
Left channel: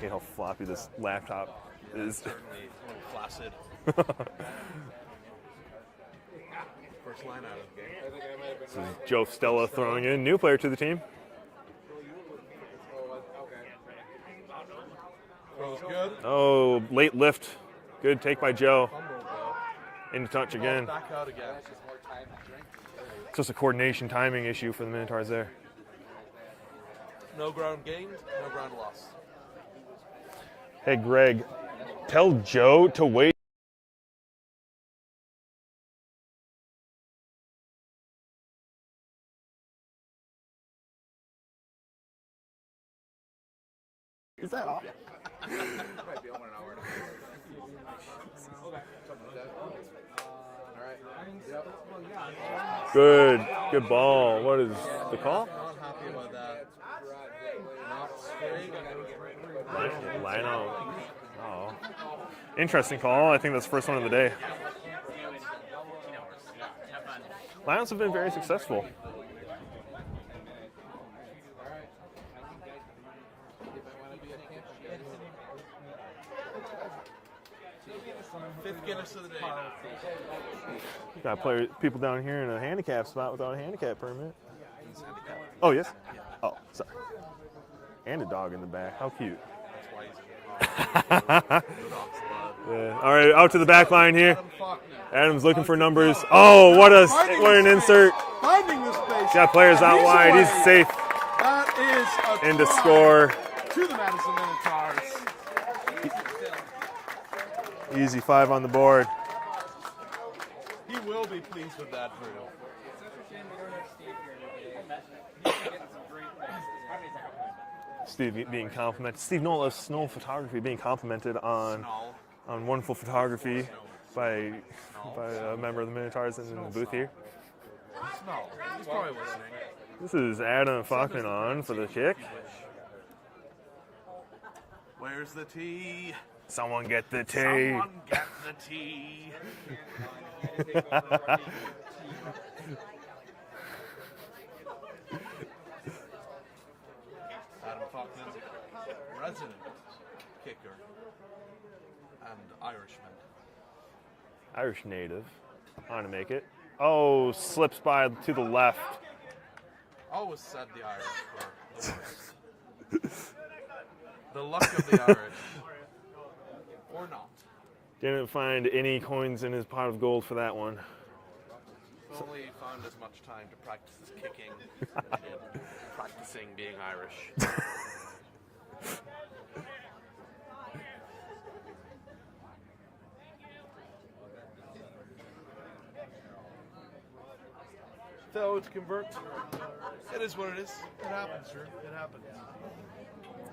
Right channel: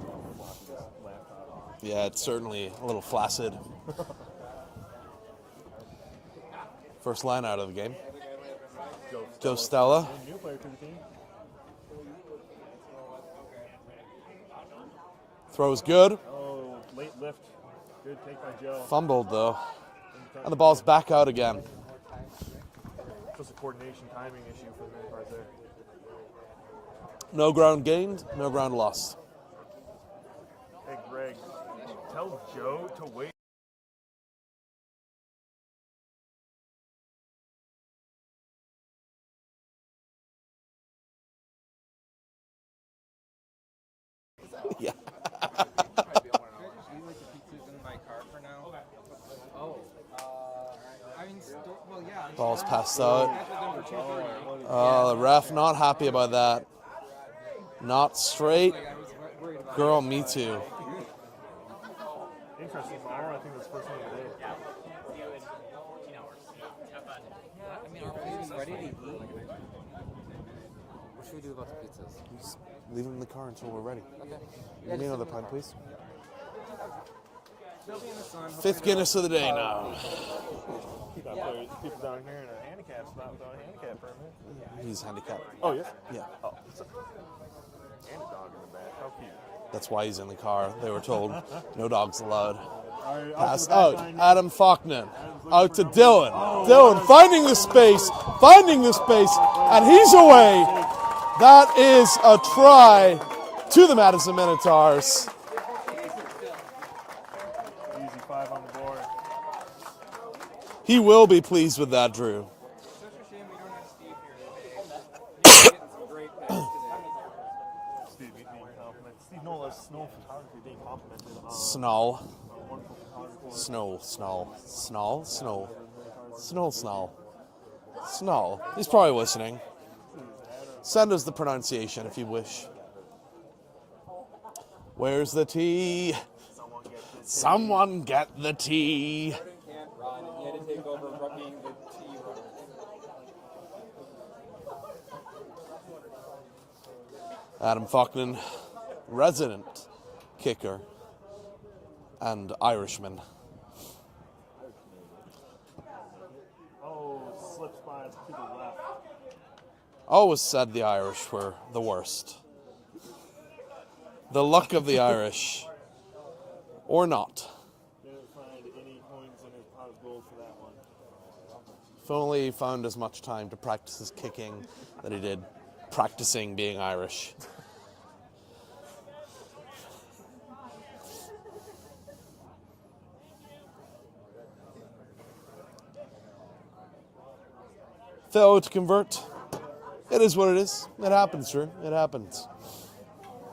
Hate how floppy this laptop Yeah, is. it's certainly a little flaccid. First line out of the game. This is Joe Stella Stella. throwing in, new player to the team. Throws good. Oh, late lift. Good take by Joe. Fumbled though. Into touch And the ball's again. back out again. It's just a coordination timing issue for the Minotaurs there. No ground gained, no ground lost. Hey, Greg, tell Joe to wait. Is that yeah. Ball's passed Good, out. good ball. What is The ref not happy about that. Not straight. Girl, me too. Interesting call. I think that's the first one of the day. Lions have been very successful. Just leave him in the car until we're ready. Any another pint, please? 5th Guinness of the day now. Got people down here in a handicap spot without a handicap permit. He's handicapped. Oh, yes? Yeah. Oh, sorry. And a dog in the back. How cute. That's why he's in the car. They were told no dogs allowed. Yeah. All right, out to the back line here. Adam Faulkner. Adam's looking Out for to numbers. Dylan. Oh, Dylan finding what the an space. insert. Finding the space. Got players and out he's wide. away. He's safe. That is a And to try score. to the Madison Minotaurs. Easy 5 on the board. He will be pleased with that, Drew. Steve being complimented. Steve Knoll of Snow Photography being complimented on wonderful photography by a member of the Minotaurs in the booth here. Snow. He's probably listening. This is Adam Send us the Faulkner on for the pronunciation if kick. you wish. Where's the tea? Someone get the tea. Someone get the tea. Adam Faulkner, resident kicker and Irishman. Irish native. On to make it. Oh, slips by to the left. Always said the Irish were the worst. The luck of the Irish. Or not. Didn't find any coins in his pot of gold for that one. If only he found as much time to practice his kicking that he did practicing being Irish. Failure to convert. It is what it is. It happens, Drew. It happens.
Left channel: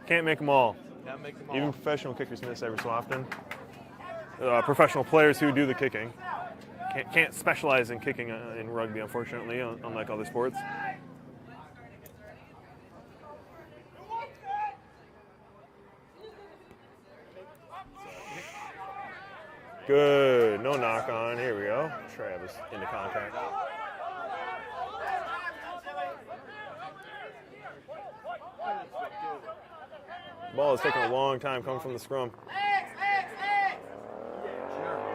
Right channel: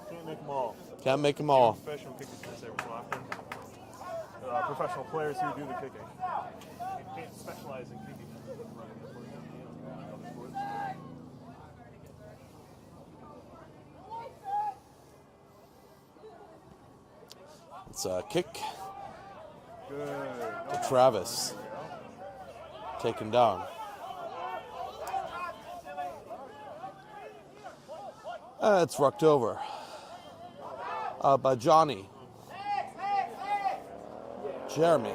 Can't make them all. Can't make them Even all. professional kickers miss every so often. Professional players who do the kicking can't specialize in kicking in rugby, unfortunately, unlike other sports. It's a kick Good. No knock Travis. on. Here we go. Travis into contact. taken down. It's rucked over. Ball is taking a long by time for Johnny. the scrum. Jeremy.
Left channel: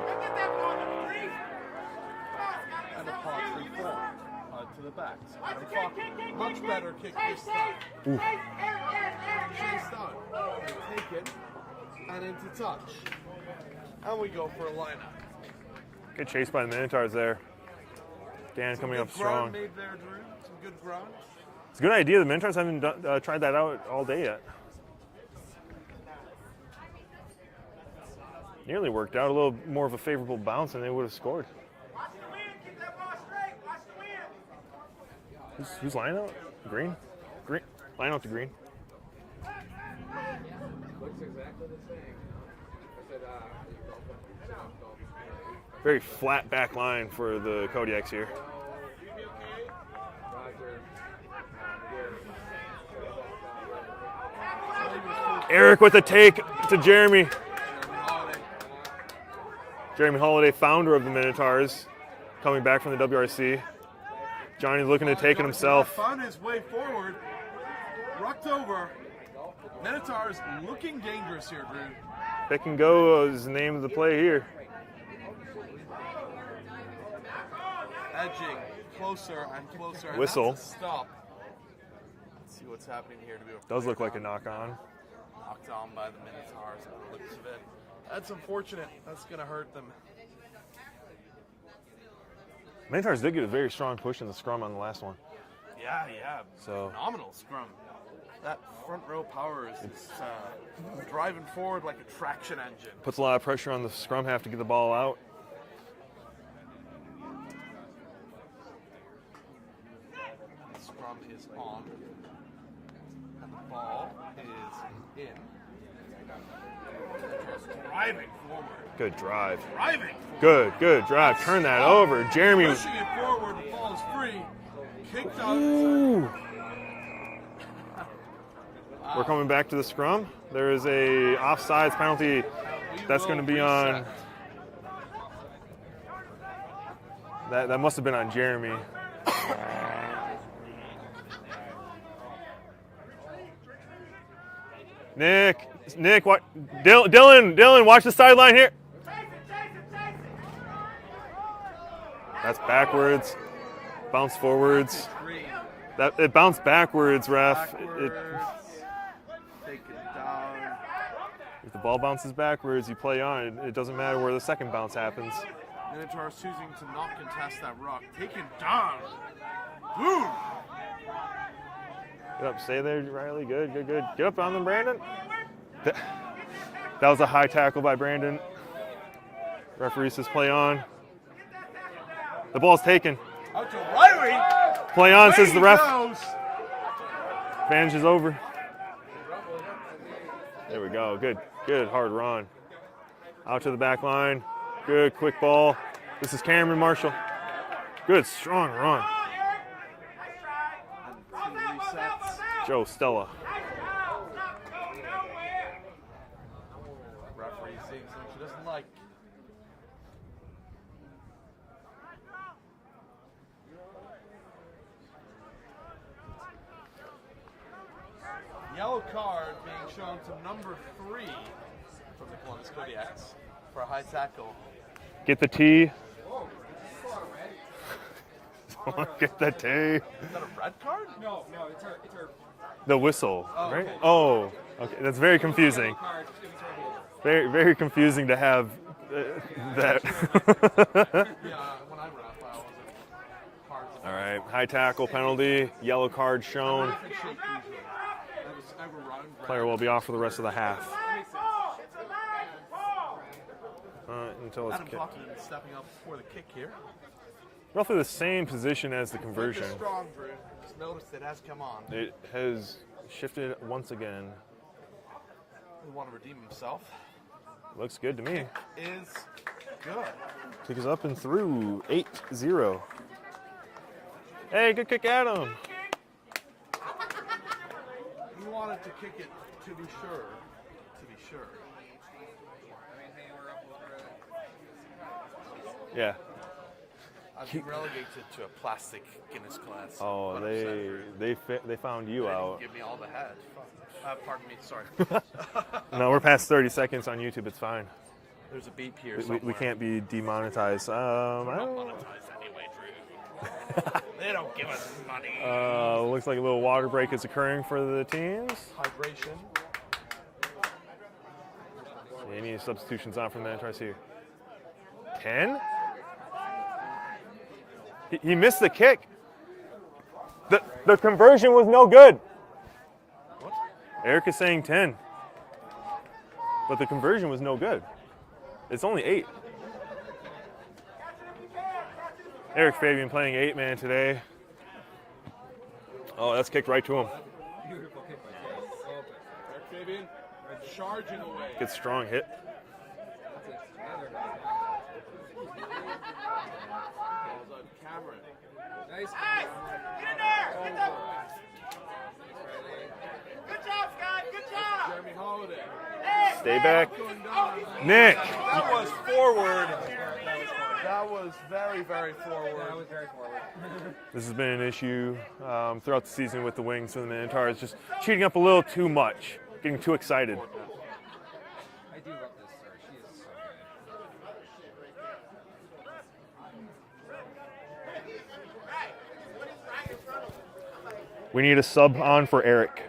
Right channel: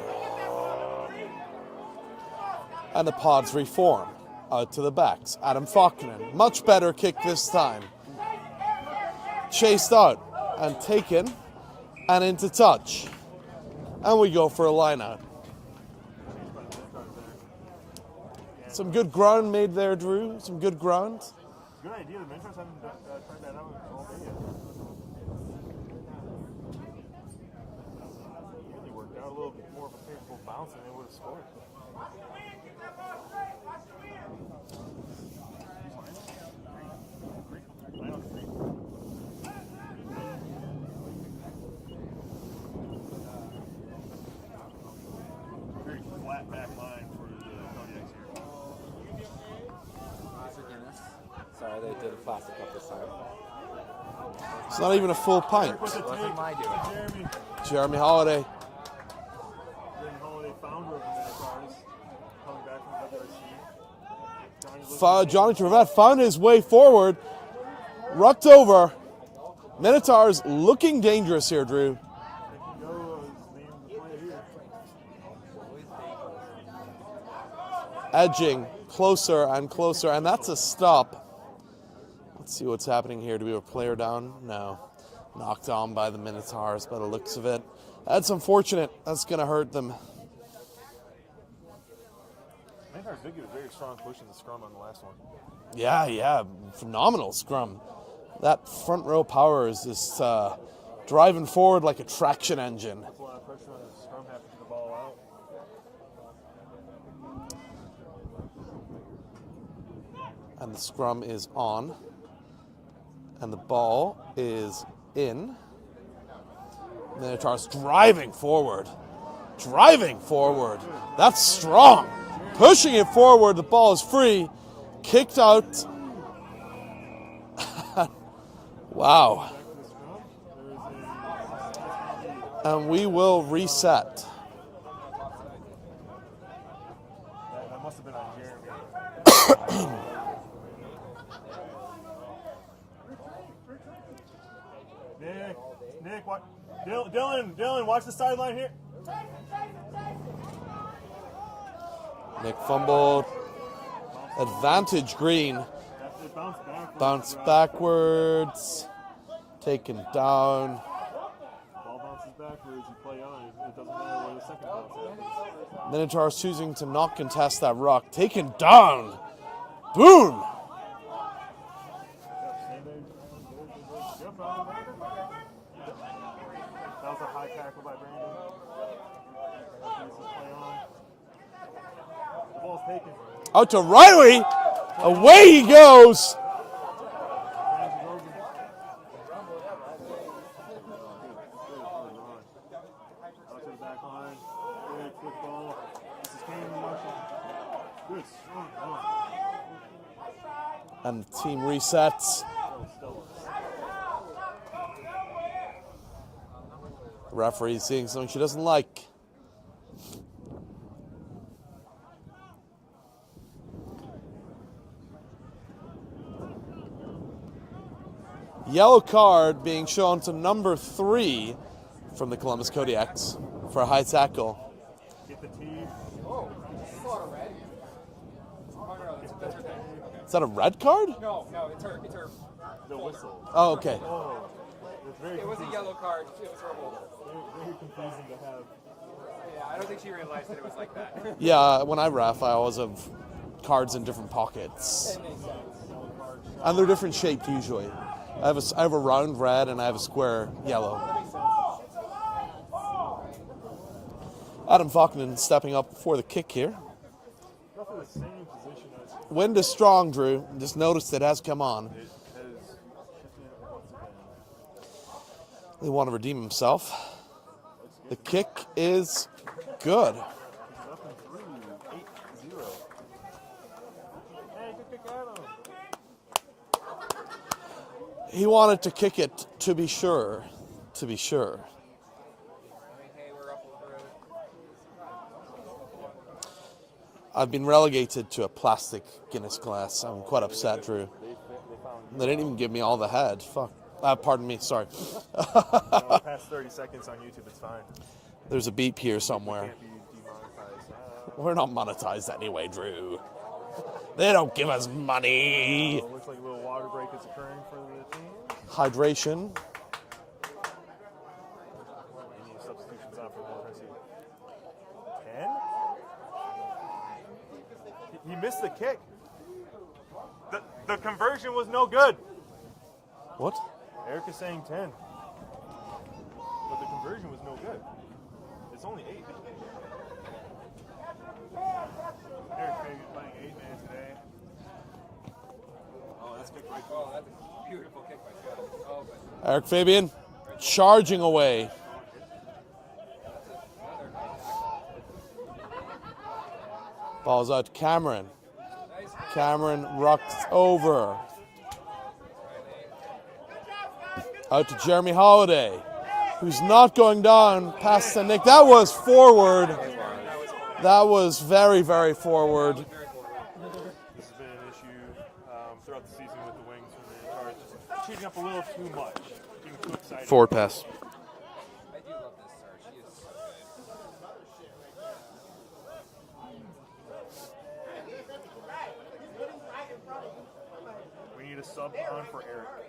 And the pods reform out to the backs. Adam Faulkner, much better kick this time. Ooh. Chased out and taken and into touch. And we go for a line out. Good chase by the Minotaurs there. Dan Some coming good up ground strong. made there, Drew. Some good ground. It's a good idea. The Minotaurs haven't tried that out all day yet. Nearly worked out. A little more of a favorable bounce and they would have scored. Who's line out? Green? Green. Line out to Green. Very flat back line for the Kodiaks here. Sorry, they did plastic up this side. It's not even a full punt. Eric with a take to Jeremy. Jeremy Holiday. Jeremy Holiday, founder of the Minotaurs, coming back from the WRC. Johnny's looking to take Jonathan himself. Rutt found his way forward. Rucked over. Minotaurs looking dangerous here, Drew. Pick and go is the name of the play here. Edging closer and closer, and Whistle. that's a stop. Let's see what's happening here. Do we have a Does player look like a down? knock-on. No. Knocked on by the Minotaurs by the looks of it. That's unfortunate. That's going to hurt them. Minotaurs did get a very strong push in the scrum on the last one. Yeah. Phenomenal scrum. That front row power is just driving forward like a traction engine. Puts a lot of pressure on the scrum half to get the ball out. And the scrum is on. And the ball is in. Minotaurs driving forward. Good drive. Driving forward. Good drive. That's Turn strong. that over. Jeremy. Pushing it forward. The ball is free. Kicked out. We're Wow. coming back to the scrum. There is a offsides penalty. And we That's will gonna be on- reset. That must have been on Jeremy. Nick, what? Dylan, watch the sideline here. That's backwards. Bounce forwards. Advantage green. It bounced backwards, Bounce ref. backwards. Taken down. If the ball bounces backwards, you play on. It doesn't matter where the second bounce happens. Minotaurs choosing to not contest that rock. Taken down. Boom. Get up, stay there, Riley. Good. Get up on them, Brandon. That was a high tackle by Brandon. Referee says play on. The ball's taken. Out to Riley. Play on. Away says he the ref. goes. Advantage is over. There we go. Good hard run. Out to the back line. Good quick ball. This is Cameron Marshall. Good strong run. And the team resets. Joe Stella. Referee seeing something she doesn't like. Yellow card being shown to number 3 from the Columbus Kodiaks for a high tackle. Get the tee. Get the tee. Is that a red card? No, it's her. The whistle. Oh, right? okay. Oh, okay. That's very confusing. Card. It was her hold. Very confusing to have that. Yeah, when I ref, I always have cards in All different right. pockets. High tackle penalty. Yellow card shown. And they're different shape usually. I have a round red will and be I have a off for the rest square of the half. yellow. Until Adam Faulkner stepping up for the kick here. roughly the same position as the conversion. Wind is strong, Drew. Just noticed it has come on. It has shifted once again. They want to redeem himself. Looks good The to me. kick is good. Kick is up and through. 8-0. Hey, good kick, Adam. He wanted to kick it to be sure. To be sure. Yeah. I've been relegated to a plastic Guinness glass. I'm quite upset, Drew. They found you. They didn't even out. give me all the head. Fuck. Pardon me, sorry. No, we're past 30 seconds on YouTube. It's fine. There's a beep here We somewhere. can't be demonetized. We're not monetized anyway, Drew. They don't give us money. Looks like a little water break is occurring for the teams. Hydration. Any substitutions on from the Minotaurs here? 10? He missed the kick. The conversion was no good. What? Eric is saying 10. But the conversion was no good. It's only 8. Eric Fabian playing 8-man today. Oh, that's kicked right to him. Eric Fabian charging away. Good strong hit. Ball's out to Cameron. Cameron rucks over. Out to Jeremy Holiday, who's Stay back. not going down past Nick. Nick. That was forward. That was very, very forward. This has been an issue throughout the season with the wings and the Minotaurs, just cheating up a little too much, getting too excited. Forward pass. I do love this star. She is so We need a sub on for Eric.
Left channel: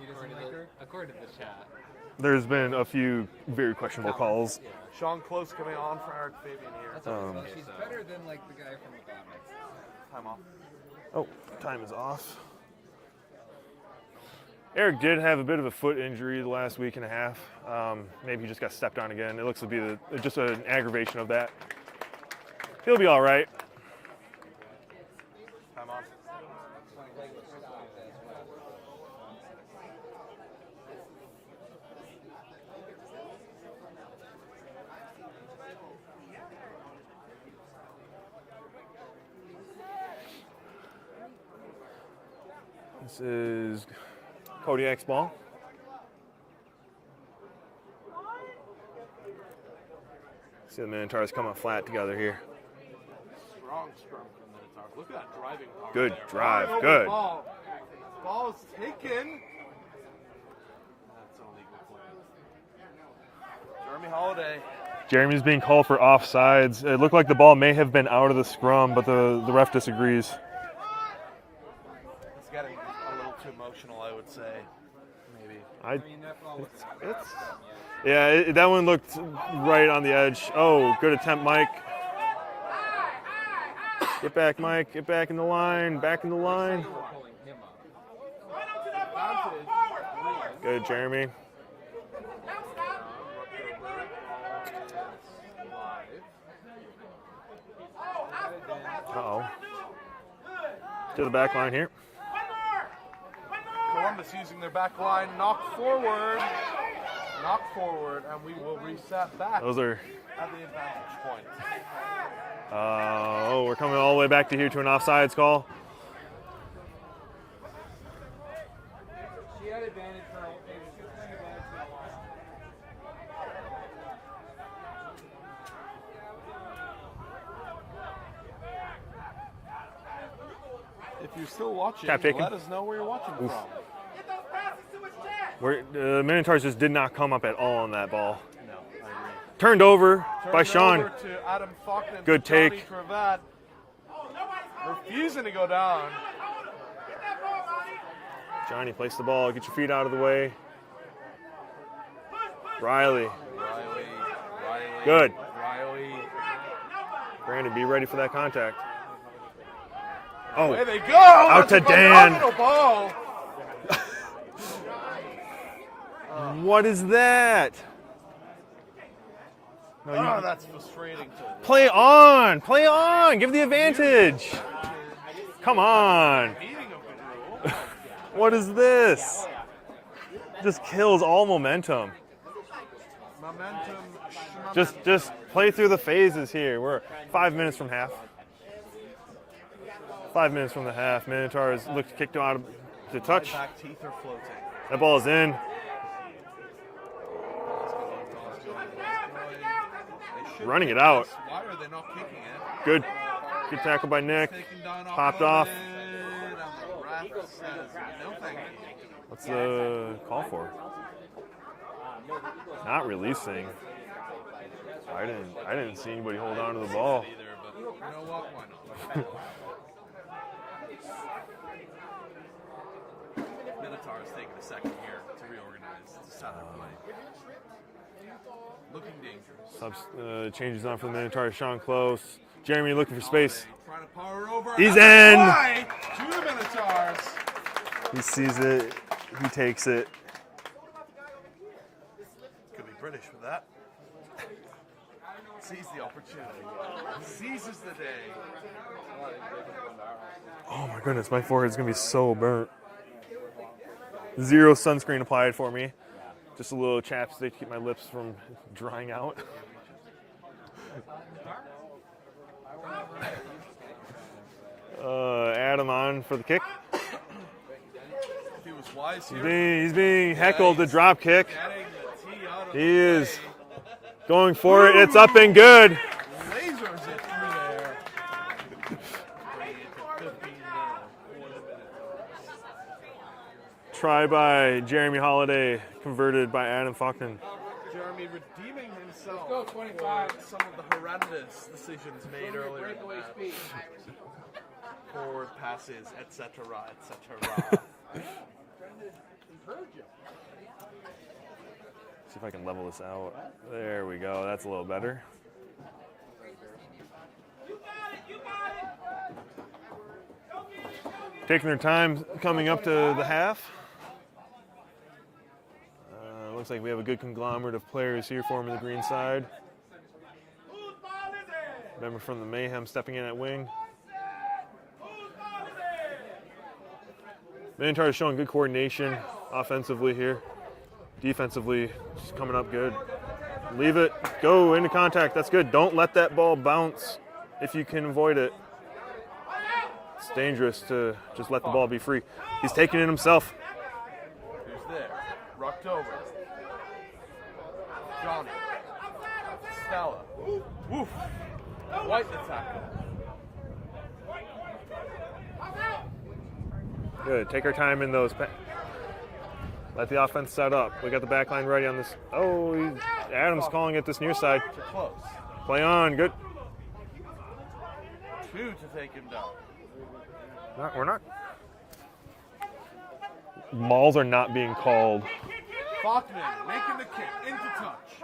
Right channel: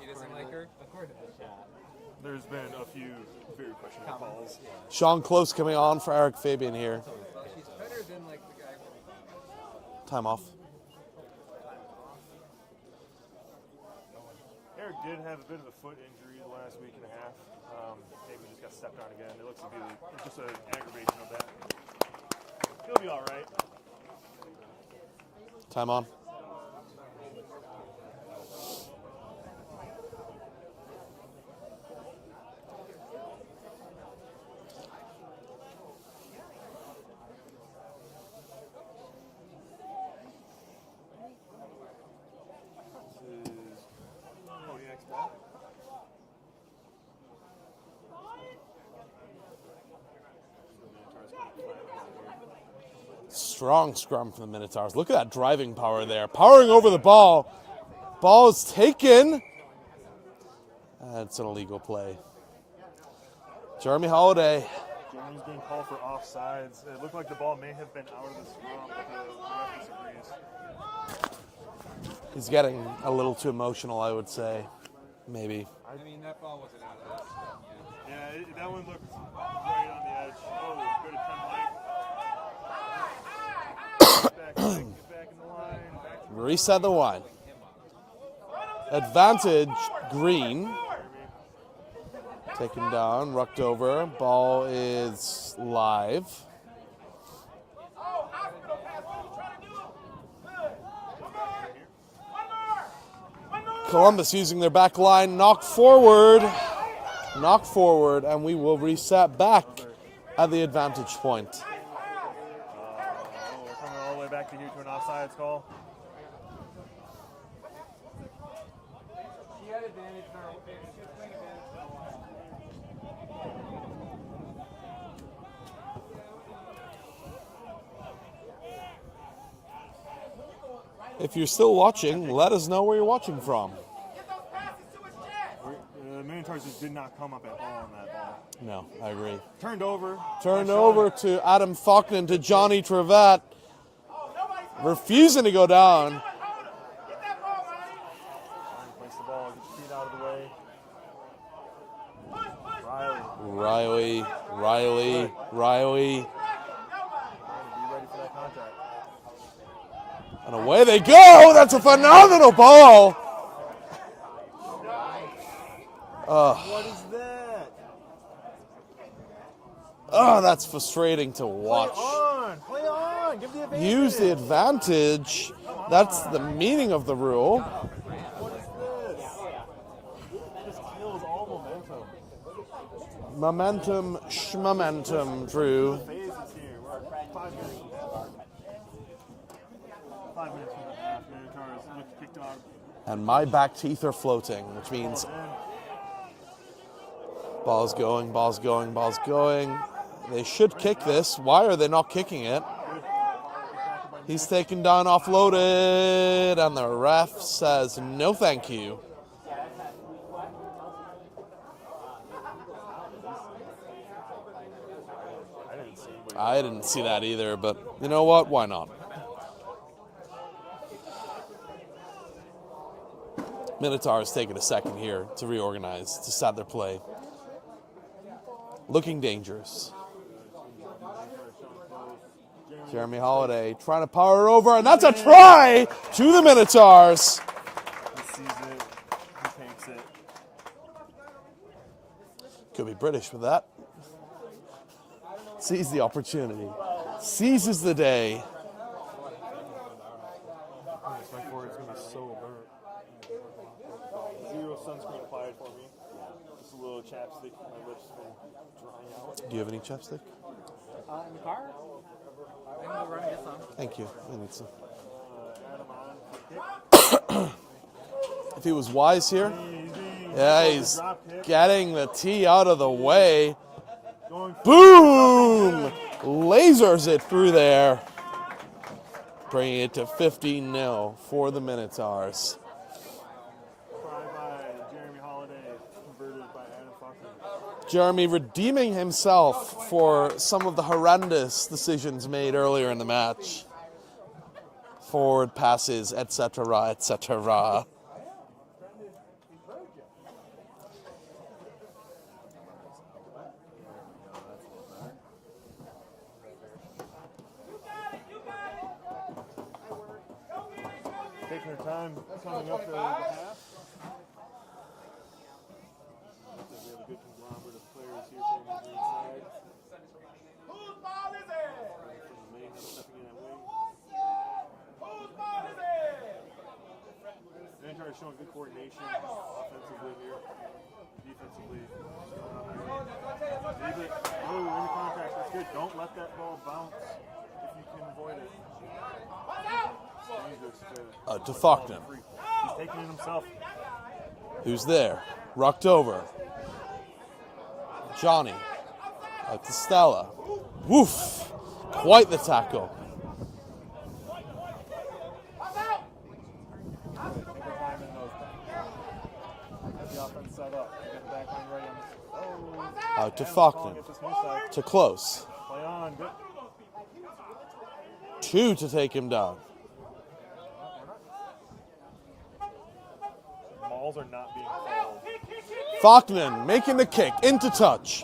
He doesn't like her, according to the chat. There's been a few very questionable calls. Sean Close coming on for Eric Fabian here. She's better than like the guy from the comics. Time off. Oh, time is off. Eric did have a bit of a foot injury the last week and a half. Maybe he just got stepped on again. It looks to be just an aggravation of that. He'll be all right. Time on. This is Kodiak's ball. See the Minotaurs coming flat together here. Strong scrum from the Minotaurs. Look at that driving power Good there. drive. Powering over the Good. ball. Ball is taken. That's an illegal play. Jeremy Holiday. Jeremy's being called for offsides. It looked like the ball may have been out of the scrum, but the ref disagrees. He's getting a little too emotional, I would say. Maybe. I mean, that ball was Yeah, that one looked right on the edge. Oh, good attempt, Mike. Get back, Mike. Get back in the line. Back in the line. Reset the line. Advantage, Green. Good, Jeremy. Taken down, rucked over. Ball is live. Uh-oh. To the back line here. Columbus using their back line, knocked forward, and we will reset back Those are. at the advantage point. Oh, we're coming all the way back to here to an offsides call. She had advantage for If you're still watching, Tap taken. let us know where you're watching from. The Minotaurs just did not come up at all on that ball. No, I agree. Turned over by Turn Sean. over to Adam Faulkner to Good Johnny take. Trevette. Refusing to go down. Johnny, place the ball. Get your feet out of the way. Riley. Riley. Good. Riley. Brandon, be ready for that contact. And away they go. That's a to Dan. phenomenal ball. What is that? Oh, that's frustrating to watch. Play on. Play on. Give the Use the advantage. advantage. Come That's the on. meaning of the rule. What is this? Just kills all momentum. Momentum, schmomentum. Just play through the phases here. We're 5 minutes from half. 5 minutes from the half. Minotaurs look kicked out of And to my touch. back teeth are floating. Which That ball means is in. Ball's going, ball's going, ball's going. They should Running kick it out. this. Why are they not kicking it? Good. Good tackle by He's Nick. taken down, Popped offloaded, and the ref says no thank you. What's the call for? Not releasing. I didn't see anybody. hold I on to didn't the see ball. that either, but you know what? Why not? Minotaurs taking a second here to reorganize, to start their play. Looking dangerous. Changes on for the Minotaurs. Sean Close. Jeremy looking Jeremy for space. Holiday trying to power over, and He's that's a in. try to the Minotaurs. He sees it. He takes it. Could be British with that. Sees the opportunity. Seizes the day. Oh my goodness, my forehead's gonna be so burnt. 0 sunscreen applied for me. Just a little chapstick to keep my lips from drying out. Do you have any chapstick? Thank you. And Adam on for the kick. If he was wise here. He's being heckled the drop kick. Getting the tee out of the way. Going for it. It's up and good. Lasers it through there. Bringing it to 15-0 for the Minotaurs. Try by Jeremy Holiday, converted by Adam Faulkner. Jeremy redeeming himself for some of the horrendous decisions made earlier in the match. Forward passes, etc., etc. See if I can level this out. There we go. That's a little better. Taking their time coming up to the half. Looks like we have a good conglomerate of players here forming the green side. Member from the Mayhem stepping in at wing. Minotaurs showing good coordination offensively here. Defensively, just coming up good. Leave it, go into contact, that's good. Don't let that ball bounce if you can avoid it. It's dangerous to just let the ball be free. He's taking it himself. Who's there? Rucked over. Johnny. To Stella. Woof. Quite the tackle. Good, take our time in those. Let the offense set up. We got the back line ready on this. Oh, Adam's calling it this near side. To close. Play on, good. 2 to take him down. We're not. Mauls are not being called. Faulkner making the kick into touch.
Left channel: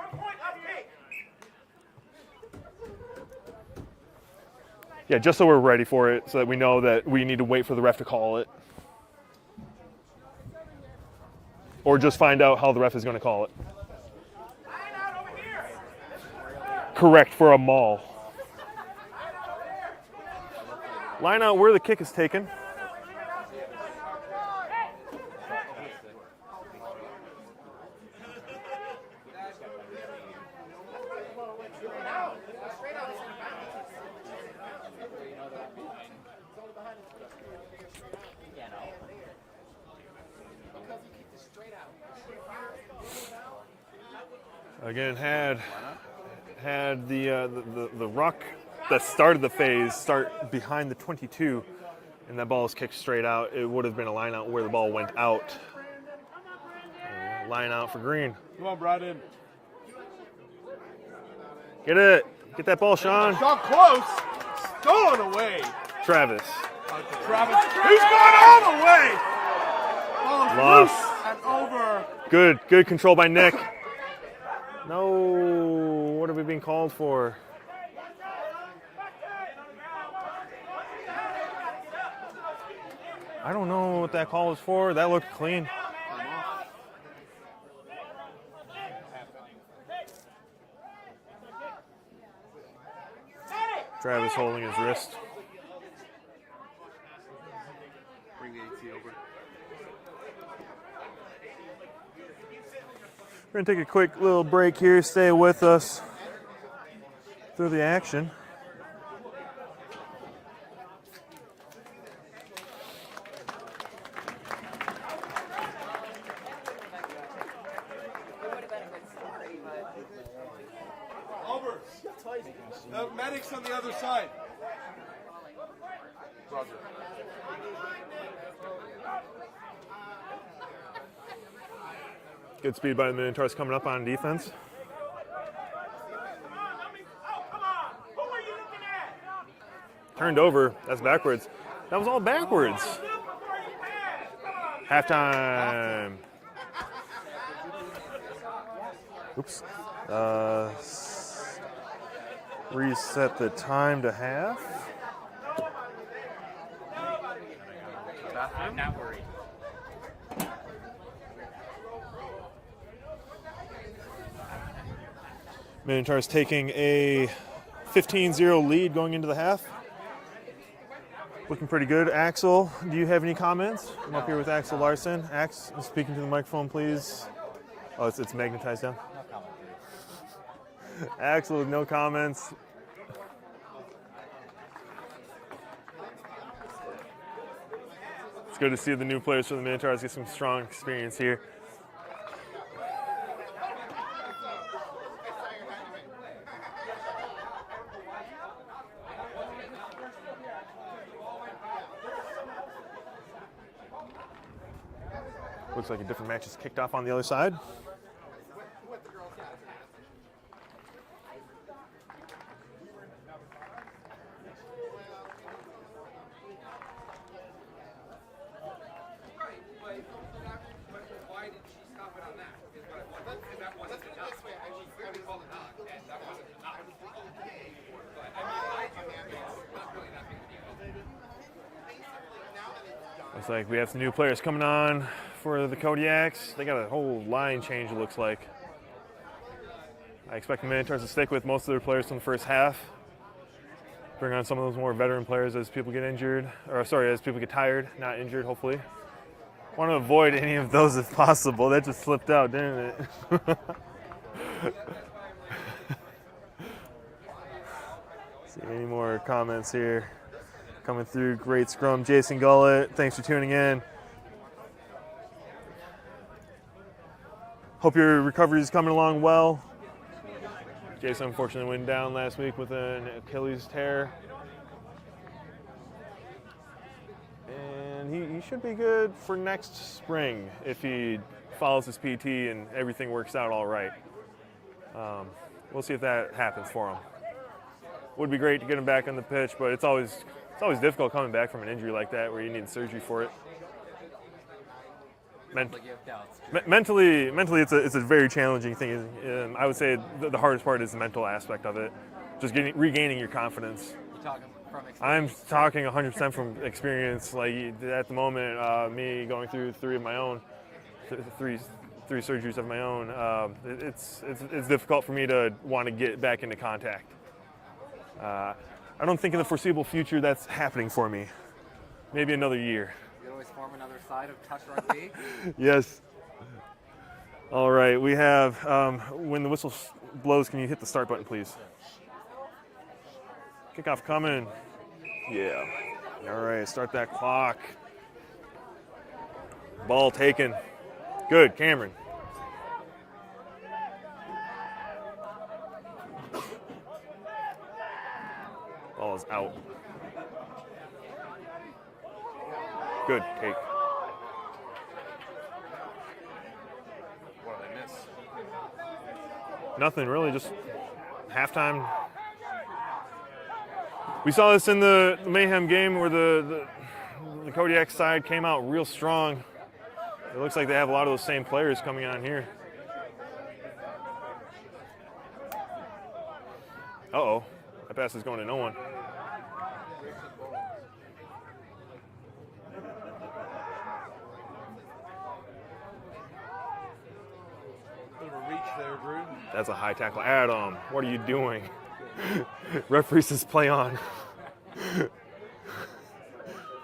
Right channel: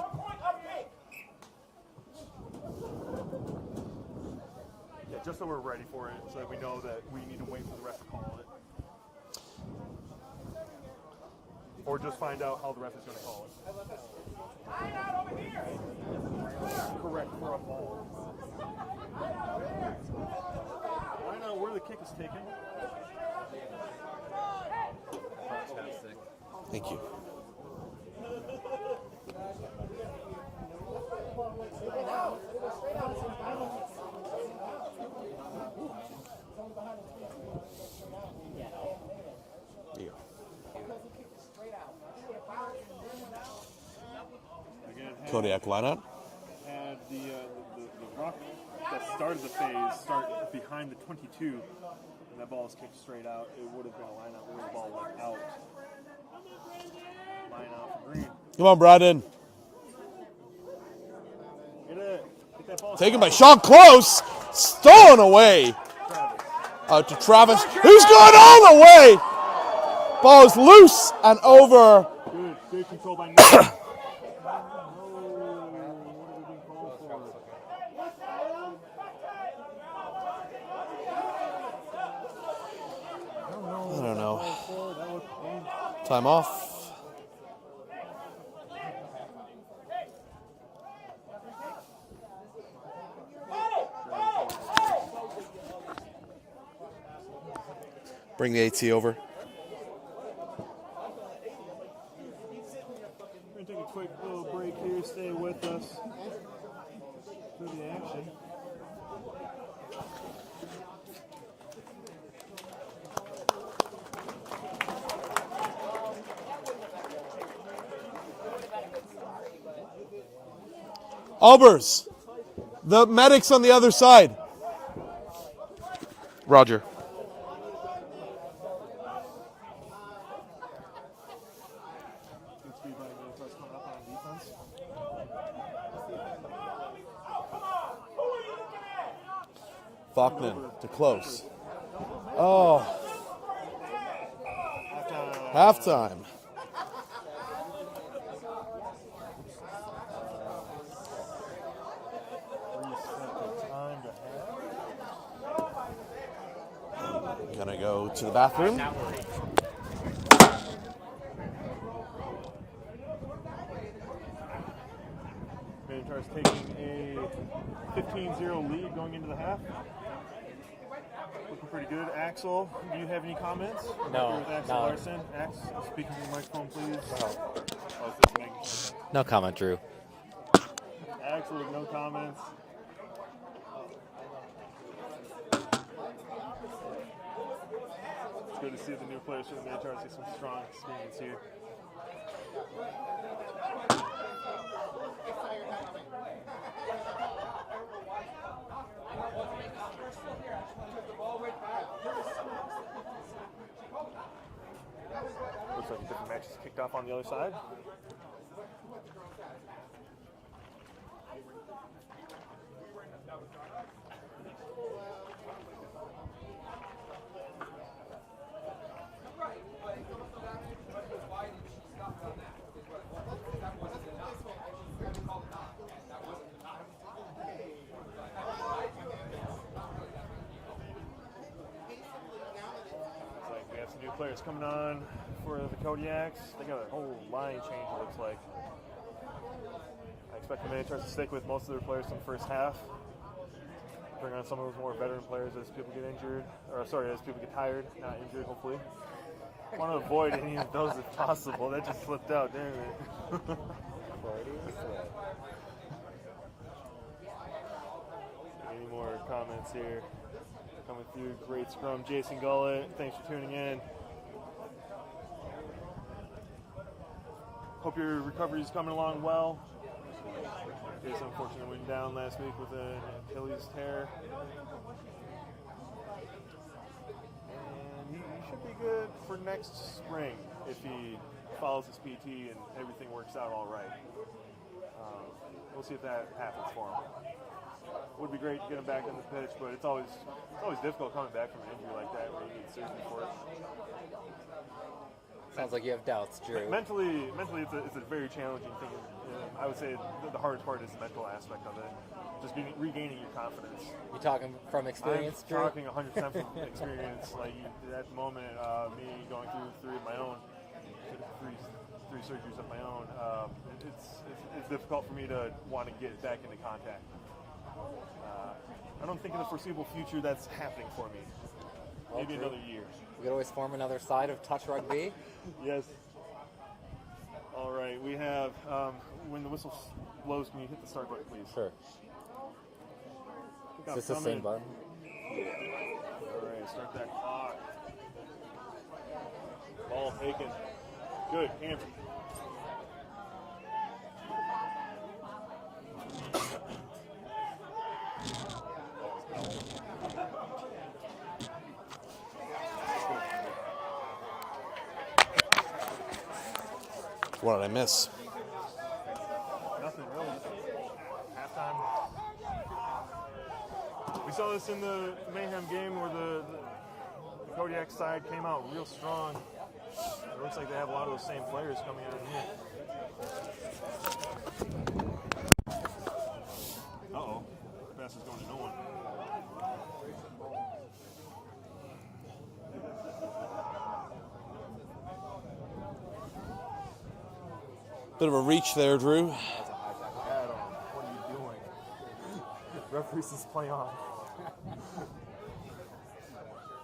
Yeah, just so we're ready for it, so that we know that we need to wait for the ref to call it. Or just find out how the ref is going to call it. Correct for a maul. Line out where the kick is taken. Thank you. Again, Kodiak lineup. Had the ruck that started the phase start behind the 22, and that ball was kicked straight out. It would have been a line out where the ball went out. Line out for green. Come on, Braden. Get it. Get that ball, Taking Sean. the shot close. Stolen away. Travis. Out to Travis. Who's going all the way? Ball is loose and over. Good control by Nick. No, what are we being called for? I don't know what that call was for. That looked clean. Time off. Travis holding his wrist. Bring the AT over. We're going to take a quick little break here. Stay with us through the action. Albers. The medics on the other side. Roger. Good speed by the Minotaurs coming up on defense. Turned over. That's close. backwards. That was all backwards. Halftime. Halftime. Oops. Reset the time to half. Gonna go to the bathroom. Minotaurs taking a 15-0 lead going into the half. Looking pretty good. Axel, do you have any comments? I'm up here with Axel Larson. Ax, speaking to the microphone, please. Oh, it's magnetized down. No comment, Drew. Axel with no comments. It's good to see the new players from the Minotaurs get some strong experience here. Looks like a different match is kicked off on the other side. Looks like we have some new players coming on for the Kodiaks. They got a whole line change, it looks like. I expect the Minotaurs to stick with most of their players from the first half. Bring on some of those more veteran players as people get injured, or sorry, as people get tired, not injured, hopefully. Want to avoid any of those if possible. That just slipped out, didn't it? See any more comments here coming through? Great scrum, Jason Gullett. Thanks for tuning in. Hope your recovery is coming along well. Jason unfortunately went down last week with an Achilles tear. And he should be good for next spring if he follows his PT and everything works out all right. We'll see if that happens for him. Would be great to get him back on the pitch, but it's always difficult coming back from an injury like that where you need surgery for it. Sounds like you have doubts, Drew. Mentally, it's a very challenging thing. I would say the hardest part is the mental aspect of it, just regaining your confidence. You talking from experience? I'm talking 100% from experience. Like at the moment, me going through three surgeries of my own, it's difficult for me to want to get back into contact. I don't think in the foreseeable future that's happening for me. Maybe another year. You could always form another side of touch rugby. Yes. All right, we have, when the whistle blows, can you hit the start button, please? Sure. Kickoff coming. Yeah. All right, start that clock. Ball taken. Good, Cameron. Ball is out. Good, Kate. What did I miss? Nothing really, just halftime. We saw this in the Mayhem game where the Kodiak side came out real strong. It looks like they have a lot of those same players coming on here. Uh-oh, that pass is going to no one. Bit of a reach there, Drew. That's a high tackle. Adam, what are you doing? Referee says play on.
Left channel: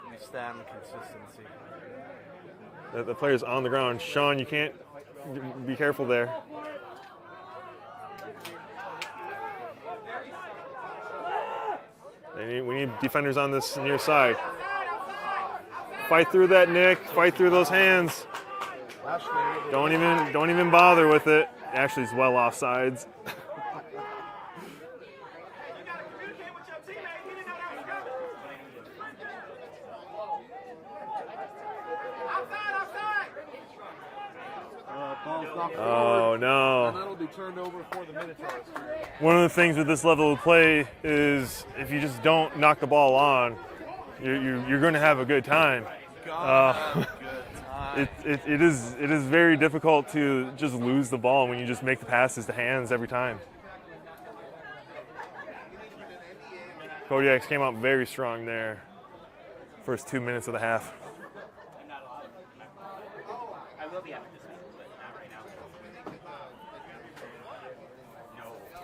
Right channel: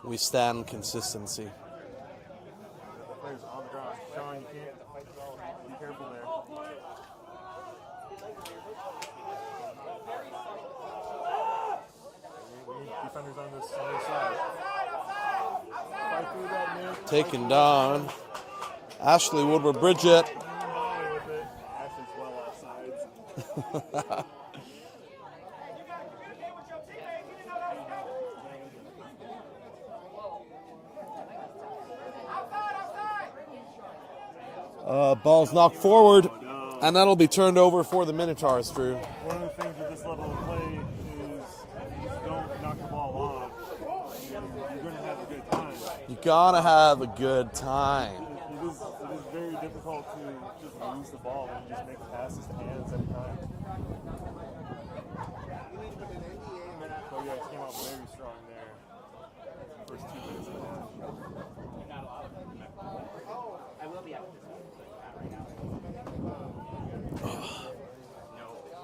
We stand consistency. The player's on the ground. Sean, you can't be careful there. We need defenders on this near side. Fight through that, Nick. Fight through those hands. Ashley Woodward-Bridget. Don't even bother with it. Ashley's well offsides. Ball's knocked forward. Oh, no. And that'll be turned over for the Minotaurs, Drew. One of the things with this level of play is if you just don't knock the ball on, you're going to have a good time. You gotta have a good time. It is very difficult to just lose the ball when you just make the passes to hands every time. Kodiaks came out very strong there. First 2 minutes of the half.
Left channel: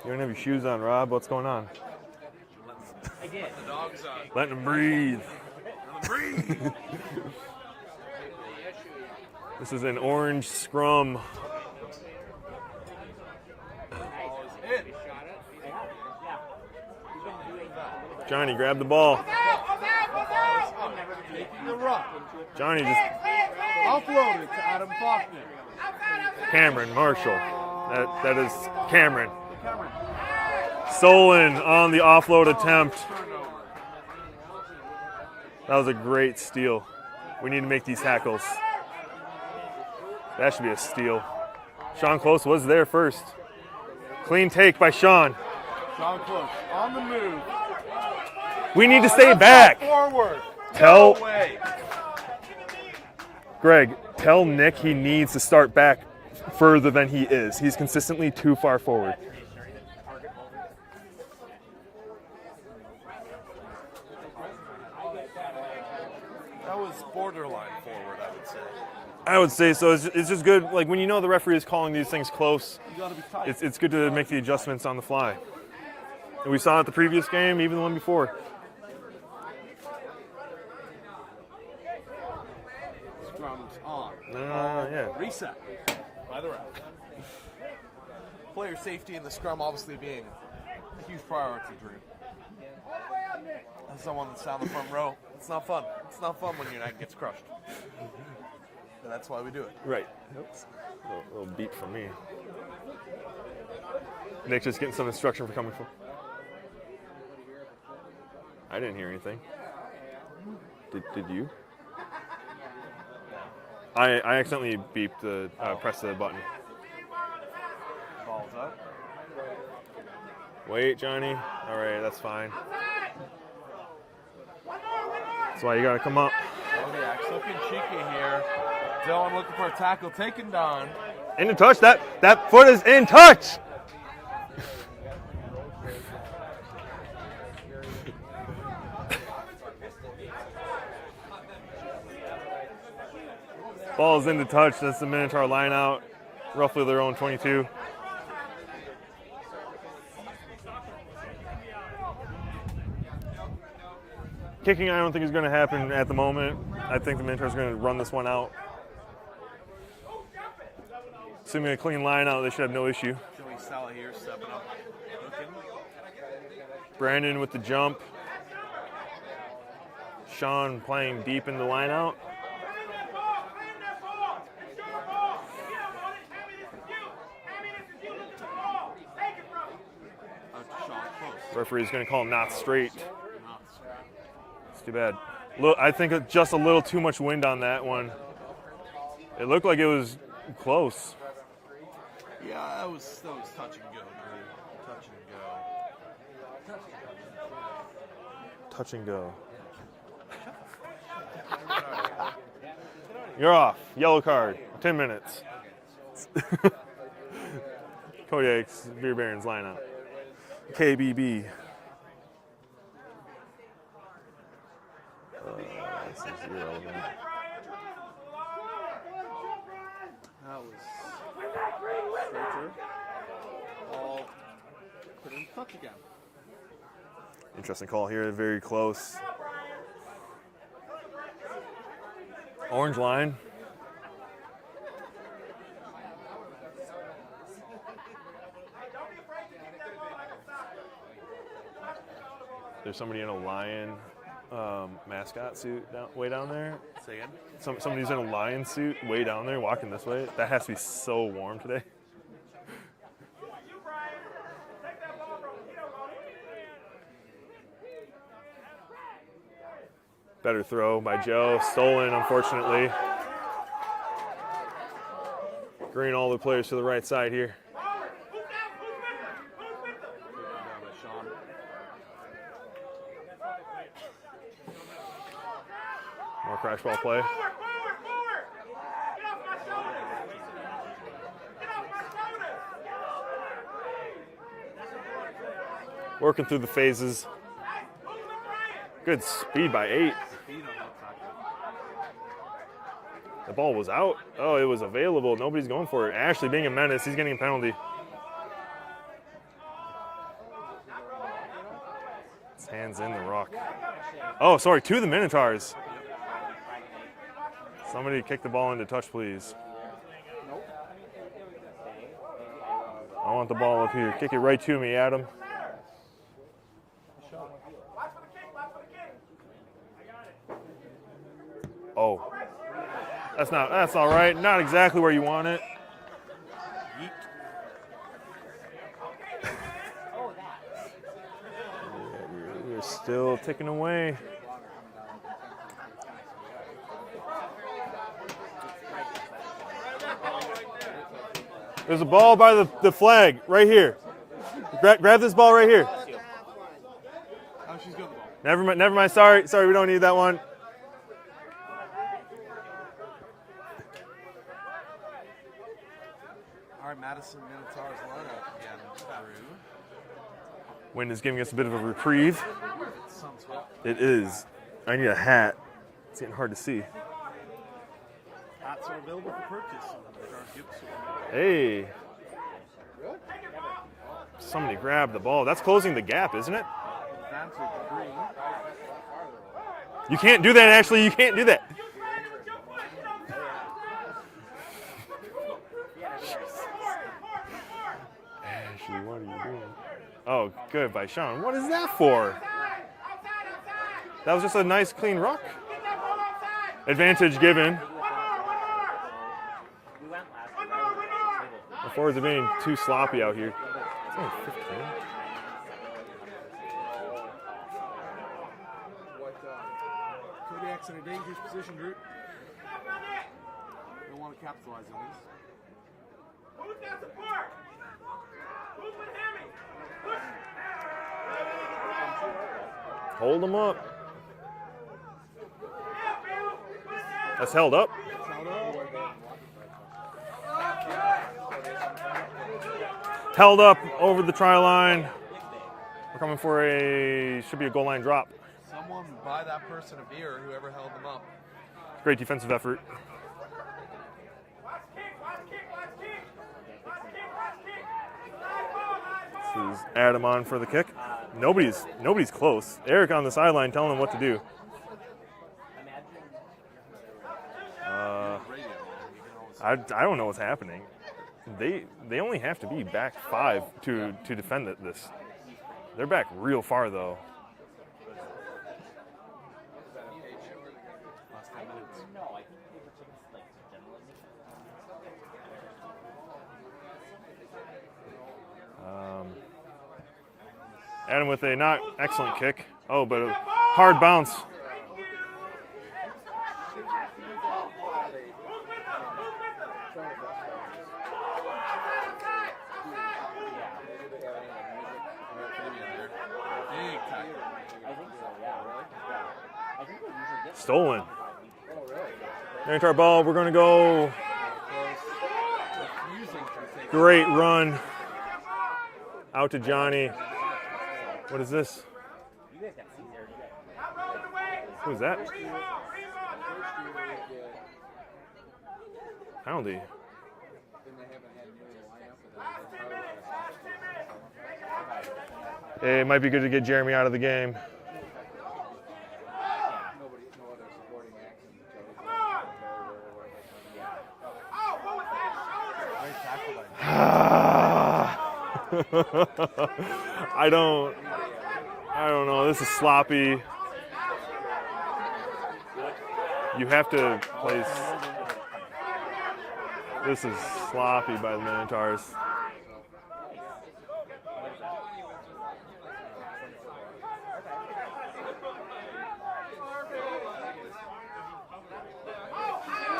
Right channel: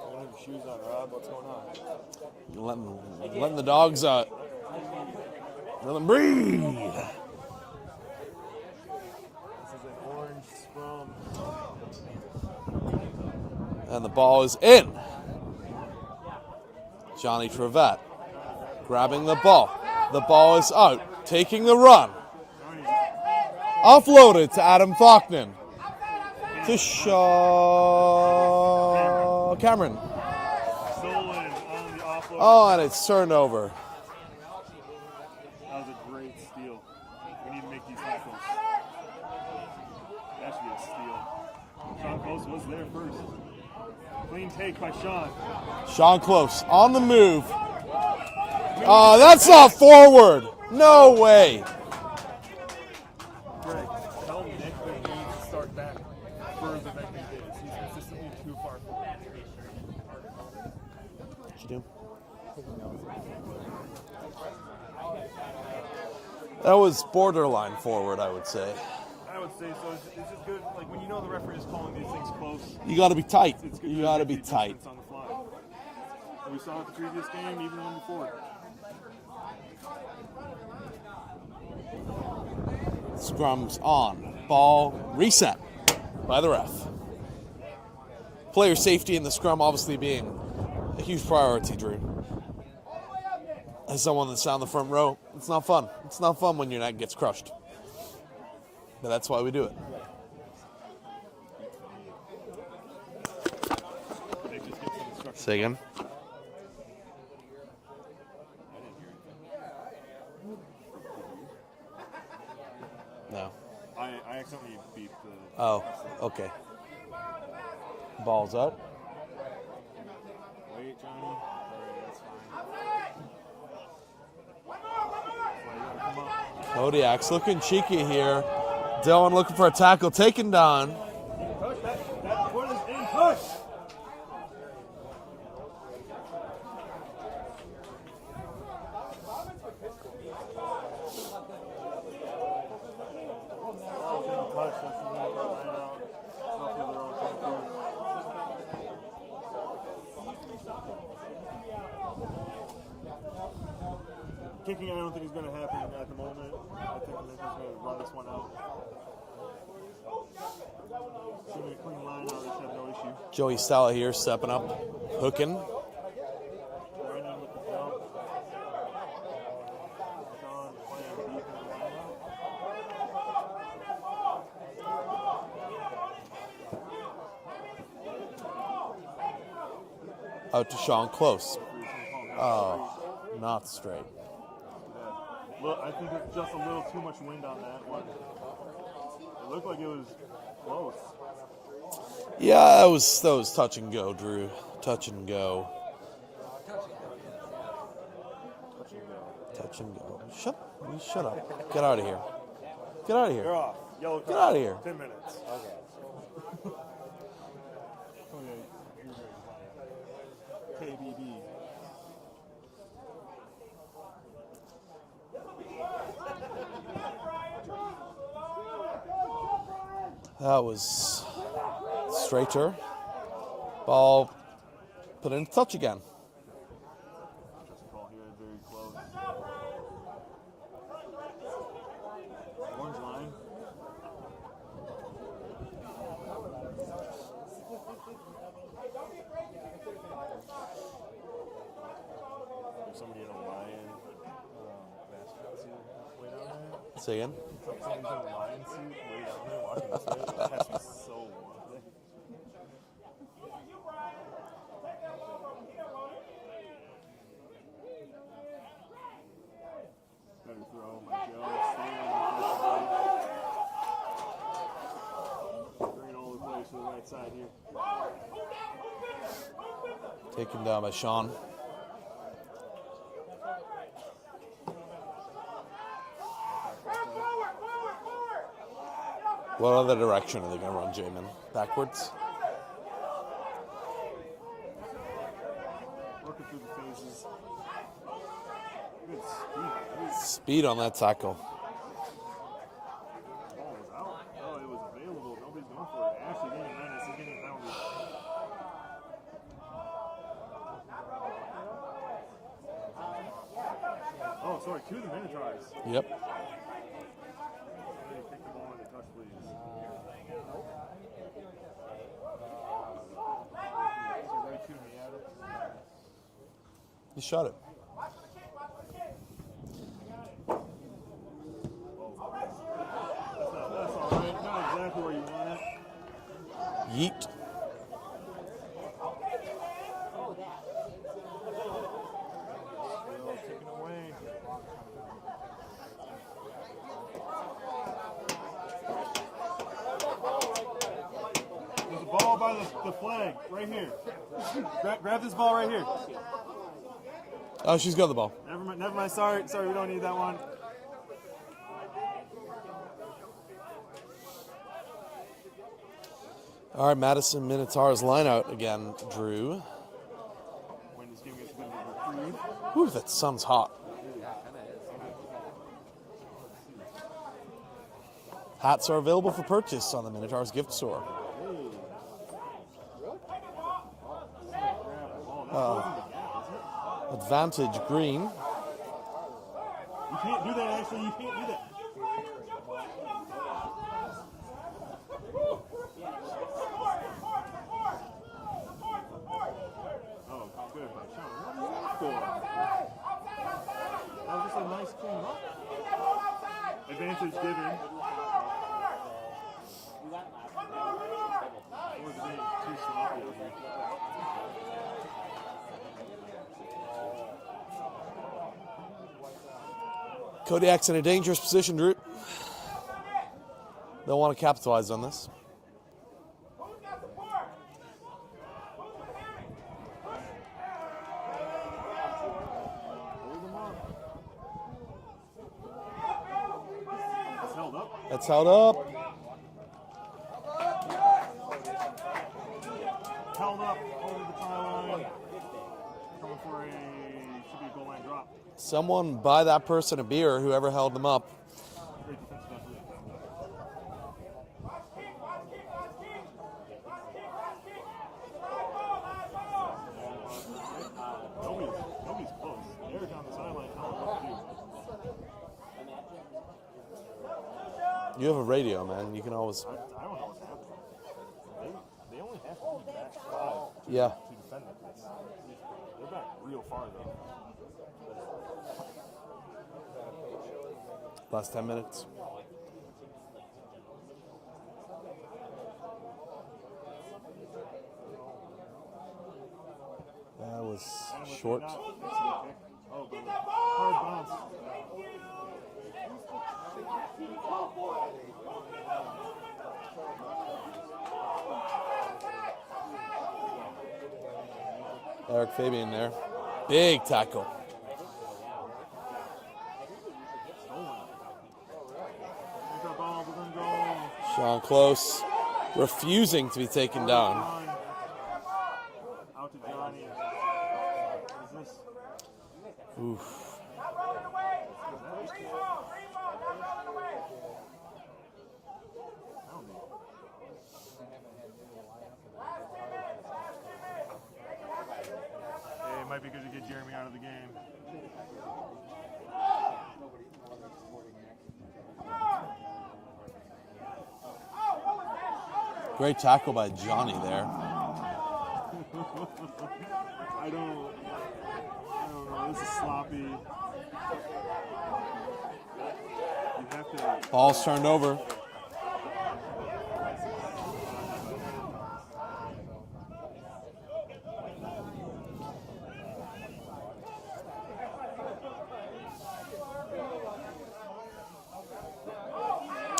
You don't have your shoes on, Rob. What's going on? Letting the dogs out. Letting them breathe. Let them breathe. This is an orange scrum. And the ball is in. Johnny Trevette. Johnny, grab the ball. Grabbing the ball. The ball is out. Taking the run. Johnny just Offloaded to Adam Faulkner. Cameron To Marshall. That is Cameron. Cameron. Stolen on the offload attempt. It's turnover. That was a great steal. We need to make these tackles. That should be a steal. Sean Close was there first. Clean take by Sean. Sean Close on the move. We need to stay that's back. not forward. No Tell- way. Greg, tell Nick he needs to start back further than he is. He's consistently too far forward. That was borderline forward, I would say. I would say so. It's just good. Like when you know the referee is calling these things close, You got to be tight. it's good You to gotta make the be adjustments tight. on the fly. And we saw it the previous game, even the one before. Scrum's on. Ball yeah. reset by the ref. Player safety in the scrum obviously being a huge priority, Drew. As someone that's down the front row, it's not fun. It's not fun when your neck gets crushed. But that's why we do it. Right. Oops. A little beat from me. Nick just getting some instruction. Say again? I didn't hear anything. Did you? No. I accidentally beeped the press the button. Okay. Ball's up. Wait, Johnny. All right, that's fine. That's why you gotta come up. Kodiaks looking cheeky here. Dylan looking for a tackle, taken down. In the touch. That foot is in touch. Ball's in the touch. That's the Minotaur line out. Roughly their own 22. Kicking, I don't think is going to happen at the moment. I think the Minotaurs are going to run this one out. Assuming a clean line out, they should have no issue. Joey Stella here stepping up, hooking. Brandon with the jump. Sean playing deep in the line out. Out to Sean Close. Referee's going to call him not straight. Not straight. It's too bad. I think just a little too much wind on that one. It looked like it was close. Yeah, that was touch and go, Drew. Touch and go. Touch and go. Touch and go. Shut up. Get out of here. Get out of here. You're off. Yellow card. outta here. 10 minutes. Kodiaks, Beer Barons line out. KBB. That was straighter. Ball put in touch again. Interesting call here, very close. Orange line. There's somebody in a lion mascot suit way down there. Say again. Somebody's in a lion suit way down there walking this way. That has to be so warm today. Better throw by Joe. Stolen, unfortunately. Bringing all the players to the right side here. Taken down by Sean. More crash ball play. What other direction are they going to run, Jamin? Backwards? Working through the phases. Good speed by 8. Speed on that tackle. The ball was out. Oh, it was available. Nobody's going for it. Ashley being a menace. He's getting a penalty. His hands in the rock. Oh, sorry, to the Minotaurs. Yep. Somebody kick the ball into touch, please. I want the ball up here. Kick it right to me, Adam. You shot it. Oh, That's all right. Not exactly where you want it. Yeet. We're still ticking away. There's a ball by the flag right here. Grab this ball right here. Oh, she's got the ball. Never mind. Sorry, we don't need that one. All right, Madison Minotaurs line out again, Drew. Wind is giving us a bit of a reprieve. Ooh, that sun's hot. It is. I need a hat. It's getting hard to see. Hats are available for purchase on the Minotaurs gift store. Hey. Somebody grabbed the ball. That's closing the gap, isn't it? Advantage green. You can't do that, Ashley. You can't do that. Ashley, what are you doing? Oh, good by Sean. What is that for? That was just a nice, clean ruck. Advantage given. The forwards are being too sloppy out here. It's only 15. Kodiaks in a dangerous position, Drew. They'll want to capitalize on this. Hold them up. That's held up. That's held up. Held up over the try line. We're coming for should be a goal line drop. Someone buy that person a beer, whoever held them up. Great defensive effort. This is Adam on for the kick. Nobody's close. Eric on the sideline telling him what to do. You have a radio, man. You can always. I don't know what's happening. They only have to be back 5 to defend this. They're back real far though. Last 10 minutes. That was Adam with short. a not excellent kick. Oh, but a hard bounce. Eric Fabian there. Big tackle. Stolen. Minotaur ball. We're going to go. Sean Close refusing to be taken Great down. run. Out to Johnny. What is this? Oof. Who is that? Penalty. It might be good to get Jeremy out of the game. Great tackle by Johnny. I don't know. This is sloppy. You have to. Ball's turned over. This is sloppy by the Minotaurs.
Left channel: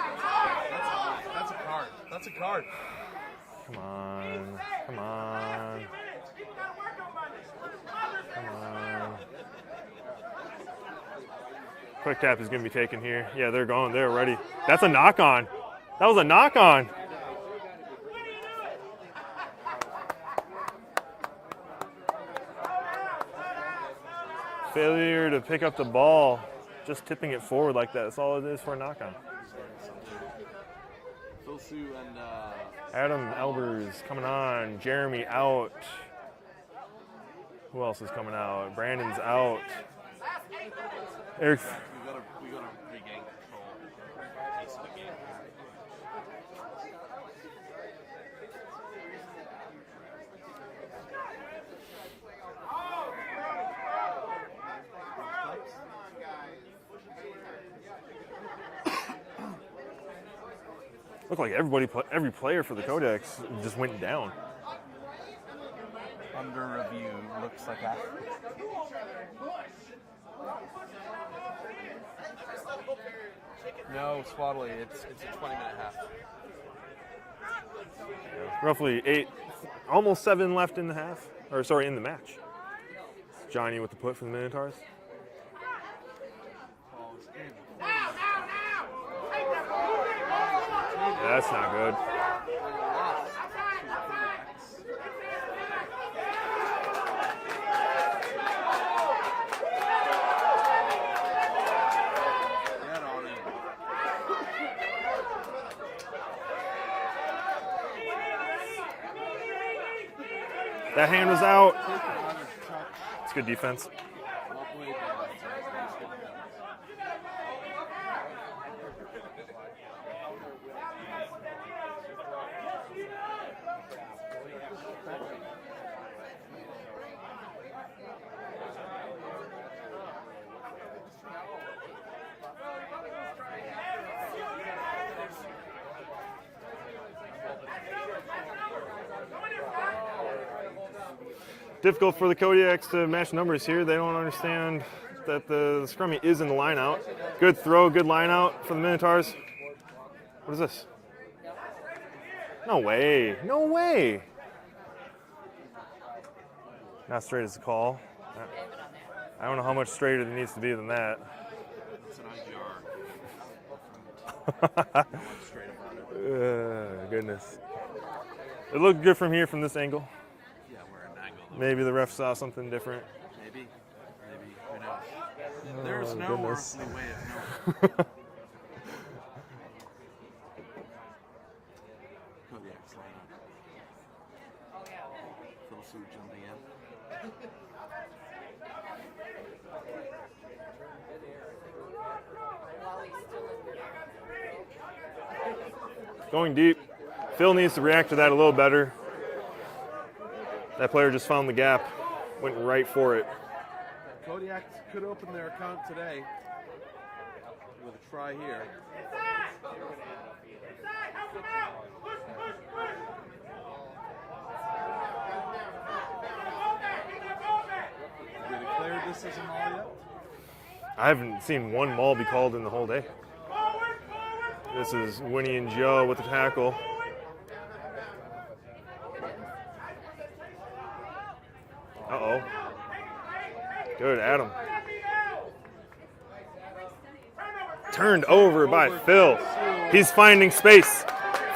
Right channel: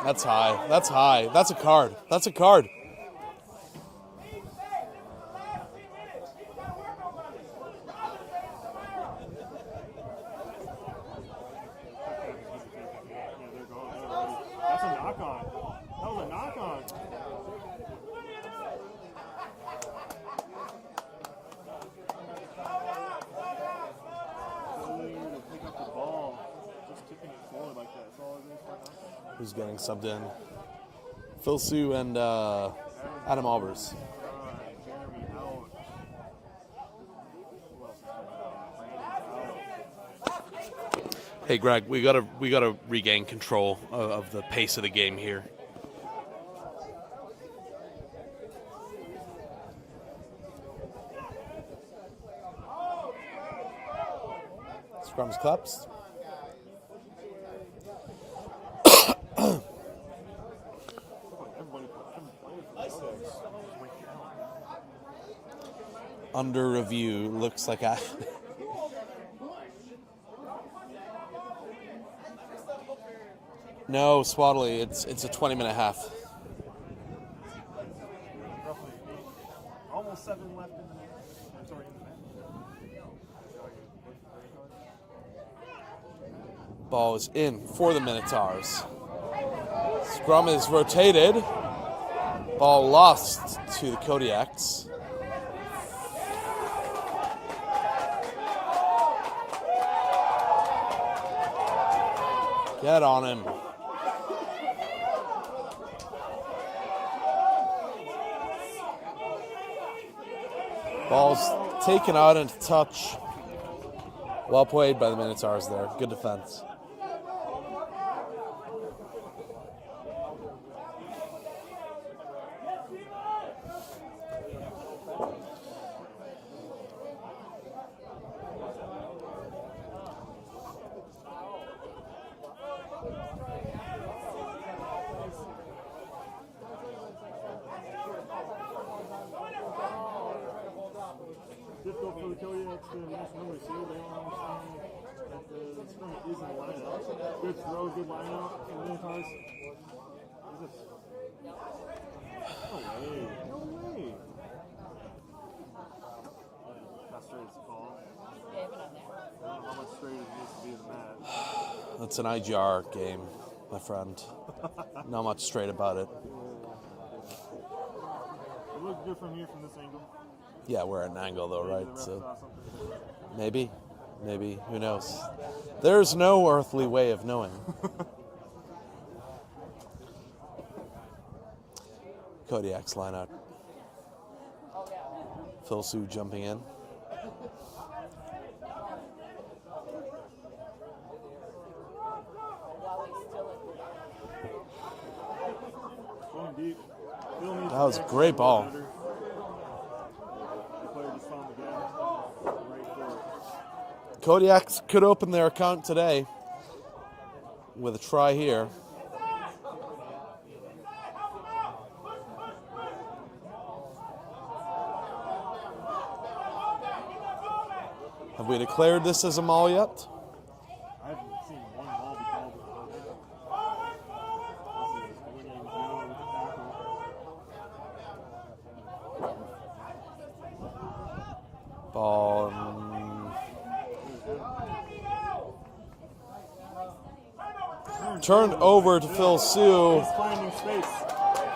That's high. That's high. That's a card. That's a card. Come on. Come on. Quick tap is going to be taken here. Yeah, they're going. They're ready. That's a knock on. That was a knock on. Failure to pick up the ball. Just tipping it forward like that. That's all it is for a knock on. Who's getting subbed in? Phil Sue and Adam Albers. Albers coming on. Jeremy out. Who else is coming out? Brandon's out. Hey Greg, we gotta regain control of the pace of the game here. Scrums collapsed. Looked like every player for the Kodiaks just went down. Under review, looks like a... No, Swaddley, it's a 20-minute half. Roughly 8, almost 7 left in the half. Or sorry, in the match. Johnny with the put for the Minotaurs. Ball is in for the Minotaurs. Scrum is rotated. That's not good. Ball lost to the Kodiaks. Get on him. That hand was out. Taken out into touch. It's good defense. Well played by the Minotaurs there. Good defense. Difficult for the Kodiaks to match numbers here. They don't understand that the scrummy is in the line out. Good throw, good line out for the Minotaurs. What is this? No way. No way. Not straight as a call. I don't know how much straighter it needs to be than that. That's an IGR game, my friend. Not much straight about it. Goodness. It looked good from here, from this angle. Yeah, we're at an angle though. Maybe right? the ref So saw something different. maybe, who knows? There's no earthly way of knowing. Kodiaks line out. Phil Sue jumping in. Going deep. Phil needs to That was react to great that a little ball. better. That player just found the gap, went right for it. Kodiaks could open their account today with a try here. Have we declared this as a maul yet? I haven't seen one maul be called in the whole day. This is Winnie and Joe with the tackle. Ball. Good, Adam. Turned Turned over over by to Phil Phil. Sue. He's finding space.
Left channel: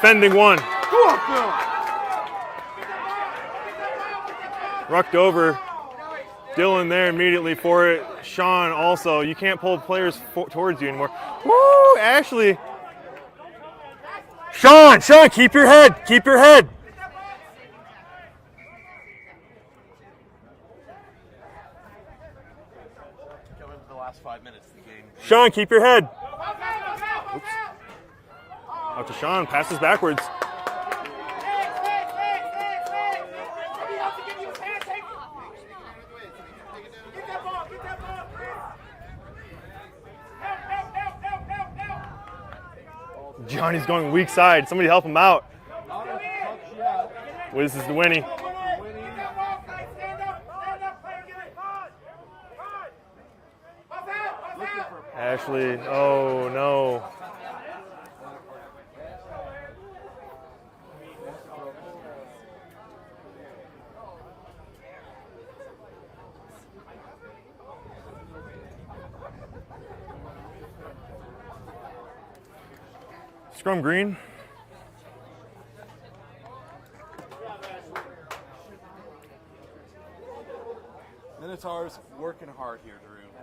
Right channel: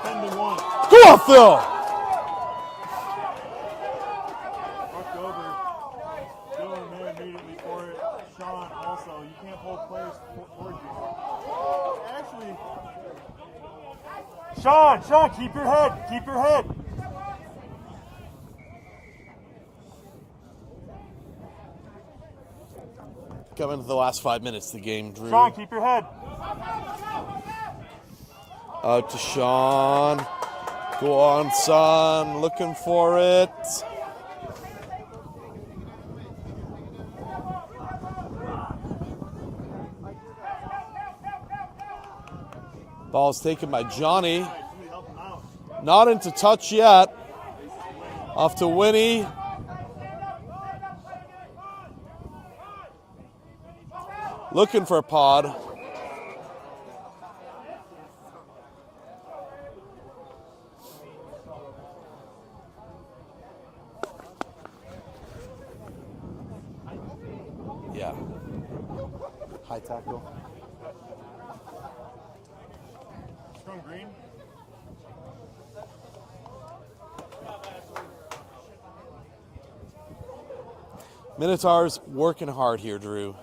Fending one. Go, Phil! Rucked over. Dylan there immediately for it. Sean also. You can't pull players towards you anymore. Woo, Ashley. Sean, keep your head. Keep your head. Coming to the last 5 minutes of the game, Drew. Sean, keep your head. Out to Sean passes backwards. Go on, son. Looking for it. Ball's taken Johnny's by going to Johnny. the weak side. Somebody help him out. Not into touch yet. This is the Winnie. Off to Winnie. Looking for a pod. Ashley. Oh, no. Yeah. High tackle. Scrum green. Minotaurs working hard here, Drew.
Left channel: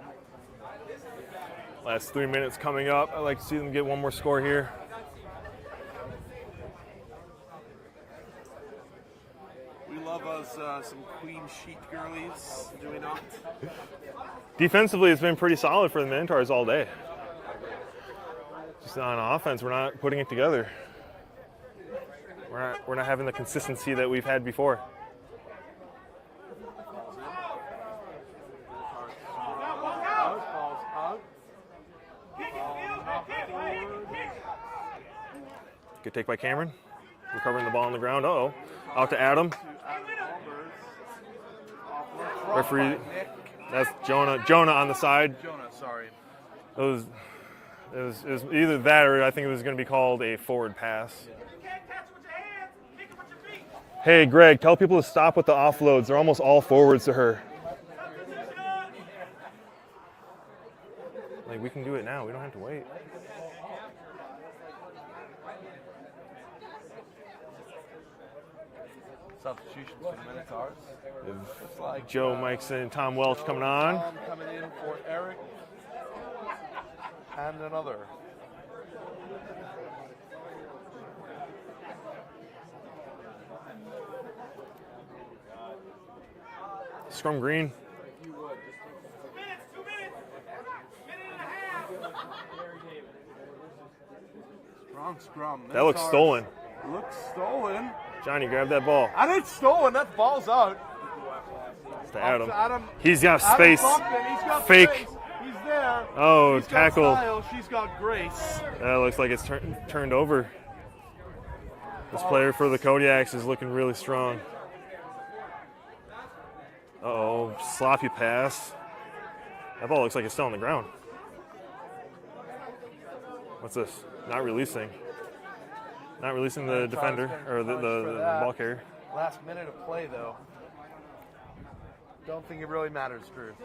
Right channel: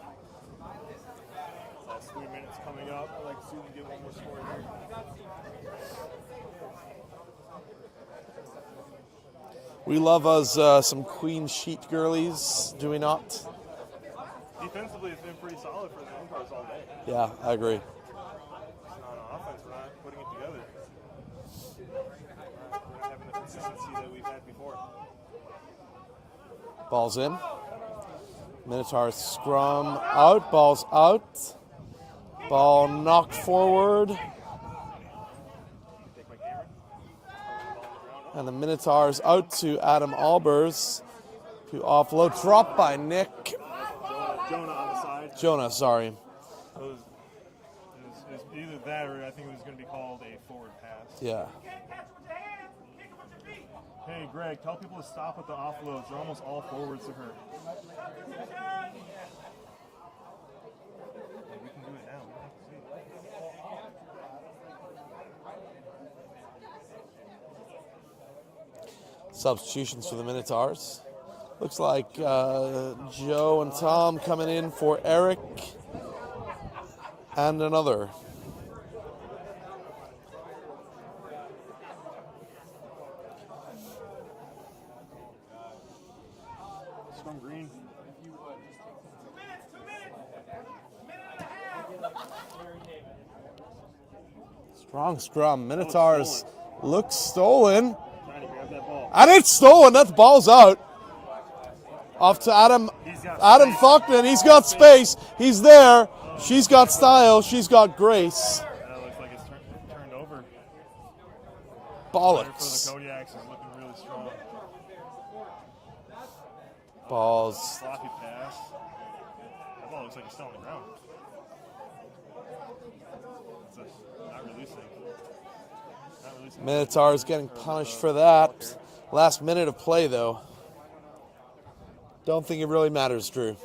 Last 3 minutes coming up. I'd like to see them get one more score here. We love us some queen sheet girlies, do we not? Defensively, it's been pretty solid for the Minotaurs all day. Yeah, I agree. Just on offense, we're not putting it together. We're not having the consistency that we've had before. Ball's in. Minotaurs scrum out, ball's out. Ball knocked forward. Good take by Cameron. Recovering the ball on the ground. Uh-oh. And the Minotaurs Adam. out to Adam Albers to offload. Dropped by Referee. Nick. That's Jonah. Jonah on the side. Jonah, sorry. It was either that or I think it was going to be called a forward pass. Yeah. Hey, Greg, tell people to stop with the offloads. They're almost all forwards to her. Like, we can do it now. We don't have to wait. Substitutions for the Minotaurs. Looks like Joe Mike's in, Tom Welch Joe coming and on. Tom coming in for Eric and another. Scrum green. Strong scrum. That looks Minotaurs stolen. looks stolen. Johnny, grab that ball. And it's stolen. That ball's out. Off to Adam. He's got Adam space. Faulkner. He's got Fake. space. He's there. Oh, she's got tackle. style. She's got grace. That looks like it's turned over. This Bollocks. player for the Kodiaks is looking really strong. Oh, Balls. sloppy pass. That ball looks like it's still on the ground. What's this? Not releasing. Not releasing the Minotaurs defender. getting Or punished the for ball that. carrier. Last minute of play, though. Don't think it really matters, Drew.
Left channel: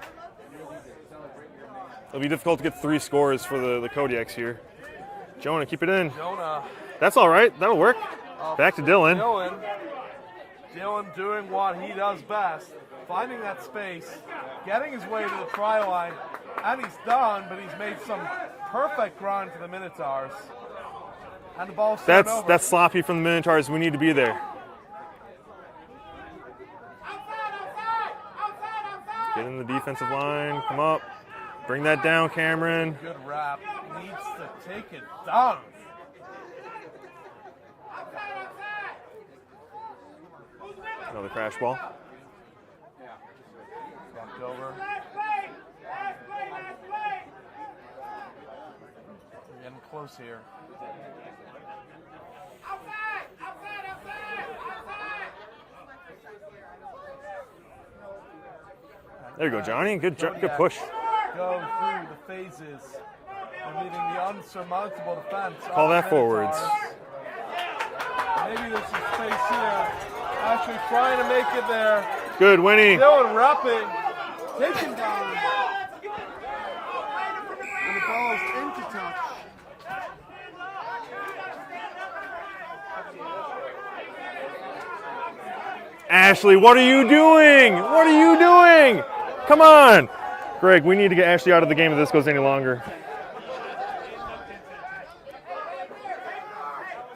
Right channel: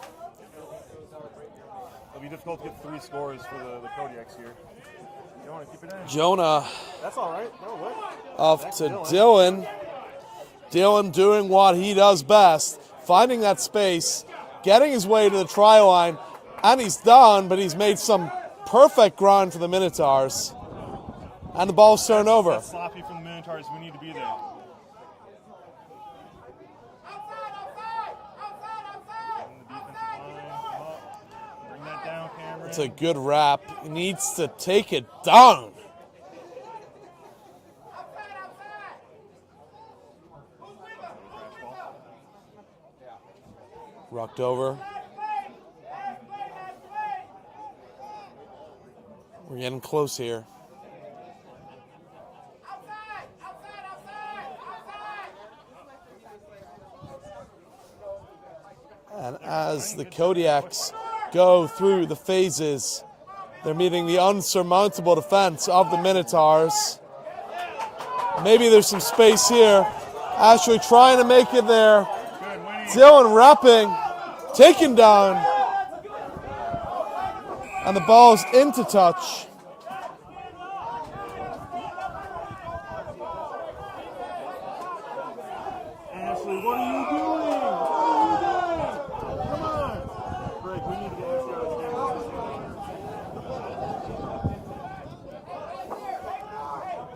It'll be difficult to get 3 scores for the Kodiaks here. Jonah, keep it in. Jonah That's all right. That'll work. off Back to Dylan. Dylan doing what he does best, finding that space, getting his way to the try line, and he's done, but he's made some perfect ground for the Minotaurs. And the ball's turned over. That's sloppy from the Minotaurs. We need to be there. Get in the defensive line. Come up. Bring that down, Cameron. It's a good wrap. He needs to take it down. Another crash ball. Rocked over. We're getting close here. And There you go, as Johnny. the Good push. Kodiaks go through the phases, they're meeting the unsurmountable defense of the that Minotaurs. forwards. Maybe there's some space here. Ashley trying to make it there. Good, Winnie. Dylan wrapping, taken down. And the ball's into touch. Ashley, what are you doing? What are you doing? Come on. Greg, we need to get Ashley out of the game if this goes any longer.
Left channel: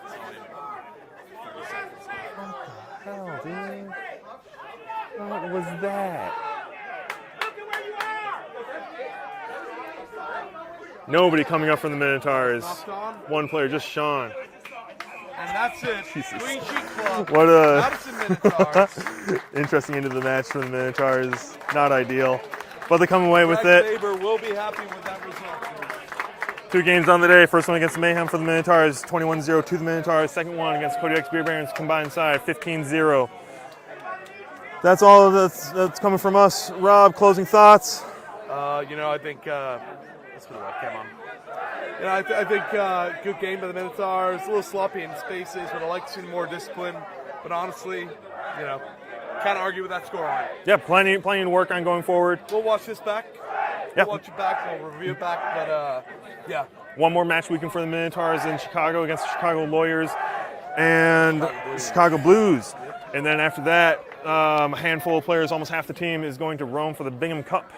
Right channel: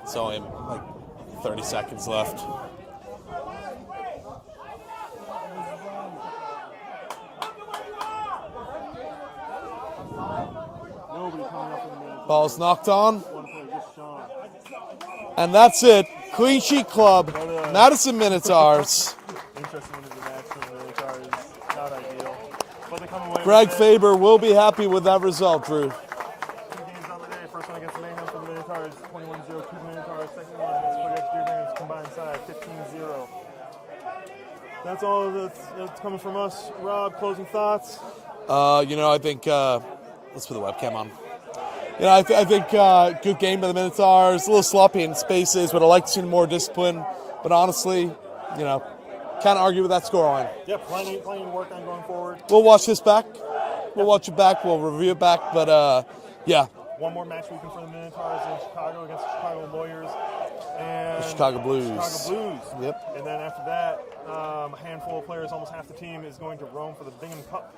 It's only like 30 seconds left. What was that? Nobody coming up from the Minotaurs. Ball's knocked on. One player, just Sean. And that's it. Clean sheet club. What a Madison Minotaurs. interesting end of the match for the Minotaurs. Not ideal, but they come away Greg with it. Faber will be happy with that result, Drew. 2 games on the day. First one against Mayhem for the Minotaurs, 21-0 to the Minotaurs. Second one against Kodiaks Beer Barons, combined side, 15-0. That's all that's coming from us. Rob, closing thoughts? I think, let's put the webcam on. I think good game by the Minotaurs. A little sloppy in spaces, but I'd like to see more discipline. But honestly, can't argue with that scoreline. Yeah, plenty to work on going forward. We'll watch this back. Yeah. We'll watch it back. We'll review it back. But, yeah. One more match weekend for the Minotaurs in Chicago against the Chicago Lawyers and Chicago Blues. Yep. And then after that, a handful of players, almost half the team, is going to Rome for the Bingham Cup.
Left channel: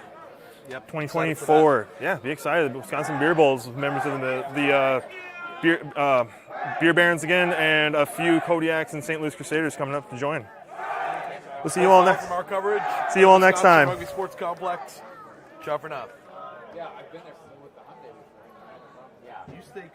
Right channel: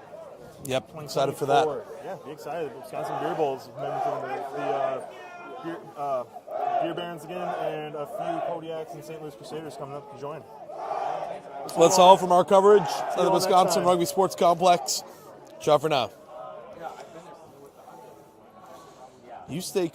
Yep. 2024. Yeah, be excited. Wisconsin Beer Bowls, members of the Beer Barons again, and a few Kodiaks and St. Louis Crusaders coming up to join. We'll see you That's all all from our coverage. See you all next Wisconsin time. Rugby Sports Complex. Ciao for now. You stay